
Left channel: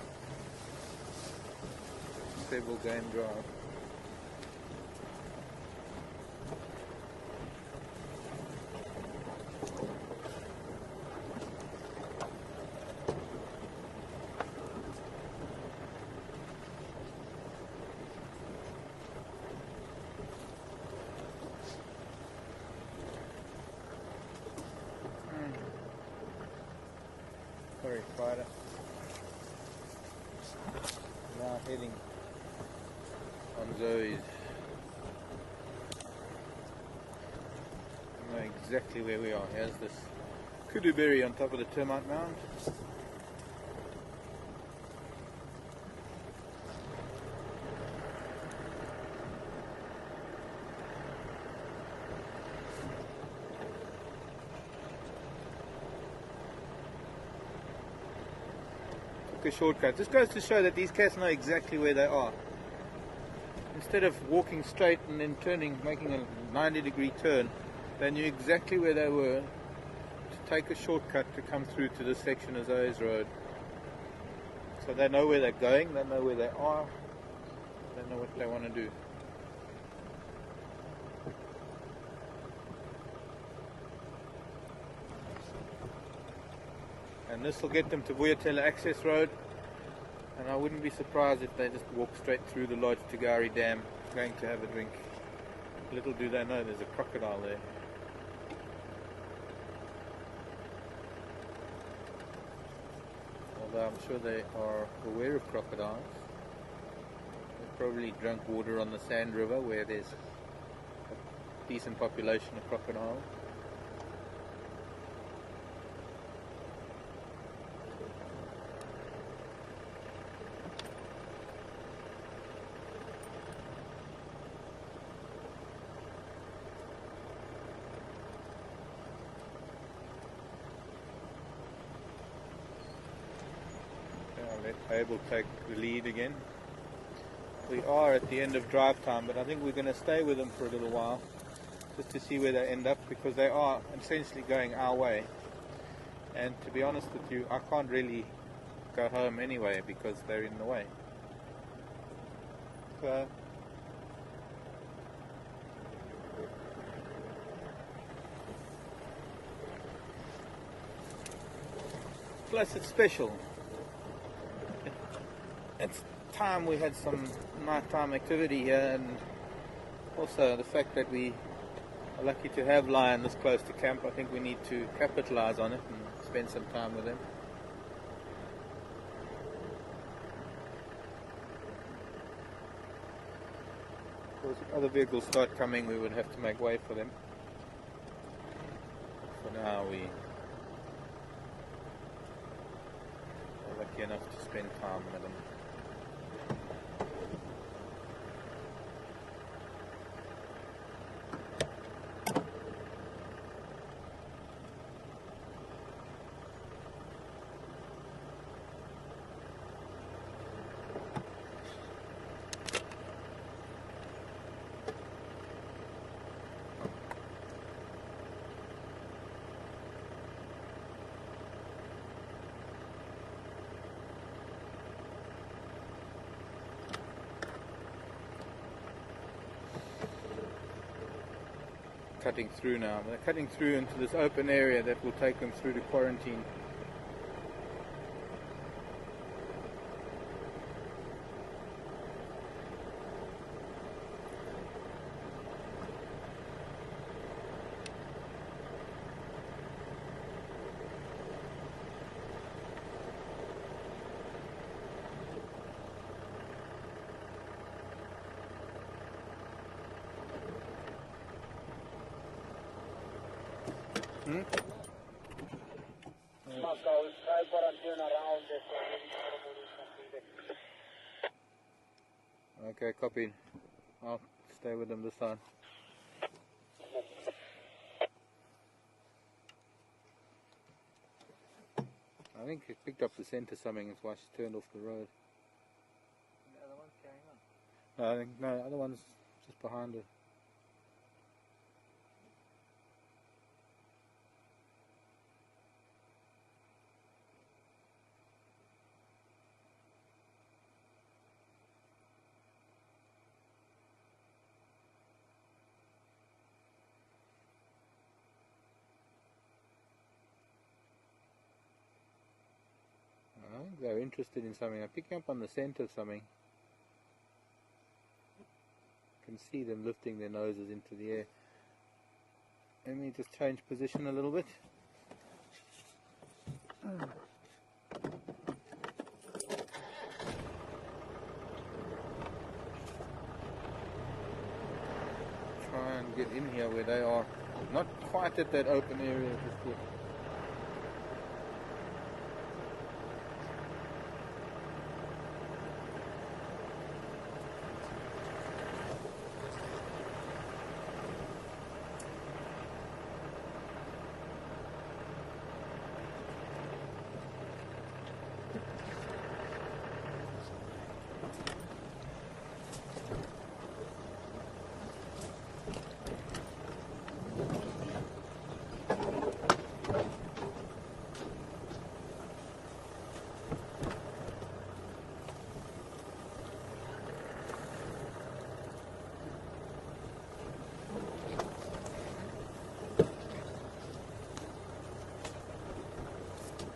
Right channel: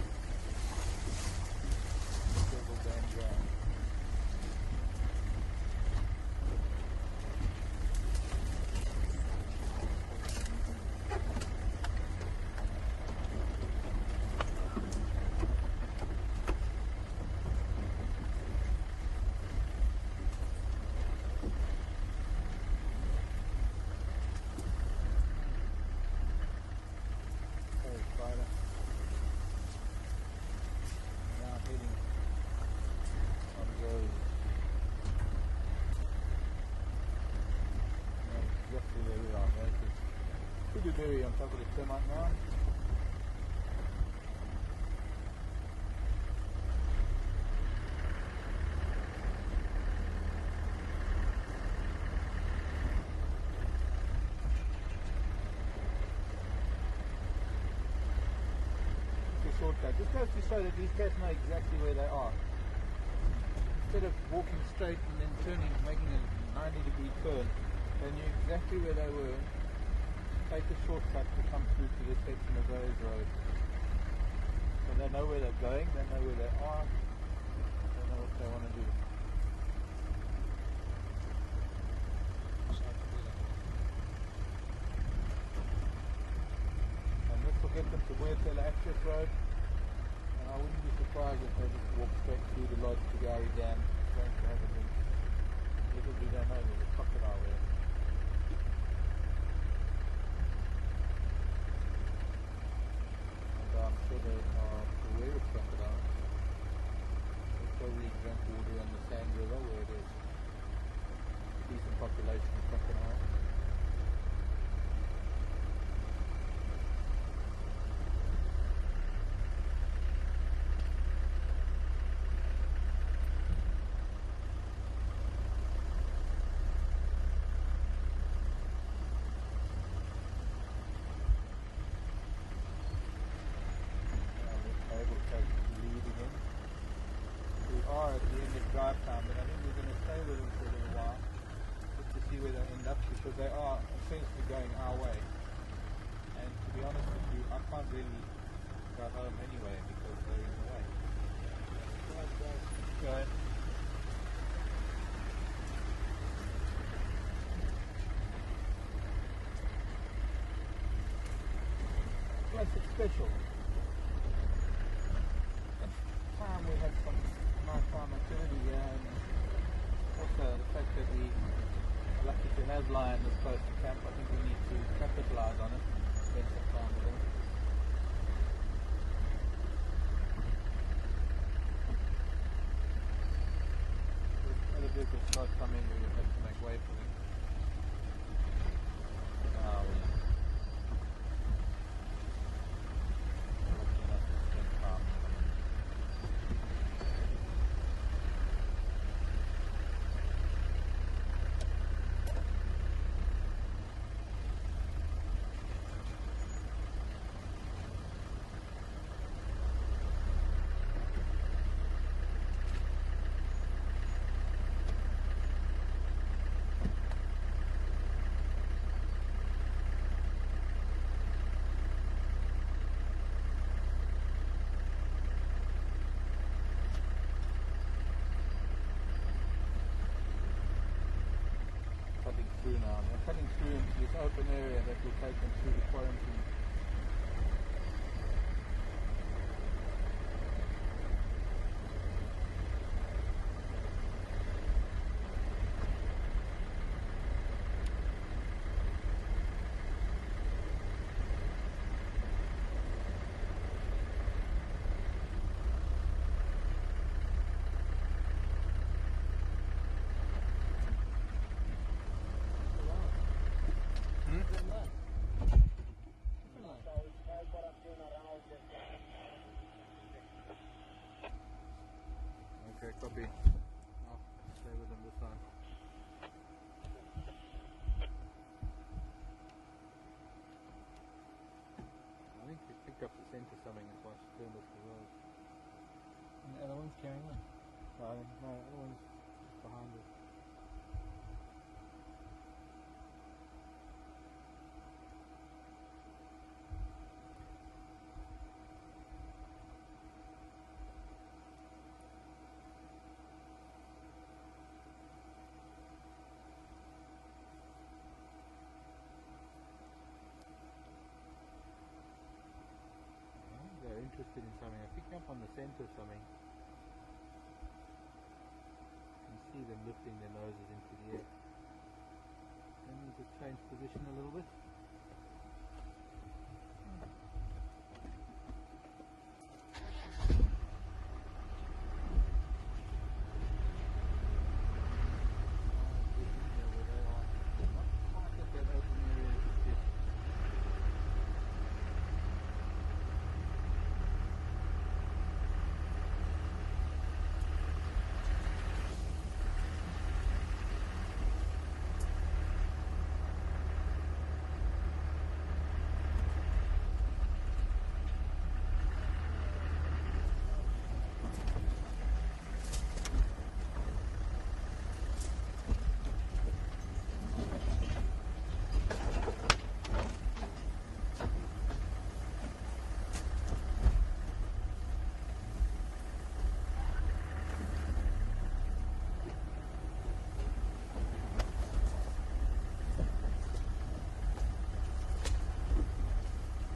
They will go and drive. Sorry, spider. Heading on Zoe's. I know exactly where we are. Here's this kudu berry on top of the termite mound. A shortcut. This goes to show that these cats know exactly where they are. Instead of walking straight and then turning, making a 90-degree turn, they knew exactly where they were to take a shortcut to come through to this section of Zoe's Road. So they know where they're going, they know where they are, they know what they want to do. And this will get them to Vuyatela Access Road, and And I wouldn't be surprised if they just walk straight through the lodge to Gari Dam, going to have a drink. Little do they know there's a crocodile there. Although I'm sure they are aware of crocodiles. They've probably drunk water on the Sand River where there's a decent population of crocodiles. Will take the lead again. We are at the end of drive time, but I think we're going to stay with them for a little while just to see where they end up, because they are essentially going our way, and to be honest with you, I can't really go home anyway because they're in the way. Okay. Plus it's special. It's time we had some nighttime activity here, and also the fact that we are lucky to have lion this close to camp. I think we need to capitalize on it and spend some time with him. If other vehicles start coming, we would have to make way for them. For now we are lucky enough to spend time with them. Cutting through now. They're cutting through into this open area that will take them through to quarantine. Okay, copy. I'll stay with them this time. I think she picked up the scent or something, that's why she turned off the road. And the other one's carrying on? No, I think, no, the other one's just behind it. They're interested in something. I'm picking up on the scent of something. I can see them lifting their noses into the air. Let me just change position a little bit. Try and get in here where they are. Not quite at that open area just yet.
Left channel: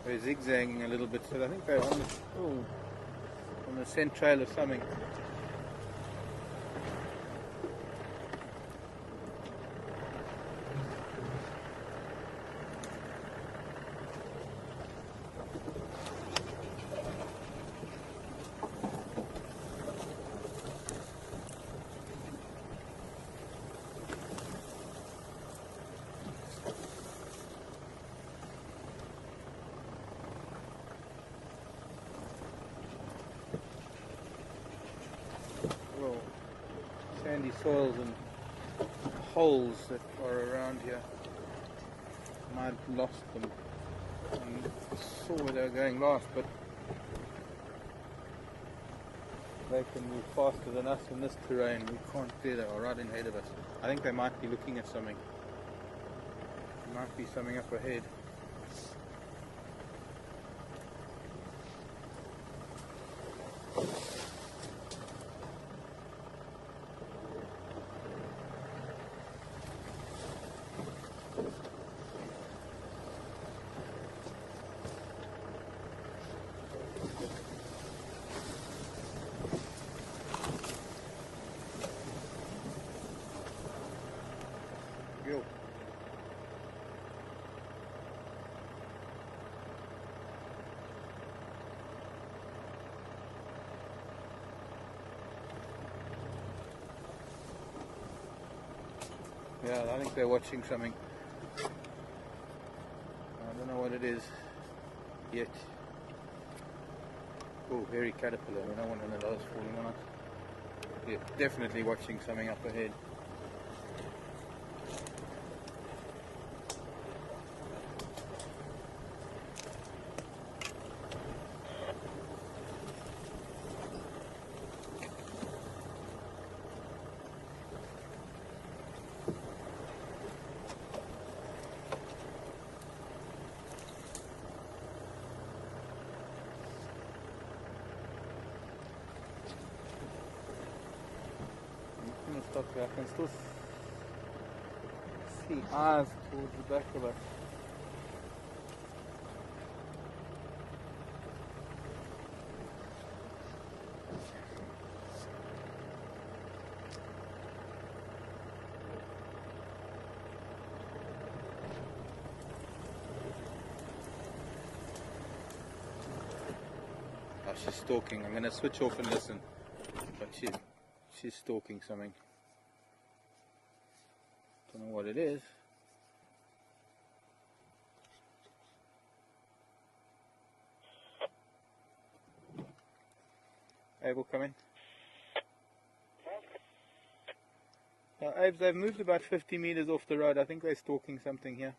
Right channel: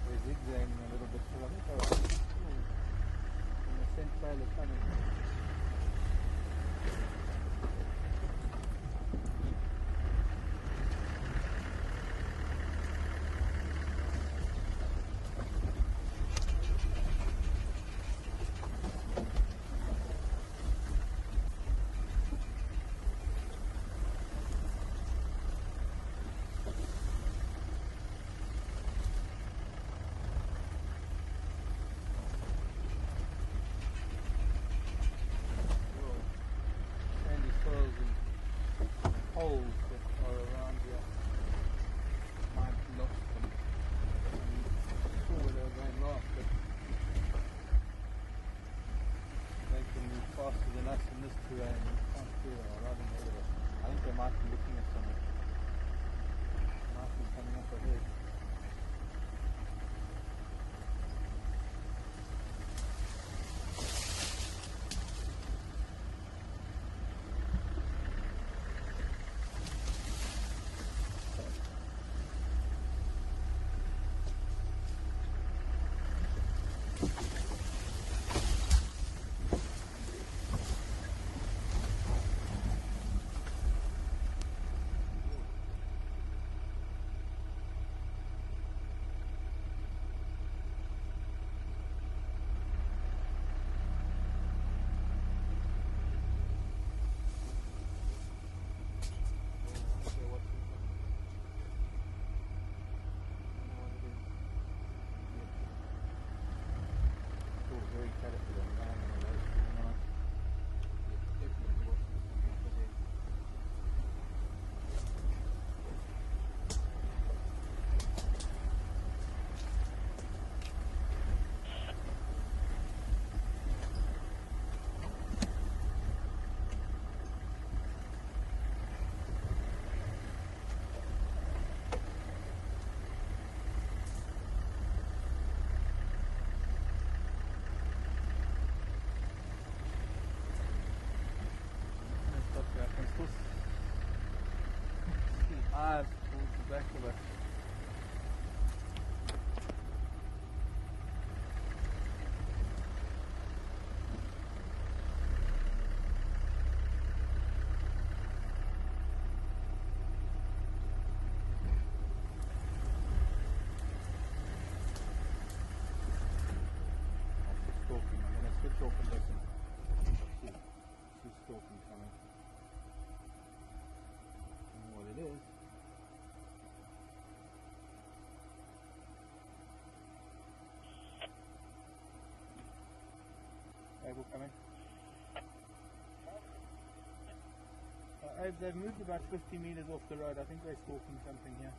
They're zigzagging a little bit, so I think they're on on the scent trail of something. Sandy soils and holes that are around here. I've lost them. I saw where they were going last, but they can move faster than us in this terrain. We can't do that. We're right in ahead of us. I think they might be looking at something. There might be something up ahead. Yeah, I think they're watching something. I don't know what it is yet. Oh, hairy caterpillar. We don't want one of those falling on us. Yeah, definitely watching something up ahead. I can still see hive towards the back of it. Oh, she's stalking. I'm going to switch off and listen. But she's stalking something. Don't know what it is. Abel, come in. Abe, they've moved about 50 meters off the road. I think they're stalking something here.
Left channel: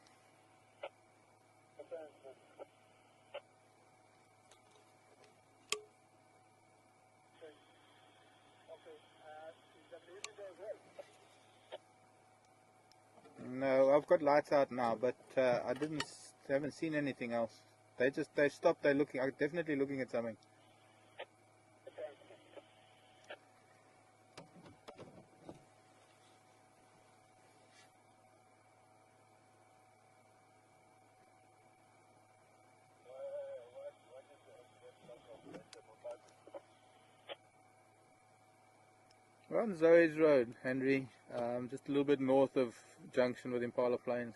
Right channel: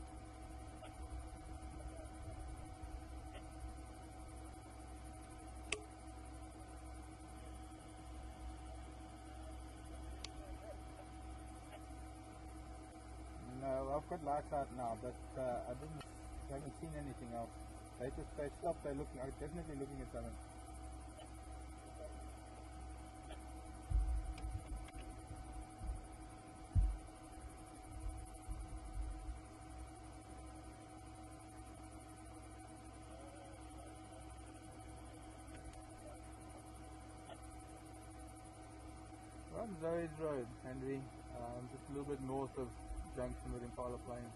No, I've got lights out now, but I haven't seen anything else. They stopped. They're definitely looking at something. We're on Zoe's Road, Henry, just a little bit north of junction with Impala Plains.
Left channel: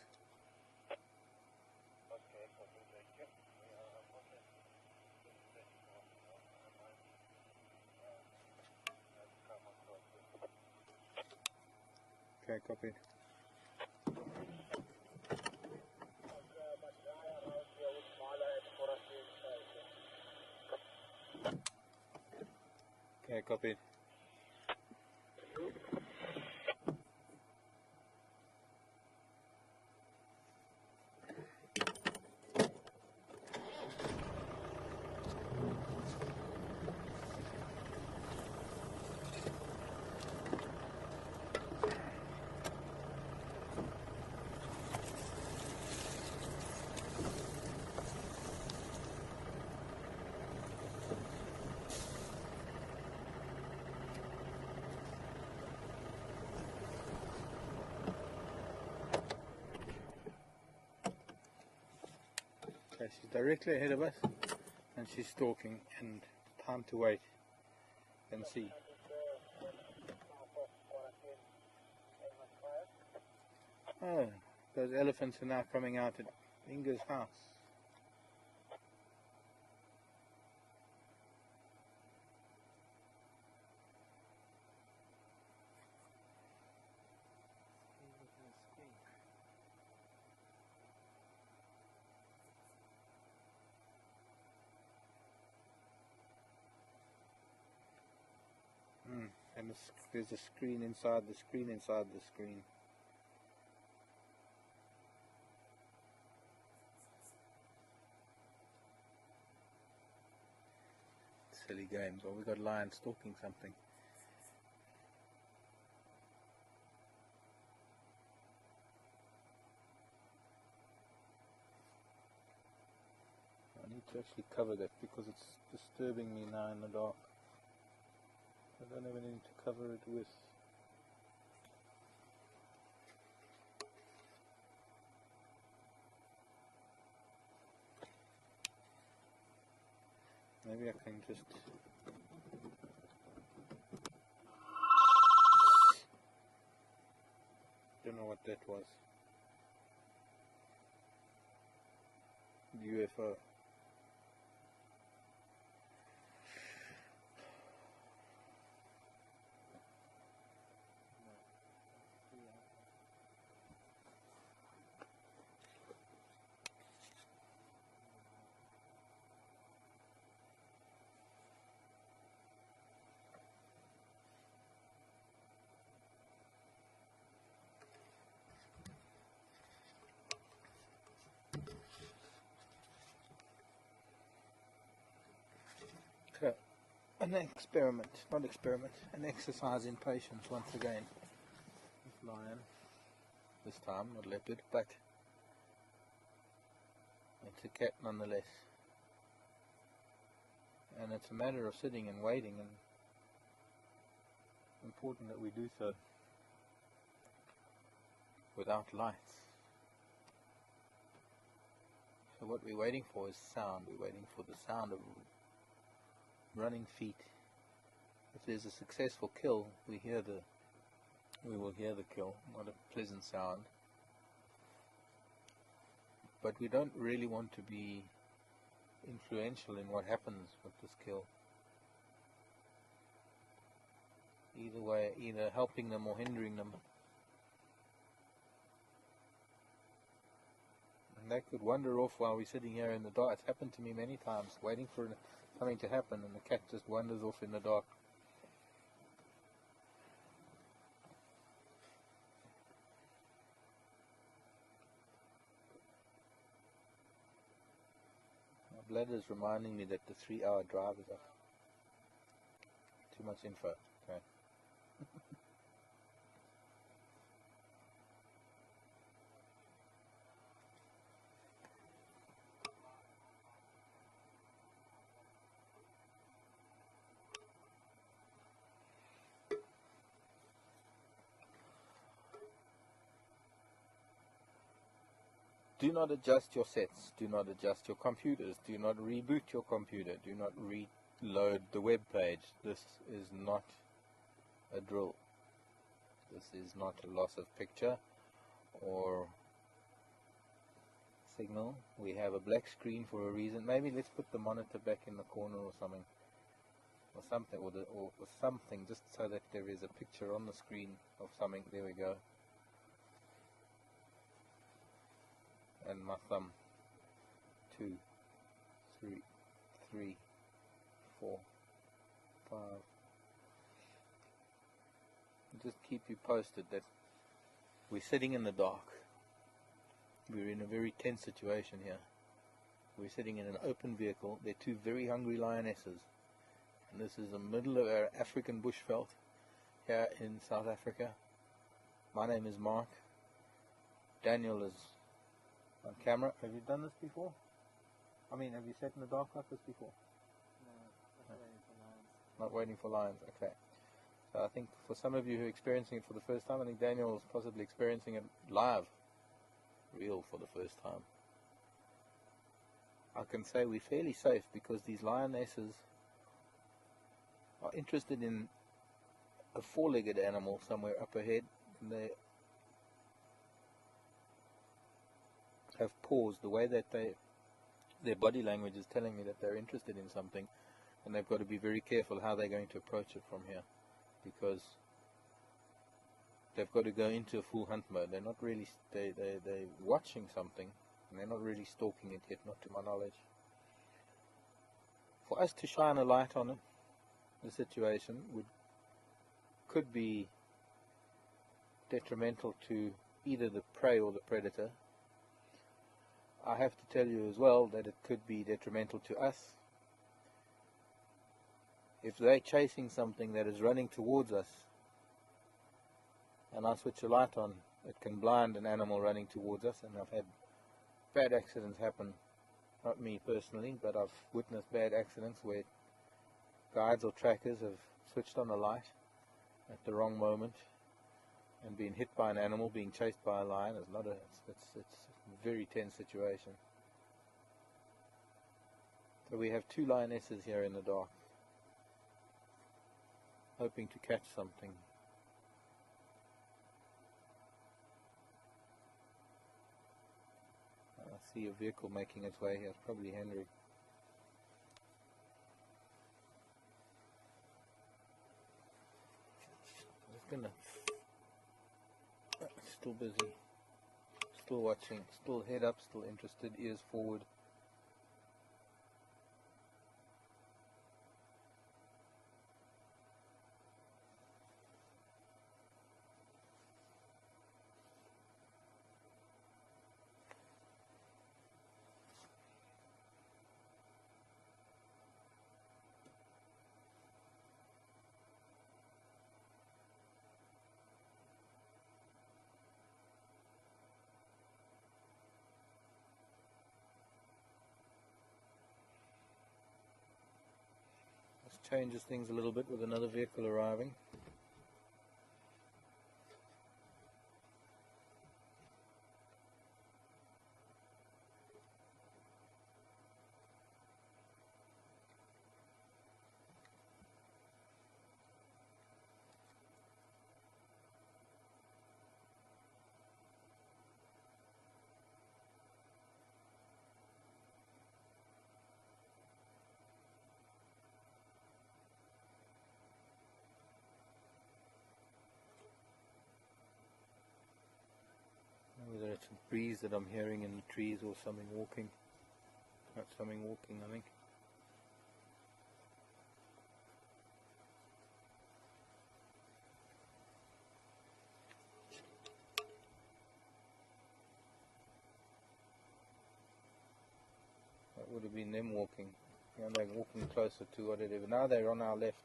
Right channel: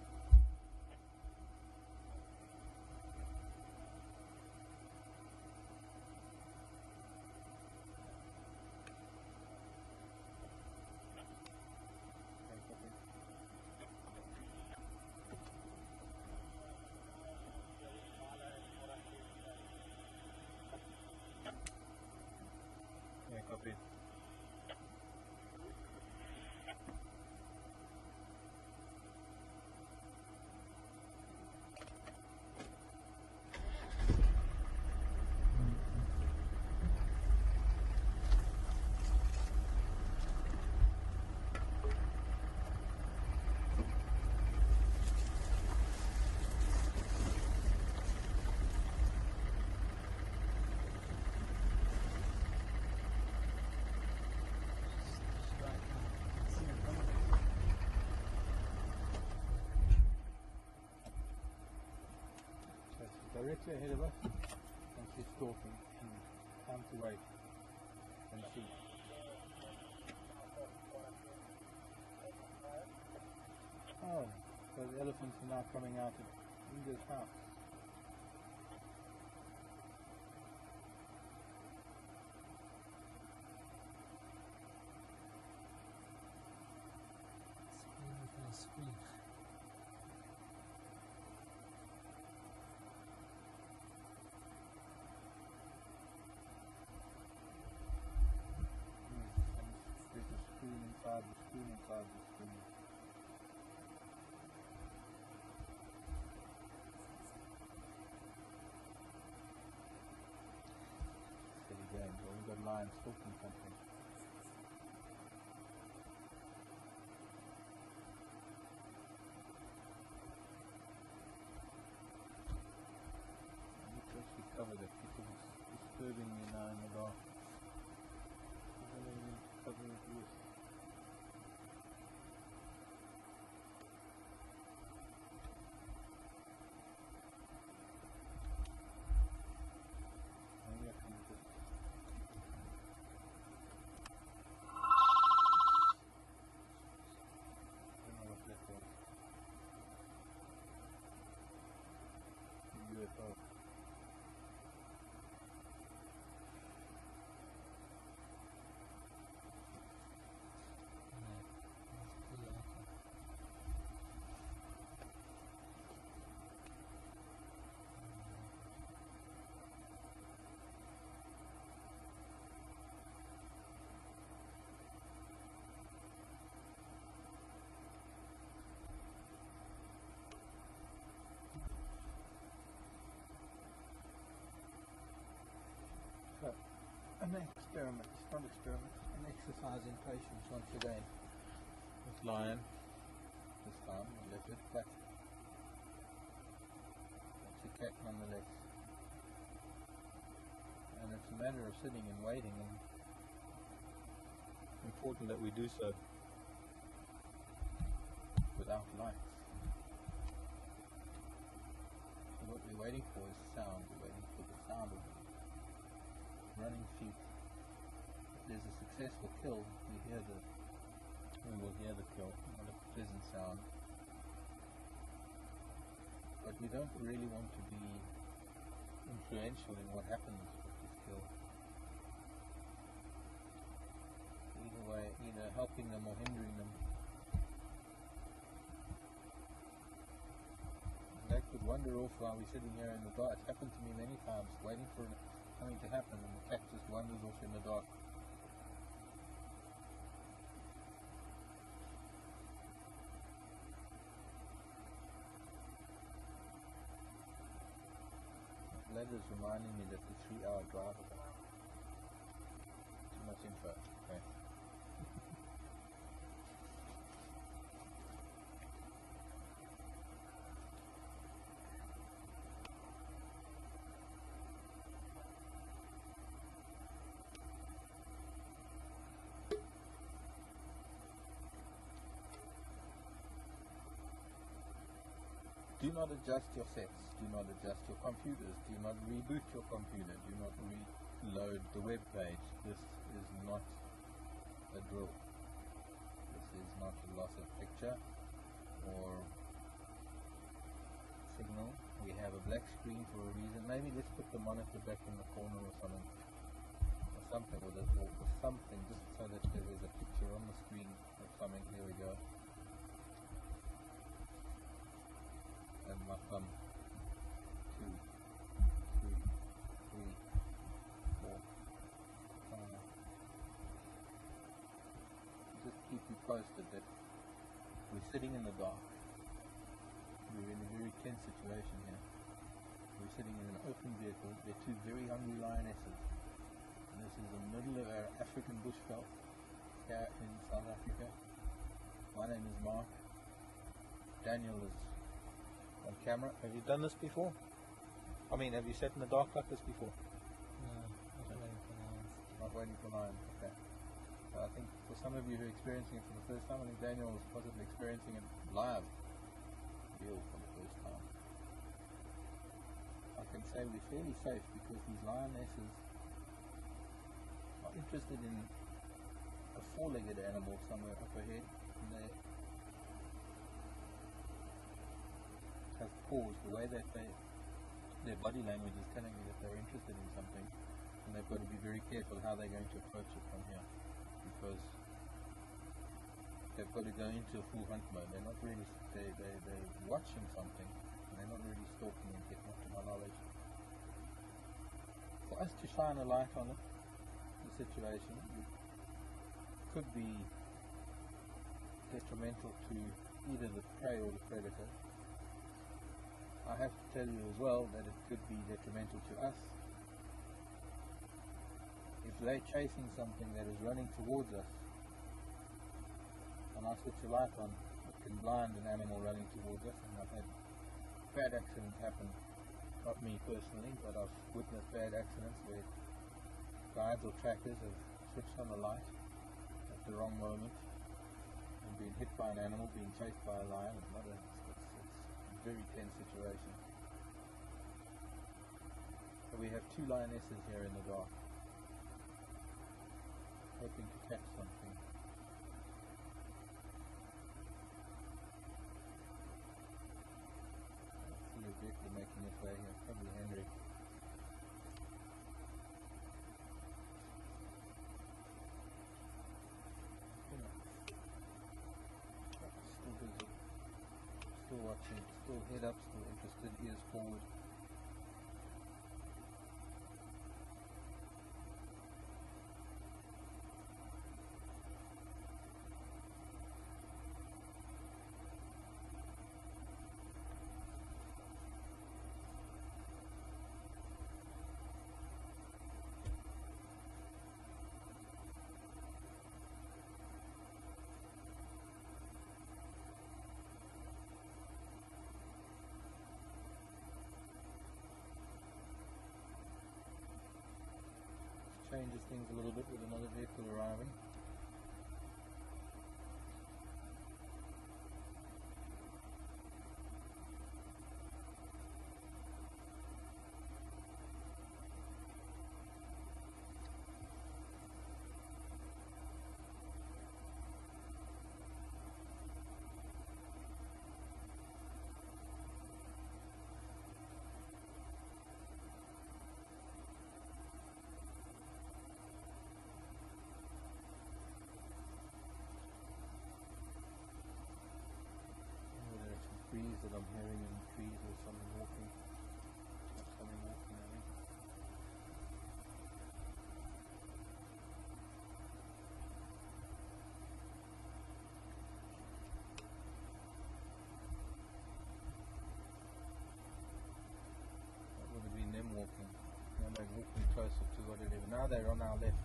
Okay, copy. Okay, copy. She's directly ahead of us and she's stalking, and time to wait. and see. Oh, those elephants are now coming out at Inga's house. Screen with no screen. And there's a screen inside the screen inside the screen. Silly game, but we've got lions stalking something. I need to actually cover that because it's disturbing me now in the dark. I don't even need to cover it with. Maybe I can just. Don't know what that was. UFO. So, an experiment, not experiment, an exercise in patience once again. With lion, this time with leopard, but it's a cat nonetheless. And it's a matter of sitting and waiting, and important that we do so without lights. So what we're waiting for is sound. We're waiting for the sound of running feet. If there's a successful kill, we will hear the kill, not a pleasant sound. But we don't really want to be influential in what happens with this kill. Either way, either helping them or hindering them. And that could wander off while we're sitting here in the dark. It's happened to me many times, waiting for something to happen, and the cat just wanders off in the dark. My bladder's reminding me that the 3-hour drive is up. Too much info. Okay. Do not adjust your sets, do not adjust your computers, do not reboot your computer, do not reload the web page. This is not a drill. This is not a loss of picture or signal. We have a black screen for a reason. Maybe let's put the monitor back in the corner or something. Or something, just so that there is a picture on the screen of something. There we go. And my thumb. 2, 3, 4, 5. Just keep you posted that we're sitting in the dark. We're in a very tense situation here. We're sitting in an open vehicle. They're two very hungry lionesses. And this is the middle of our African bushveld here in South Africa. My name is Mark. Daniel is on camera. Have you done this before? I mean, have you sat in the dark like this before? No, Not waiting for lions, okay. So I think for some of you who are experiencing it for the first time, I think Daniel is possibly experiencing it live, real for the first time. I can say we're fairly safe because these lionesses are interested in a four-legged animal somewhere up ahead. They have paused. The way that their body language is telling me that they're interested in something, and they've got to be very careful how they're going to approach it from here, because they've got to go into a full hunt mode. They're not really, they're watching something, and they're not really stalking it yet, not to my knowledge. For us to shine a light on it, the situation could be detrimental to either the prey or the predator. I have to tell you as well that it could be detrimental to us. If they're chasing something that is running towards us, and I switch a light on, it can blind an animal running towards us, and I've had bad accidents happen. Not me personally, but I've witnessed bad accidents where guides or trackers have switched on a light at the wrong moment and been hit by an animal, being chased by a lion. It's a very tense situation. So we have two lionesses here in the dark, hoping to catch something. I see a vehicle making its way here, probably Henry. Still busy, still watching, still head up, still interested, ears forward. Changes things a little bit with another vehicle arriving. Breeze that I'm hearing in the trees, or something walking. That's something walking, I think. That would have been them walking. Now they're walking closer to whatever. Now they're on our left,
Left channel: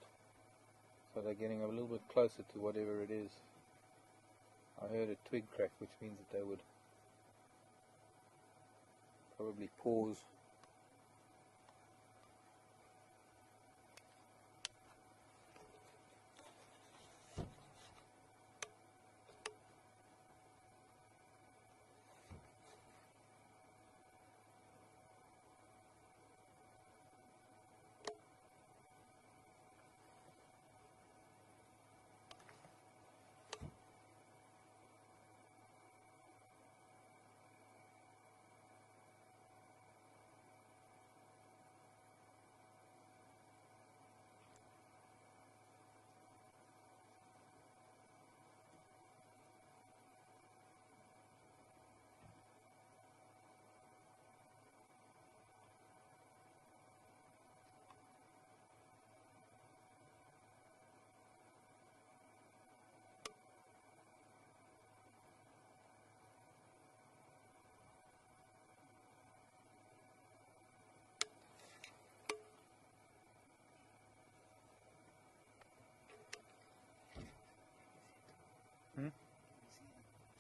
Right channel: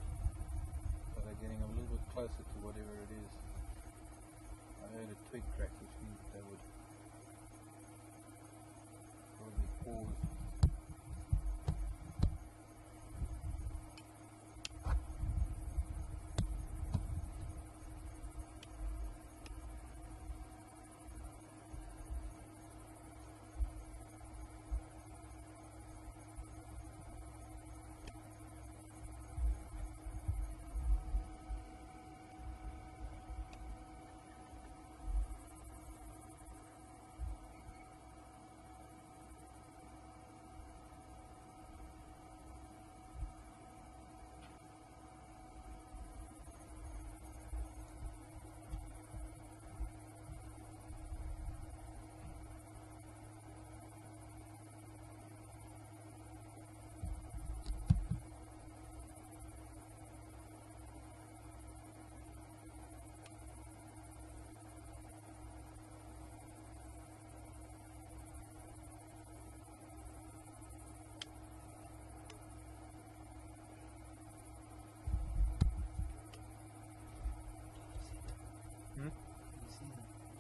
so they're getting a little bit closer to whatever it is. I heard a twig crack, which means that they would probably pause.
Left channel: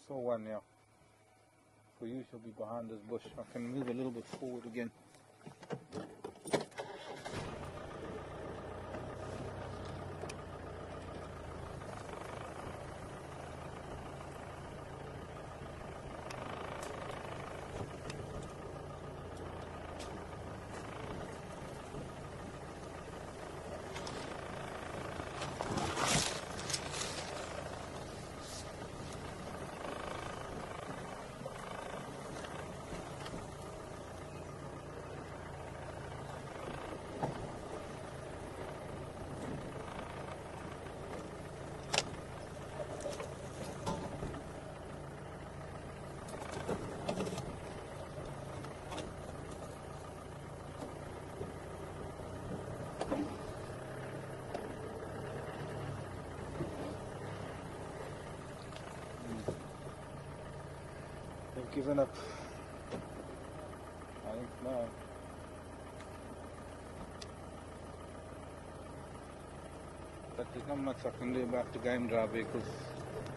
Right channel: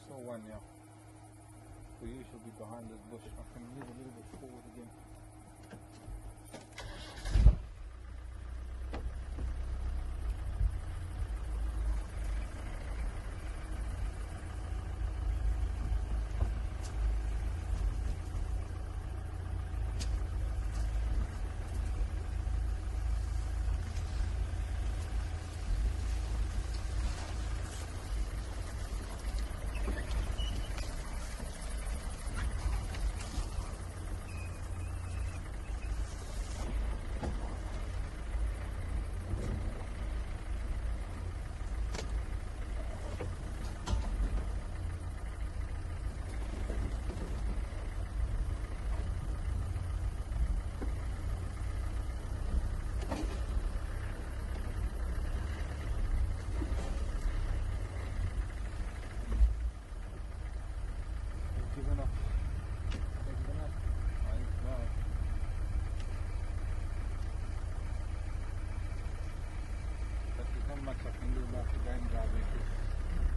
Saw one now. So you should be behind this bush. I can move a little bit forward again. Given up. I think no. But there's not much I can do about the game drive vehicles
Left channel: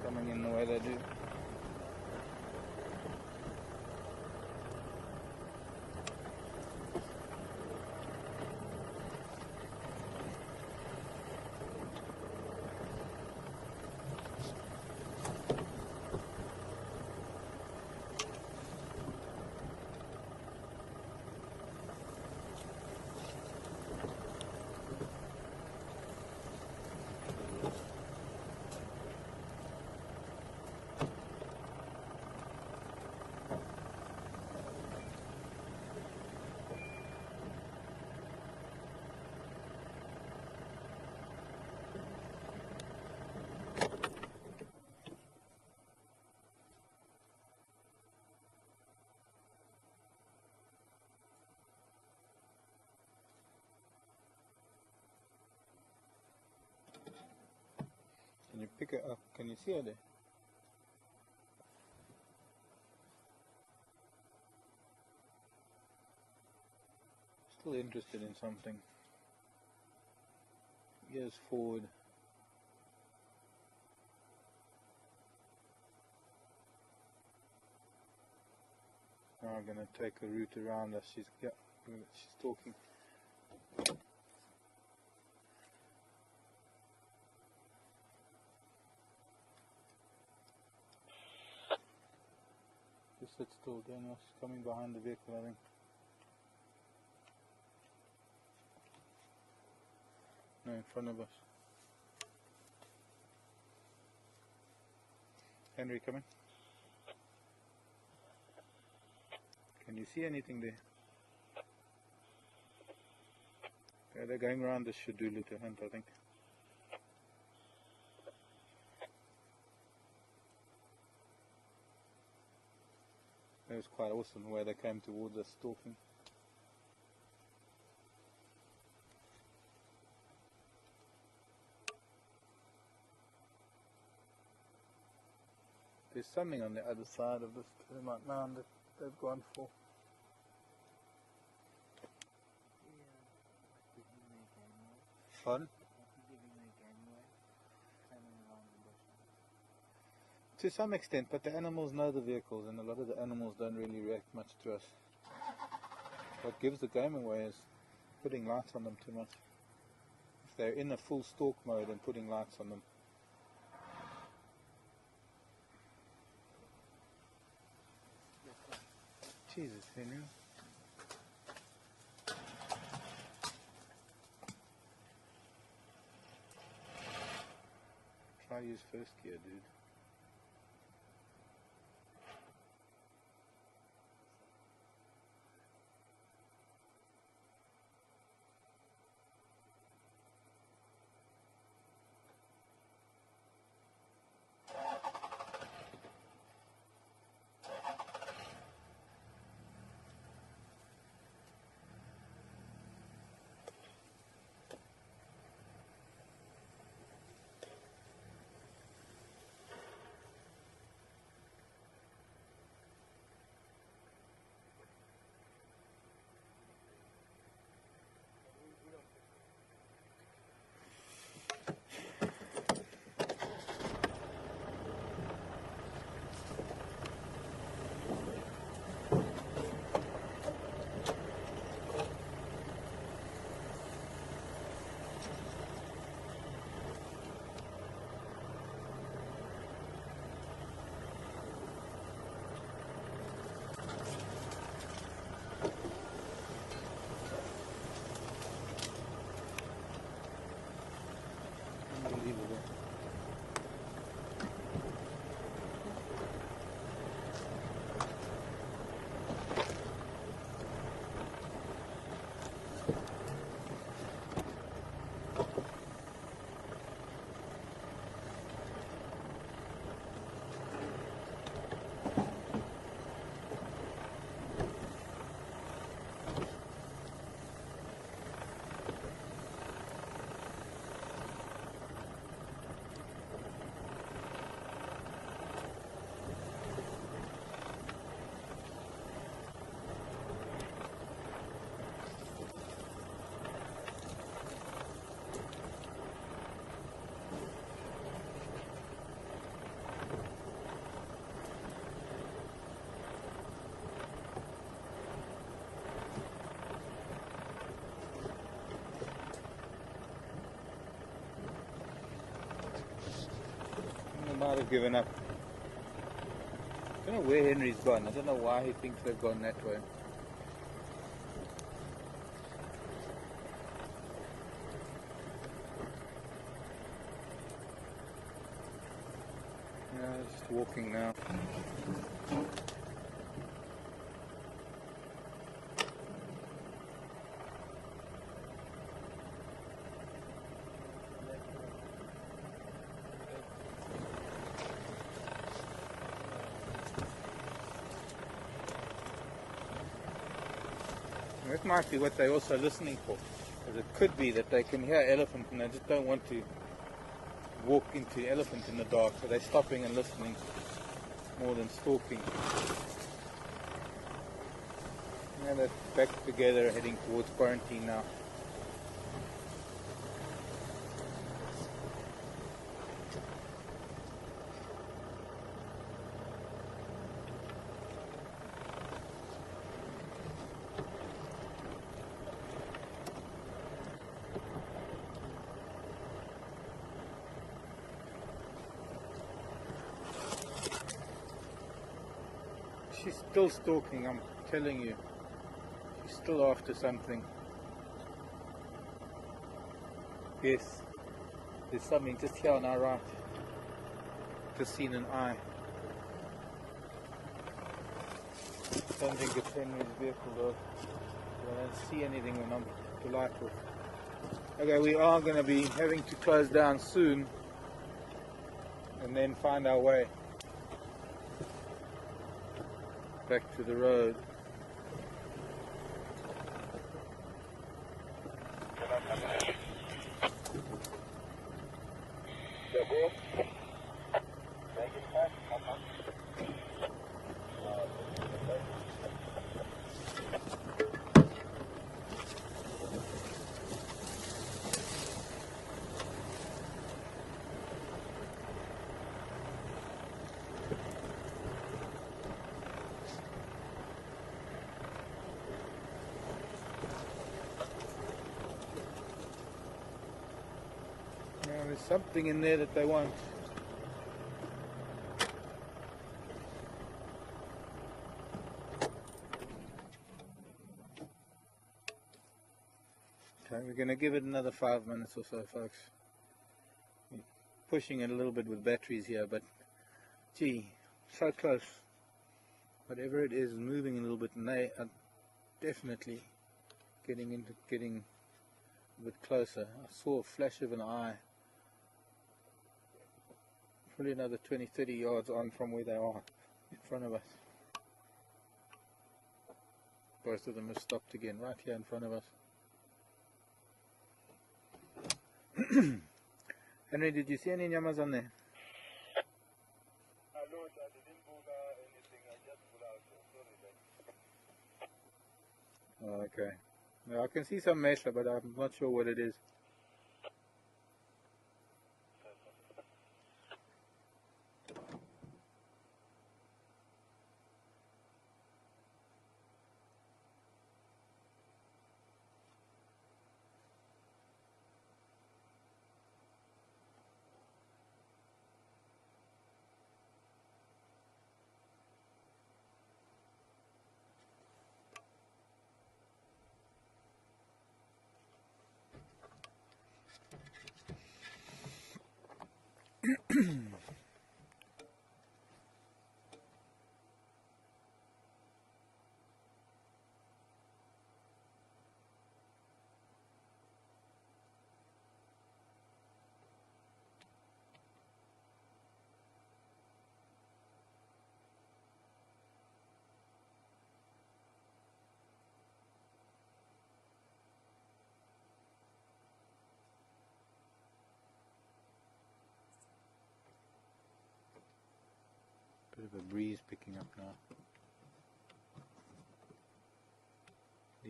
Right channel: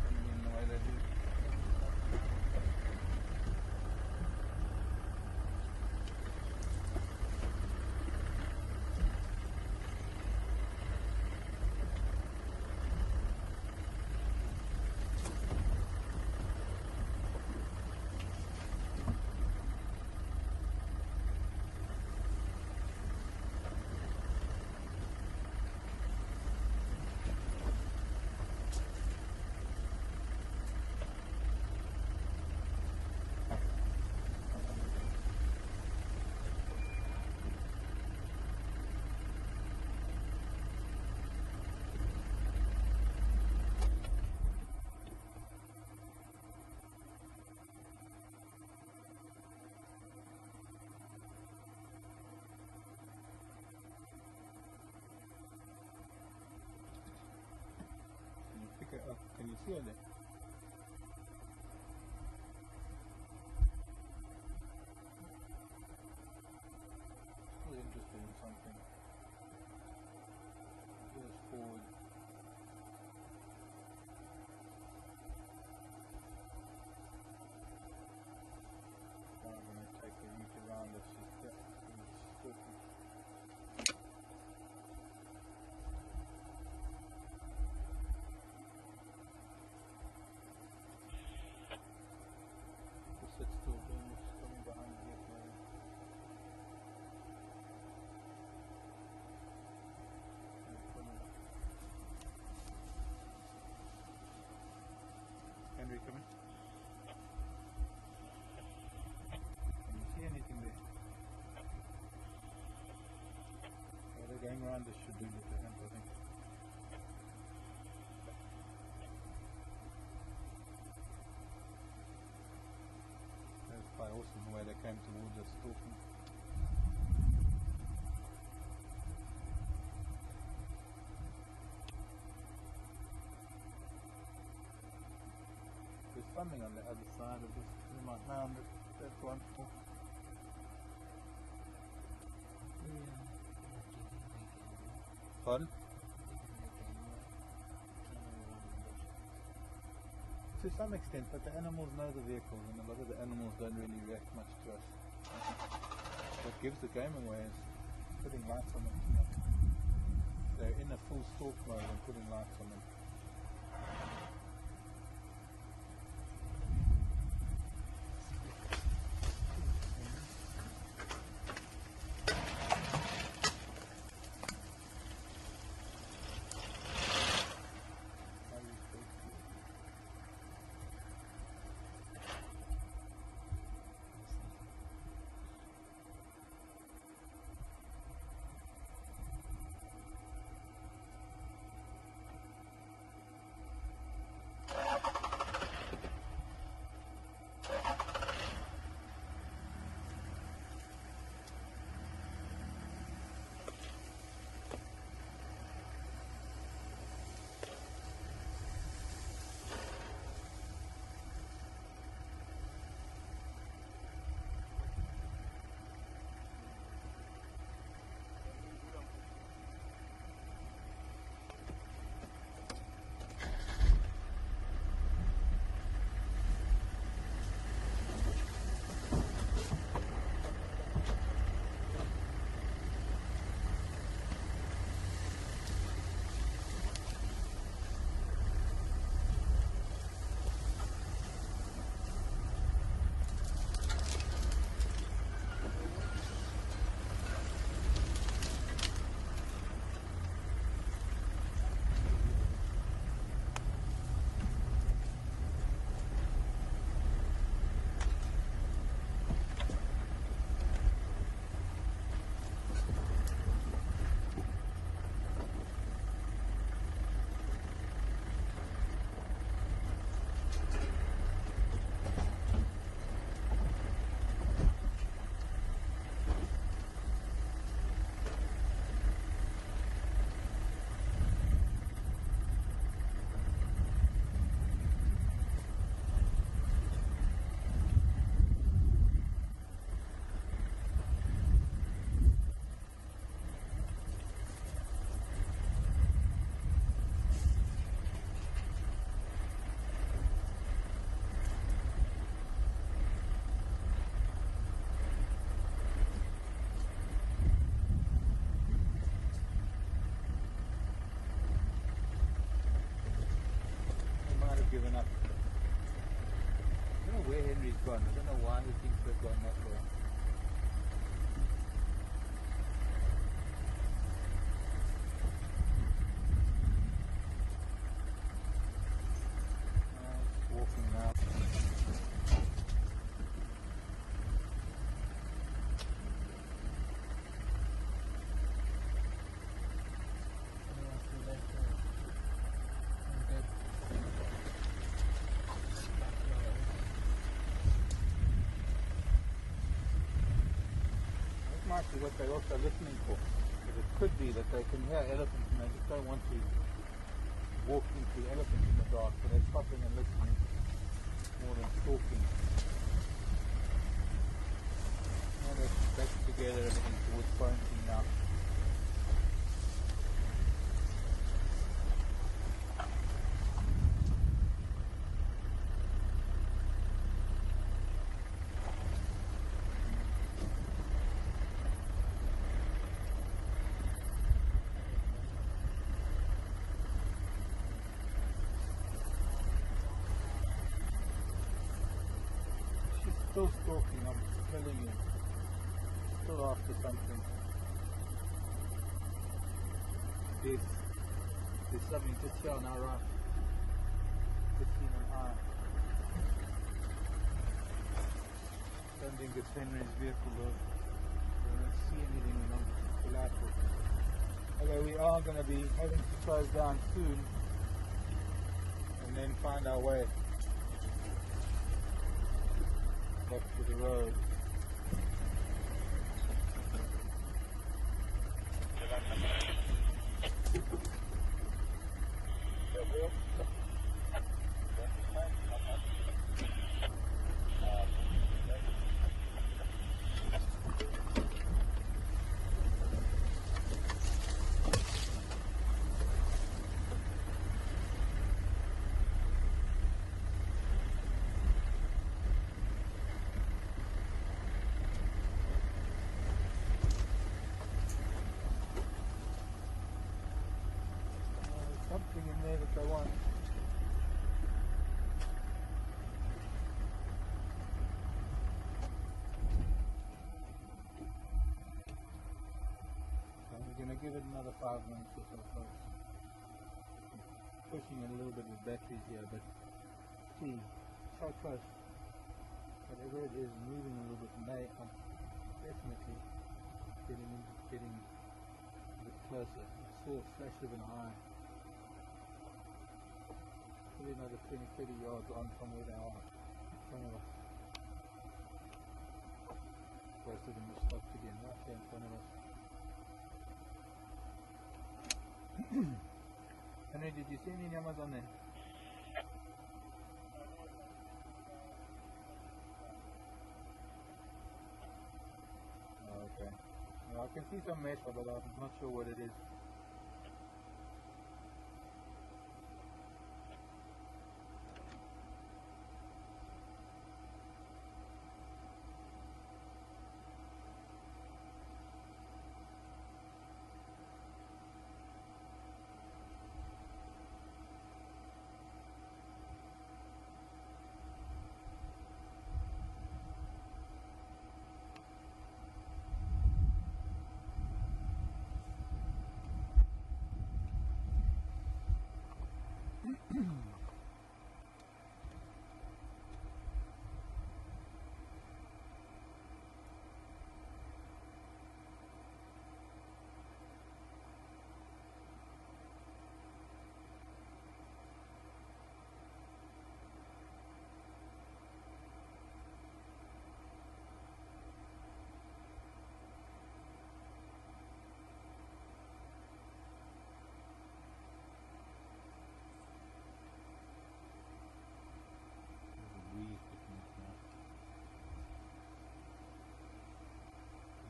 coming in the way they do. Pick it up. Can you see it? Still interested in something. Gears forward. Now I'm going to take a route around as she's talking. Coming behind the vehicle, I think. No, in front of us. Henry, coming. Can you see anything there? Yeah, they're going around this should do, Lieutenant, I think. It was quite awesome the way they came towards us talking. There's something on the other side of this. Like now, they've gone for. Fun? To some extent, but the animals know the vehicles, and a lot of the animals don't really react much to us. What gives the game away is putting lights on them too much. If they're in a full stalk mode and putting lights on them. Jesus, man. Try use first gear, dude. have given up. I don't know where Henry's gone. I don't know why he thinks they've gone that way. Yeah, just walking now. That might be what they're also listening for. Because it could be that they can hear elephant and they just don't want to walk into elephant in the dark, so they're stopping and listening more than stalking. Yeah, they're back together heading towards quarantine now. She's still stalking, I'm telling you. She's still after something. Yes, there's something just here on our right. Just seen an eye. Don't think it's Henry's vehicle though. I don't see anything when I'm delightful. Okay, we are going to be having to close down soon and then find our way back to the road. There's something in there that they want. Okay, we're going to give it another 5 minutes or so, folks. Pushing it a little bit with batteries here, but gee, so close. Whatever it is moving a little bit, and they are definitely getting a bit closer. I saw a flash of an eye. Probably another 20-30 yards on from where they are, in front of us. Both of them have stopped again, right here in front of us. Henry, did you see any nyamas on there? Oh, okay. Well, I can see some mesa, but I'm not sure what it is. The breeze picking up now.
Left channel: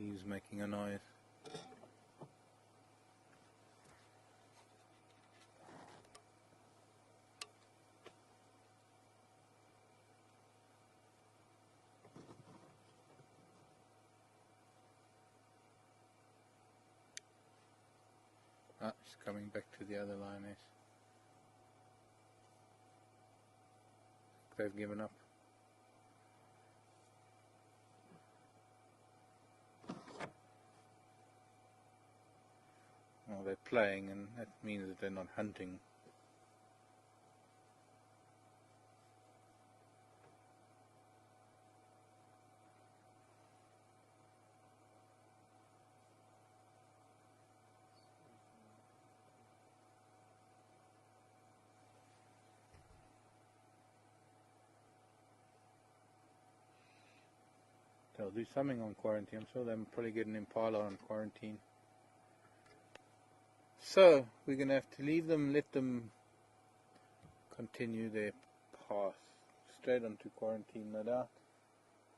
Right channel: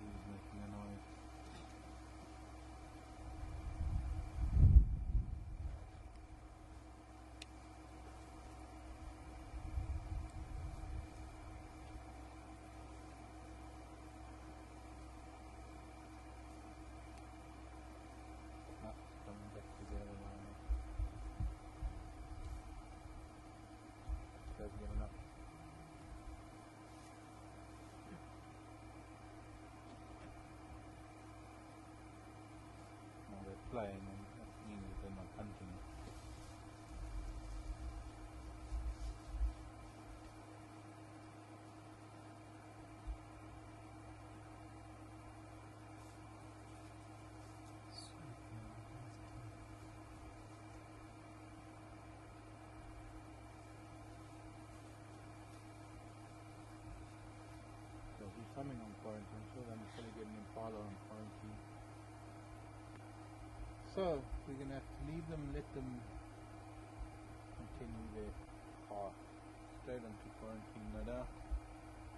Leaves making a noise. Ah, it's coming back to the other line there. they've given up. Well, they're playing, and that means that they're not hunting. There'll be something on quarantine, so they'll probably get an impala on quarantine. So, we're going to have to leave them, let them continue their path straight onto quarantine, no doubt.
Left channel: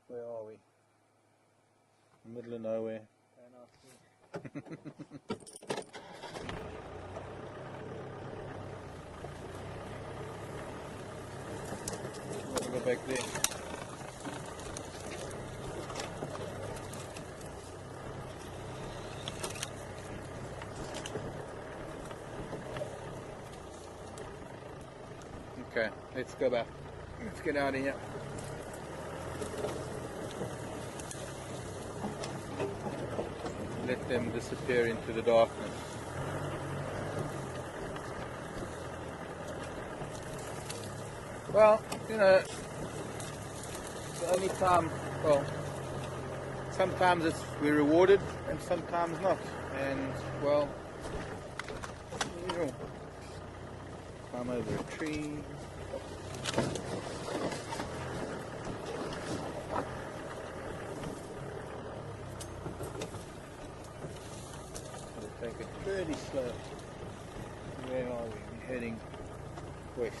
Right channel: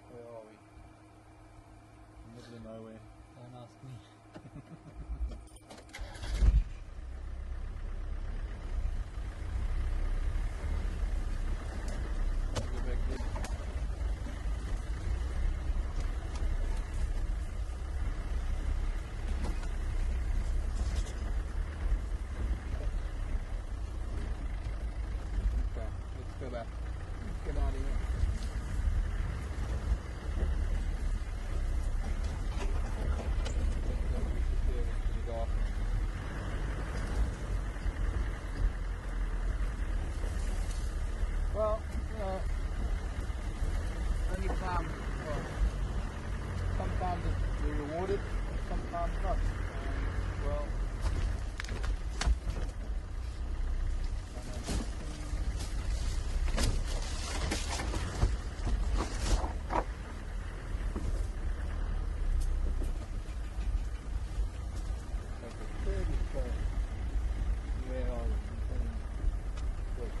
Where are we? Middle of nowhere. Don't ask me. Let's go back there. Okay, let's go back. Let's get out of here. Let them disappear into the darkness. Well, you know, the only time, well, sometimes we're rewarded and sometimes not. And, well, climb over a tree. We'll take it fairly slow. Where are we? Heading west.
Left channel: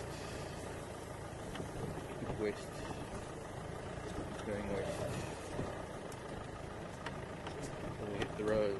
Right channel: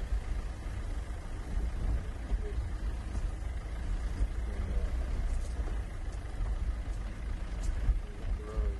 West. Going west. We'll hit the road.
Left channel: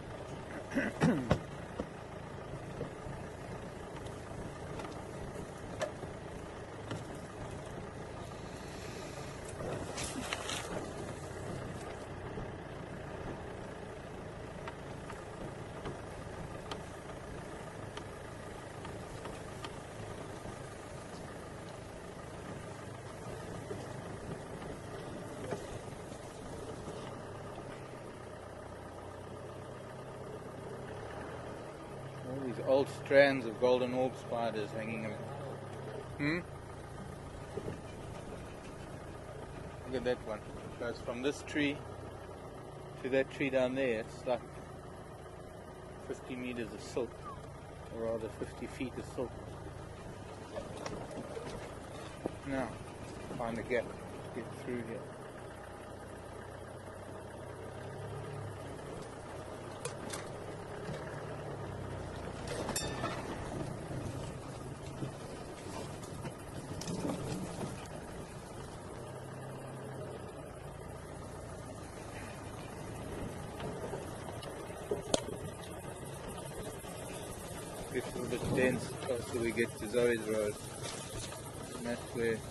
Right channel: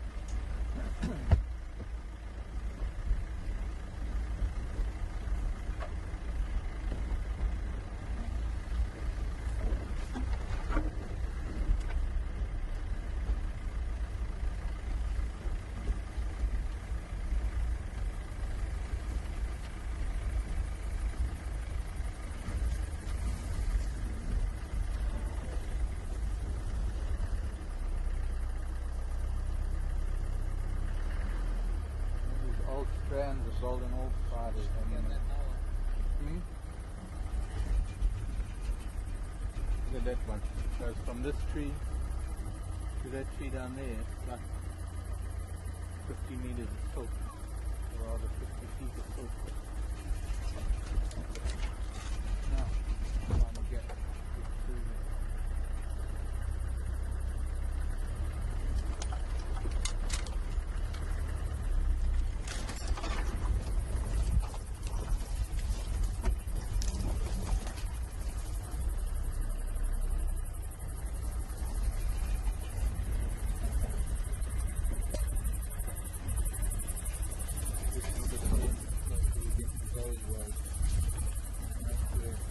Old strands of golden orb spiders hanging up. Look at that one. It goes from this tree to that tree down there. It's like 50 meters of silk, or rather 50 feet of silk. Now, find a gap to get through here. Gets a little bit dense closer we get to Zoe's Road. And that's where it's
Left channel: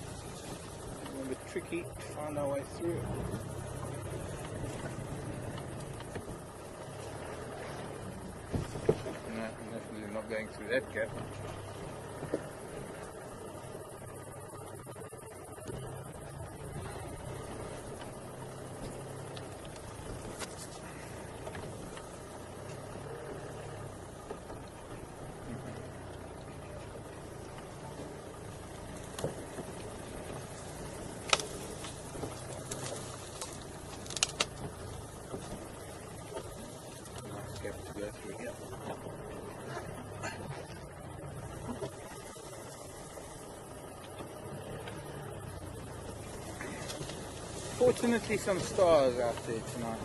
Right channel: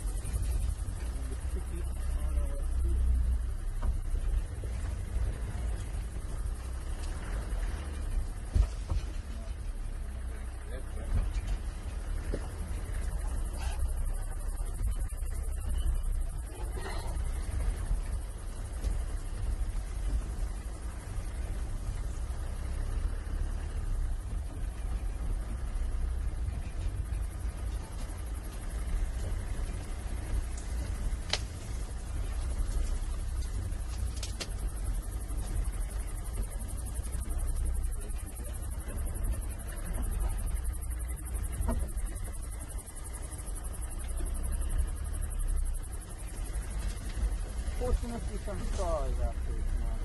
a little bit tricky to find our way through. No, definitely not going through that gap. Fortunately, some stars out there tonight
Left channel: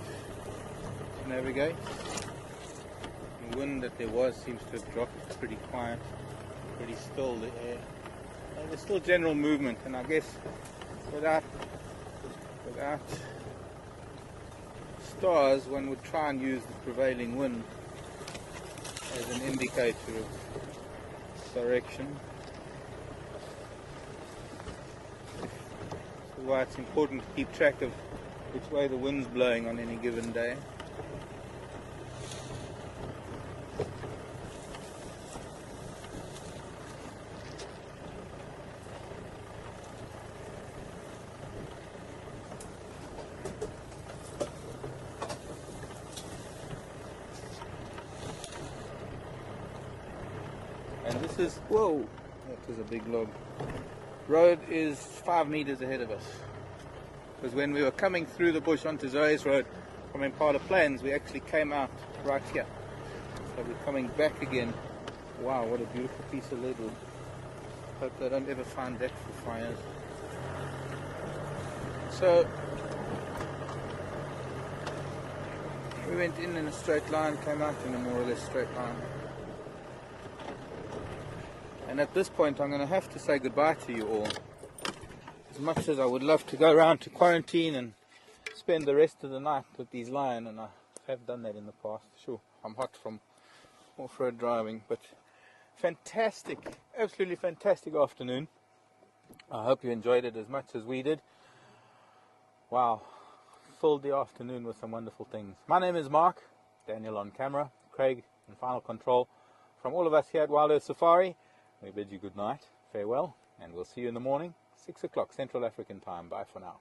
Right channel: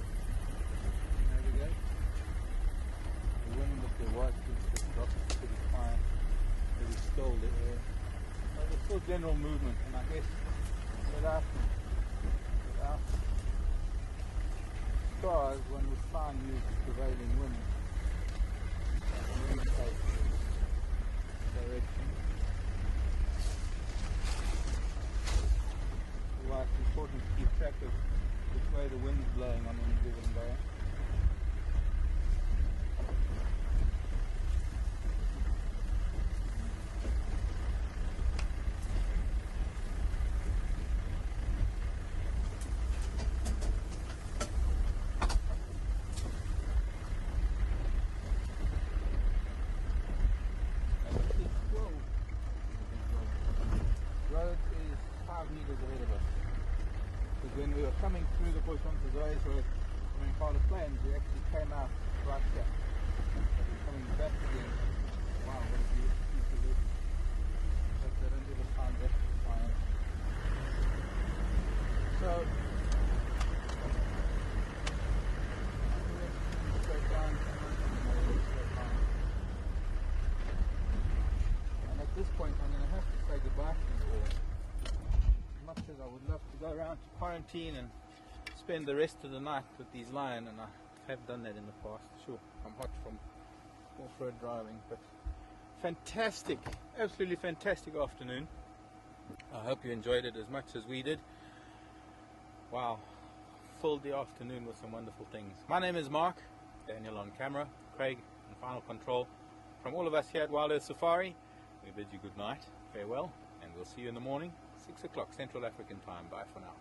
to navigate. The wind that there was seems to have dropped. It's pretty quiet, pretty still the air. Well, there's still general movement, and I guess without stars, one would try and use the prevailing wind as an indicator of direction. Why it's important to keep track of which way the wind's blowing on any given day. This is, whoa, that is a big log. Road is 5 meters ahead of us. Because when we were coming through the bush onto Zoe's Road from Impala Plains, we actually came out right here. So we're coming back again. Wow, what a beautiful piece of leadwood. Hope they don't ever find that for fires. So we went in a straight line, came out in a more or less straight line. And at this point I'm going to have to say goodbye to you all. As much as I would love to go around to quarantine and spend the rest of the night with these lions, and I have done that in the past. Sure, I'm hot from off-road driving, but fantastic, absolutely fantastic afternoon. I hope you enjoyed it as much as we did. Wow, filled the afternoon with some wonderful things. My name is Mark, Daniel on camera, Craig in final control. From all of us here at Wild Earth Safari, we bid you good night, farewell, and we'll see you in the morning, 6 o'clock Central African time. Bye for now.